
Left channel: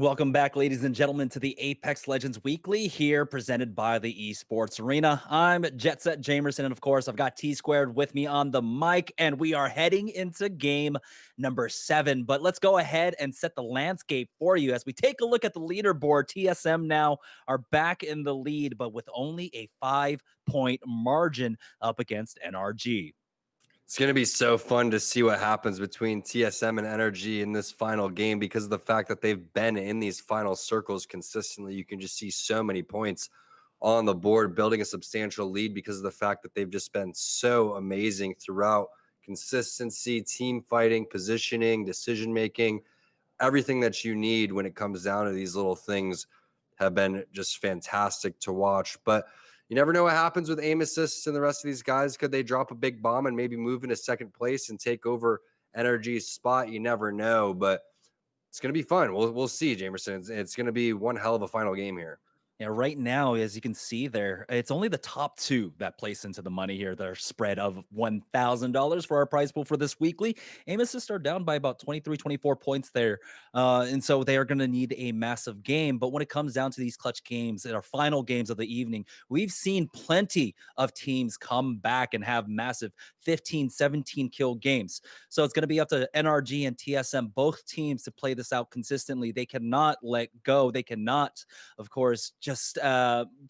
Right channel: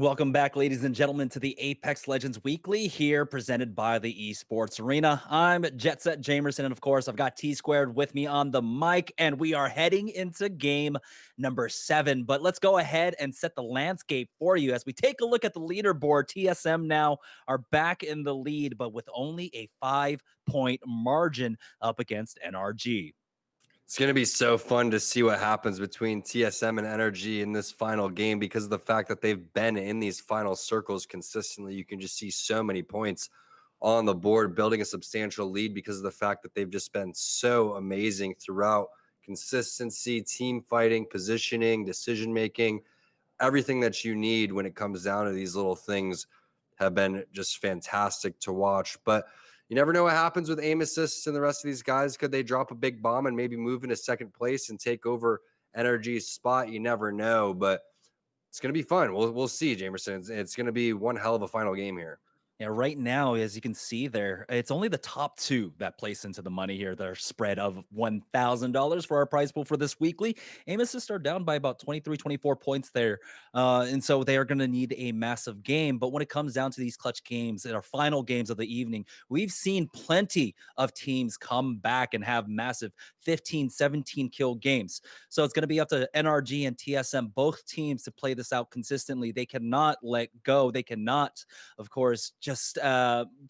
Welcome back, ladies and gentlemen, to the Apex Legends Weekly here, presented by the Esports Arena. I'm Jet Set Jamerson, and of course, I've got T Squared with me on the mic, and we are heading into game number 7. But let's go ahead and set the landscape for you as we take a look at the leaderboard. TSM now are back in the lead, but with only a 5-point margin up against NRG. It's going to be so fun to see what happens between TSM and NRG in this final game because of the fact that they've been in these final circles consistently. You can just see so many points on the board, building a substantial lead because of the fact that they've just been so amazing throughout. Consistency, team fighting, positioning, decision-making, everything that you need when it comes down to these little things have been just fantastic to watch. But you never know what happens with aim assists and the rest of these guys. Could they drop a big bomb and maybe move into second place and take over NRG's spot? You never know, but it's going to be fun. We'll see, Jamerson. It's going to be one hell of a final game here. Yeah, right now, as you can see there, it's only the top 2 that place into the money here. Their spread of $1,000 for our prize pool for this weekly. Aim assists are down by about 23, 24 points there. And so they are going to need a massive game. But when it comes down to these clutch games and our final games of the evening, we've seen plenty of teams come back and have massive 15, 17 kill games. So it's going to be up to NRG and TSM, both teams, to play this out consistently. They cannot let go. They cannot, of course, just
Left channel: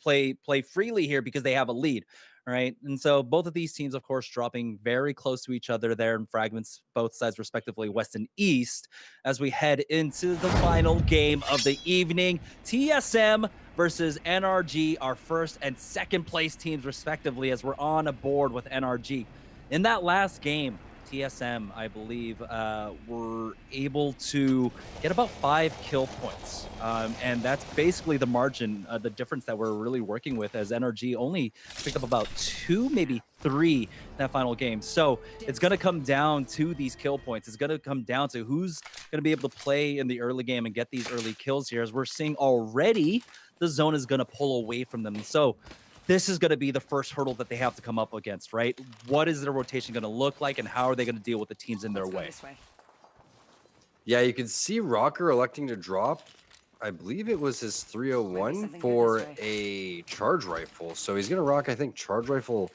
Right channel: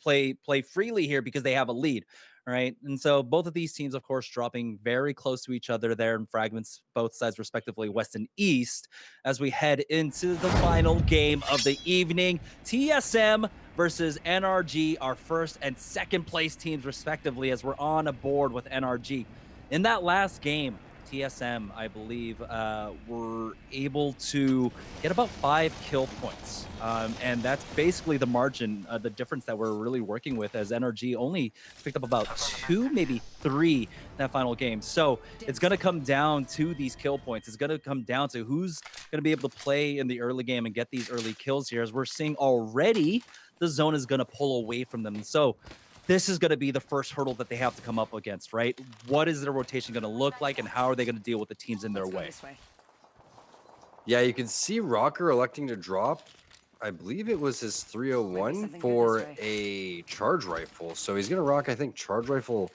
play freely here because they have a lead, right? And so both of these teams, of course, dropping very close to each other there in fragments, both sides respectively, west and east, as we head into the final game of the evening. TSM versus NRG, our first and second place teams respectively, as we're on a board with NRG. In that last game, TSM, I believe, were able to get about 5 kill points. And that's basically the margin, the difference that we're really working with, as NRG only picked up about 2, maybe 3 that final game. So it's going to come down to these kill points. It's going to come down to who's going to be able to play in the early game and get these early kills here, as we're seeing already the zone is going to pull away from them. So this is going to be the first hurdle that they have to come up against, right? What is their rotation going to look like, and how are they going to deal with the teams in their way? Yeah, you can see Rocker electing to drop, I believe it was his 301 for a charge rifle. So he's going to rock, I think, charge rifle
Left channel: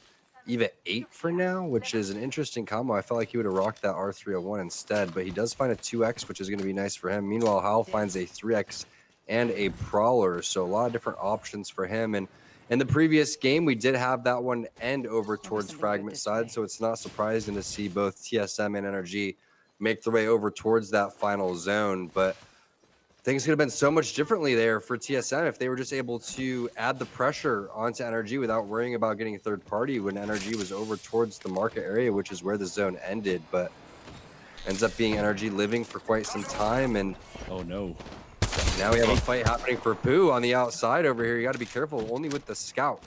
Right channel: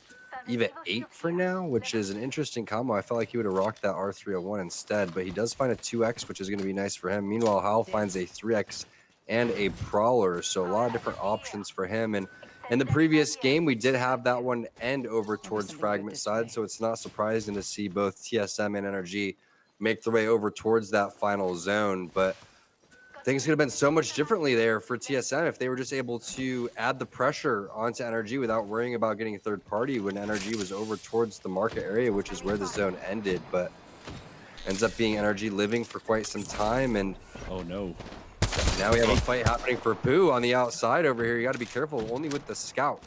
EVA 8 for now, which is an interesting combo. I felt like he would have rocked that R301 instead, but he does find a 2X, which is going to be nice for him. Meanwhile, Hal finds a 3X and a Prowler, so a lot of different options for him. And in the previous game, we did have that one end over towards Fragment side, so it's not surprising to see both TSM and NRG make their way over towards that final zone. But things could have been so much differently there for TSM if they were just able to add the pressure onto NRG without worrying about getting a third party when NRG was over towards the market area, which is where the zone ended. But ends up being NRG living for quite some time. And oh no. Now we have a fight happening for Pooh on the outside over here. You got to be careful, only with the scout.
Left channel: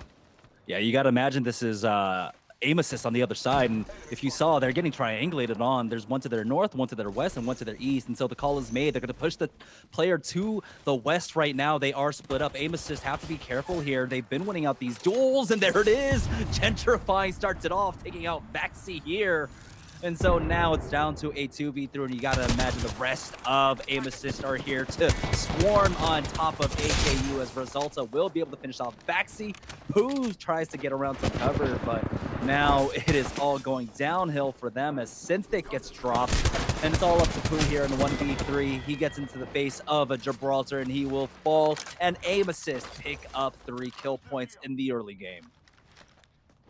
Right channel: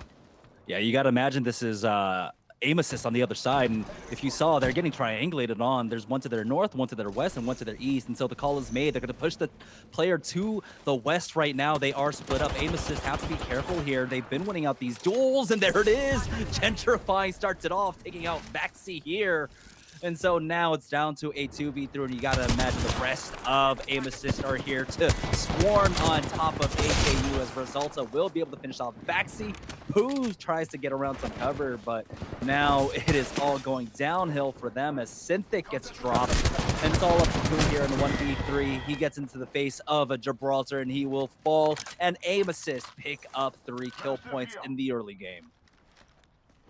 Yeah, you got to imagine this is aim assist on the other side. And if you saw, they're getting triangulated on. There's one to their north, one to their west, and one to their east. And so the call is made. They're going to push the player to the west right now. They are split up. Aim assist have to be careful here. They've been winning out these duels, and there it is. Gentrifying starts it off, taking out Baxi here. And so now it's down to a 2v3, and you got to imagine the rest of Aim Assist are here to swarm on top of AKU, as Resulta will be able to finish off Baxi. Pooh tries to get around some cover, but now it is all going downhill for them as Synthic gets dropped. And it's all up to Pooh here in 1v3. He gets into the face of a Gibraltar, and he will fall. And Aim Assist pick up 3 kill points in the early game.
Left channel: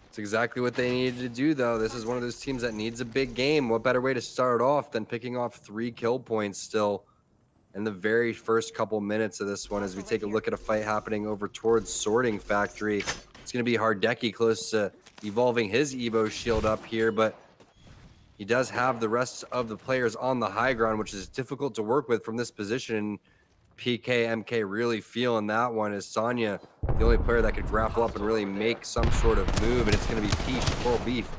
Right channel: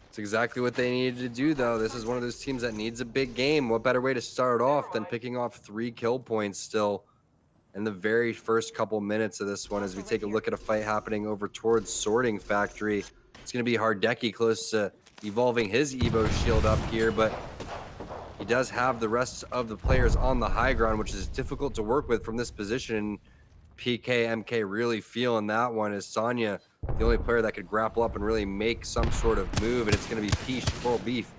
It's exactly what they needed to do, though. This is one of those teams that needs a big game. What better way to start off than picking off 3 kill points still in the very first couple minutes of this one, as we take a look at a fight happening over towards Sorting Factory. It's going to be Hardeki close to evolving his Evo shield up here, but he does have the rest of the players on the high ground, which is difficult to work with from this position. PK, MK really feeling that one, as Sonya, the only player that could grapple up and really make some sort of move. And it's going to be Peach, Coral Beef,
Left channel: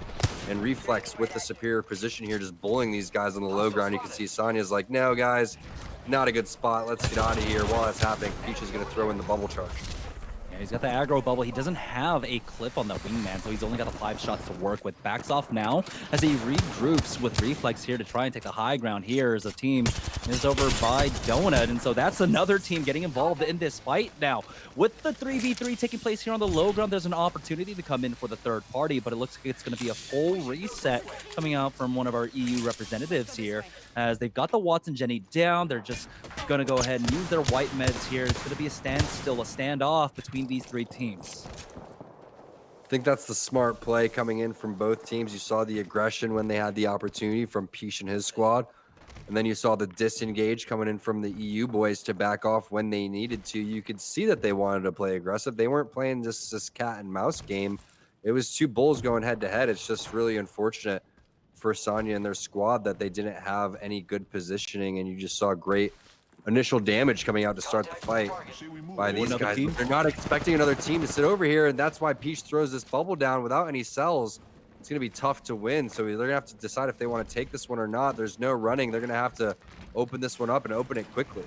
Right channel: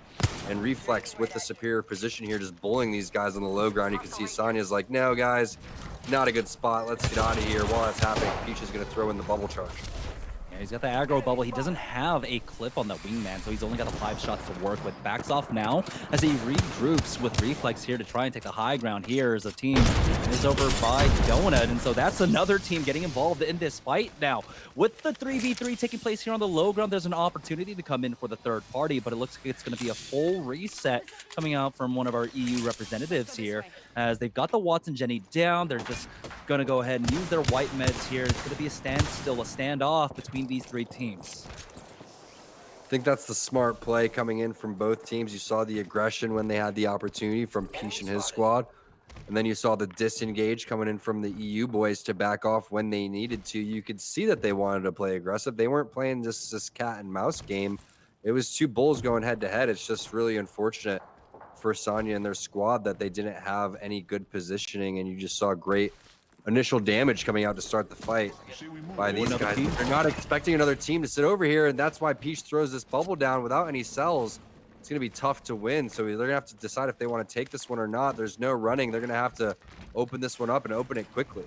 and Reflex with the superior position here, just bullying these guys on the low ground. You can see Sonya's like, no, guys, not a good spot. Let's get out of here. While that's happening, Peach is going to throw in the bubble charge. Yeah, he's got the aggro bubble. He doesn't have a clip on the wingman, so he's only got the 5 shots to work with. Backs off now as he regroups with Reflex here to try and take the high ground here as a team is over by Donut. And so that's another team getting involved in this fight now. With the 3v3 taking place here on the low ground, there's an opportunity to come in for the third party, but it looks like it's going to be a full reset coming out from one of our EU representatives here as they've got the Watson Jenny down. They're just going to go ahead and use their white meds here. It's going to be a standstill, a standoff between these 3 teams. I think that's the smart play coming in from both teams. You saw the aggression when they had the opportunity from Peach and his squad. And then you saw the disengage coming in from the EU boys to back off when they needed to. You could see that they wanted to play aggressive. They weren't playing just this cat and mouse game. It was 2 bulls going head to head. It's just really unfortunate for Sonya and their squad that they didn't have any good positioning. And you just saw great initial damage coming out to start the fight by these guys. But they're not expecting another team to sit over here, and that's why Peach throws this bubble down without any cells. It's going to be tough to win, so they're going to have to decide if they want to take this one or not. There's no running. They're going to have to open this one up and open it quickly.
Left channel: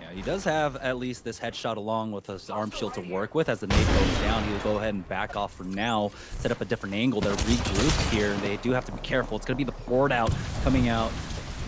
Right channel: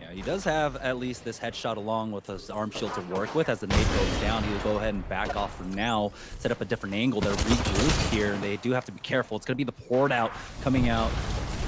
Yeah, he does have at least this headshot along with his arm shield to work with. As the nade goes down, he'll go ahead and back off for now, set up a different angle. They're regrouped here, and they do have to be careful. It's going to be the poured out coming out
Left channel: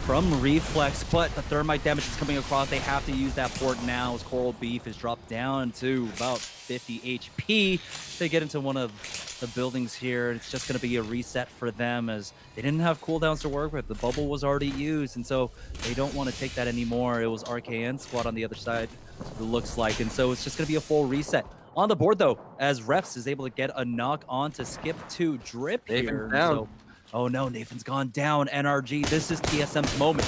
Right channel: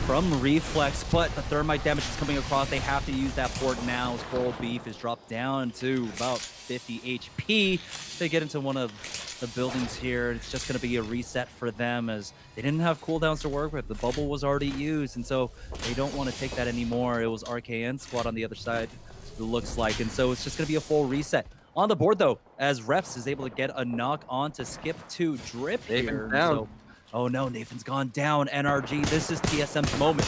from Reflex, but the thermite damage is coming across. They have to use that port now as Coral Beef is dropped down to about 50 HP. They get into one of the buildings here. It's just going to be a reset for them as they didn't have cooldowns to work with. The bubble was already used, and so they don't want to take that anymore. It was RKN squad on the other side, it looks like, and so it's just going to be a full reset. On the board, though, as Reps is able to get a knock on to skip to Drip here. So, oh no, Nathan's gone down. NRG, this is TSM's moment.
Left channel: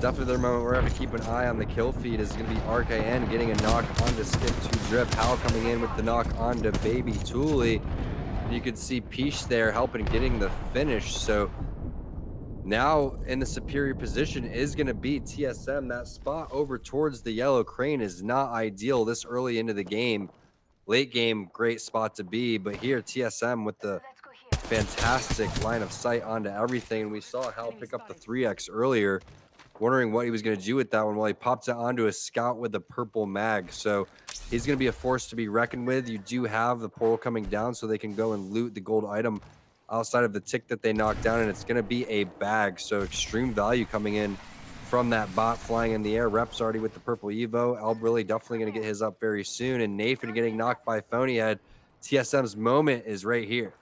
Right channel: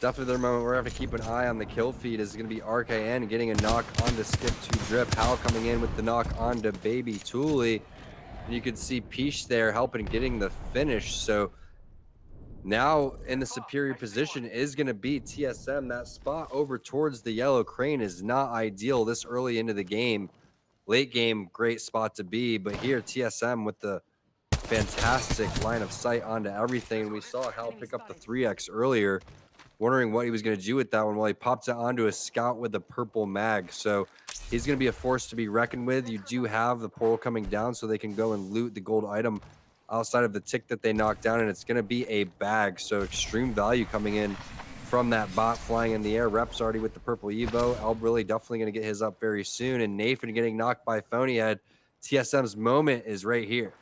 Definitely their moment. We're going to have to keep an eye on the kill feed. Is going to be RKN getting a knock onto Skip to Drip. Hal coming in with the knock onto Baby Thule. You could see Peach there helping getting the finish. So now in the superior position is going to be TSM. That spot over towards the Yellow Crane is not ideal this early into the game. Late game, great spot to be. But here, TSM with the fantastic line of sight onto everything. We saw Hal pick up the 3x earlier, wondering what he was going to do with that one. Well, he popped it onto a scout with a purple mag. So he's going to be a force to be reckoned with. You do have the portal coming down so they can go and loot the gold item outside of the tick that they knocked down, and it's going to be a bag. So extreme value coming in from that bot flying in the air. Rep's already with the purple Evo. Elb really definitely going to get his up very soon. And Nathan getting knocked by Phonyhead. TSM's moment is right here.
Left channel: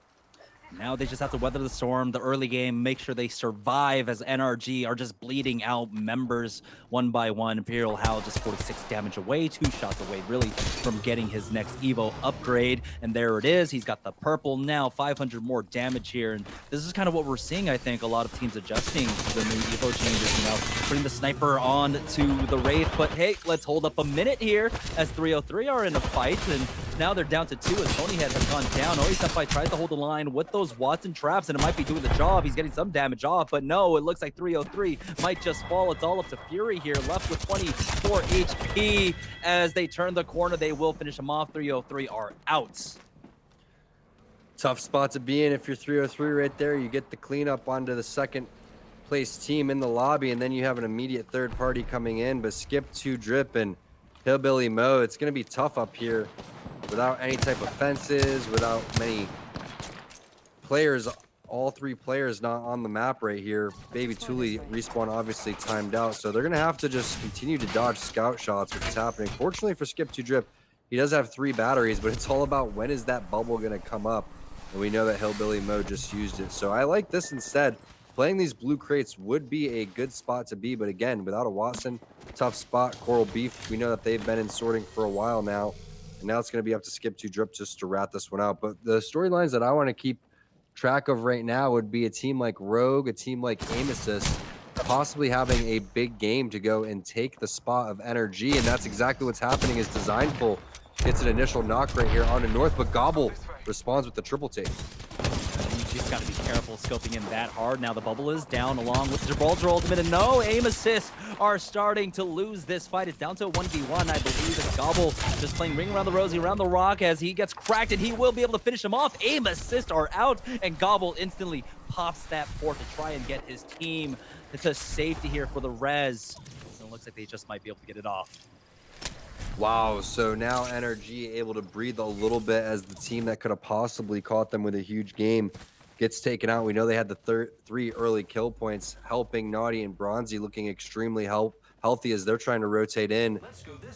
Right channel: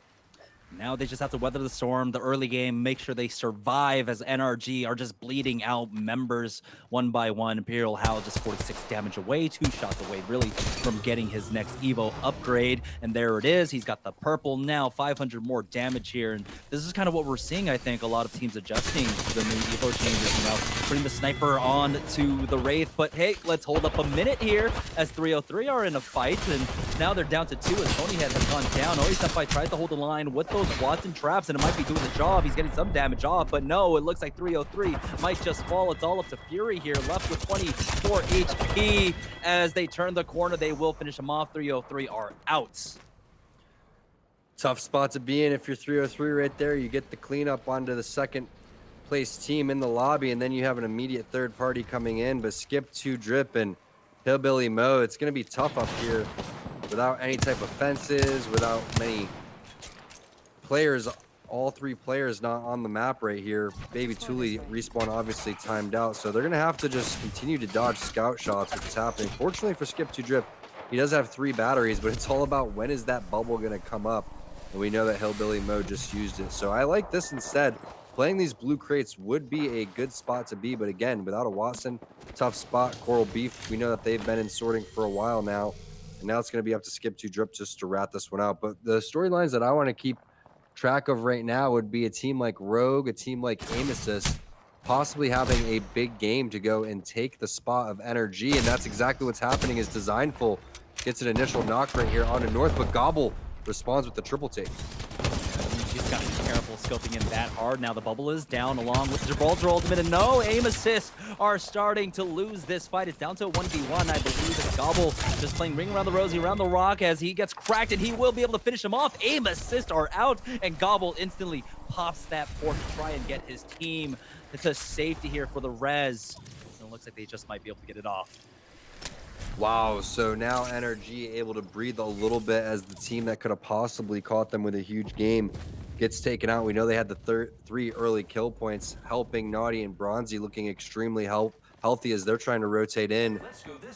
Now they just have to weather the storm, the early game, make sure they survive as NRG are just bleeding out members one by one. Imperial Hal just 46 damage away, 2 shots away really from getting his next Evo upgrade. And there it is. He's got the purple now, 500 more damage here. And this is kind of what we're seeing, I think, a lot of teams adjusting to the new Evo changes, you know, putting the sniper on to the Wraith. But hey, let's hold up a minute here as 303 are in a fight. And now they're down to 2 as Phonyhead has gone down. Always Senpai tries to hold the line with those Watson traps, and it might be doing the job. He's getting some damage off, but no, it looks like 303 might just fall. It's all up to Fury here, left with 24 HP. As they turn the corner, they will finish him off. 303 are out. Tough spot to be in if you're 303 right there. You get the cleanup onto the second place team in the lobby, and then you have an immediate third party coming in. But Skip to Drip and Hillbilly Mo, it's going to be tough up here without any type of fences, without many players, all 3 players not on the map right here. Baby Thule respawn obviously timed out, so they're gonna have to just continue to dodge scout shots, which is happening. Fortunately for Skip to Drip, he does have 3 batteries, but it's all about when is that bubble gonna come up, and we know that Hillbilly Mo just used it. So I like this instead. Playing these blue crates would be a good spot to be, but again, without a Watson, tough spot. Coral Beef, we know that they've been in sorting for a while now, and now it's gonna be up to Skip to Drip just to rat this one out. But the storylines that I want to keep track of right now would be a team like Rogue, a team like Aim Assist, possibly having a big game to go and take the spot of NRG, and that's exactly what's happening. Is Designful gets an initial knock right here onto North, but Gobble responds with the triple take. You just got to be careful scoping in that hard. Now the bubble is down along with Gibraltar Ultimate, and no, Aim Assist are starting to lose this fight. It's down to a 1v1, I believe. It's Gobble just playing Ring Around the Rosie, around the rock as he gets cracked, and he will be able to finish him off. Aim Assist are out, and Gobble instantly pops that fort to try and get his team to safety here for the res. So it looks like they just might be able to get it off. Wow, so now NRG able to breathe a little bit as the team that could have possibly caught them with a huge game gets taken out. We know they had the 3 early kill points, helping Naughty and Bronzy looking extremely healthy as they're trying to rotate in,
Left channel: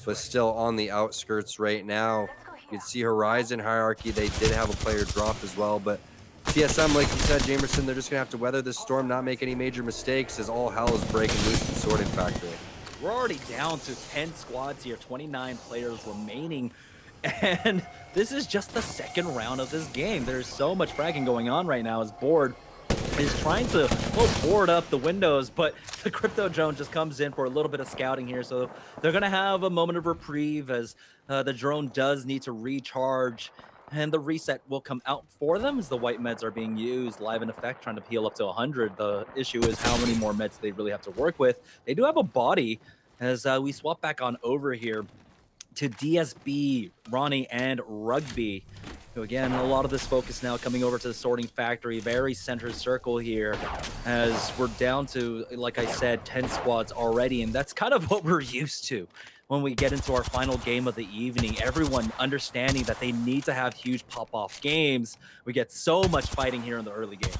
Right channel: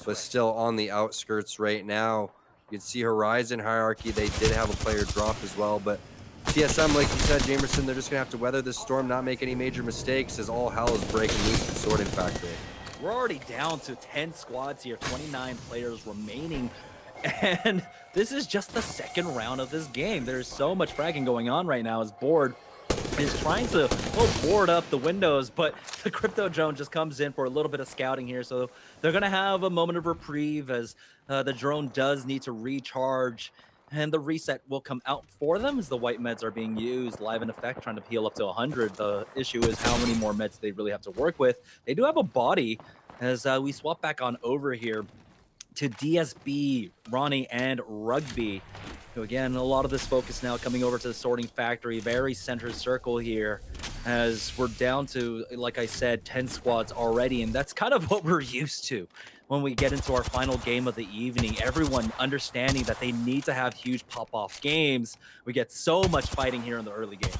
but still on the outskirts right now. You can see Horizon Hierarchy, they did have a player drop as well, but TSM, like you said, Jamerson, they're just gonna have to weather this storm, not make any major mistakes as all hell is breaking loose in Sorting Factory. We're already down to 10 squads here, 29 players remaining, and this is just the second round of this game. There's so much fragging going on right now as Board is trying to, well, board up the windows, but the Crypto Drone just comes in for a little bit of scouting here, so they're going to have a moment of reprieve as the drone does need to recharge, and the reset will come out for them as the white meds are being used live in effect, trying to heal up to 100. The issue is how many more meds they really have to work with. They do have a body as we swap back on over here to DSB, Ronnie, and Rugby. So again, a lot of this focus now coming over to the Sorting Factory, very center circle here, as we're down to, like I said, 10 squads already, and that's kind of what we're used to when we get into our final game of the evening. Everyone understanding that they need to have huge pop-off games. We get so much fighting here in the early game.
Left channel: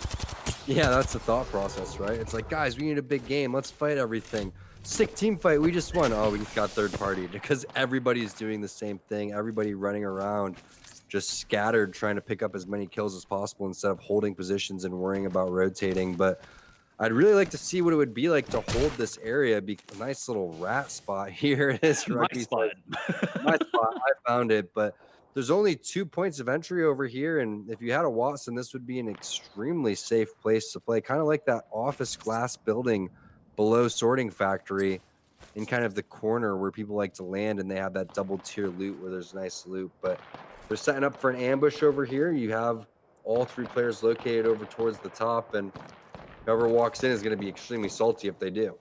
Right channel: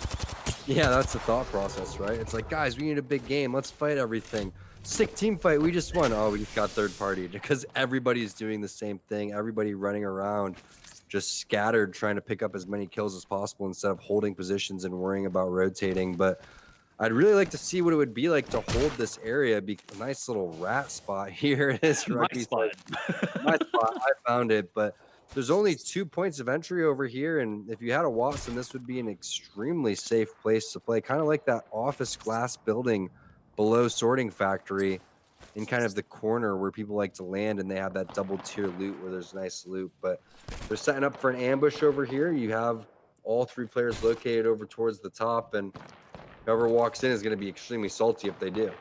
Yeah, that's the thought process, right? It's like, guys, we need a big game. Let's fight everything. Sick team fight. We just won. Oh, we just got third party because everybody's doing the same thing. Everybody running around, just scattered, trying to pick up as many kills as possible instead of holding positions and worrying about rotating. But I'd really like to see what it would be like to hold this area. Be a nice little rat spot here. It is My spot. My spot. I found it, but there's only 2 points of entry over here, and if you had a Watson, this would be an extremely safe place to play, kind of like that office glass building below Sorting Factory in kind of the corner where people like to land, and they have that double tier loot where there's nice loot. But they're setting up for an ambush over here. You have all 3 players located over towards the top, and whoever walks in is going to be extremely salty if they do.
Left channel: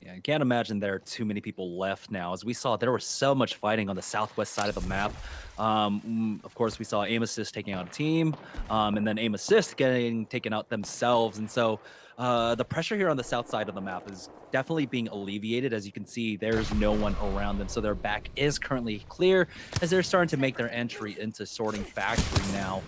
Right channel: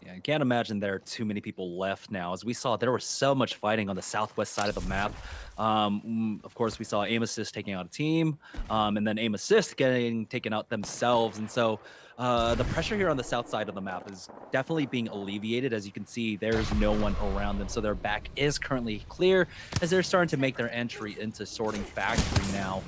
Yeah, I can't imagine there are too many people left now. As we saw, there was so much fighting on the southwest side of the map. Of course, we saw Aim Assist taking out a team, and then Aim Assist getting taken out themselves. And so the pressure here on the south side of the map is definitely being alleviated. As you can see, there's no one around them. So their back is currently clear as they're starting to make their entry into Sorting Factory now.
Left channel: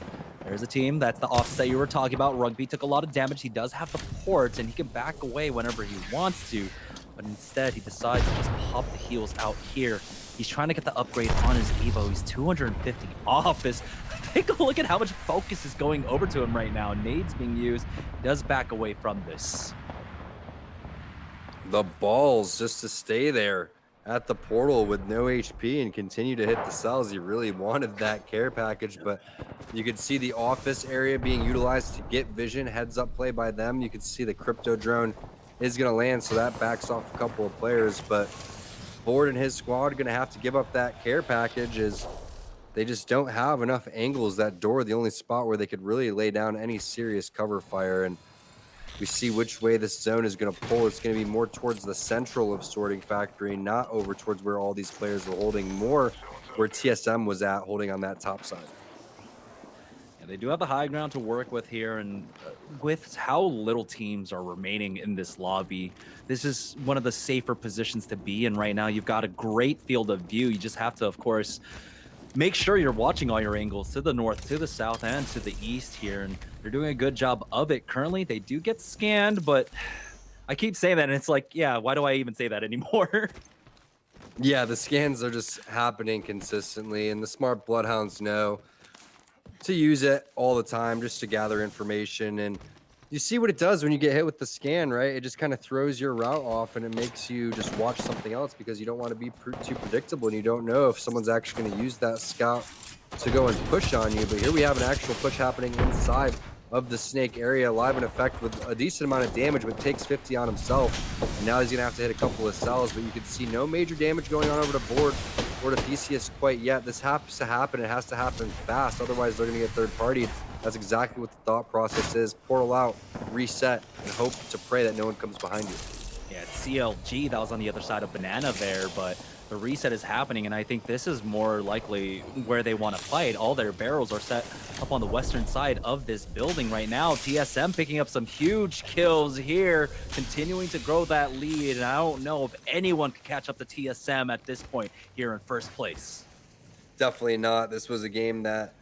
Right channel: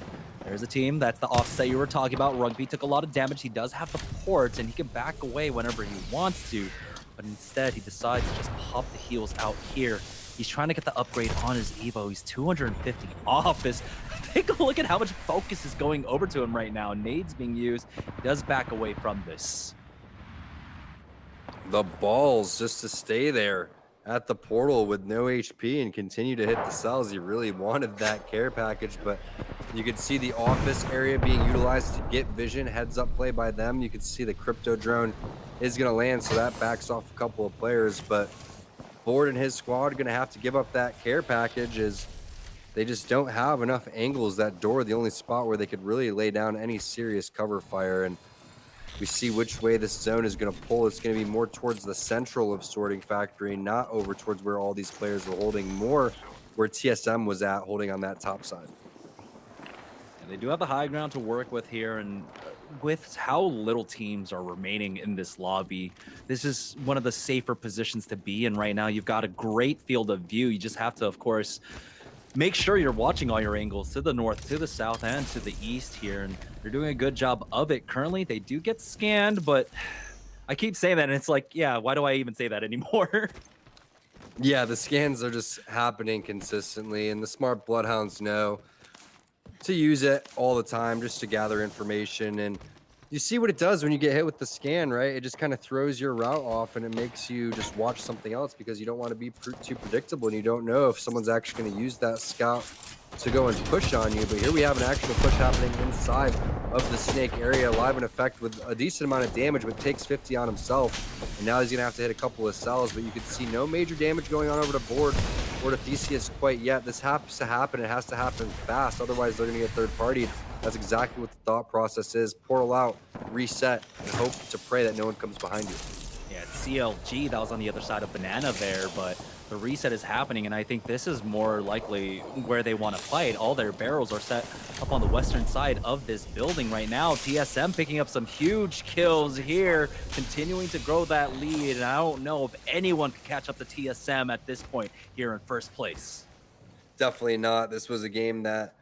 There's a team. That's the offset you were talking about. Rugby took a lot of damage. He does have the ports, and he can back away whenever he wants to. But instead, he decides to just pop the heals out here. He's trying to get the upgrade on his Evo. He's 250 off. Take a look at how much focus is going over to him right now. Nades being used. He does back away from this. The balls just to stay there at the portal with no HP and continue to hit the cells. He really wanted that care package, but you could see the office area being utilized to get vision. Heads up play by them. You could see the Crypto Drone is going to land, so that backs off a couple of players, but Board and his squad are going to have to give up that care package as they just don't have enough angles. That door, the only spot where they could really lay down any serious cover fire, and we see which way this zone is going to pull. It's going to be more towards the central of Sorting Factory, not over towards where all these players were holding, more where TSM was at, holding on that top side. They do have the high ground to work with here, and with how little teams are remaining in this lobby, this is one of the safer positions to be in right now. You've got a great field of view. You just have to, of course, make sure you're watching all your angles to the north, to the south, and to the east here, and they're doing a good job of it. Currently, they do get scanned, but I keep saying that, and it's like, yeah, why do I even say that anymore? Yeah, the scans are just happening consistently, and the smart Bloodhounds know to use it all the time just to gather information. And you see what it does when you get hit with the scan, right? It just kind of throws your route off, and it makes you just watch something else because you don't want to be too predictable, and you don't know if someone's actually going to use that scout to go and push on you. But here we have an actual push happening inside of the snake area, live in effect with a decent amount of damage, but takes 50 on himself. And now he's going to have to hit a couple of cells, but you can see no major damage going on over to Board or to Theseus quite yet. This has to happen. It has to happen fast. Otherwise, they're going to get third partied. That's exactly what the thought process is. Portal out, reset, and hope to pray that no one comes behind you. Yeah, it's CLG that was on the other side of Banana there, but the reset is happening, and I think this is more likely where they want to fight. All their barrels are set up on the western side of this building right now. TSM picking up some huge kills here, continuing to grow that lead, and I don't know if anyone can catch up to TSM at this point here in first place. Definitely not. This was a game that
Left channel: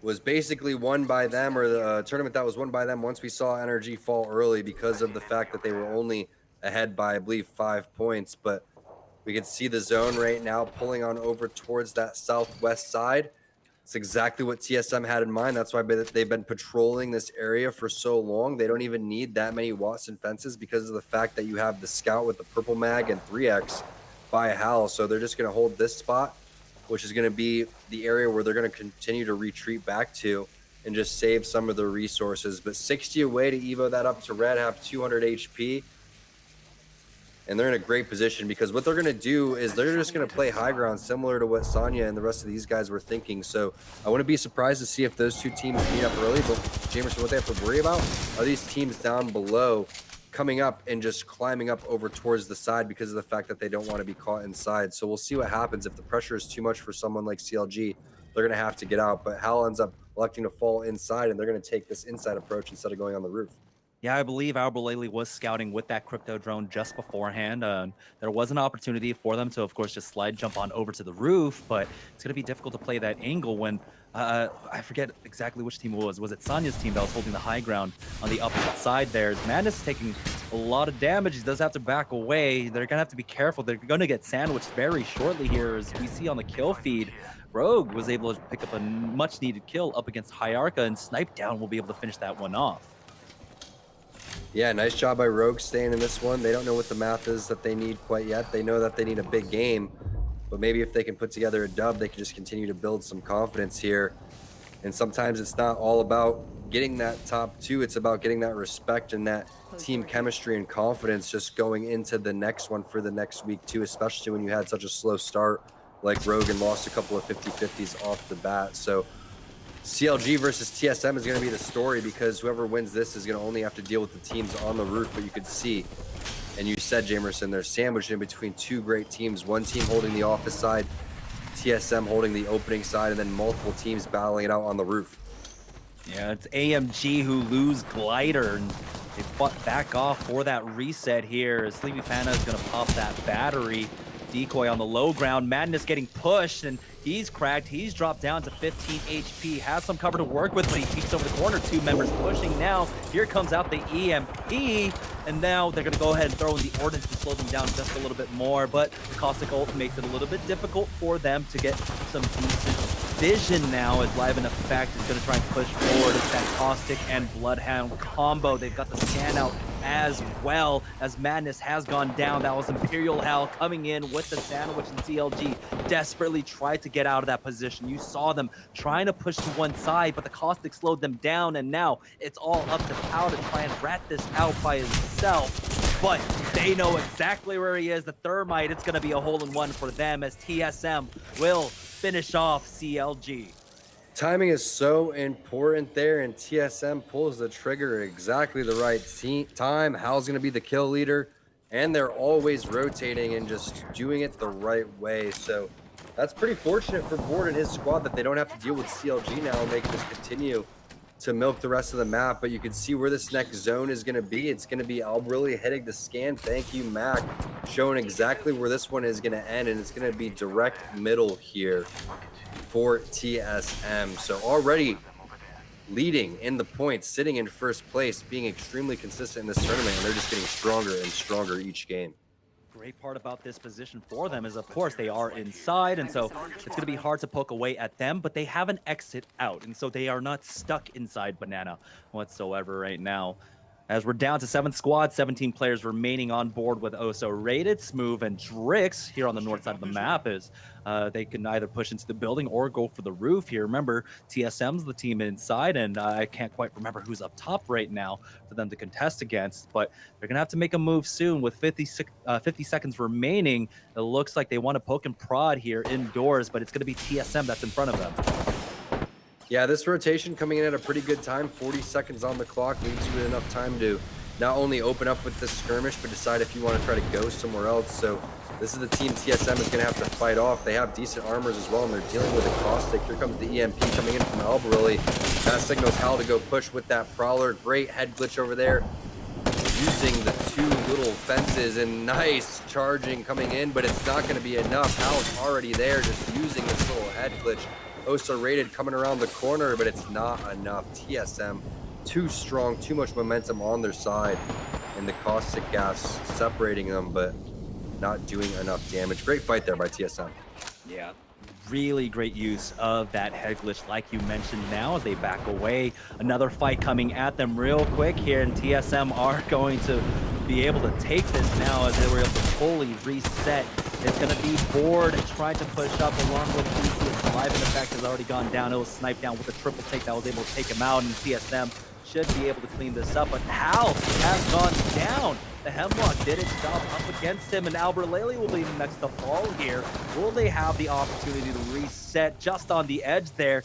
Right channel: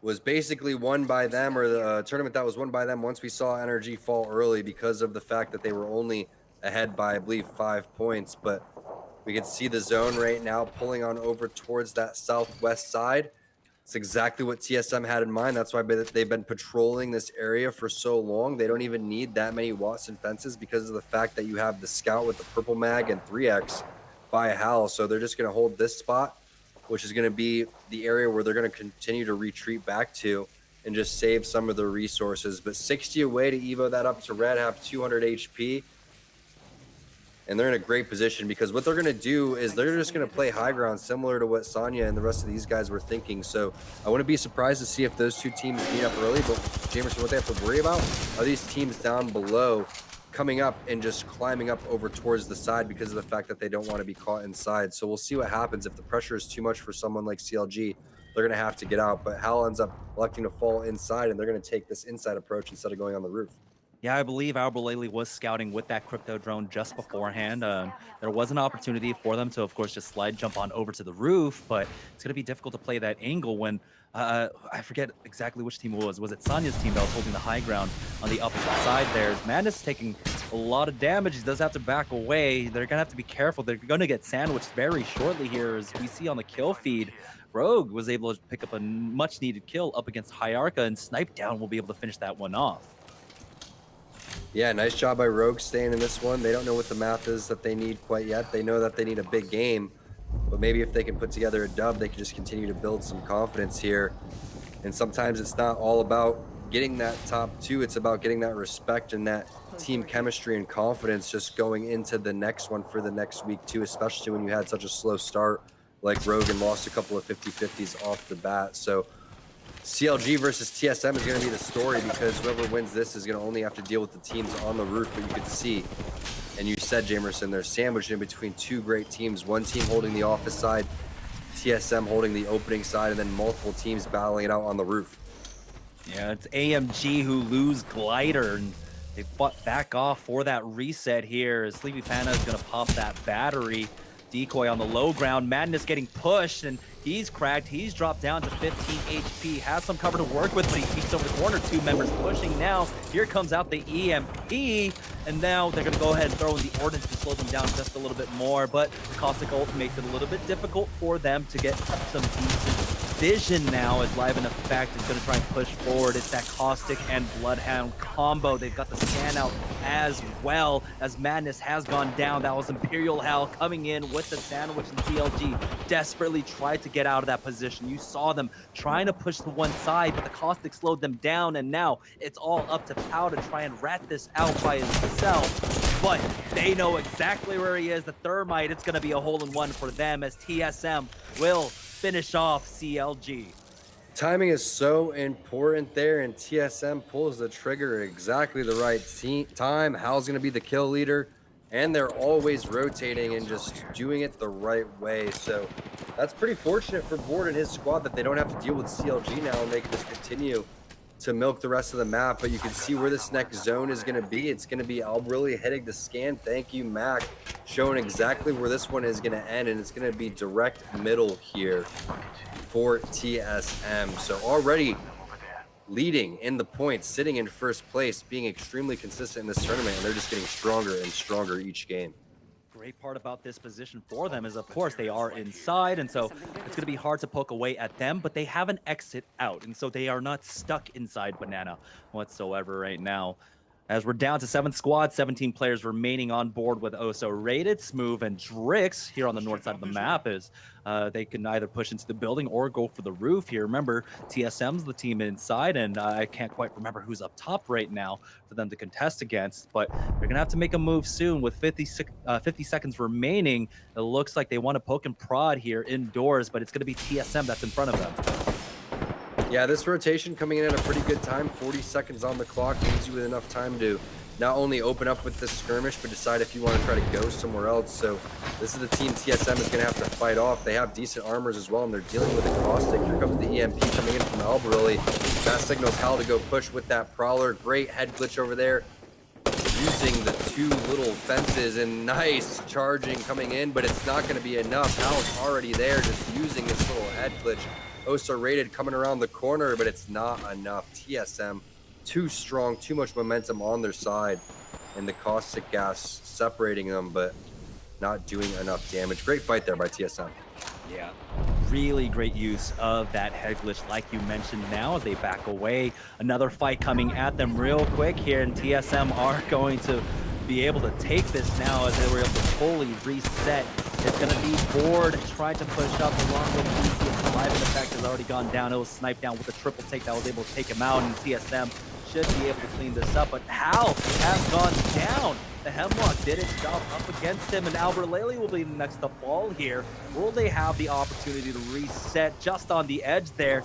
was basically won by them, or the tournament that was won by them once we saw NRG fall early because of the fact that they were only ahead by, I believe, 5 points. But we can see the zone right now pulling on over towards that southwest side. It's exactly what TSM had in mind. That's why they've been patrolling this area for so long. They don't even need that many Watson fences because of the fact that you have the scout with the purple mag and 3x by Hal. So they're just going to hold this spot, which is going to be the area where they're going to continue to retreat back to and just save some of the resources. But 60 away to Evo that up to Red, have 200 HP. And they're in a great position because what they're going to do is they're just going to play high ground, similar to what Sonya and the rest of these guys were thinking. So I wouldn't be surprised to see if those two teams meet up early. But Jamerson, what they have to worry about are these teams down below coming up and just climbing up over towards the side because of the fact that they don't want to be caught inside. So we'll see what happens. If the pressure is too much for someone like CLG, they're going to have to get out. But Hal ends up electing to fall inside, and they're going to take this inside approach instead of going on the roof. Yeah, I believe Albolele was scouting with that crypto drone just beforehand. There was an opportunity for them to, of course, just slide jump on over to the roof, but it's going to be difficult to play that angle when I forget exactly which team it was. Was it Sonya's team that was holding the high ground on the opposite side there? Madness taking a lot of damage. He does have to back away. They're going to have to be careful. They're going to get sandwiched very shortly here, as we see on the kill feed. Rogue was able to pick up a much-needed kill up against Hyarka, and Snipe Down will be able to finish that one off. Yeah, nice job by Rogue staying in this one. They don't know what the math is that they need quite yet. They know that they need a big game, but maybe if they can put together a dub, they can just continue to build some confidence here. And sometimes it's not all about getting that top two. It's about getting that respect and that team chemistry and confidence just going into the next one for the next week too, especially when you had such a slow start like Rogue and lost a couple of 50-50s off the bat. So CLG versus TSM is going to be the story, because whoever wins this is going to only have to deal with the teams on the roof. But you could see, and you said, Jamerson, they're sandwiched in between two great teams. One team holding the office side, TSM holding the opening side, and then multiple teams battling it out on the roof. Yeah, it's AMG who lose Glider, and they fought back off for that reset here. Sleepy Panda is going to pop that battery. Decoy on the low ground. Madness getting pushed, and he's cracked. He's dropped down to 15 HP. Has some cover to work with, but he peeks over the corner. Two members pushing now. Here comes out the EMP, and now they're going to go ahead and throw in the ordnance to slow them down just a little bit more, but the Caustic ult makes it a little bit difficult for them to get some decent vision now, as Live in Effect is going to try and push forward. It's that Caustic and Bloodhound combo. They've got the scan out as well, as Madness has gone down. That was Imperial Hell coming in with the sandwich, and CLG desperately tried to get out of that position. You saw them trying to push to one side, but the Caustic slowed them down, and now it's all up to Pau to try and rat this out by himself. But they know exactly where he is. The Thermite, it's going to be a hole-in-one for them, as TSM will finish off CLG. Timing is so important there, and TSM pulls the trigger at exactly the right time. Hal's going to be the kill leader, and they're always rotating and just doing it the right way. So that's pretty fortunate for Board and his squad that they don't have to deal with CLG now, and they can just continue to milk the rest of the map. But you can see where this next zone is going to be. It's going to be Albrili hitting the scan. Thank you, Mac, showing exactly where this one is going to end, and it's going to be direct middle here for TSM. So already leading in the points, sitting in first place, being extremely consistent in this tournament, and they're just getting stronger and stronger each game. Great part about this position for them is, of course, they are inside, and so it's going to be hard to poke away at them, but they have an exit out, and so they are not stuck inside Banana whatsoever right now. As we're down to 7 squads, 17 players remaining on board with Oso Rated, Smooth, and Drix here on the north side of the map, as they can either push into the building or go for the roof here. Remember, TSM's the team inside, and I can't quite remember who's up top right now for them to contest against, but they're going to have to make a move soon with 50 seconds remaining. It looks like they want to poke and prod here indoors, but it's going to be TSM that's in front of them. Yeah, this rotation coming in at a pretty good time. 40 seconds on the clock leaves you with enough time to not only open up with this skirmish, but decide if you want to try to go somewhere else. So this is the team TSM is going to have to fight off. They have decent armors as well, and they're dealing with a caustic. Here comes the EMP coming in from Albarelli. That signals Hal to go push with that Prowler. Great head glitch over there, using the two little fences, and nice charging coming in, but it's not going to be enough. Hal's already there, just using this little head glitch. Osa rated coming around the corner, but it's not enough. TSM too strong, too much momentum on their side, and the caustic gas separating them, but not doing enough damage. Great fight there by TSM. Yeah, really great use of that head glitch, like you mentioned. Now as they back away, another fight coming at them real quick here, and TSM are going to be able to take this now as they were able to fully reset. It's going to be Board trying to push up along with Theseus. Alive in effect has already gone down. It was sniped down with a triple take that was able to take him out, and TSM should be able to clean this up, but Hal has gone down. The Hemlock did its job up against him, and Albarelli will be the next to fall here. Will they have the opportunity to reset just on the edge there?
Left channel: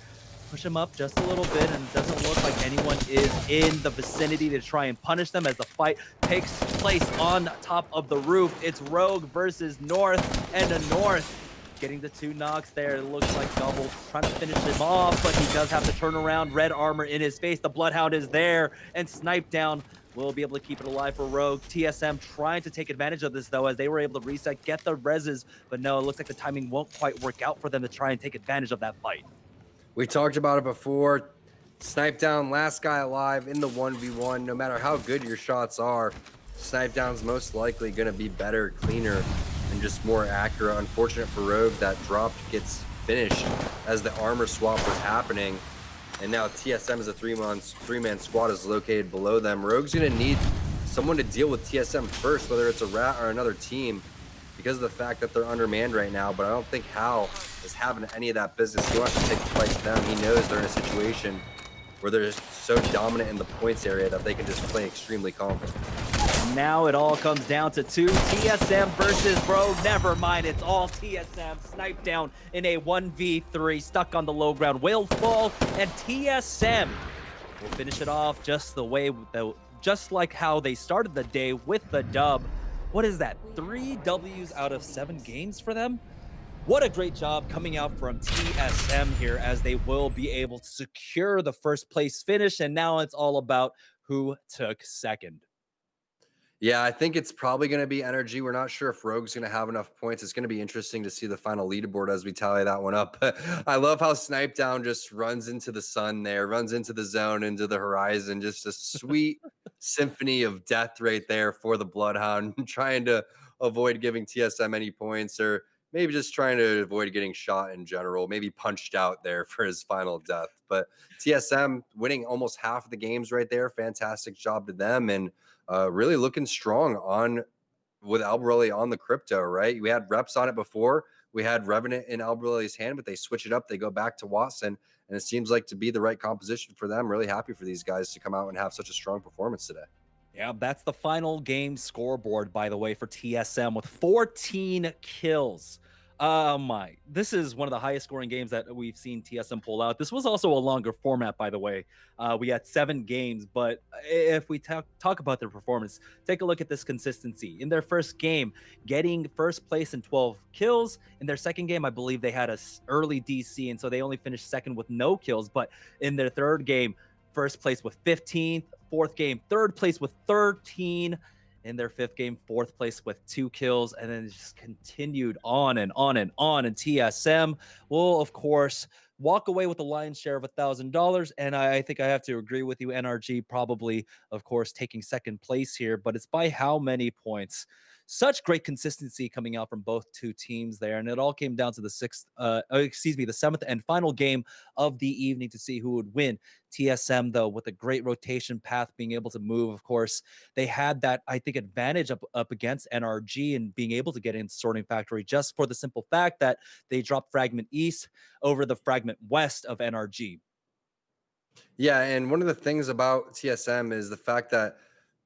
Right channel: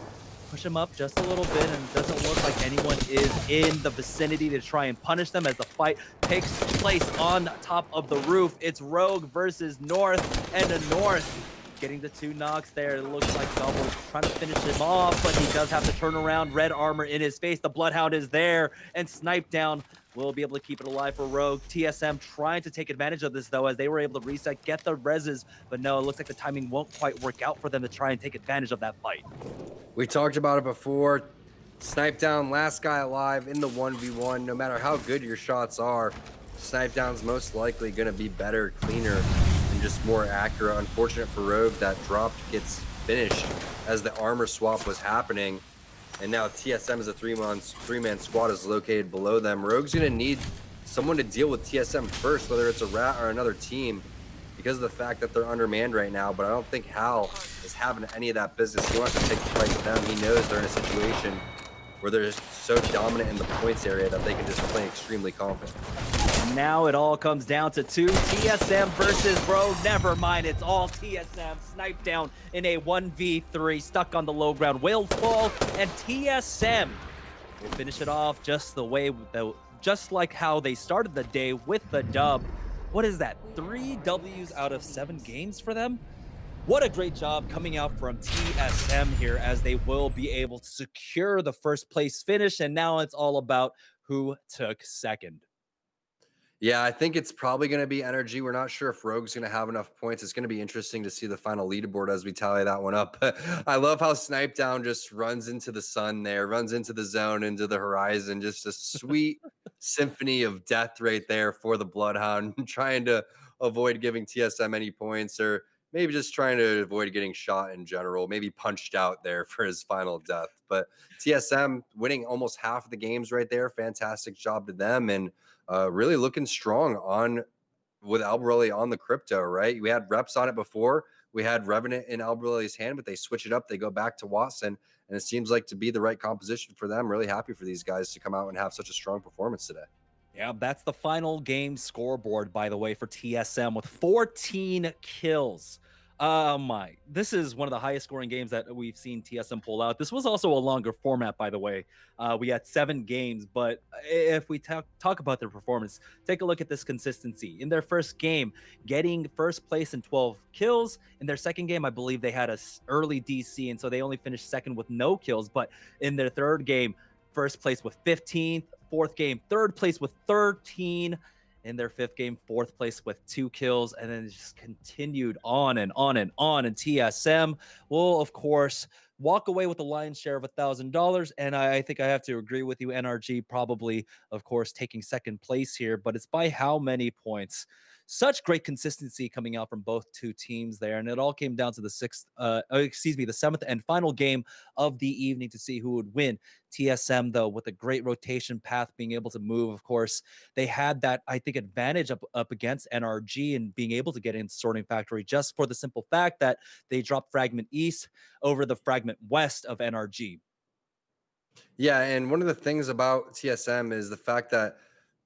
Push him up just a little bit, and it doesn't look like anyone is in the vicinity to try and punish them as the fight takes place on top of the roof. It's Rogue versus North, and the North getting the two knocks there. It looks like Double trying to finish him off, but he does have to turn around. Red armor in his face. The Bloodhound is there, and Snipe Down will be able to keep it alive for Rogue. TSM trying to take advantage of this, though, as they were able to reset, get the reses, but no, it looks like the timing won't quite work out for them to try and take advantage of that fight. We talked about it before. Snipe Down, last guy alive in the 1v1. No matter how good your shots are, Snipe Down's most likely going to be better, cleaner, and just more accurate. Unfortunate for Rogue, that drop gets finished as the armor swap was happening. And now TSM as a three-man squad is located below them. Rogue's going to need someone to deal with TSM first, whether it's a Rat or another team, because of the fact that they're undermanned right now. But I don't think Hal is having any of that business. He wants to take the fight to them. He knows they're in a situation where they're just so dominant in the points area that they can just play extremely confident. Now it all comes down to two. TSM versus Rogue. Never mind, it's all TSM. Snipe Down in a 1v3, stuck on the low ground. Will fall, and TSM will finish it off just the way, just like how they started the day with the dub. What is that? 3 W's out of 7 games for them? What a great job coming out from TSM here, as they will be able to secure the first place finish. And now it's all about who took second. Yeah, I think it's probably going to be NRG. We're not sure if Rogue's going to have enough points. It's going to be interesting to see the final leaderboard as we tally that one up. I love how Snipe Down just runs into the sun there, runs into the zone, into the horizon. Just a sweet symphony of death right there for the Bloodhound, trying to avoid giving TSM any points, or maybe just trying to avoid getting shot in general, maybe punched out there for his final death. But TSM winning almost half of the games right there. Fantastic job to them, and really looking strong on with Albarelli on the crypto, right? We had reps on it before. We had Revenant in Albarelli's hand, but they switch it up. They go back to Watson, and it seems like to be the right composition for them. Really happy for these guys to come out and have such a strong performance today. Yeah, that's the final game scoreboard, by the way, for TSM with 14 kills. This is one of the highest scoring games that we've seen TSM pull out. This was also a longer format, by the way. We had 7 games, but if we talk about their performance, take a look at this consistency. In their first game, getting first place in 12 kills. In their second game, I believe they had a early DC, and so they only finished second with no kills. But in their third game, first place with 15. Fourth game, third place with 13. In their fifth game, fourth place with 2 kills, and then it just continued on and on and on. And TSM will, of course, walk away with the lion's share of $1,000. And I think I have to agree with you, NRG probably, of course, taking second place here, but it's by how many points? Such great consistency coming out from both two teams there, and it all came down to the the 7th and final game of the evening to see who would win. TSM, though, with a great rotation path, being able to move, of course, they had that, I think, advantage up against NRG and being able to get in Sorting Factory, just for the simple fact that they dropped Fragment East over the Fragment West of NRG. Yeah, and one of the things about TSM is the fact that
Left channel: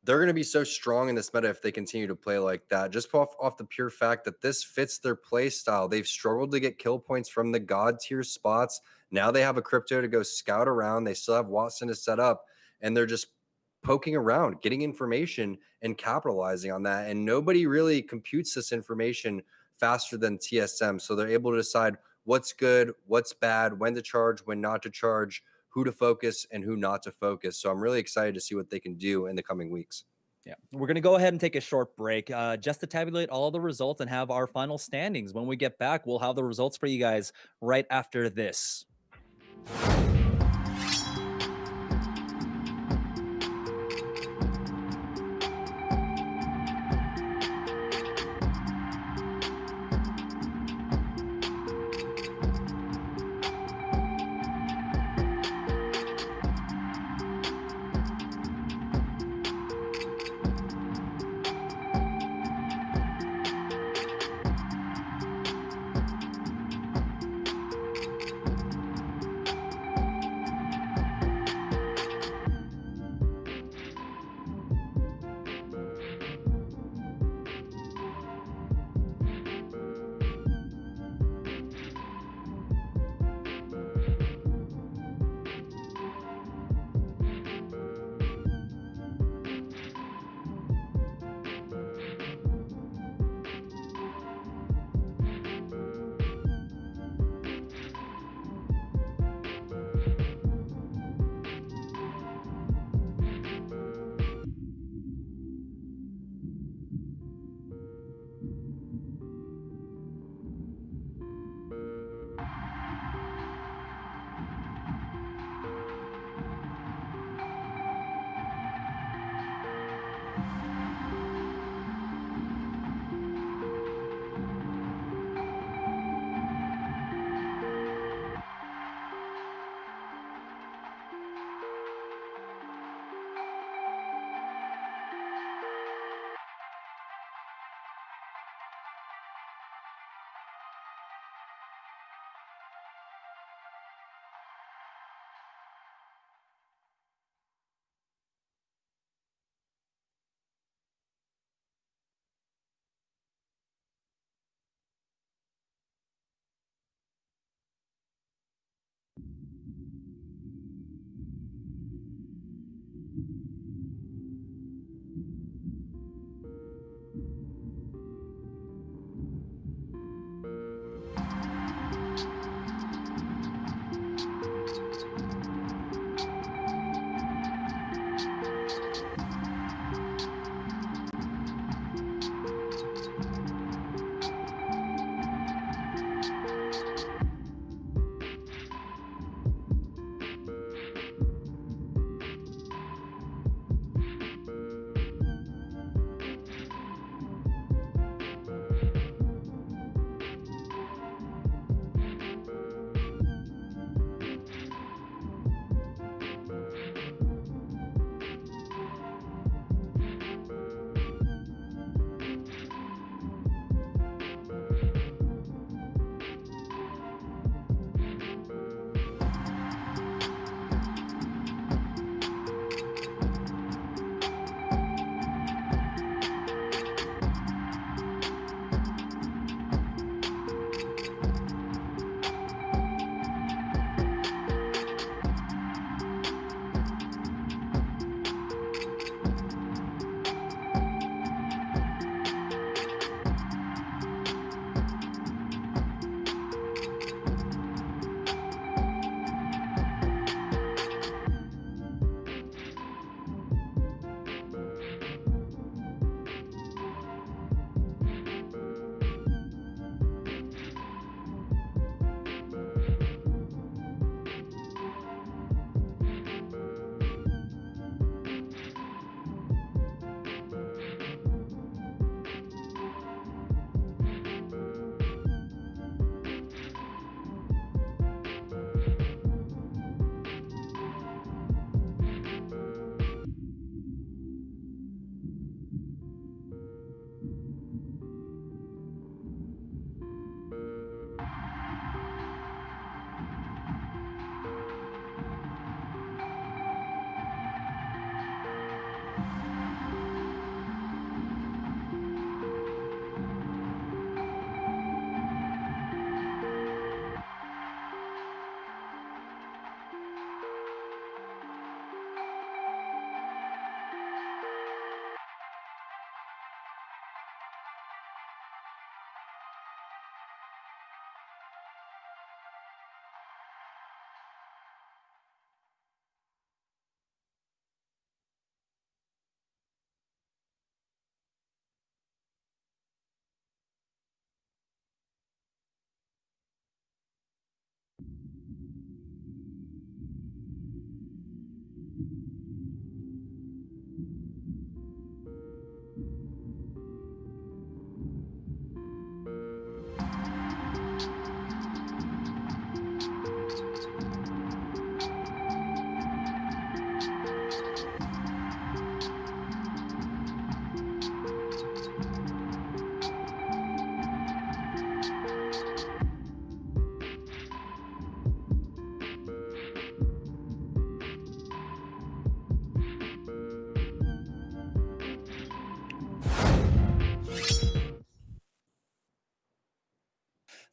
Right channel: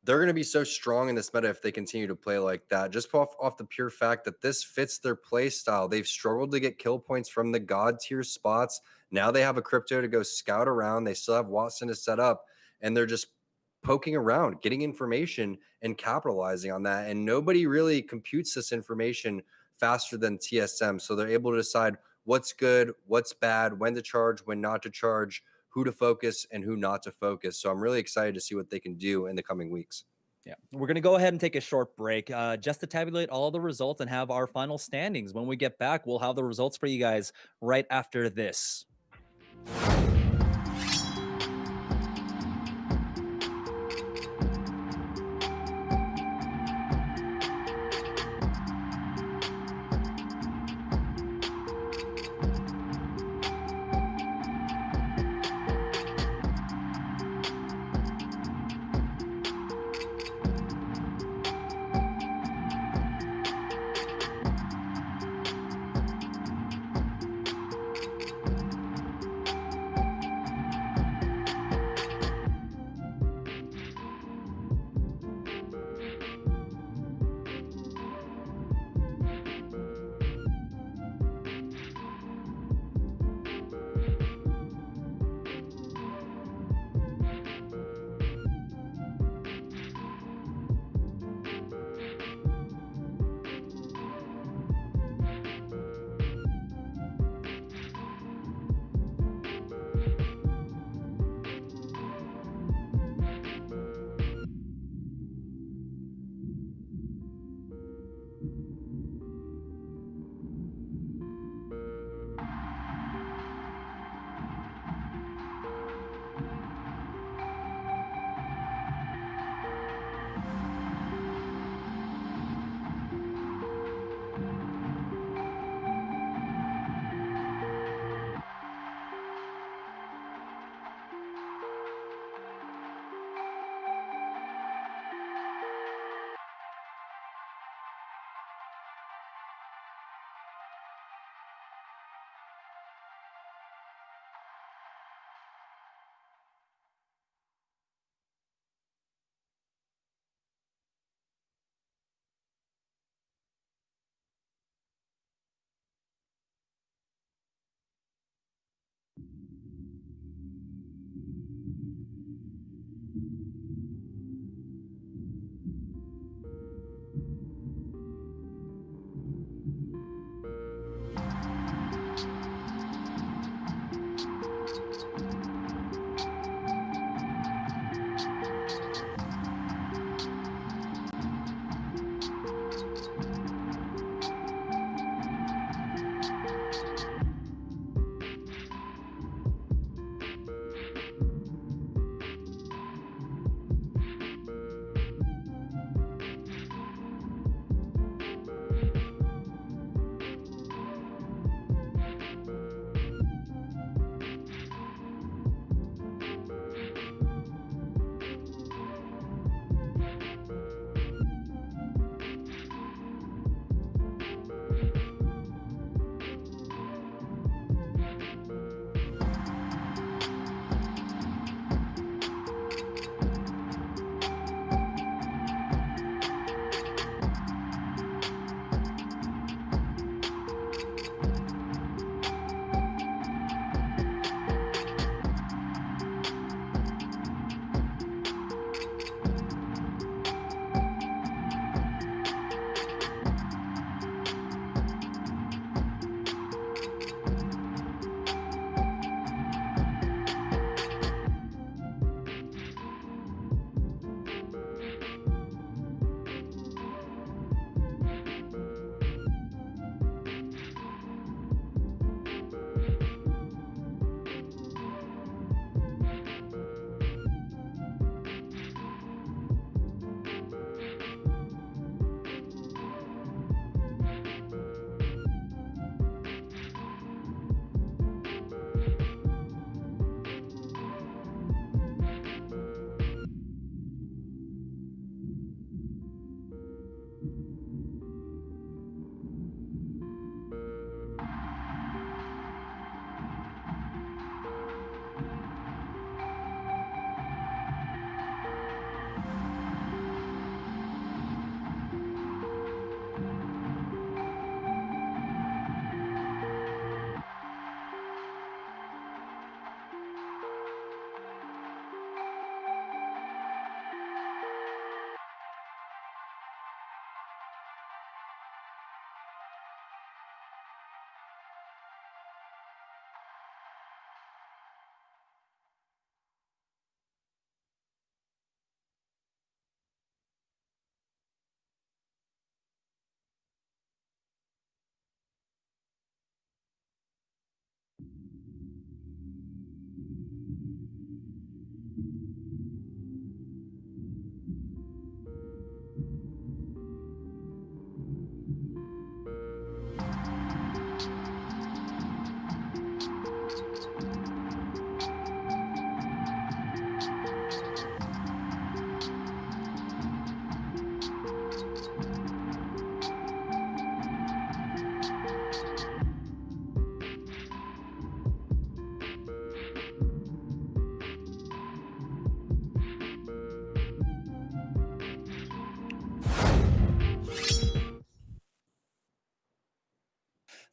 they're going to be so strong in this meta if they continue to play like that. Just off the pure fact that this fits their play style. They've struggled to get kill points from the god tier spots. Now they have a crypto to go scout around. They still have Watson to set up, and they're just poking around, getting information and capitalizing on that. And nobody really computes this information faster than TSM. So they're able to decide what's good, what's bad, when to charge, when not to charge, who to focus and who not to focus. So I'm really excited to see what they can do in the coming weeks. Yeah, we're going to go ahead and take a short break just to tabulate all the results and have our final standings. When we get back, we'll have the results for you guys right after this.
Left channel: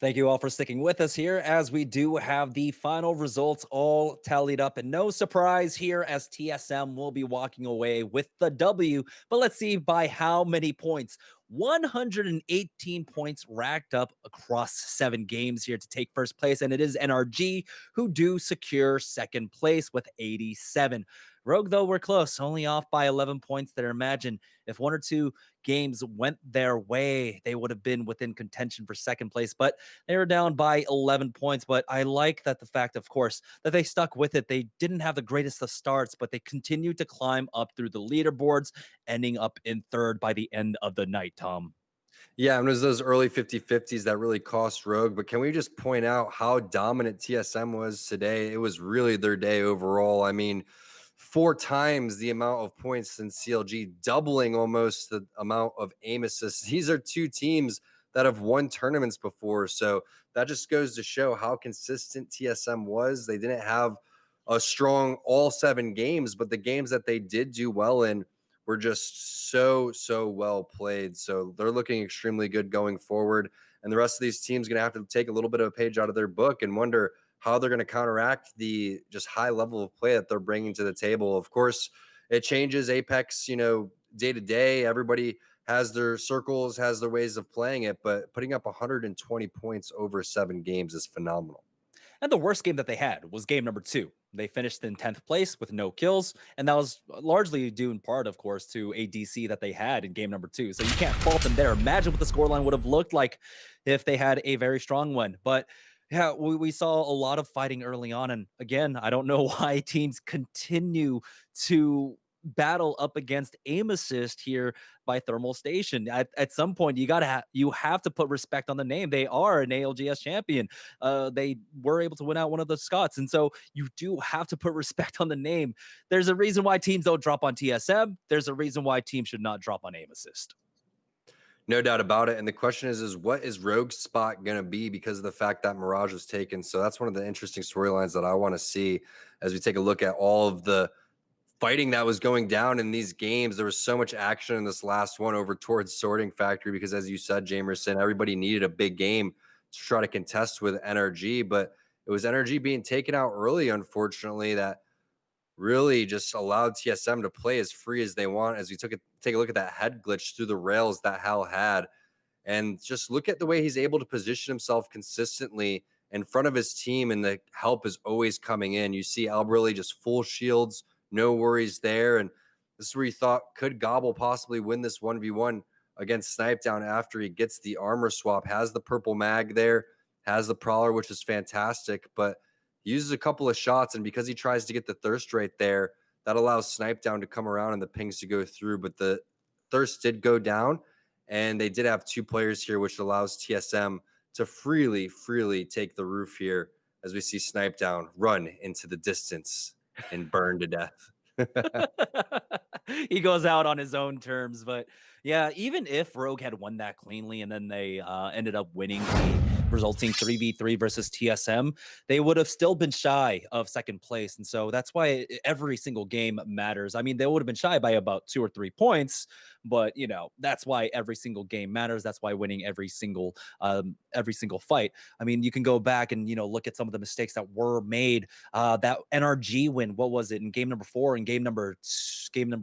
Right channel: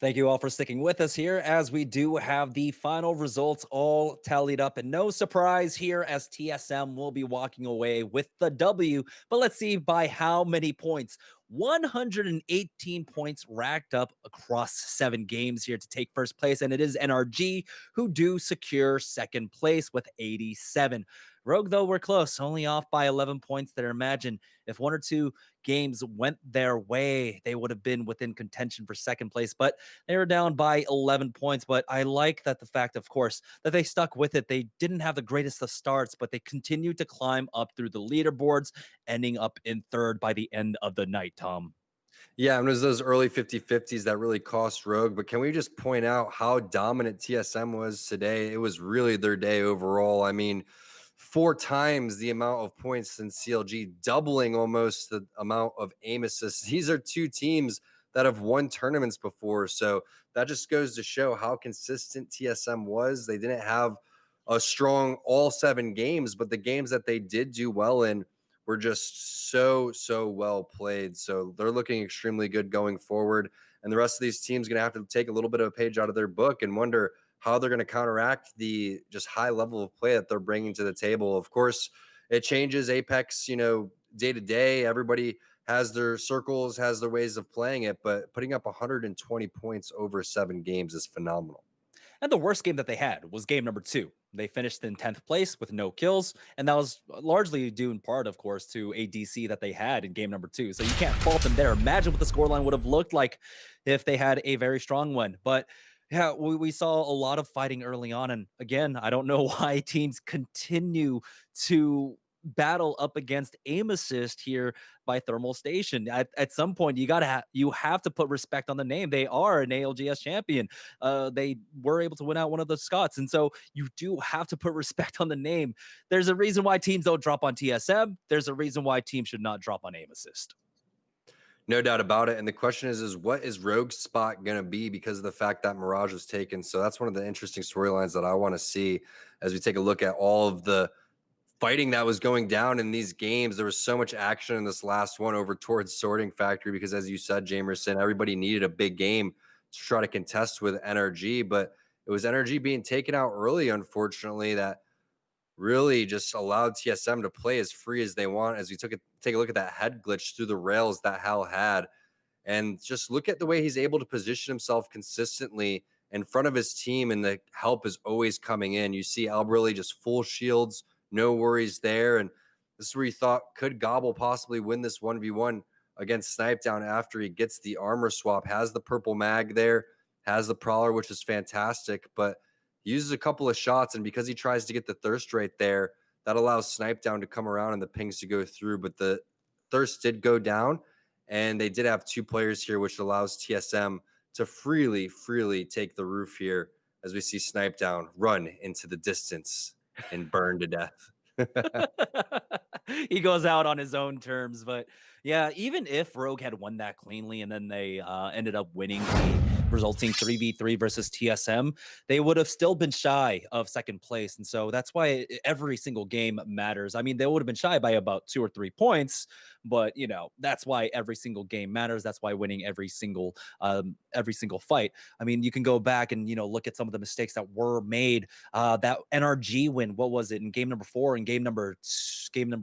Thank you all for sticking with us here as we do have the final results all tallied up. And no surprise here as TSM will be walking away with the W. But let's see by how many points. 118 points racked up across 7 games here to take first place. And it is NRG who do secure second place with 87. Rogue, though, we're close, only off by 11 points there. Imagine if 1 or 2 games went their way, they would have been within contention for second place, but they were down by 11 points. But I like that the fact, of course, that they stuck with it. They didn't have the greatest of starts, but they continued to climb up through the leaderboards, ending up in 3rd by the end of the night, Tom. Yeah, and it was those early 50-50s that really cost Rogue. But can we just point out how dominant TSM was today? It was really their day overall. I mean, 4 times the amount of points than CLG, doubling almost the amount of aim assists. These are 2 teams that have won tournaments before. So that just goes to show how consistent TSM was. They didn't have a strong all 7 games, but the games that they did do well in were just so well played. So they're looking extremely good going forward. And the rest of these teams going to have to take a little bit of a page out of their book and wonder how they're going to counteract the just high level of play that they're bringing to the table. Of course, it changes Apex, day to day. Everybody has their circles, has their ways of playing it, but putting up 120 points over 7 games is phenomenal. And the worst game that they had was game number 2. They finished in 10th place with no kills, and that was largely due in part, of course, to a DC that they had in game number 2. So you can't fault them there. Imagine what the scoreline would have looked like if they had a very strong one. But yeah, we saw a lot of fighting early on. And again, I don't know why teams continue to battle up against aim assist here by Thermal Station. At some point, you have to put respect on the name. They are an ALGS champion. They were able to win out one of the Scots, and so you do have to put respect on the name. There's a reason why teams don't drop on TSM. There's a reason why teams should not drop on aim assist. No doubt about it. And the question is what is Rogue's spot going to be because of the fact that Mirage was taken? So that's one of the interesting storylines that I want to see as we take a look at all of the fighting that was going down in these games. There was so much action in this last one over towards Sorting Factory because, as you said, Jamerson, everybody needed a big game to try to contest with NRG, but it was NRG being taken out early, unfortunately, that really just allowed TSM to play as free as they want as we take a look at that head glitch through the rails that Hal had. And just look at the way he's able to position himself consistently in front of his team, and the help is always coming in. You see Albrelli just full shields, no worries there. And this is where you thought, could Gobble possibly win this 1v1 against Snipedown after he gets the armor swap, has the purple mag there, has the Prowler, which is fantastic, but he uses a couple of shots, and because he tries to get the thirst right there, that allows Snipedown to come around and the pings to go through. But the thirst did go down, and they did have 2 players here, which allows TSM to freely take the roof here as we see Snipedown run into the distance and burn to death. He goes out on his own terms. But yeah, even if Rogue had won that cleanly and then they ended up winning the resulting 3v3 versus TSM, they would have still been shy of second place. And so that's why every single game matters. I mean, they would have been shy by about 2 or 3 points, but that's why every single game matters. That's why winning every single fight. I mean, you can go back and look at some of the mistakes that were made. That NRG win, what was it, in game number 4 and game number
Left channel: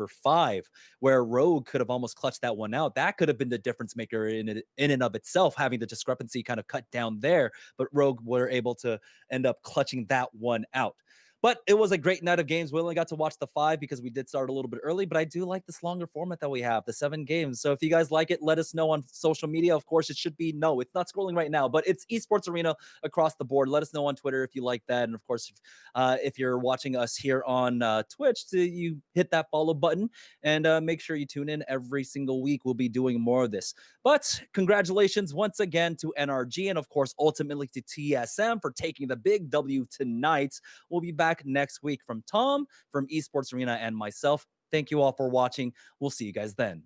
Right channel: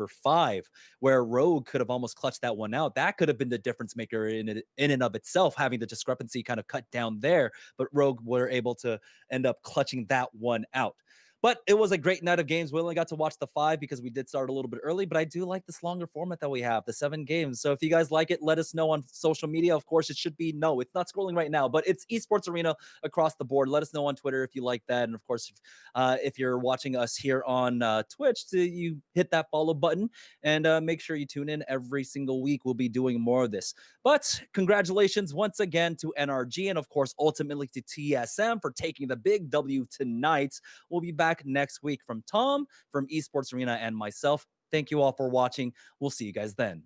5, where Rogue could have almost clutched that one out. That could have been the difference maker in and of itself, having the discrepancy kind of cut down there, but Rogue were able to end up clutching that one out. But it was a great night of games. We only got to watch the 5 because we did start a little bit early, but I do like this longer format that we have, the 7 games. So if you guys like it, let us know on social media. Of course, it should be it's not scrolling right now, but it's Esports Arena across the board. Let us know on Twitter if you like that. And of course, if you're watching us here on Twitch, you hit that follow button and make sure you tune in every single week. We'll be doing more of this. But congratulations once again to NRG and, of course, ultimately to TSM for taking the big W tonight. We'll be back next week from Tom, from Esports Arena, and myself. Thank you all for watching. We'll see you guys then.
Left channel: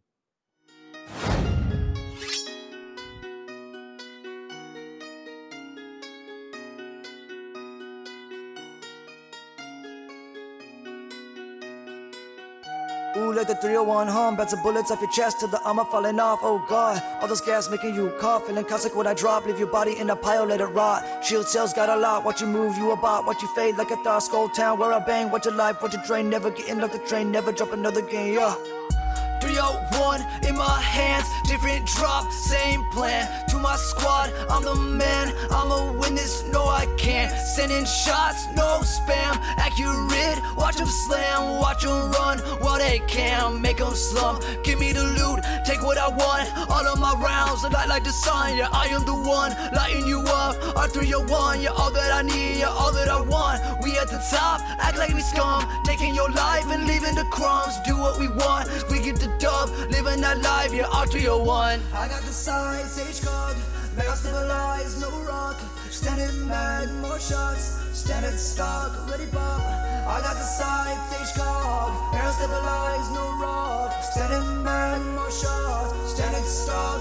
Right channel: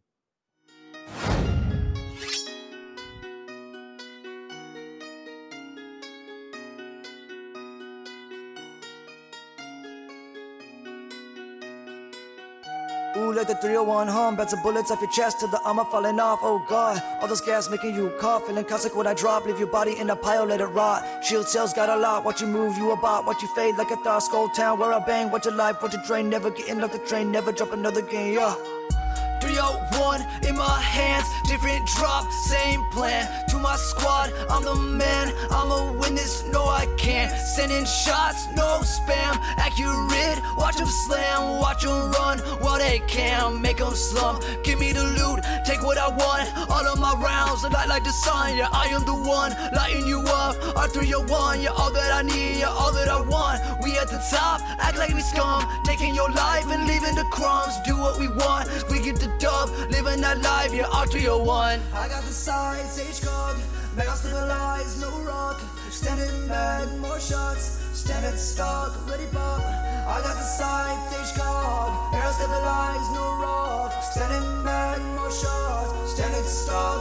Standing there, standing stop. I got the signs, where I still alive. Standing there, standing stop.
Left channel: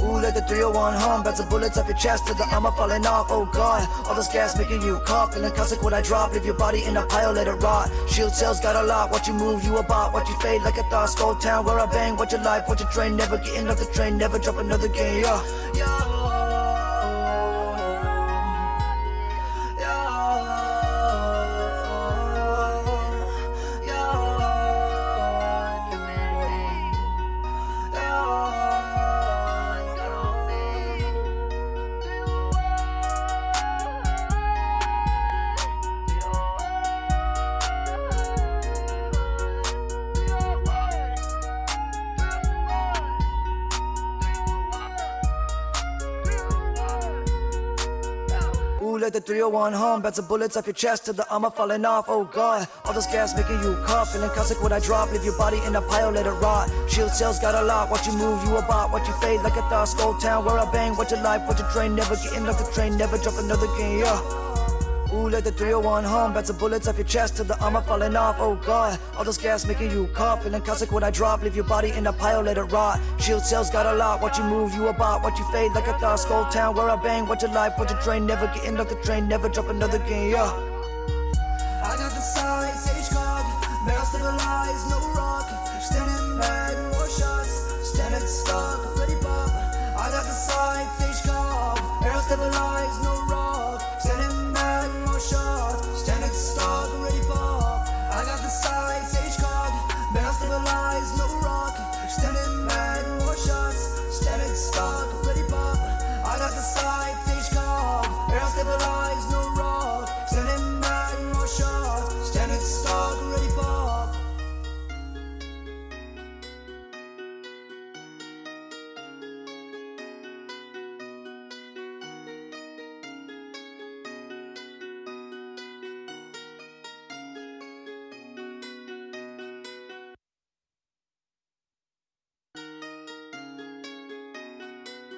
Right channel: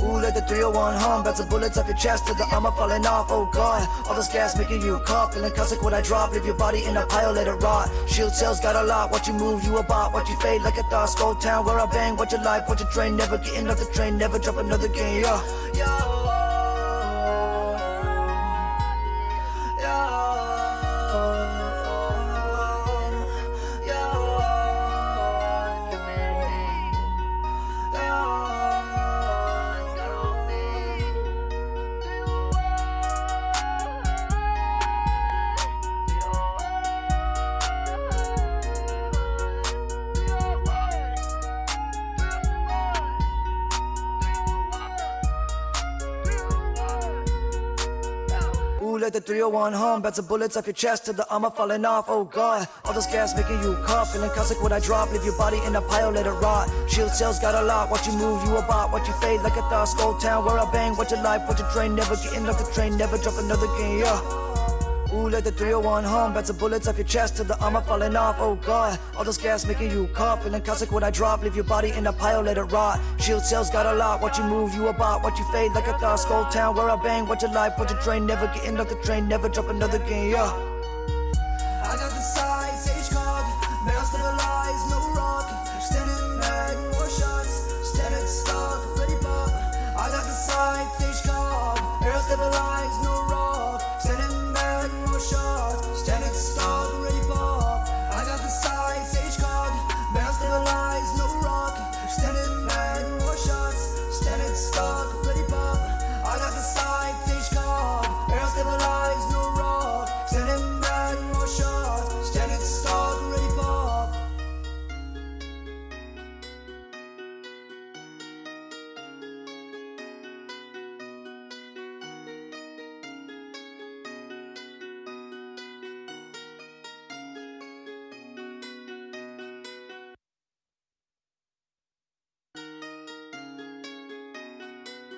Ooh, like a 301, home as the bullets of your chest, and the yammer falling off, oh God. All the scabs make a new pop, and I guess when I drop, leave your body in a pile, let it rot. Shit just got a lot, what you move, you a bar, what you fade, like a thought, slow down, what a bang, what your life, what you train, never getting off the train, never jump another game. Yo, yo, yo. I got the sun, barrels still alive. You're standing there, standing still. I got the sun, barrels still alive. Standing there, standing still. I got the sun, barrels still alive. You're standing there, standing still. I got the sun, barrels still alive. Standing there, standing still.